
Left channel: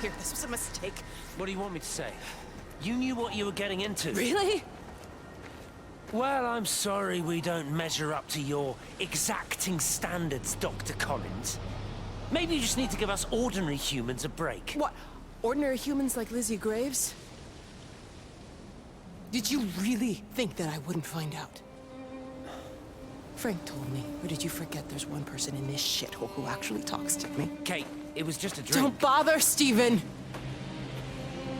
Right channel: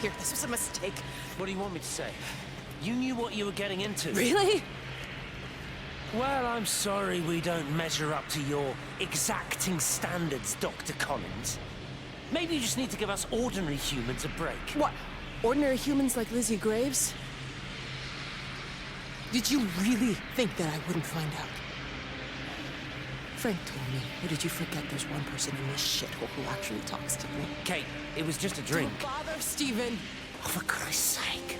Here, this was a mistake. What do you want me to say? You knew what you were getting into. Really? Well, I'm sorry we don't measure up to your exacting standards, Dr. Collins. Maybe you just need to give us ordinary humans a break. What? Ordinary humans like Lizzie Graves? Did you really think that I wouldn't find out? Frank told me. Or did you forget there's one person in this shithole who actually talks to me? Kate, it was just a drink. Don't bother, Stephen! Oh, for Christ's sake.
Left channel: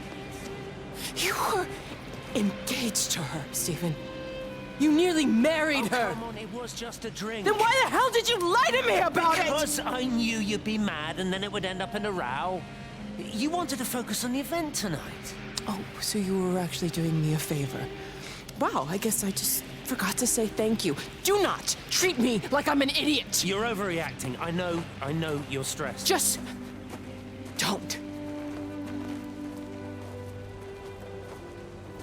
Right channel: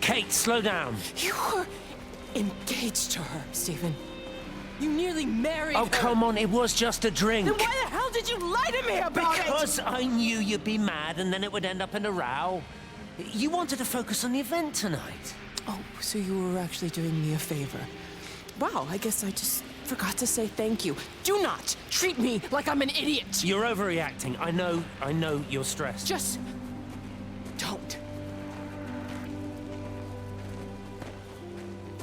Kate, slow down. You were engaged to her, Stephen. You nearly married her. Oh, come on, it was just a drink. Then why the hell did you lie to me about it? Because I knew you'd be mad and then it would end up in a row. You wanted to focus on the event tonight. Oh, so you were actually doing me a favor. Wow, I guess I just forgot to say thank you. Do not treat me like I'm an idiot. You're overreacting. I know you're stressed. Just don't.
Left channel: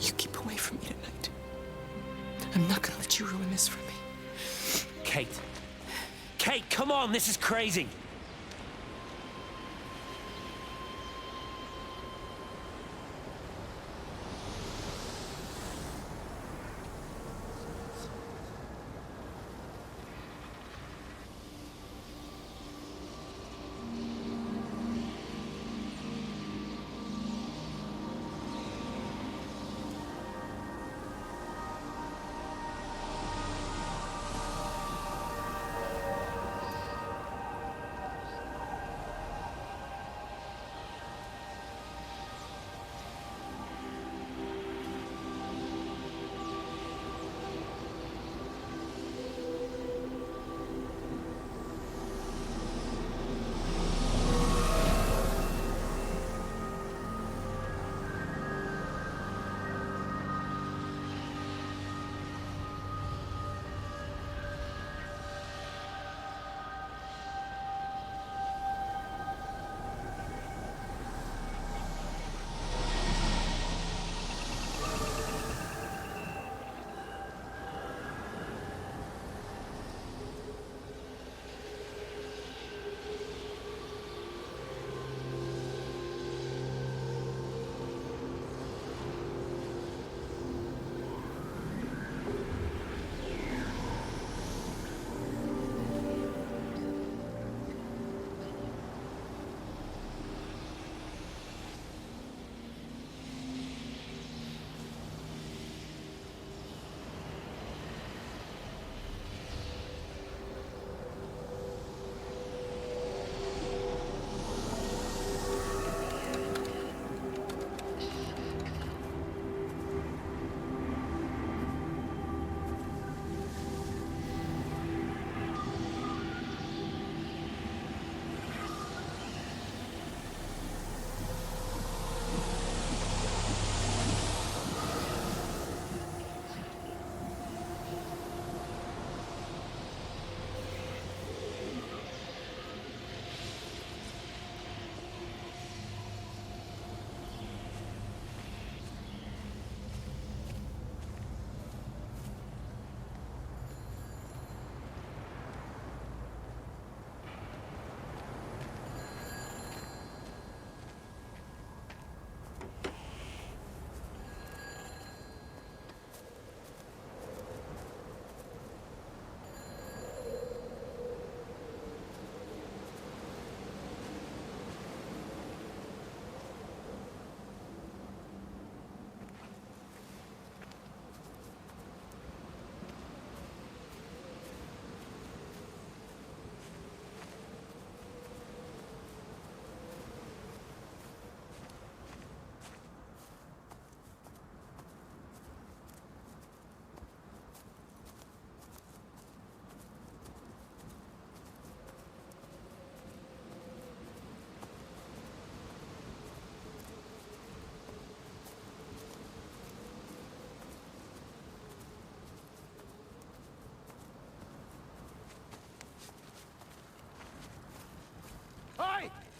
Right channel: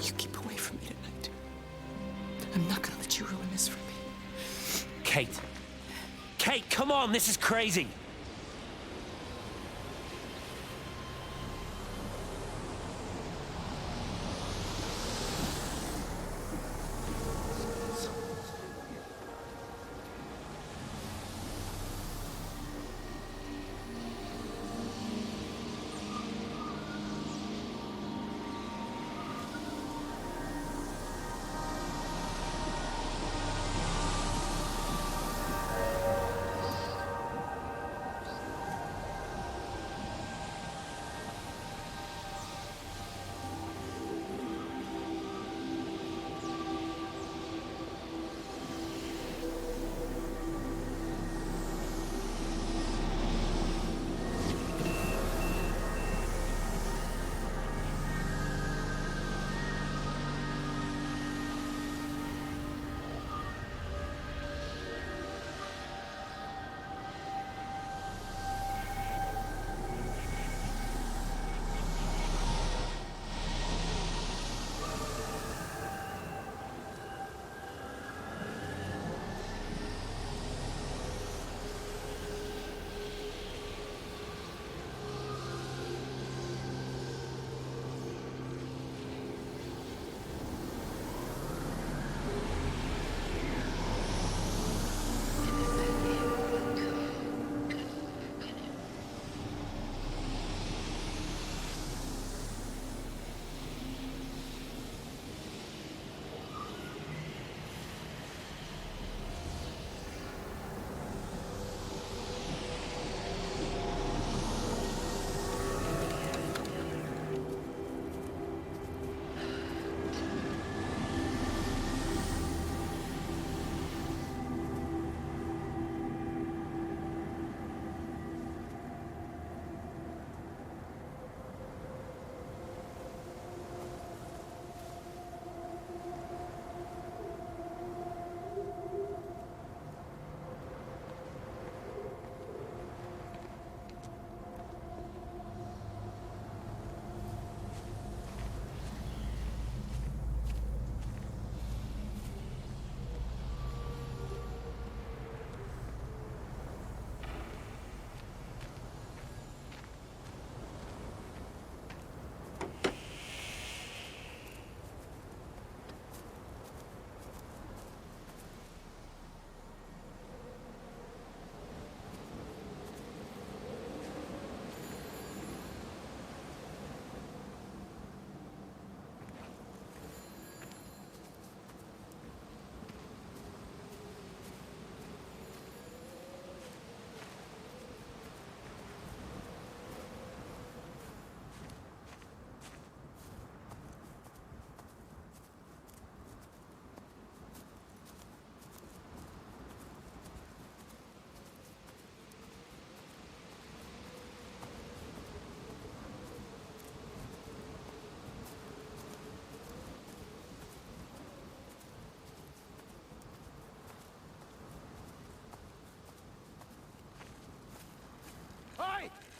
You keep away from me tonight. I'm not gonna let you ruin this for me. Kate. Kate, come on, this is crazy.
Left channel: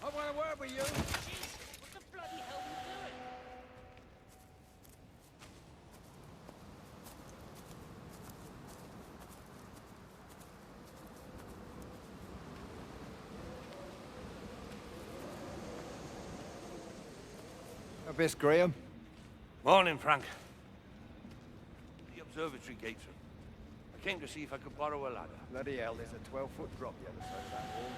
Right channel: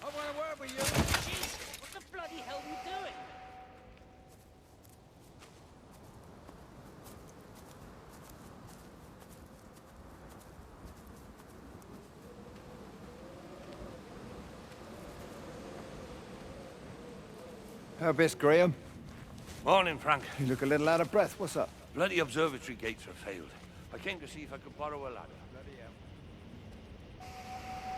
I want a word with you. Jesus, what the bloody hell are you doing? Miss Graham. Morning, Frank. You look a little out of breath. What's up? Bloody observatory gates have failed. I came to see if I could borrow a ladder. Bloody hell, there's a 12-foot drop the other side of that wall.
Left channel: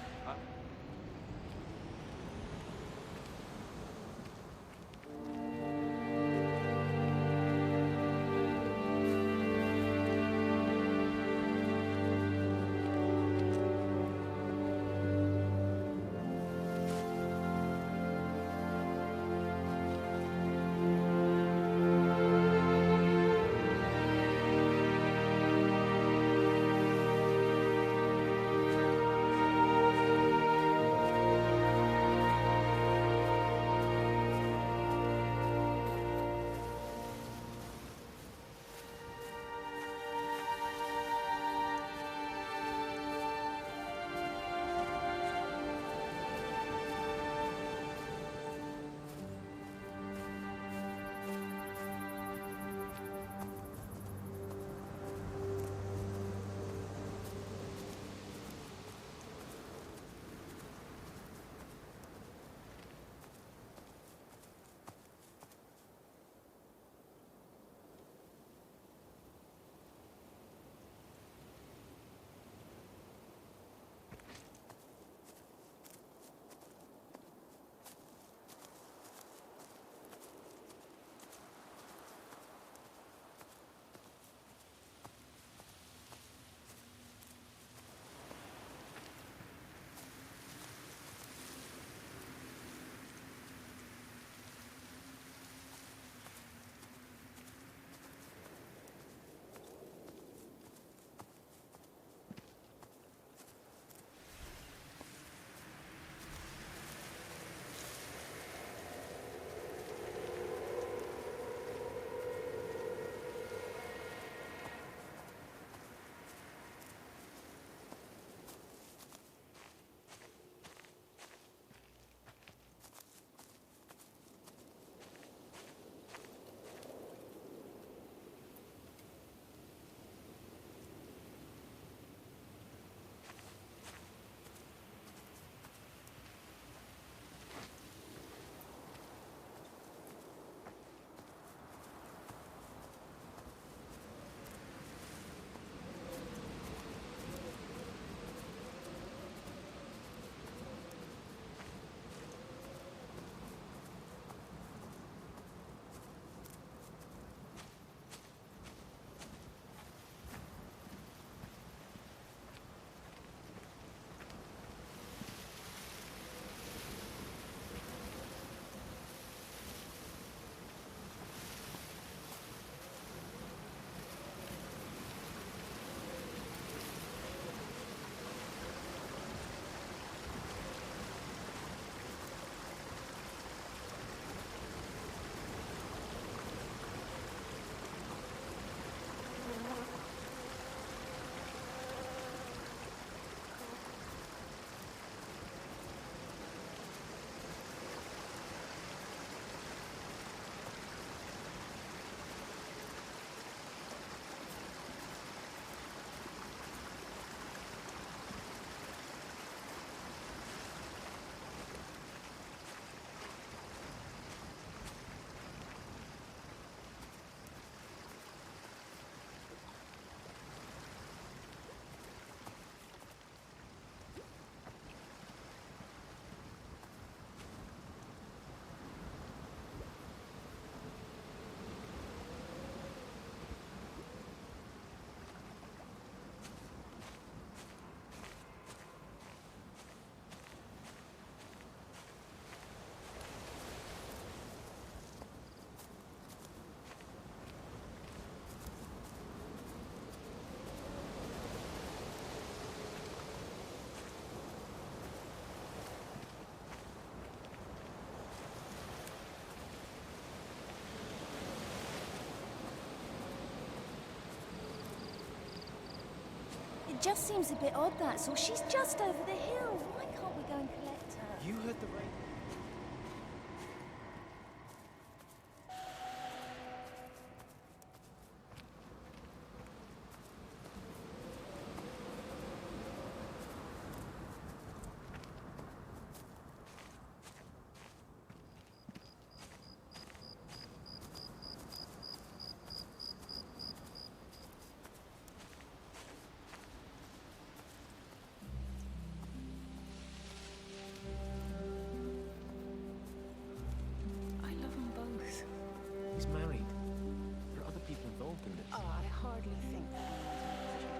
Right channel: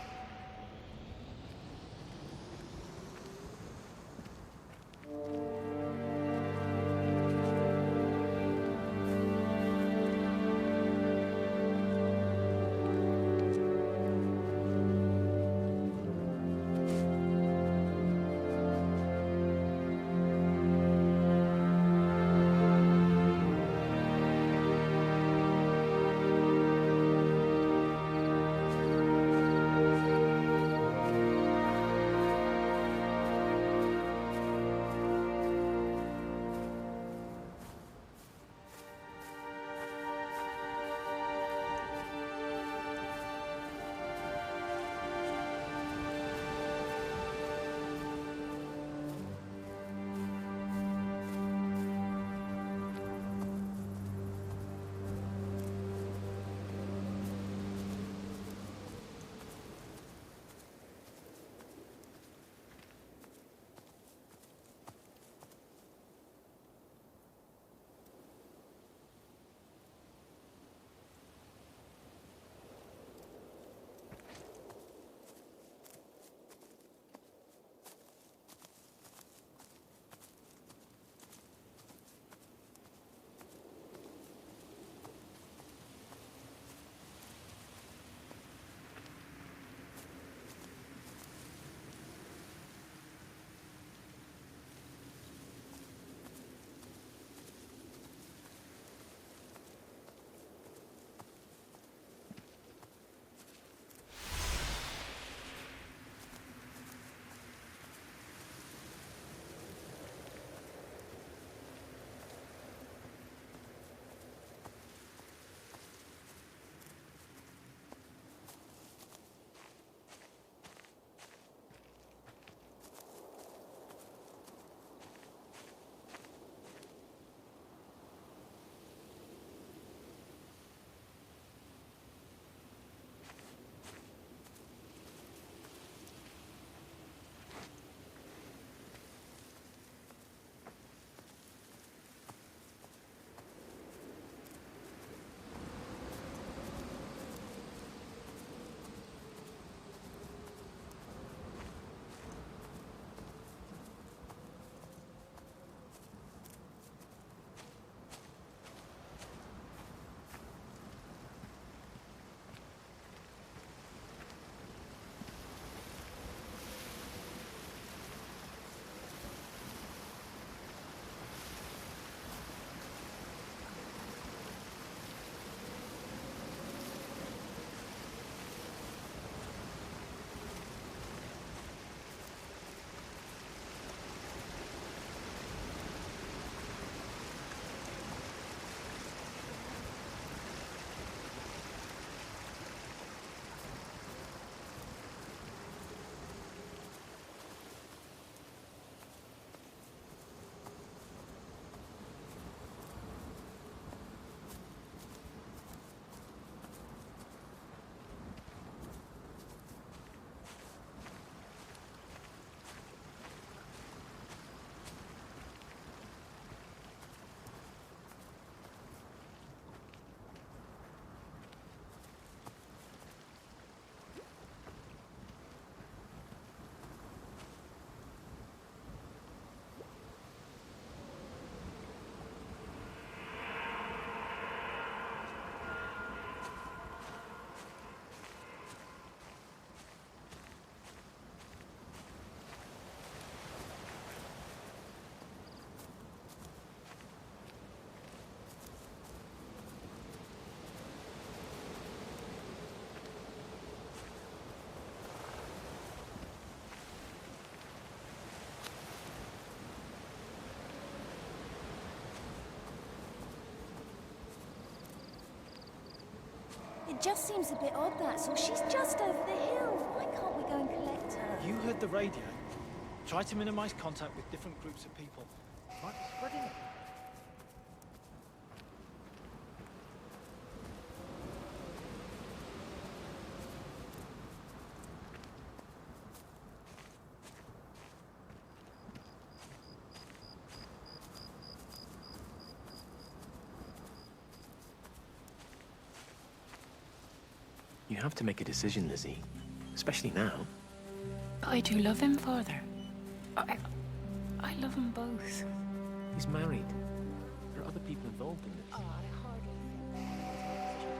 It just seems a bit odd, that's all. She's just over the hill. Why can't we go and collect her? You heard heard the radio. Try to minimize contact with different groups of people. Try spreading it. You have to make a decision, Lizzie. Especially now. I do love him, Father. I love them both. He's married. There are other people involved in this. Oh, I hardly think that anyone's in a position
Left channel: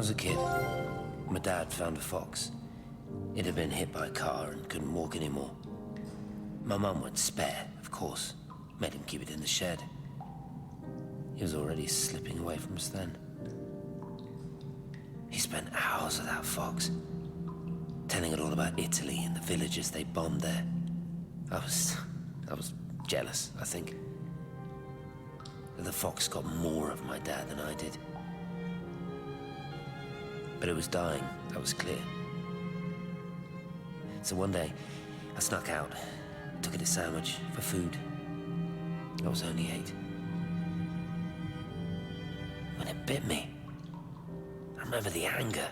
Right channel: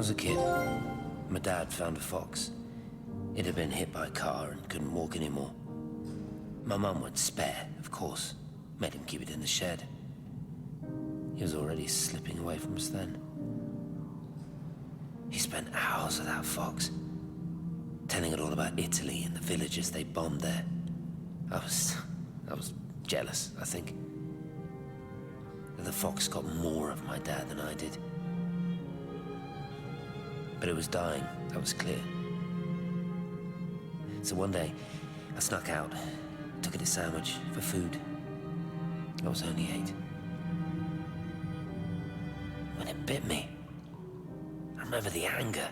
was a kid, my dad found a fox. It had been hit by a car and couldn't walk anymore. My mum went spare, of course. Made him keep it in the shed. He was already slipping away from us then. He spent hours with that fox, telling it all about Italy and the villages they bombed there. I was jealous, I think. That the fox got more of my dad than I did. But it was dying, that was clear. So one day, I snuck out, took it a sandwich for food. I was only 8. When it bit me, I remember the anger,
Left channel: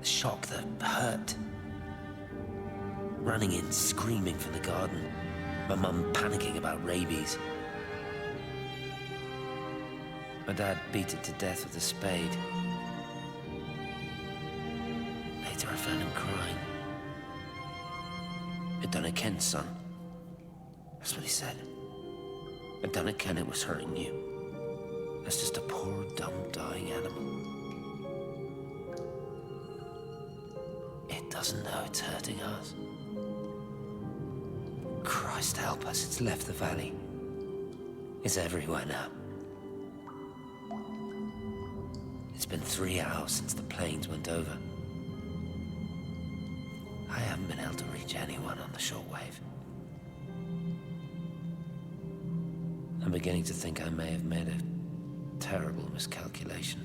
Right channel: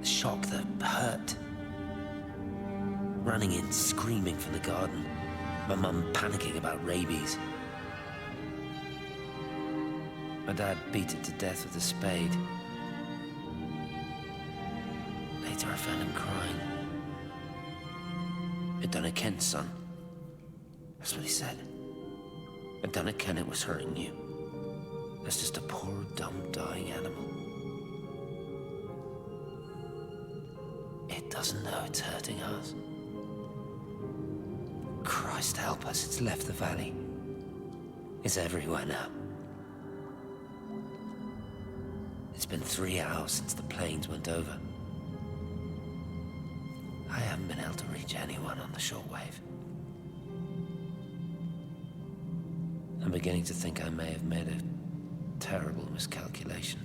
the shock, the hurt. Running in, screaming from the garden, my mum panicking about rabies. My dad beat it to death with a spade. Later I found him crying. "It done it, Ken, son." That's what he said. "It done it, Ken, it was hurting you. That's just a poor, dumb, dying animal. It doesn't know it's hurting us. Christ help us, it's left the valley. It's everywhere now. It's been 3 hours since the planes went over. I haven't been able to reach anyone on the shortwave. I'm beginning to think I may have made a terrible miscalculation.